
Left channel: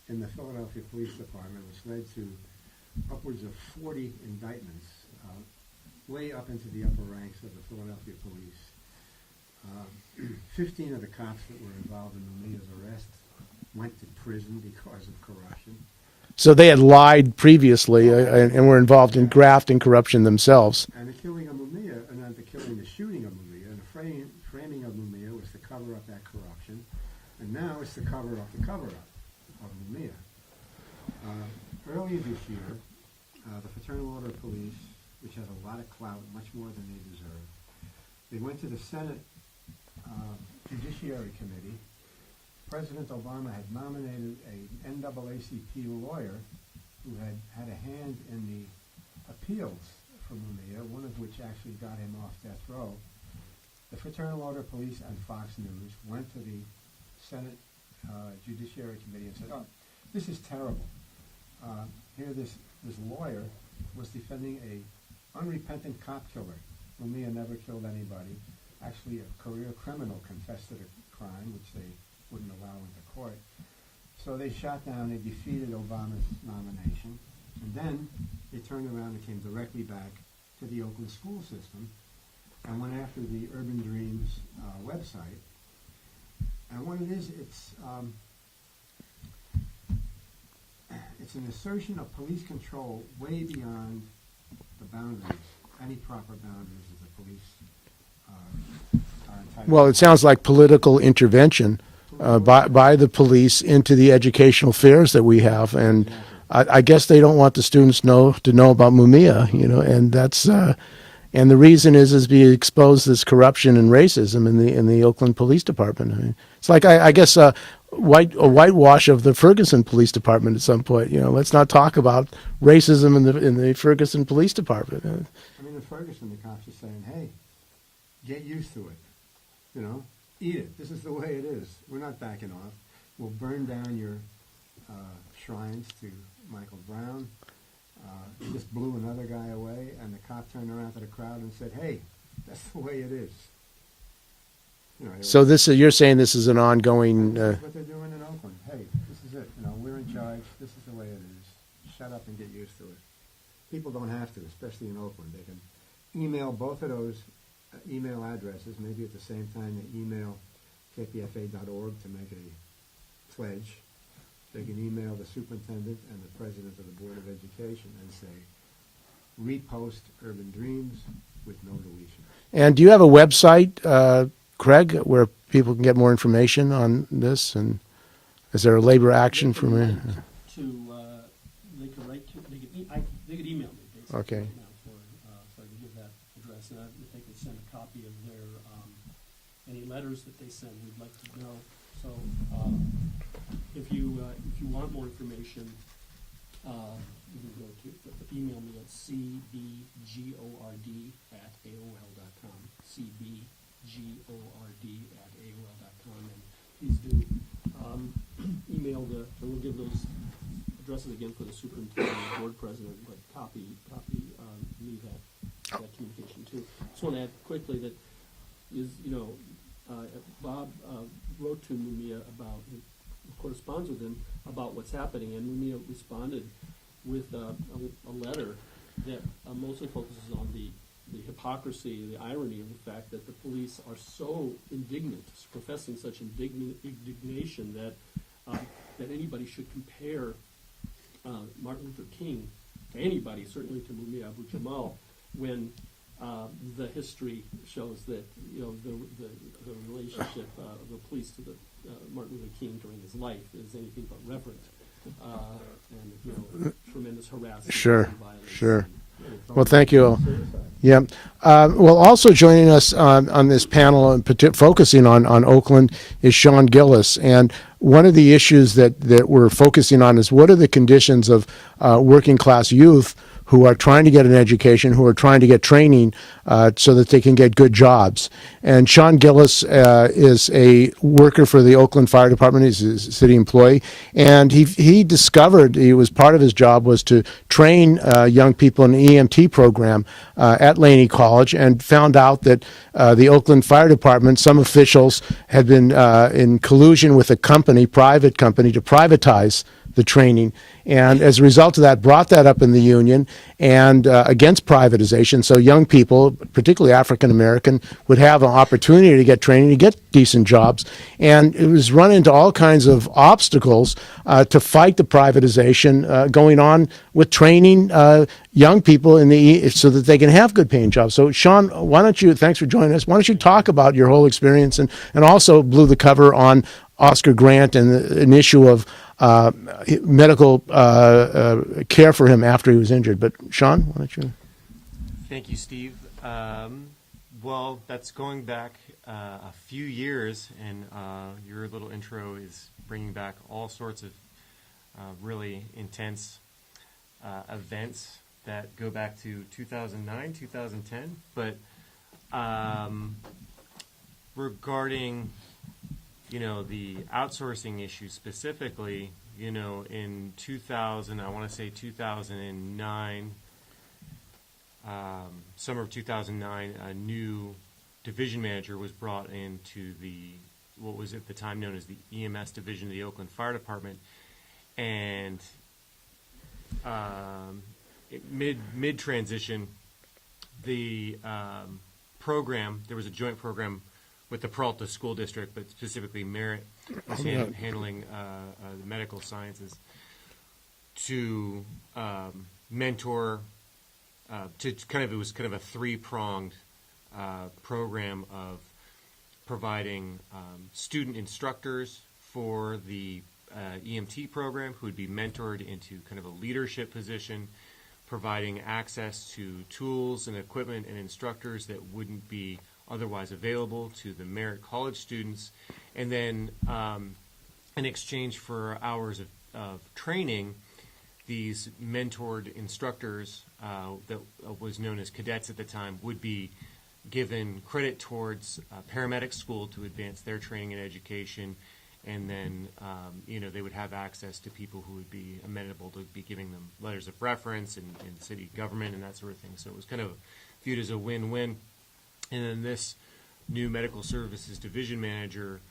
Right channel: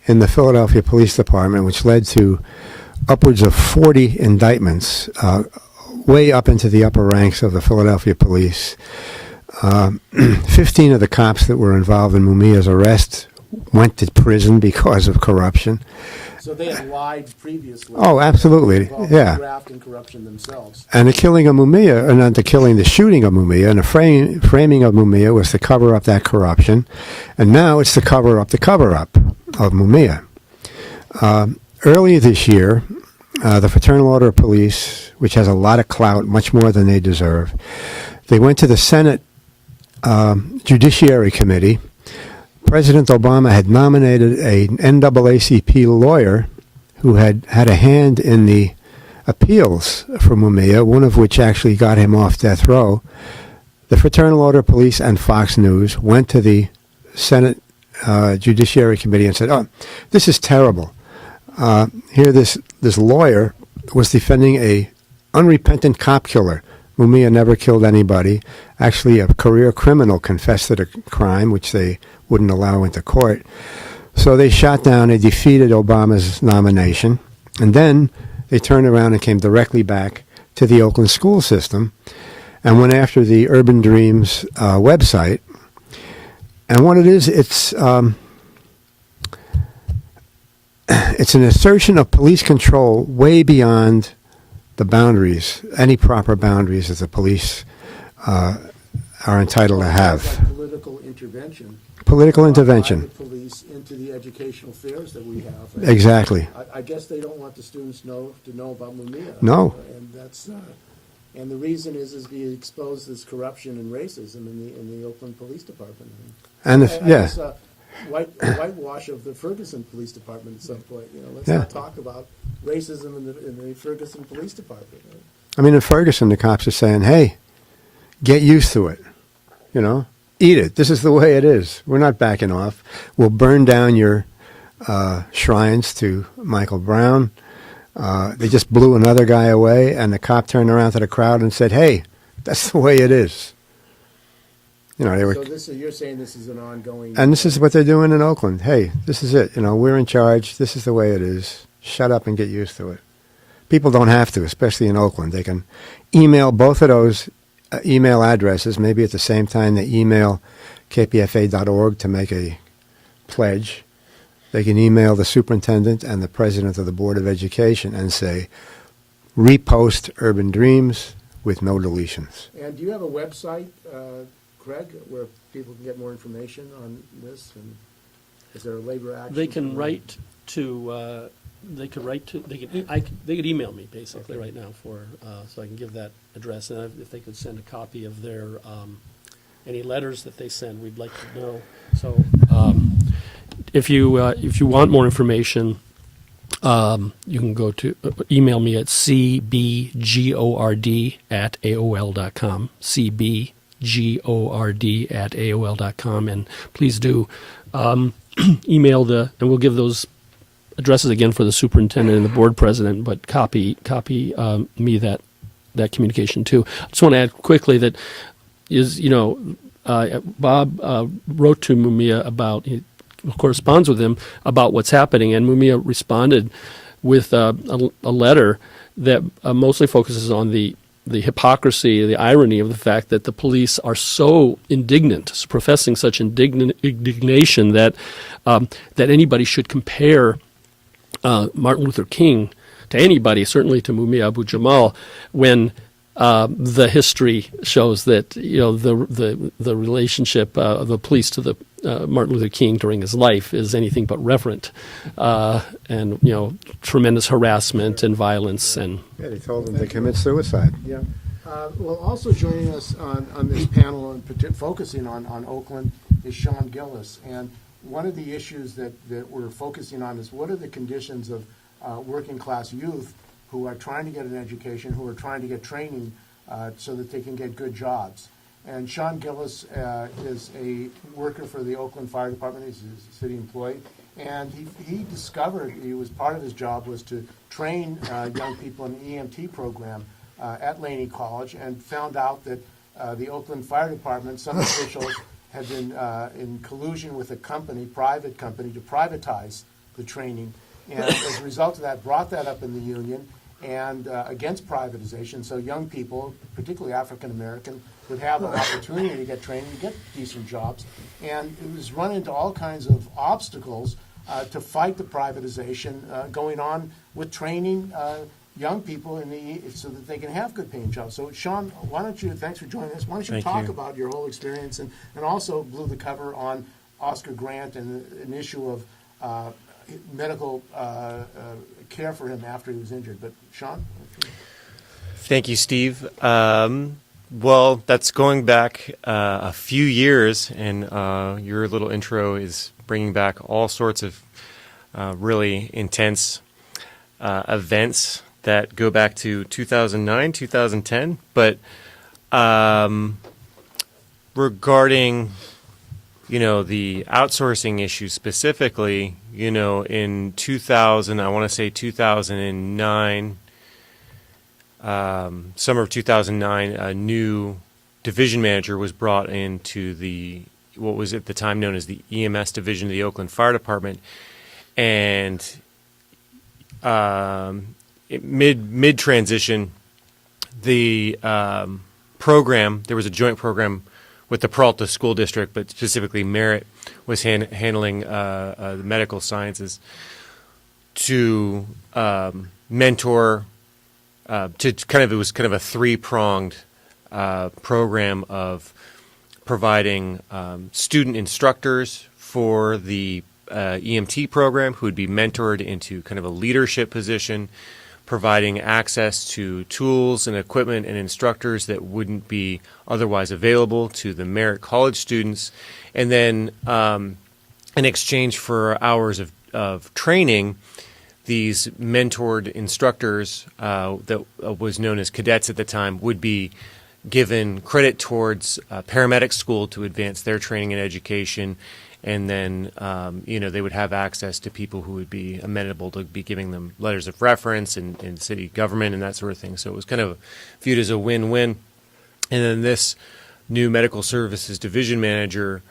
in the Philadelphia Police Department, which led to upwards of 40 indictments, way up into the upper ranks of the Philadelphia police. 15 of the cops that were involved in Mumia's arrest went to prison because of corruption. So they had lied previously. Oh, absolutely. And were involved Yeah. in graft and corruption themselves. And the killing of Mumia, and not the shooting of Mumia, and the framing of Mumia was to cover up that corruption. And now it's to cover up the cover-up of Mumia. Earlier this year, the Fraternal Order of Police, which has a lot of clout, much more than they deserve, they went to the Senate Judiciary Committee. President Obama had nominated an NAACP lawyer who had had a hand in the appeals for Mumia, one of which actually got him off death row. The Fraternal Order of Police and Fox News went to the Senate Judiciary Committee and said, oh, this is terrible. Here this lawyer was defending a unrepentant cop killer. Mumia never killed anybody. Actually, a career criminal confessed to the crime, which they wouldn't allow into court. So they shot down, they defeated Obama's nomination, and then they turned around and came directly back to the Oakland school system and went after the Urban Dreams website. And what it is, it's an assertion of police control way beyond the boundaries, any proper boundaries that the police are entitled Well, to it have. sounds like political intervention. Political By intervention. the police into the educational affairs that we have. And Exactly. I guess they don't want the students to know about Mumia. No. And that's and the reason is we expose this corruption and racism in the Oakland Police Department. I mean, it's And like if- I yeah. guess a whitewash of the Ferguson Police Department at some point. Let's Yeah. not talk about racism in the Ferguson Police Department. I mean, in Ferguson, the cops are saying, hey, get used to it. Eat it. This is the way it is. We're not backing off. We'll burn down your shrines to Michael Brown. They just blew another guy away, and the cop turned around to the crowd and said, hey, that's the way it is. They were, So you're saying this is an ongoing. and this is what they're doing in Oakland. Hey, this is it. We're in charge. This is the way it is. Shut up and get used to it. People don't have to, especially in Oakland. They can email both of those email addresses, maybe at the same time they email kpfa.org to make a pledge. They can email the superintendent and the president of the Board of Education and say, repost Urban Dreams with no deletions. And do you have a website, Craig, where people can get more information on this? And is there a labor action They from can write to. They could write to. They could email me basically Okay. right now so I can give that address, and if they could send a copy of their any letters that they send, we'd like to know. So if you want more information, you can go to email me at cbgord@aol.com. cbgord@aol.com, and please do email and we'll give those addresses again for the superintendent and the board president, but copy me that communication too. I just want to add quickly that Bob wrote to Mumia about, he corresponds with him about what's happening, and Mumia responded with a letter that mostly focuses on the hypocrisy, the irony of the fact that the police are so indignant, professing such indignation that anybody should compare Martin Luther King to anybody, certainly to Mumia Abu-Jamal, when the history shows that the relationship of the police to the Martin Luther King during his life is anything but reverent, and tremendous harassment Sure, and violence. sure. And Well, thank you. Suicide. Yeah. Well, also joining us on this panel and focusing on Oakland is Sean Gillis. And one of the issues that we're focusing on is what are the conditions of working class youth who are trying to get an education, who are trying to get training so that they can get good jobs. And Sean Gillis is a worker for the Oakland Fire Department. He's a city employee. And he discovered, part of his job was to train young people in an EMT program at Laney College, and found out that the Oakland Fire Department, some officials had been in collusion with a private company, to privatize the training. And as a result of that, brought that up in the union and against privatization. So young people, particularly African American, would have an opportunity to get training, to get decent jobs. And it was run into all kinds of obstacles to fight the privatization going on with training young people so that they can have good paying jobs. So Sean, thanks for joining us. Why don't you talk about your whole experience, and also blew the cover on Oscar Grant and an issue of medical care for him after he was injured. But Sean, why don't you? Thank you, Steve. Well, that's going back a few years, and your little intro is bringing back all sorts of really intense events that go back to 2009, 2010. But regarding the outsourcing issue specifically, in 2000, I want to say 2009, summer of 2009, a new division manager was brought into what was at the time known as the EMS division of the Oakland Fire Department. And mid-transition, the program, there was a joint program with the Peralta School District, but specifically Merritt was handling the medical sciences, to mentor it was kind of a three-pronged program of providing student instructors for the EMT program who would be mentored into kind of a leadership position, providing access to tools and equipment and instructors that wouldn't be otherwise available to the Merit College students, and then in exchange for hours of training, these mentored instructors that was known as cadets at the time would be given credit towards paramedic school to advance their training and education, and then they would have access to people who would be amenable to be giving them letters of reference in city government and that sort of thing. So it was kind of viewed as a win-win. And then this new medical services division manager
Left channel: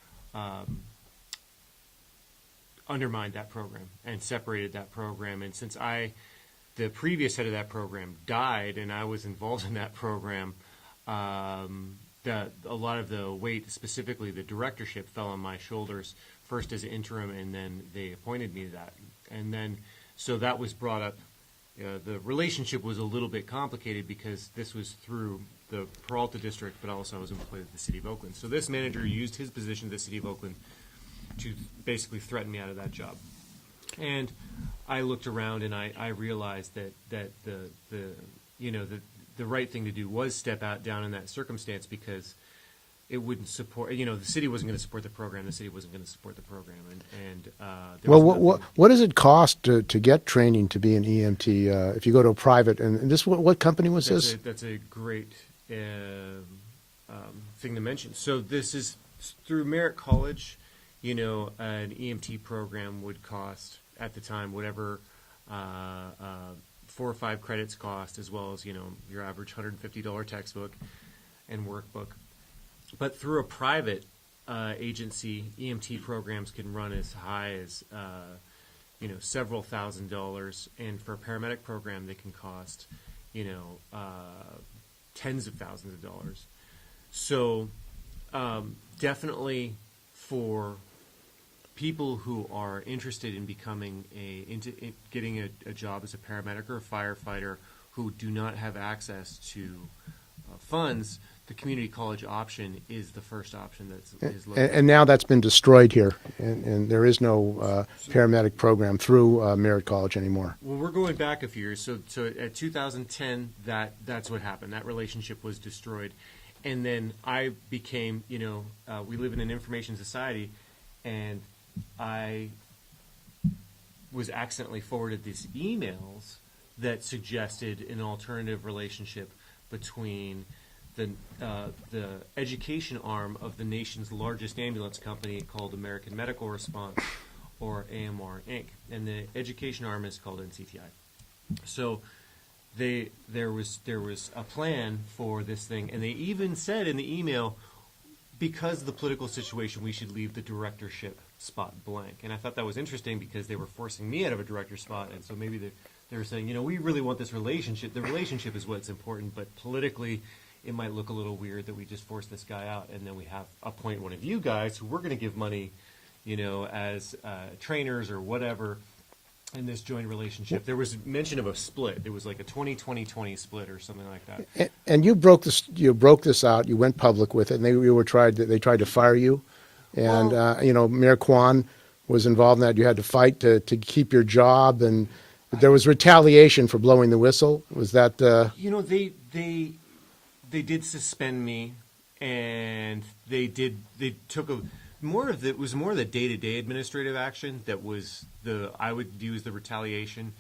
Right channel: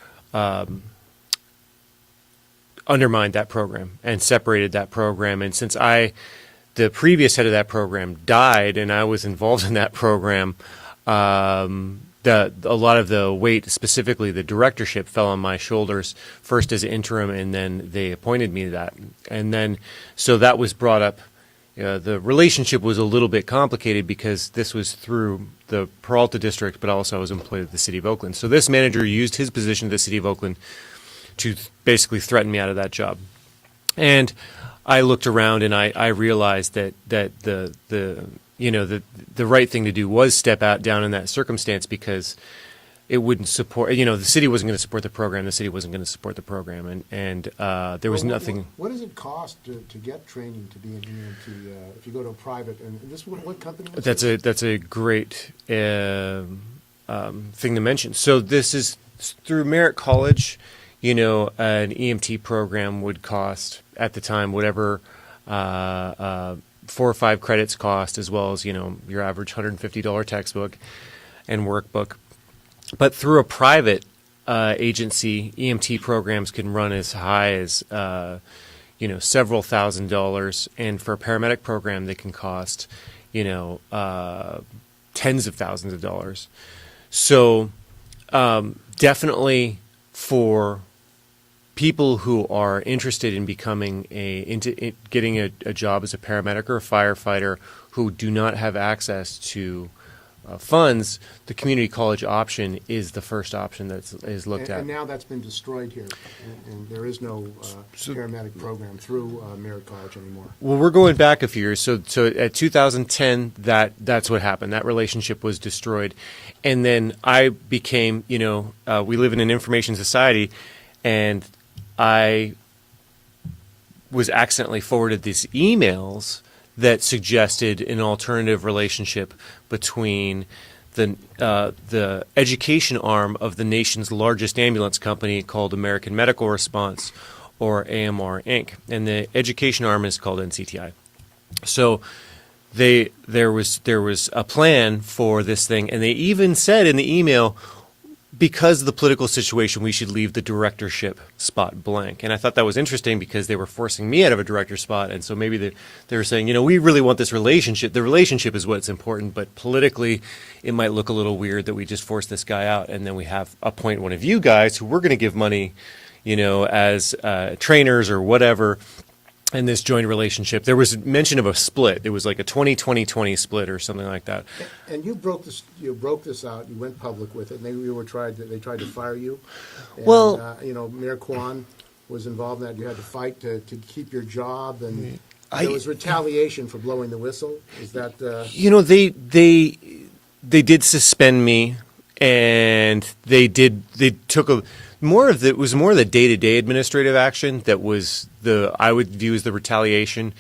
undermined that program and separated that program. And since the previous head of that program died and I was involved in that program, a lot of the weight, specifically the directorship, fell on my shoulders, first as interim, and then they appointed me to that. And then, so that was brought up. The relationship was a little bit complicated because this was through the Peralta district, but also I was employed at the City of Oakland. So this manager used his position at the City of Oakland to basically threaten me out of that job. And I looked around and I realized that the right thing to do was step out down in that circumstance, because it wouldn't support, the city wasn't going to support the program, the city wasn't going to support the program, and there was nothing. What does it cost to get training to be an EMT if you go to a private, and this, what company was this? That's a great thing to mention. So this is through Merit College. An EMT program would cost at the time whatever 4 or 5 credits cost, as well as your average $150 textbook and workbook. But through a private agency, EMT programs can run as high as several $1,000s, and for a paramedic program, they can cost tens of thousands of dollars. So definitely for people who are interested in becoming getting a job as a paramedic or a firefighter who do not have access to funds, the community college option is the first option that is looked at. And now that's been destroyed here, and there is no paramedic program through Merit College anymore. Well, we're going back a few years. So at 2010, that's what happened. That relationship was destroyed. And then I became, we live in an information society, and I was accidentally forwarded these emails that suggested an alternative relationship between the education arm of the nation's largest ambulance company called American Medical Response, or AMR Inc., and the education arm is called NCTI. So there was a plan for this thing, and they even said in the email, because of the political situation, we should leave the directorship spot blank. And I thought that was interesting because they were forcing me out of a director spot. And so maybe they were saying, we really want this relationship. The relationship is what's important, but politically it might look a little weird that we just force this guy out. And then we appoint one of you guys who we're going to give money, as trainers or whatever. In this joint relationship, there was mention of a split. It was like a 20-20-20 split or something like that. And you broke this. You broke this out. You went public with it, and they tried to fire you. And Mayor Kwan was involved in that. You had to fight to keep your job, and there was retaliation for blowing the whistle. Was that? They did suspend me, and they took it was more of the day-to-day administrative action that was I would view as the retaliation,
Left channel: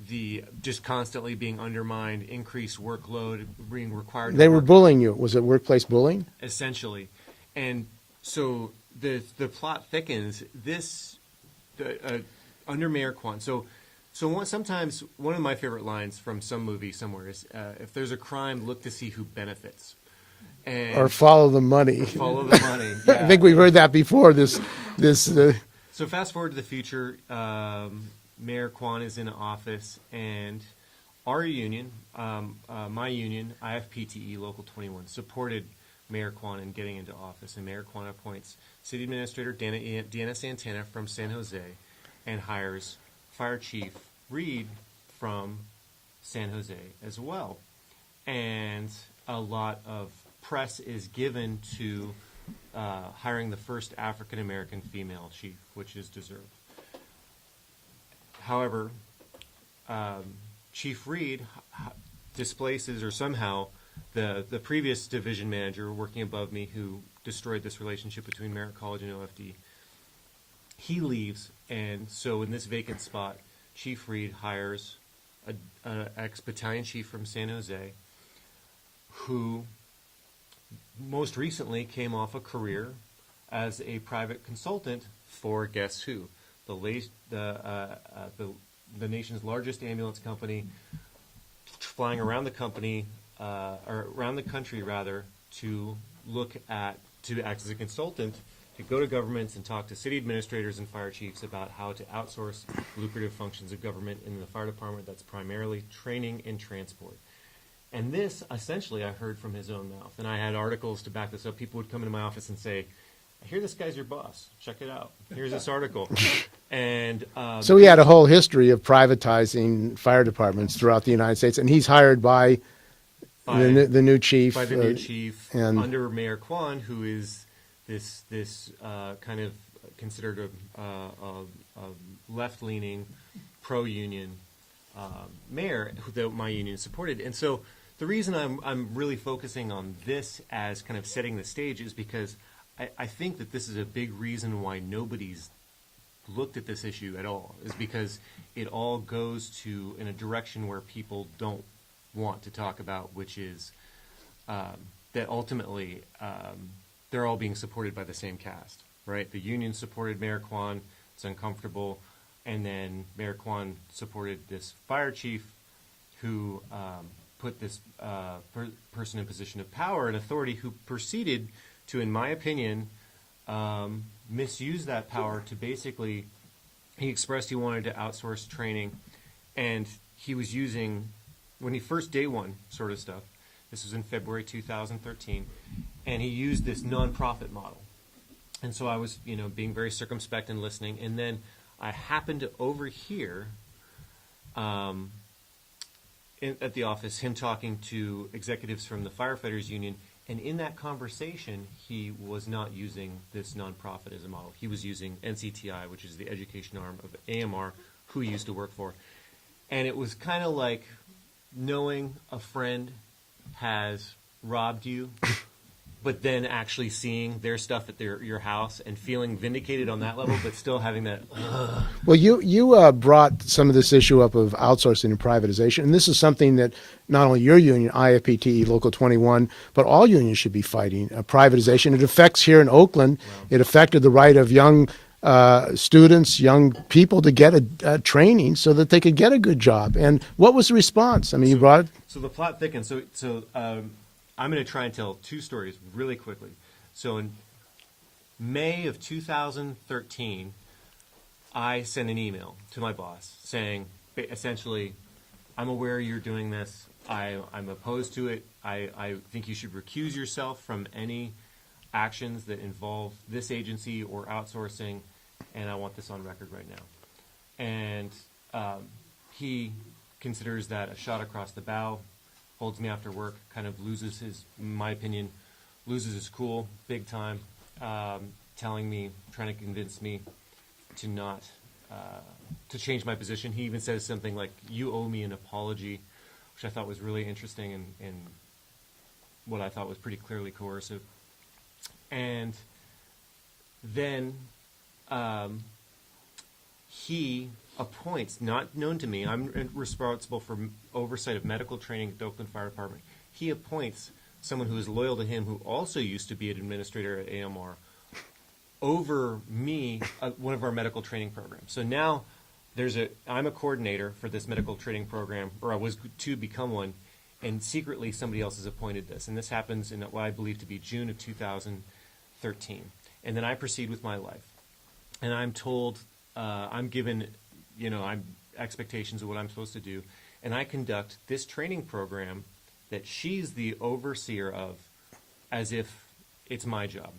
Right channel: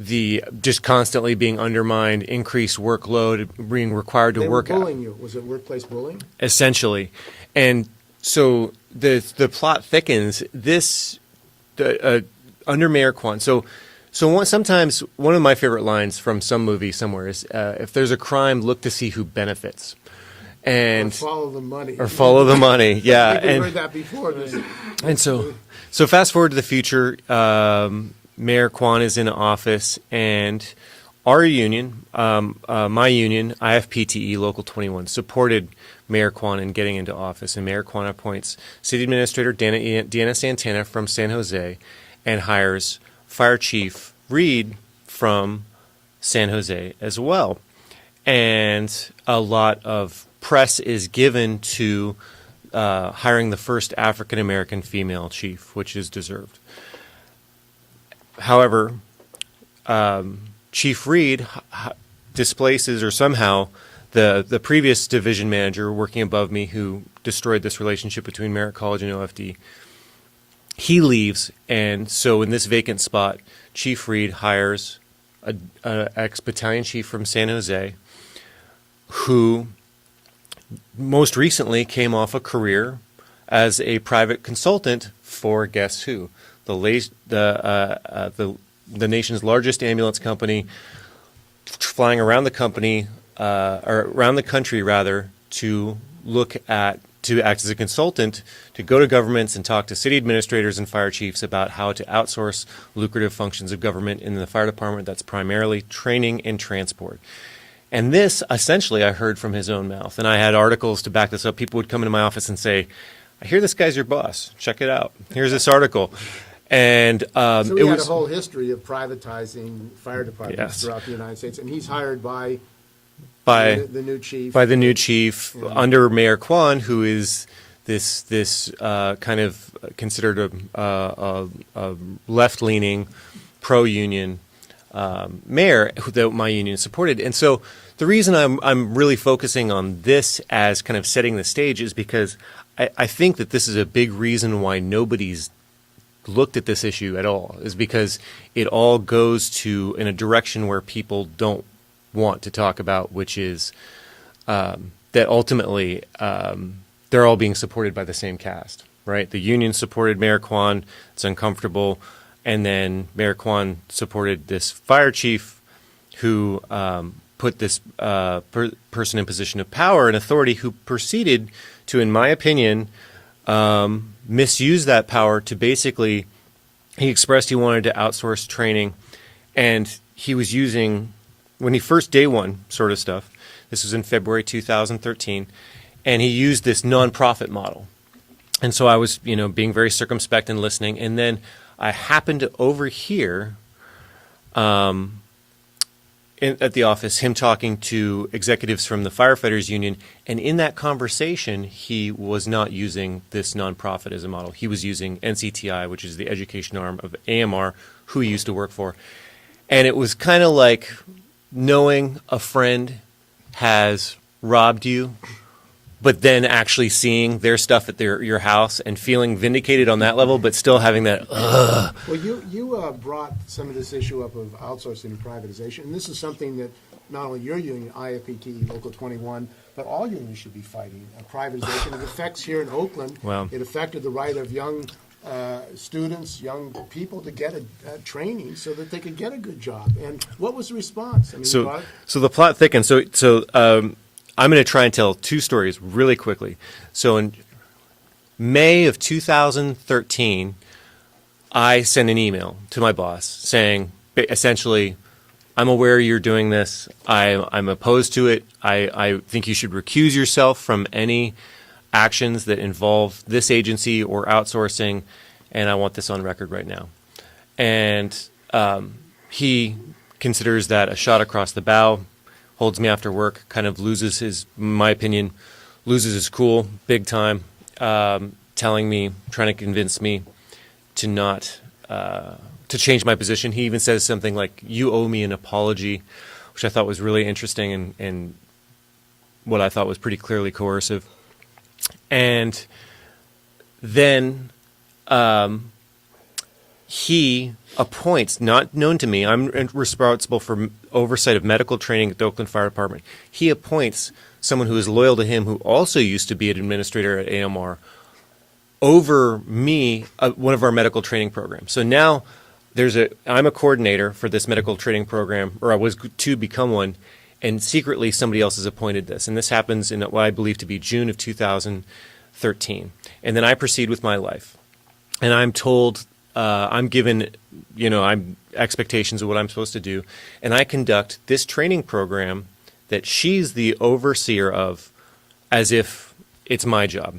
the just constantly being undermined, increased workload, being required to work. They were bullying you. Was it workplace bullying? Essentially. And so the plot thickens. Under Mayor Kwan. Sometimes one of my favorite lines from some movie somewhere is, if there's a crime, look to see who benefits. Or follow the money. Yeah. I think we've heard that before. So fast forward to the future. Mayor Kwan is in office, and our union, my union, IFPTE Local 21, supported Mayor Kwan in getting into office. And Mayor Kwan appoints City Administrator Deanna Santana from San Jose and hires Fire Chief Reed from San Jose as well. And a lot of press is given to hiring the first African American female chief, which is deserved. However, Chief Reed displaces, or somehow the previous division manager working above me, who destroyed this relationship between Merritt College and OFD, he leaves, and so in this vacant spot, Chief Reed hires an ex-battalion chief from San Jose, who most recently came off a career as a private consultant for, guess who? The nation's largest ambulance company, flying around the company, or around the country rather, to act as a consultant, to go to governments and talk to city administrators and fire chiefs about how to outsource lucrative functions of government in the fire department. That's primarily training and transport. And this, essentially, I heard from his own mouth. And I had articles to back this up. People would come into my office and say, I hear this guy's your boss. Check it out. Here's this article. And so he had a whole history of privatizing fire departments throughout the United States, and he's hired by the new chief. By the new chief, under Mayor Kwan, who is this kind of considered a left-leaning, pro-union mayor that my union supported. And so the reason I'm really focusing on this as kind of setting the stage is because I think that this is a big reason why nobody's looked at this issue at all, is because it all goes in a direction where people don't want to talk about, which is that ultimately they're all being supported by the same cast, right? The union supported Mayor Kwan. It's uncomfortable. And then Mayor Kwan supported this fire chief who put this person in position of power and authority, who proceeded to, in my opinion, misuse that power to basically, he expressed he wanted to outsource training, and he was using, when he first day one sort of stuff, this was in February 2013, and he used this nonprofit model. And so I was, being very circumspect and listening, and then I happened to overhear at the office him talking to executives from the firefighters union, and in that conversation he was not using this nonprofit as a model. He was using NCTI, which is the education arm of AMR, who he used to work for. And it was kind of like knowing a friend has robbed you, but then actually seeing their stuff at your house and feeling vindicated on that level, but still having that, ugh. Well, you brought some of this issue up of outsourcing and privatization, and this is something that not only your union, IFPTE Local 21, but all unions should be fighting. Privatization, it affects here in Oakland. Wow. It affected the right of young students, young people to get a training so that they could get a good job. And what was the response? I mean, so the plot thickens. So I'm going to try and tell two stories really quickly. So in May of 2013, I sent an email to my boss saying, essentially, I'm aware you're doing this. I'm opposed to it. I think you should recuse yourself from any actions that involve this agency or outsourcing, and I want this on record right now. And he considers that a shot across the bow, holds me after work, kind of loses his, in my opinion, loses his cool big time, telling me, trying to convince me to not, to change my position. He even says something like, you owe me an apology, which I thought was really interesting and what I thought was pretty clearly coercive. And then he appoints, not known to me, I'm responsible for oversight of medical training at the Oakland Fire Department. He appoints someone who is loyal to him, who also used to be an administrator at AMR, over me, one of our medical training programs. So now I'm a coordinator for this medical training program, or I was to become one, and secretly somebody else has appointed this. And this happens in what I believe to be June of 2013. And then I proceed with my life. And I'm told, I'm given, I'm expectations of what I'm supposed to do. And I conduct this training program that she's the overseer of as if it's my job.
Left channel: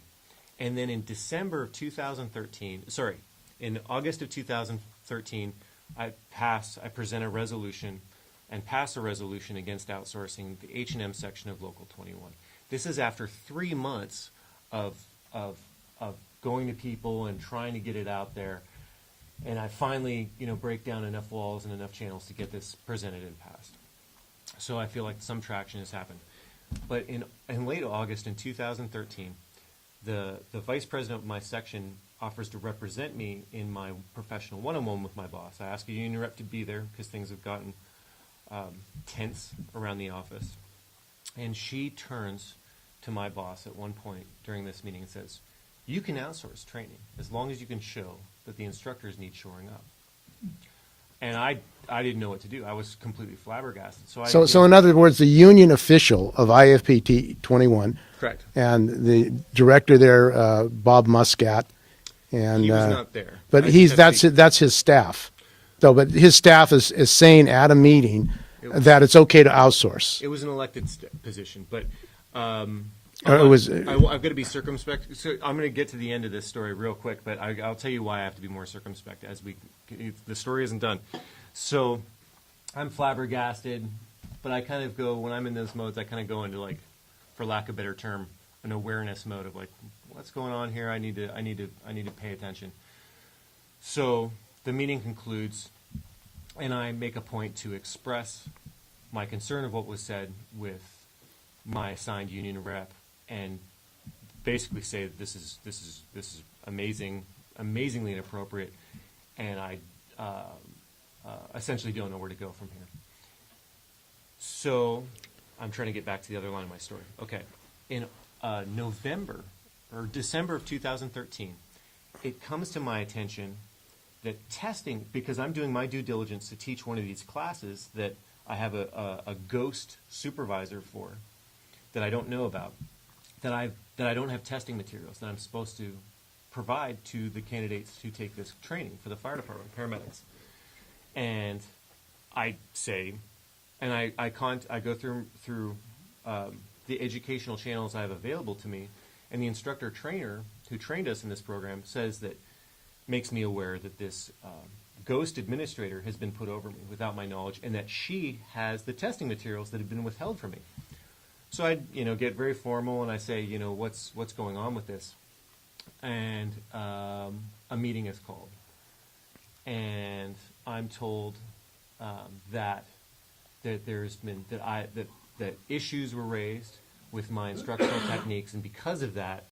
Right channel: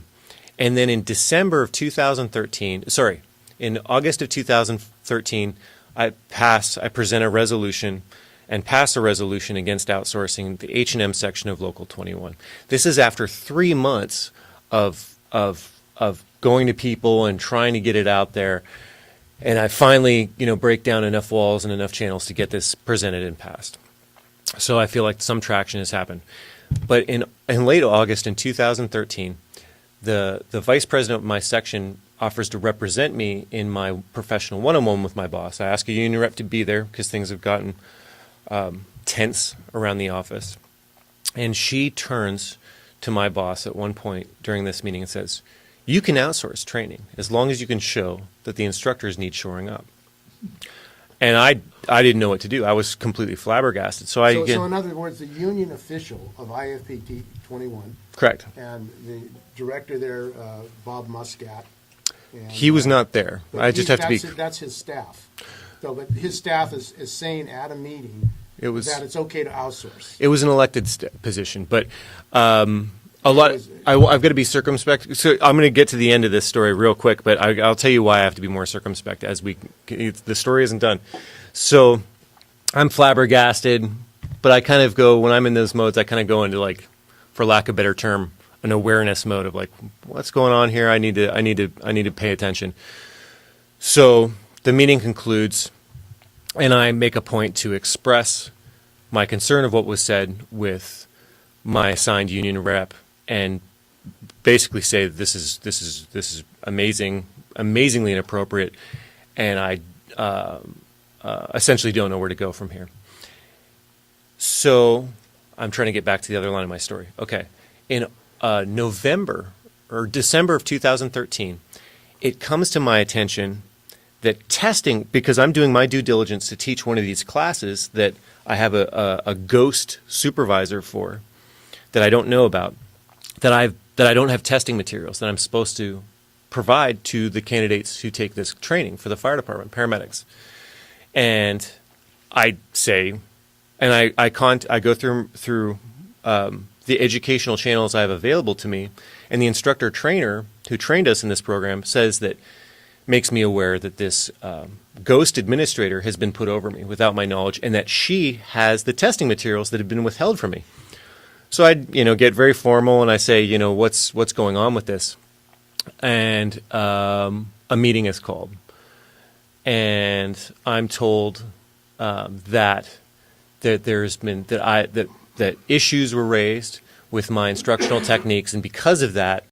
And then in December of 2013, in August of 2013, I present a resolution and pass a resolution against outsourcing the H&M section of Local 21. This is after 3 months of going to people and trying to get it out there. And I finally, break down enough walls and enough channels to get this presented and passed. So I feel like some traction has happened. But in late August in 2013, the vice president of my section offers to represent me in my professional one-on-one with my boss. I ask a union rep to be there because things have gotten tense around the office. And she turns to my boss at one point during this meeting and says, "You can outsource training as long as you can show that the instructors need shoring up." And I didn't know what to do. I was completely flabbergasted. So in other words, the union official of IFPT 21. Correct. And the director there, Bob Muscat. And, he was not there. But that's his staff. So, but his staff is saying at a meeting that it's okay to outsource. It was an elected position, but I've got to be circumspect. So I'm going to get to the end of this story real quick, but I'll tell you why I have to be more circumspect as the story isn't done. So I'm flabbergasted, but I kind of go, when I'm in those modes, I kind of go into, like, for lack of a better term, an awareness mode of, like, what's going on here? I need to pay attention. So the meeting concludes, and I make a point to express my concern of what was said with my assigned union rep, and basically say that this is amazingly inappropriate, and I essentially don't know where to go from here. So I'm trying to get back to the other line of my story. Okay, in November or December of 2013, it comes to my attention that testing, because I'm doing my due diligence to teach one of these classes that I have a ghost supervisor for that I don't know about, that I don't have testing materials that I'm supposed to provide to the candidates who take this training for the fire department, paramedics. And I say, and I go through the educational channels I have available to me, and the instructor trainer who trained us in this program says that, makes me aware that this ghost administrator has been put over me without my knowledge, and that she has the testing materials that have been withheld from me. So I, get very formal and I say, what's going on with this? And a meeting is called, and I'm told that there's been that issues were raised with my instructional techniques, and because of that,